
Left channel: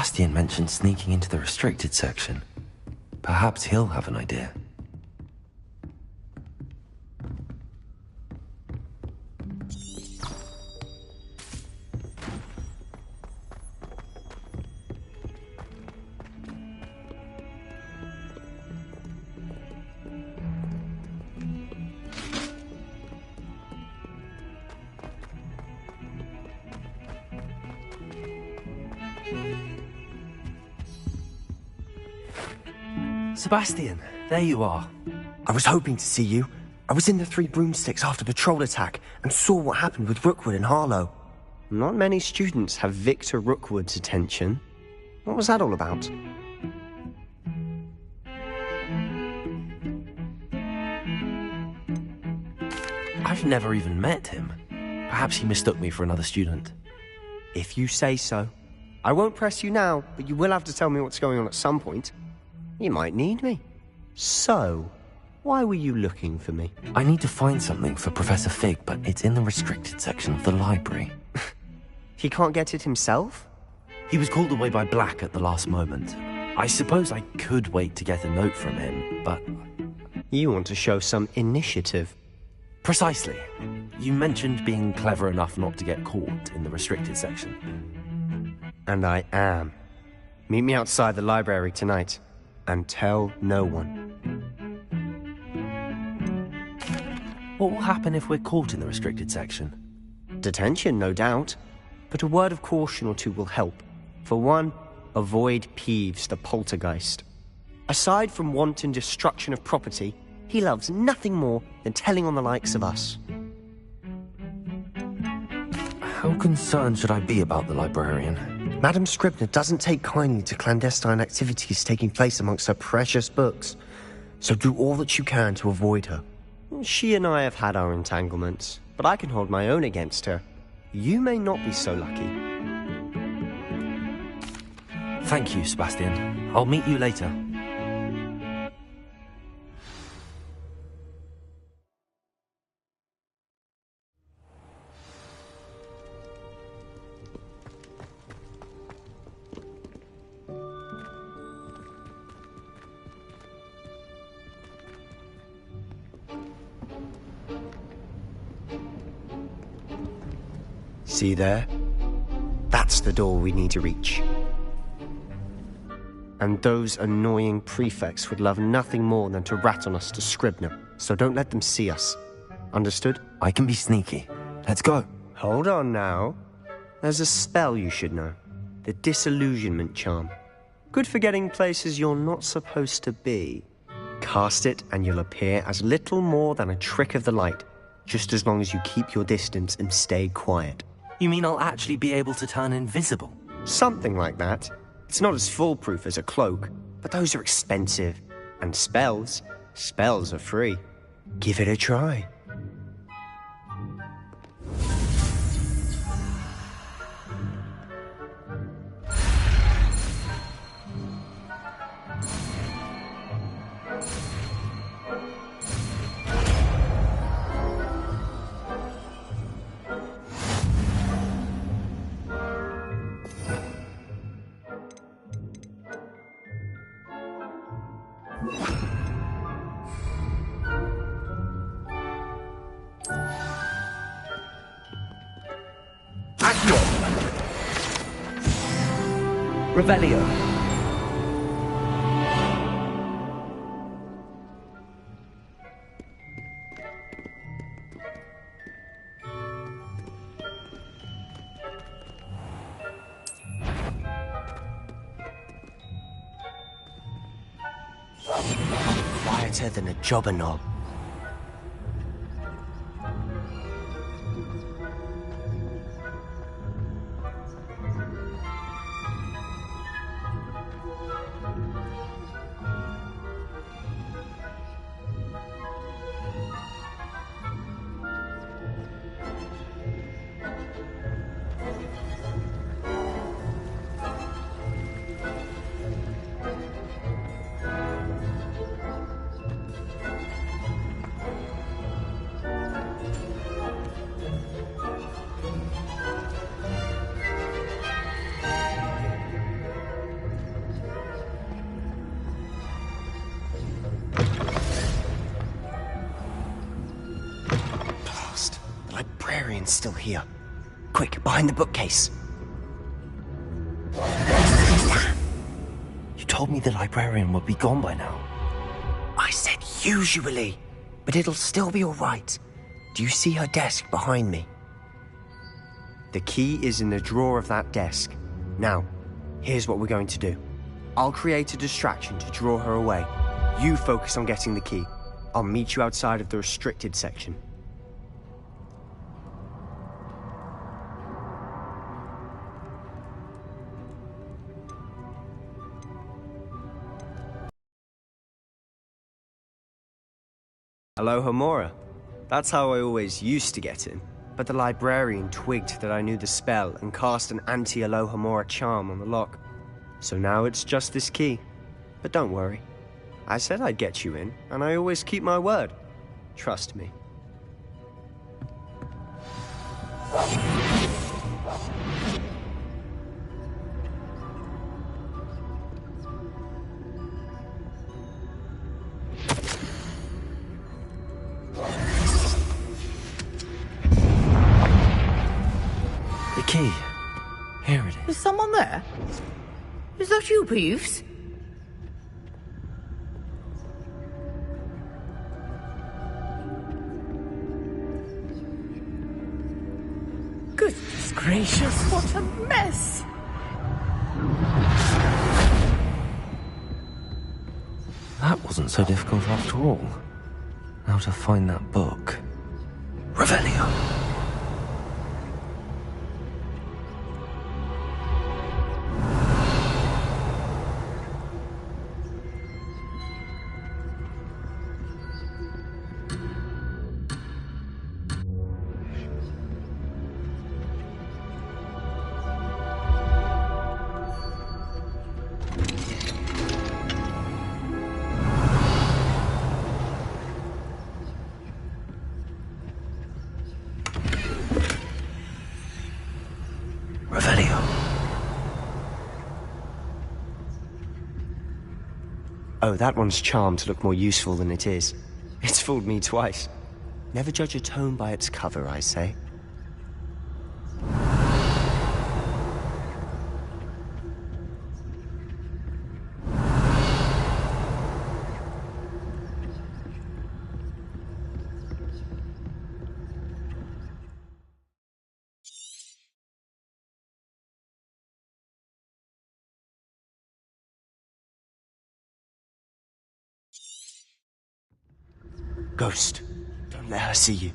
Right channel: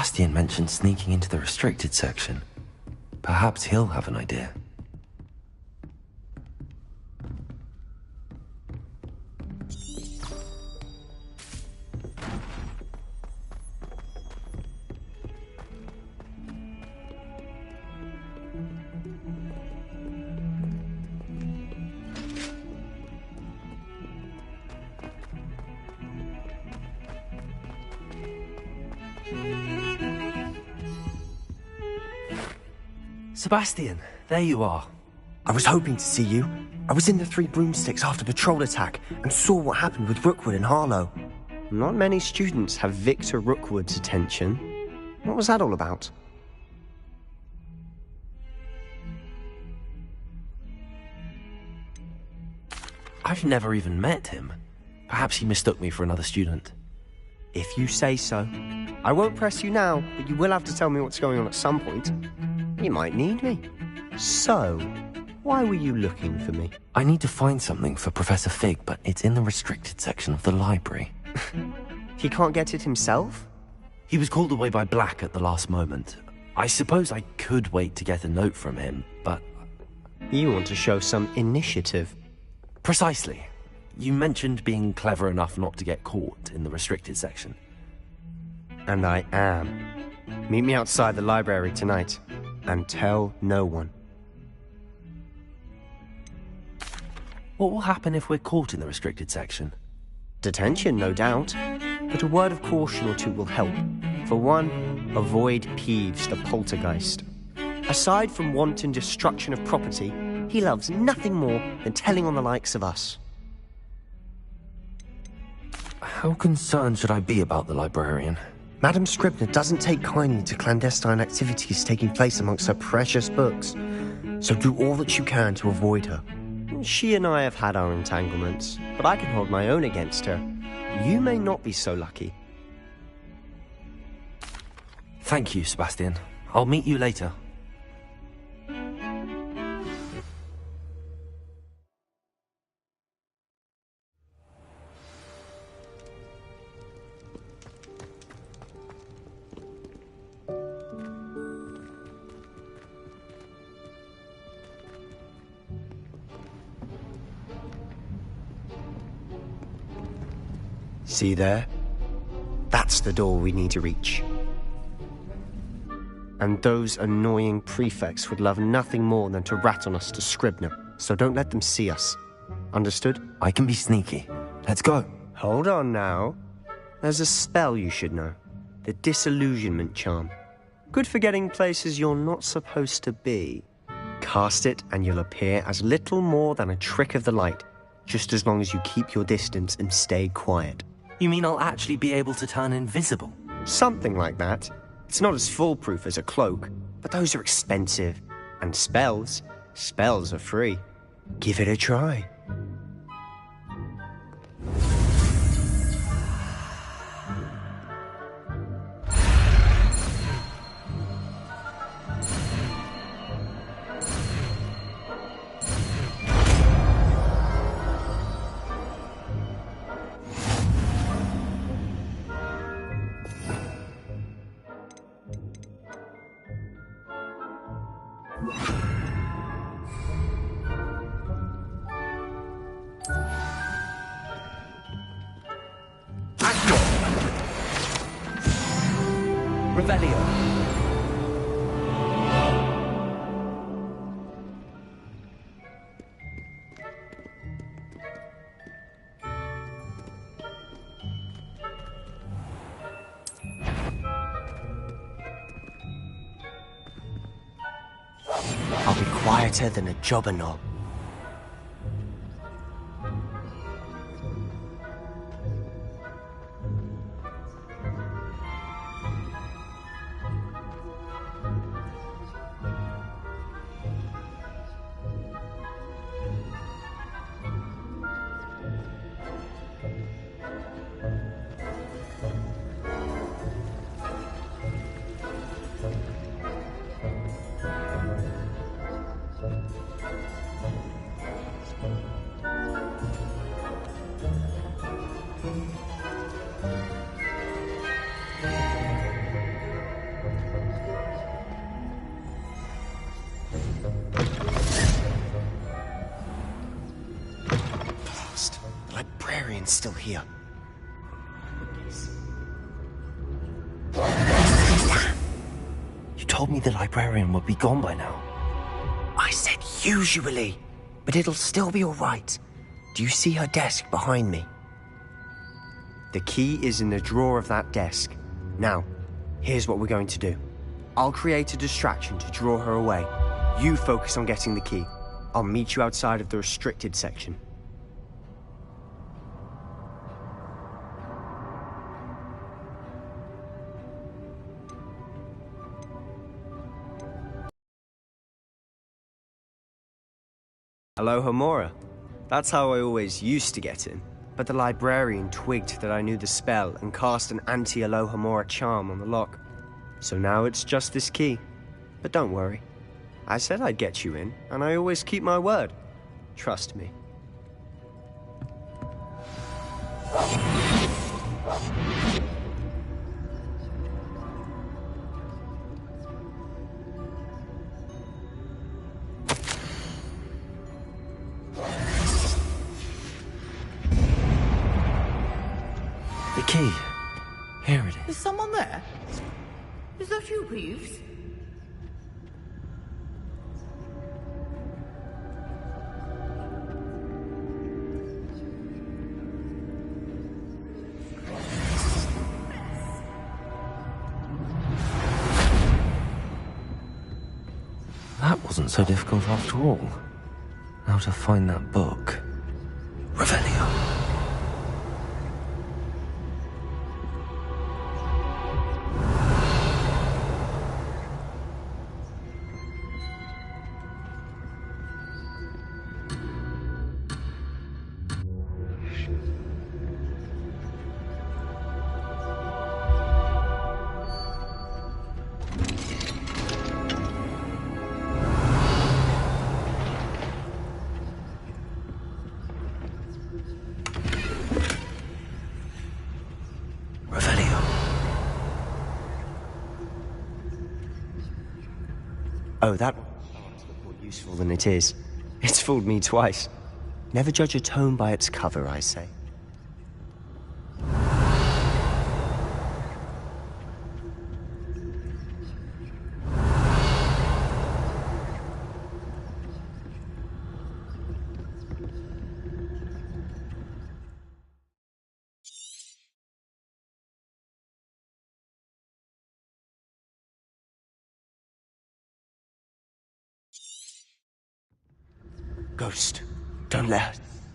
Sebastian mentioned sneaking into the restricted section. Perhaps he'll have an idea. Sebastian, there you are. I was hoping to see you. I was in the Three Broomsticks after the troll attack and saw what happened with Rookwood and Harlow. Not many students have Victor Rookwood's attention. What was that all about? I've never even met him. Perhaps he mistook me for another student. If you say so. I won't press you now, but you will have to tell me what's going on at some point. You might need me. So, why were you looking for me? I need to find something for Professor Fig, but it's in the restricted section of the library. He can't get it himself? He was called away by Black at the last moment. I suppose I could wait to get a note from him, but... You want to show some initiative. Precisely. You mentioned being clever enough not to get caught in the restricted section. And I am. Meet me outside the library tonight. And tell no one. What will happen if we're caught in the restricted section? Detention, no doubt. But a word of caution or two will help. For one, avoid Peeves, the poltergeist. Aside from wanton destruction of property, he loves nothing more than telling on the likes of us. How concerned should I be about the librarian? Madam Scribner doesn't take kindly to clandestine activities taking place amongst her precious books, so do all that you can to avoid her. She and I have had our entanglements, but I can hold my own against her. You may not be so lucky. Thank you, Sebastian. I'll meet you later. See there? That's the door we need to reach. And those annoying prefects would love nothing more than to rat on us to Scribner, so don't let them see us. Understood? I can be sneaky. Let's go. Hold on now. There's a spell you should know. The Disillusionment Charm. Good for getting places you're not supposed to be. Cast it and you'll appear as little more than a trick of the light, just as long as you keep your distance and stay quiet. You mean I'll actually be able to turn invisible? Something like that. It's not as foolproof as a cloak, but those are expensive. And spells are free. Give it a try. Revelio. I'll be quieter than a jobber knob. The librarian's still here. Quick, behind the bookcase. Damn! You told me the librarian would be gone by now. I said usually, but it'll still be all right. Do you see her desk behind me? The key is in the drawer of that desk. Now, here's what we're going to do. I'll create a distraction to draw her away. You focus on getting the key. I'll meet you outside of the restricted section. Alohomora. That's how I always used to get in. But the librarian twigged that I knew the spell and cast an anti-Alohomora charm on the lock. So now it's just this key. But don't worry. I said I'd get you in, and I always keep my word. Trust me. The key. Here it Is is. someone there? Is that you, Peeves? Goodness gracious, what a mess! That wasn't so difficult after all. Now to find that book. Revelio. Oh, that one's charmed to look more useful than it is. It's fooled me twice. Never judge a tome by its cover, I say. Ghost, don't let her see you.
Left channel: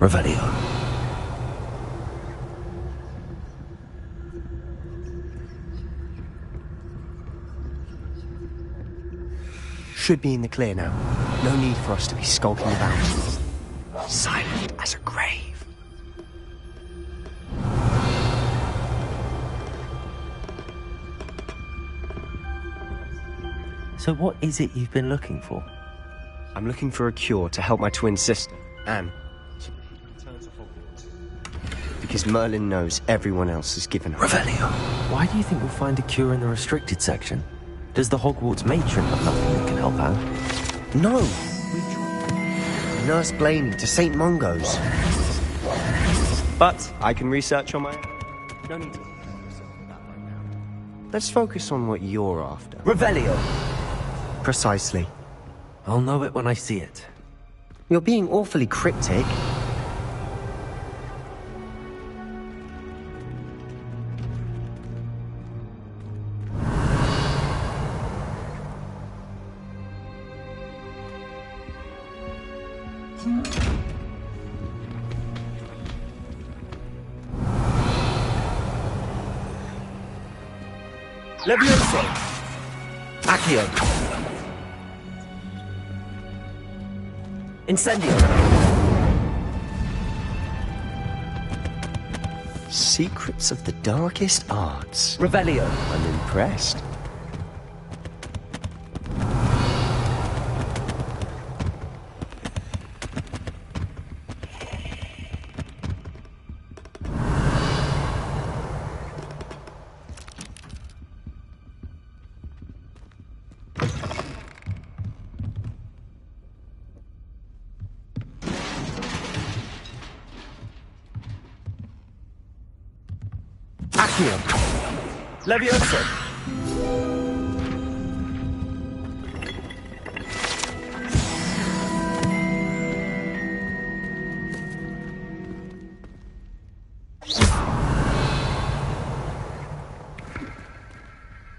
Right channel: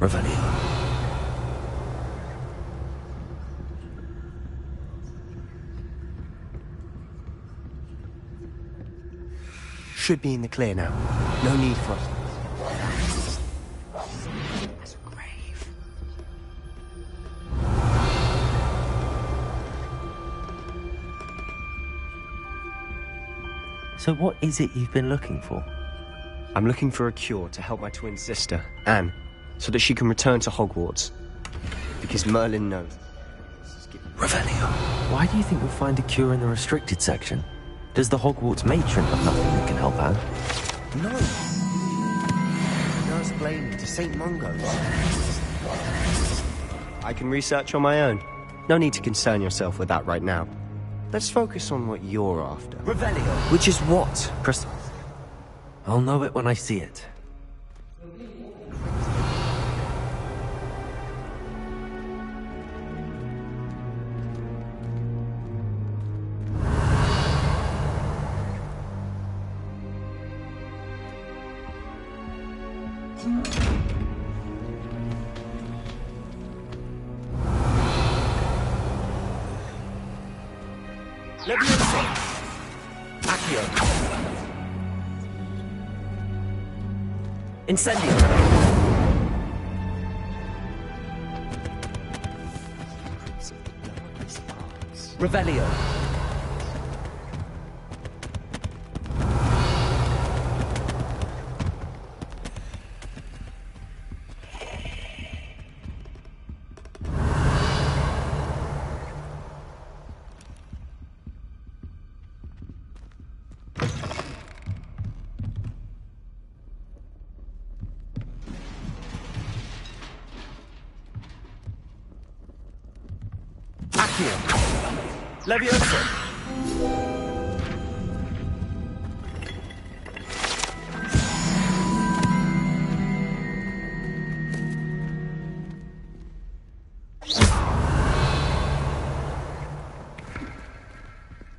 Revelio. Should be in the clear now. No need for us to be skulking about. Silent as a grave. So what is it you've been looking for? I'm looking for a cure to help my twin sister, Anne, so that she can return to Hogwarts. Because Merlin knows everyone else has given her. Revelio. Why do you think we'll find a cure in the restricted section? Does the Hogwarts matron have nothing that can help Anne? No! Nurse Blaney to St. Mungo's. But I can research on my own. No need to concern yourself with that right now. Let's focus on what you're after. Revelio, which is what? Precisely. I'll know it when I see it. You're being awfully cryptic. Levioso! Accio! Incendio! Secrets of the darkest arts. Revelio! I'm impressed. Accio! Levioso!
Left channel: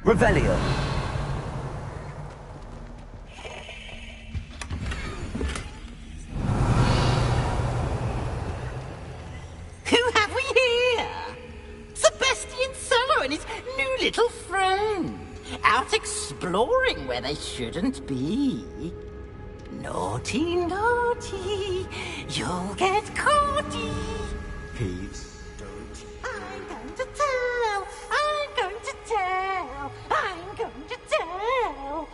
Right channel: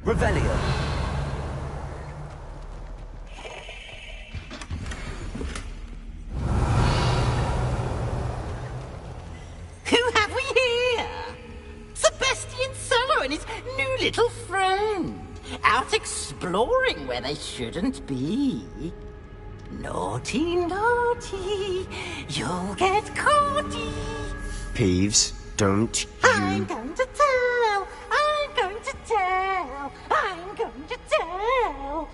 Revelio! Who have we here? Sebastian Solo and his new little friend. Out exploring where they shouldn't be. Naughty, naughty, you'll get caughty. Peeves, don't I'm going to tell, I'm going to tell, I'm going to tell.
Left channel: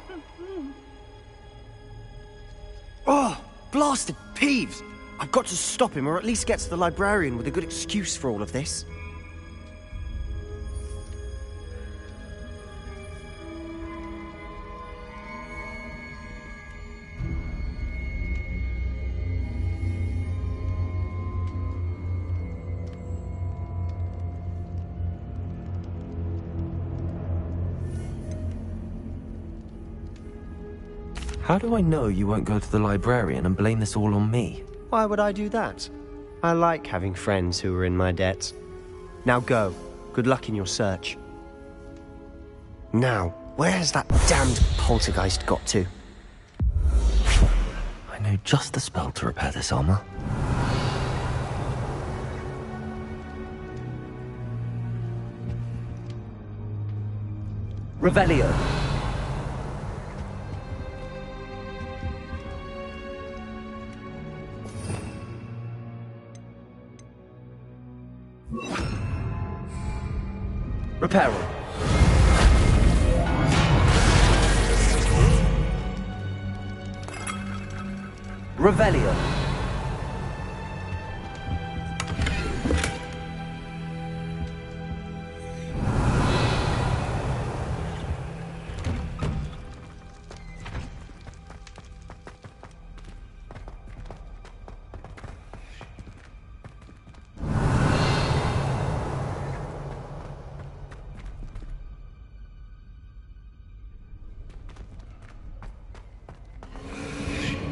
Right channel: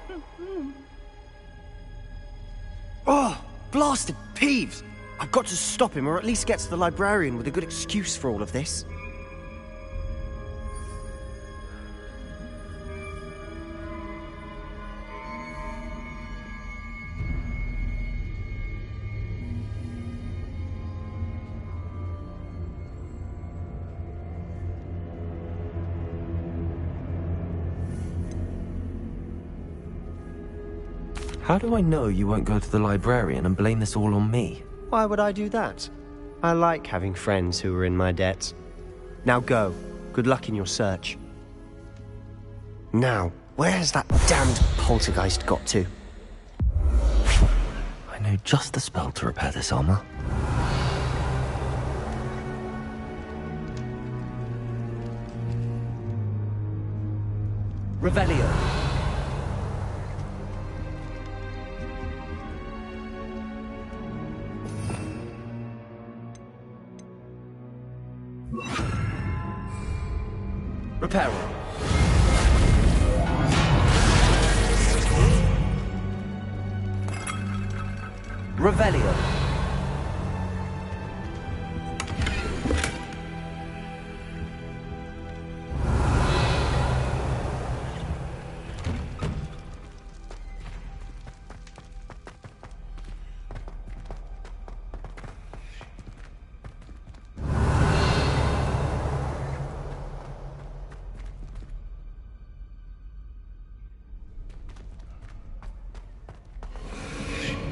Oh, blasted Peeves! I've got to stop him, or at least get to the librarian with a good excuse for all of this. How do I know you won't go to the librarian and blame this all on me? Why would I do that? I like having friends who are in my debt. Now go. Good luck in your search. Now, where has that damned poltergeist got to? I know just the spell to repair this armor. Revelio! Reparo! Revelio!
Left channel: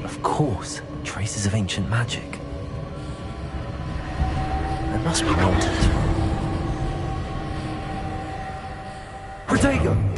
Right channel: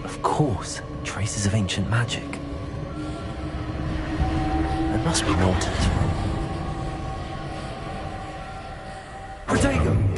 Of course, traces of ancient magic. There must be more to this room. Protego!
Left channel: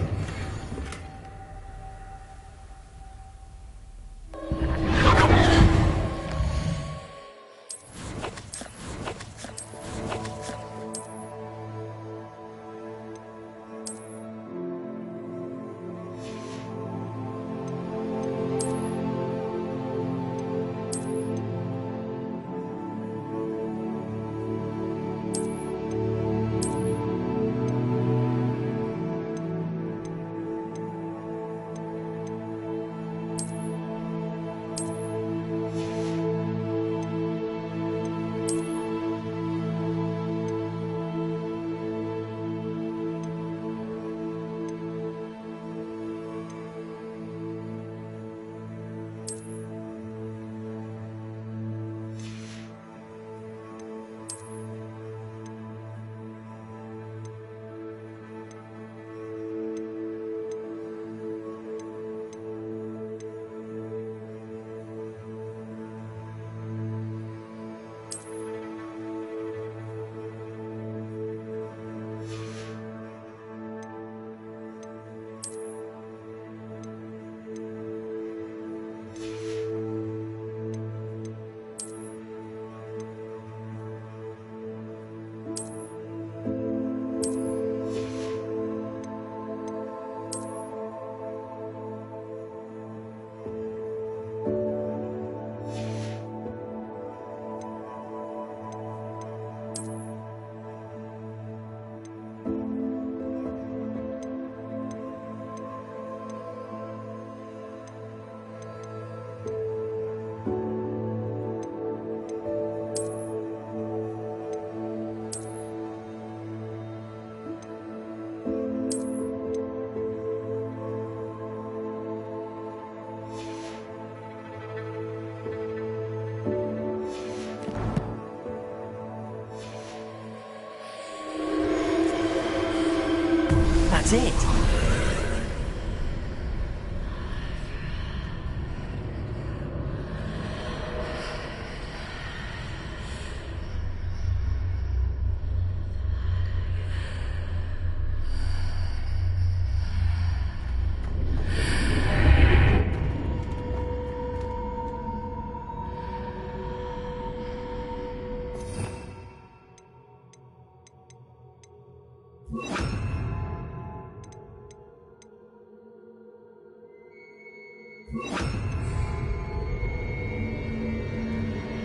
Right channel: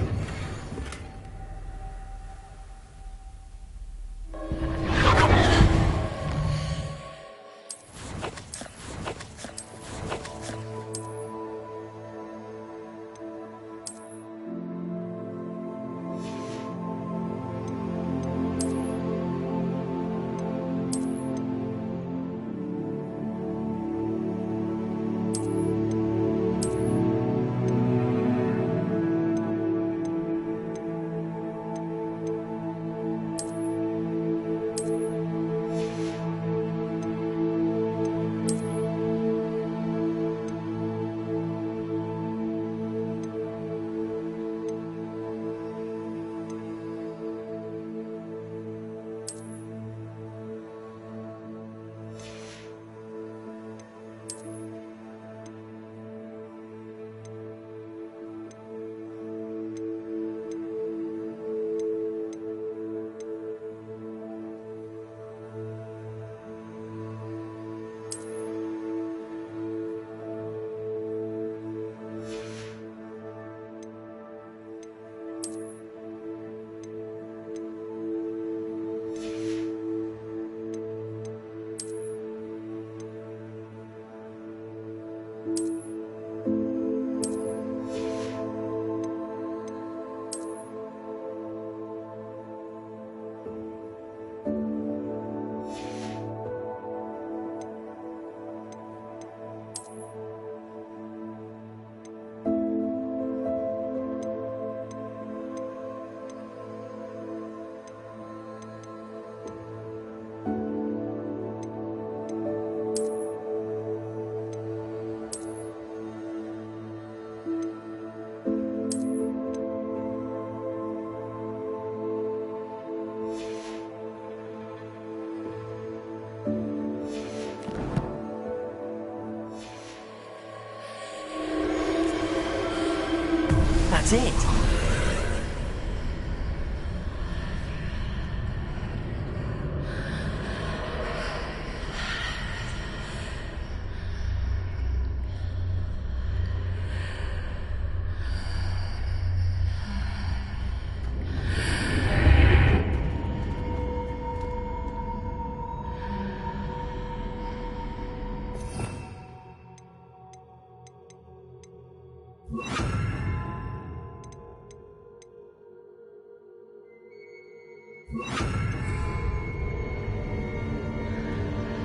That's it.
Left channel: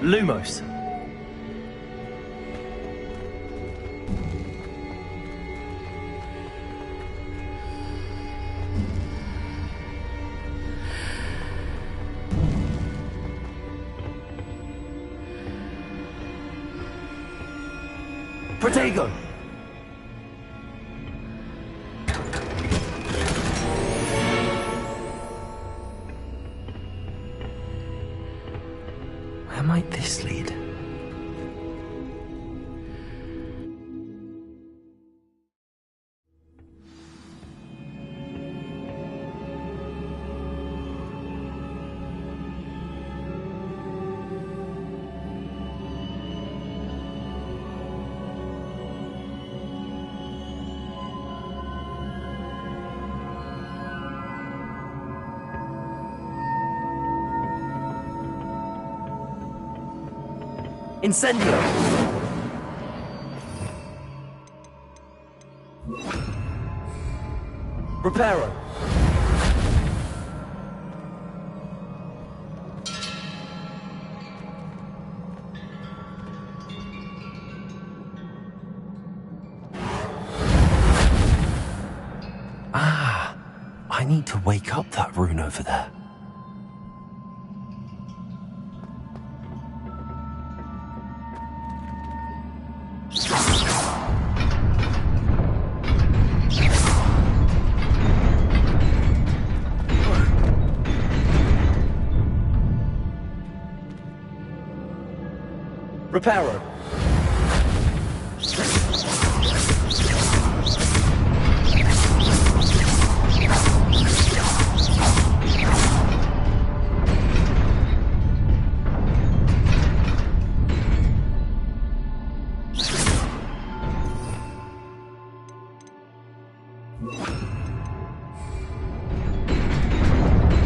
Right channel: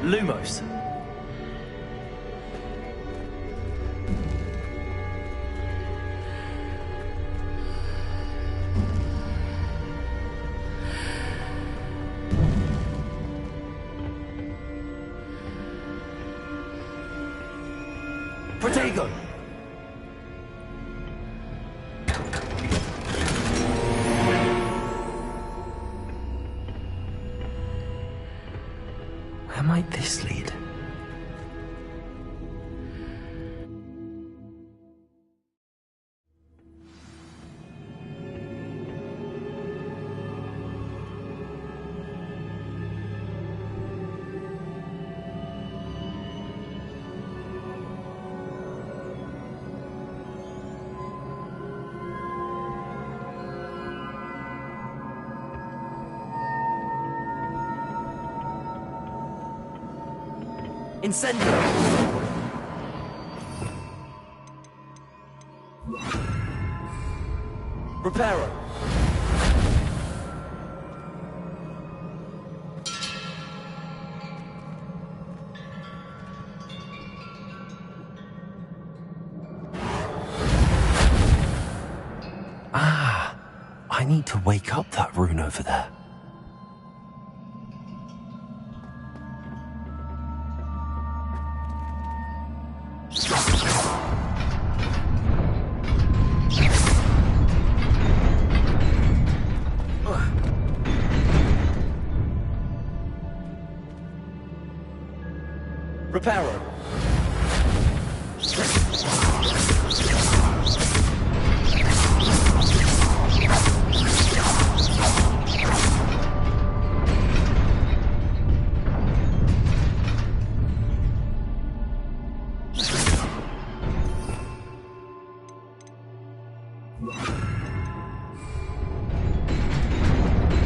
Lumos. Protego! Where might this lead? Incendio! Reparo! Ah, I need to wake up that rune over there. Reparo!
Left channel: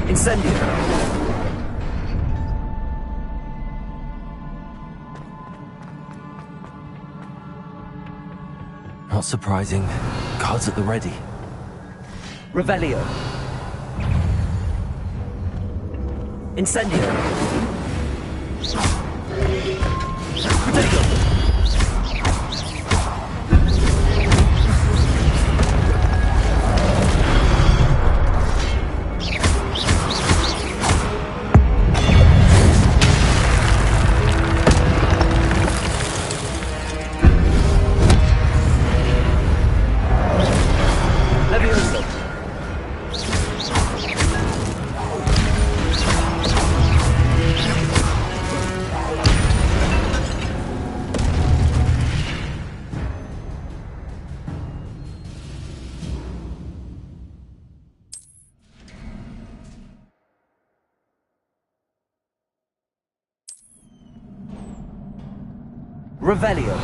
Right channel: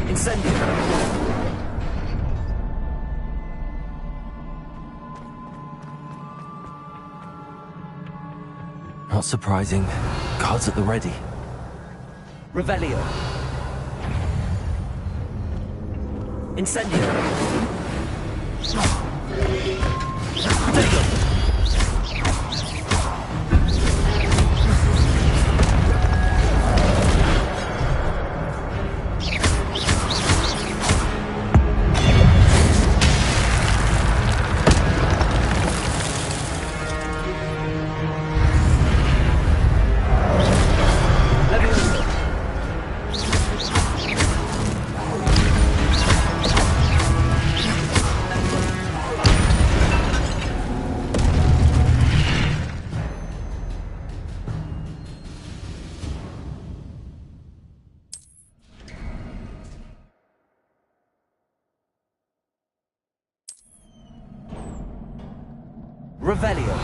Incendio! Not surprising. Guards at the ready. Revelio. Incendio. Protego. Revelio.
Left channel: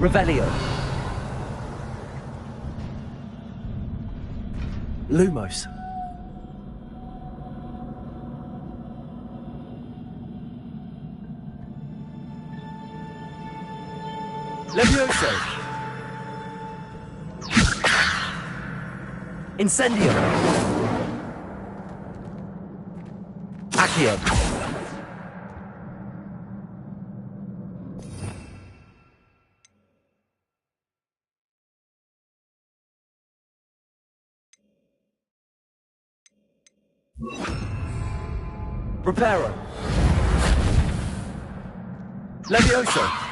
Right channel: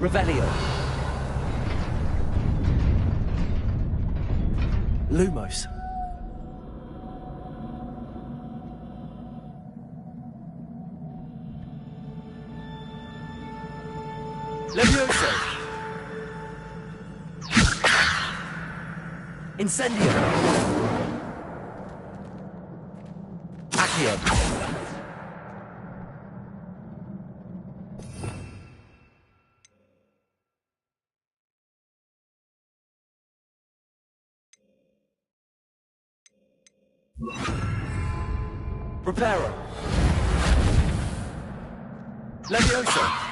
Revelio. Lumos. Levioso! Incendio! Accio! Reparo! Levioso!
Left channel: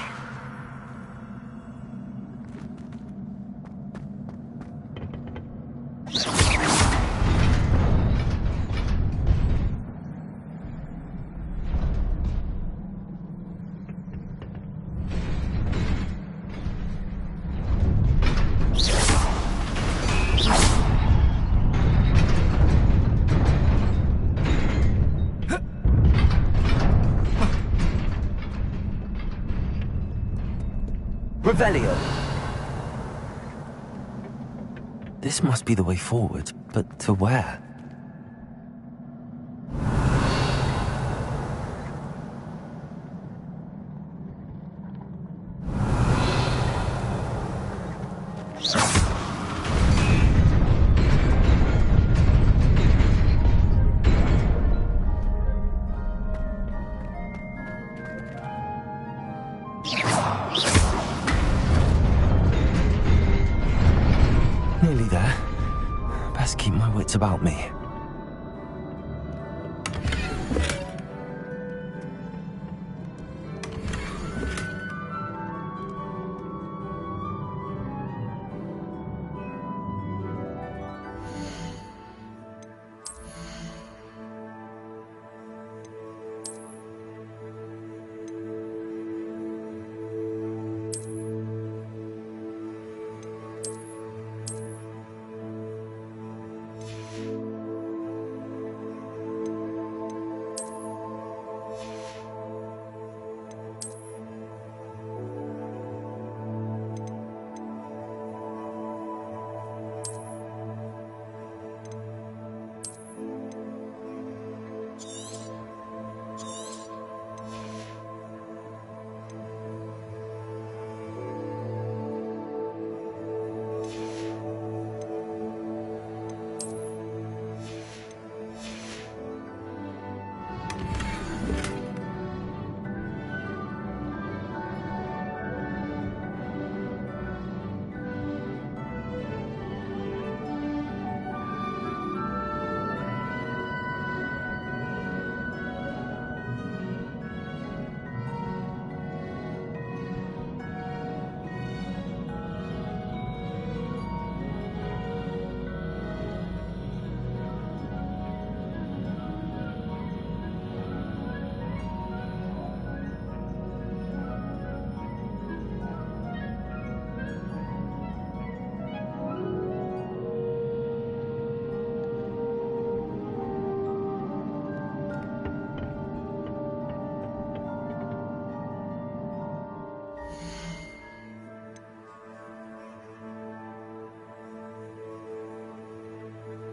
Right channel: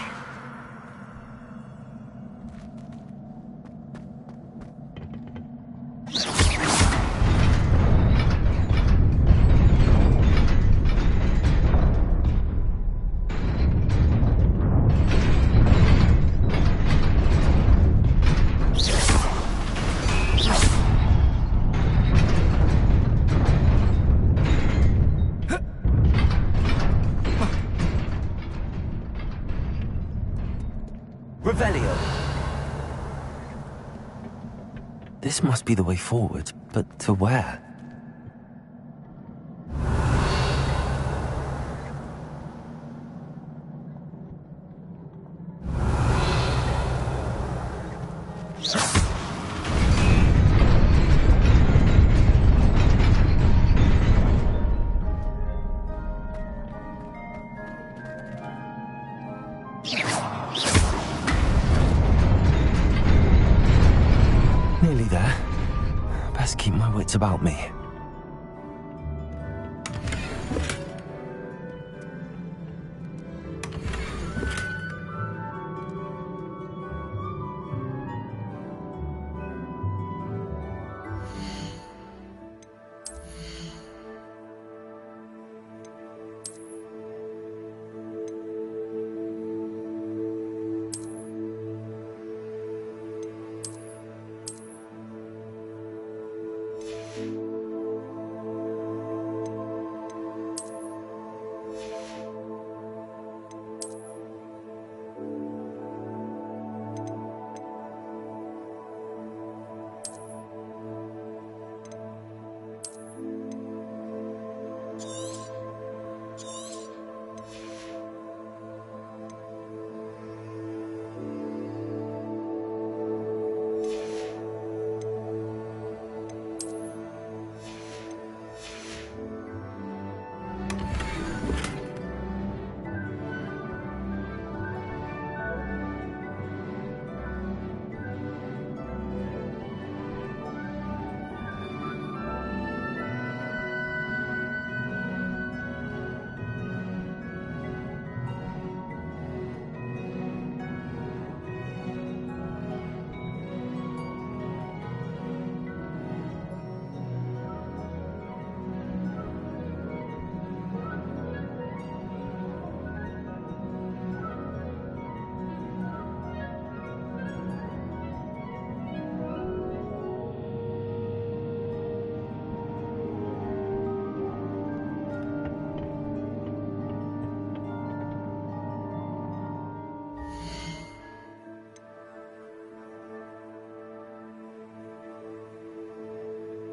Revelio. This must be the way forward, but to where? Nearly there. Best keep my wits about me.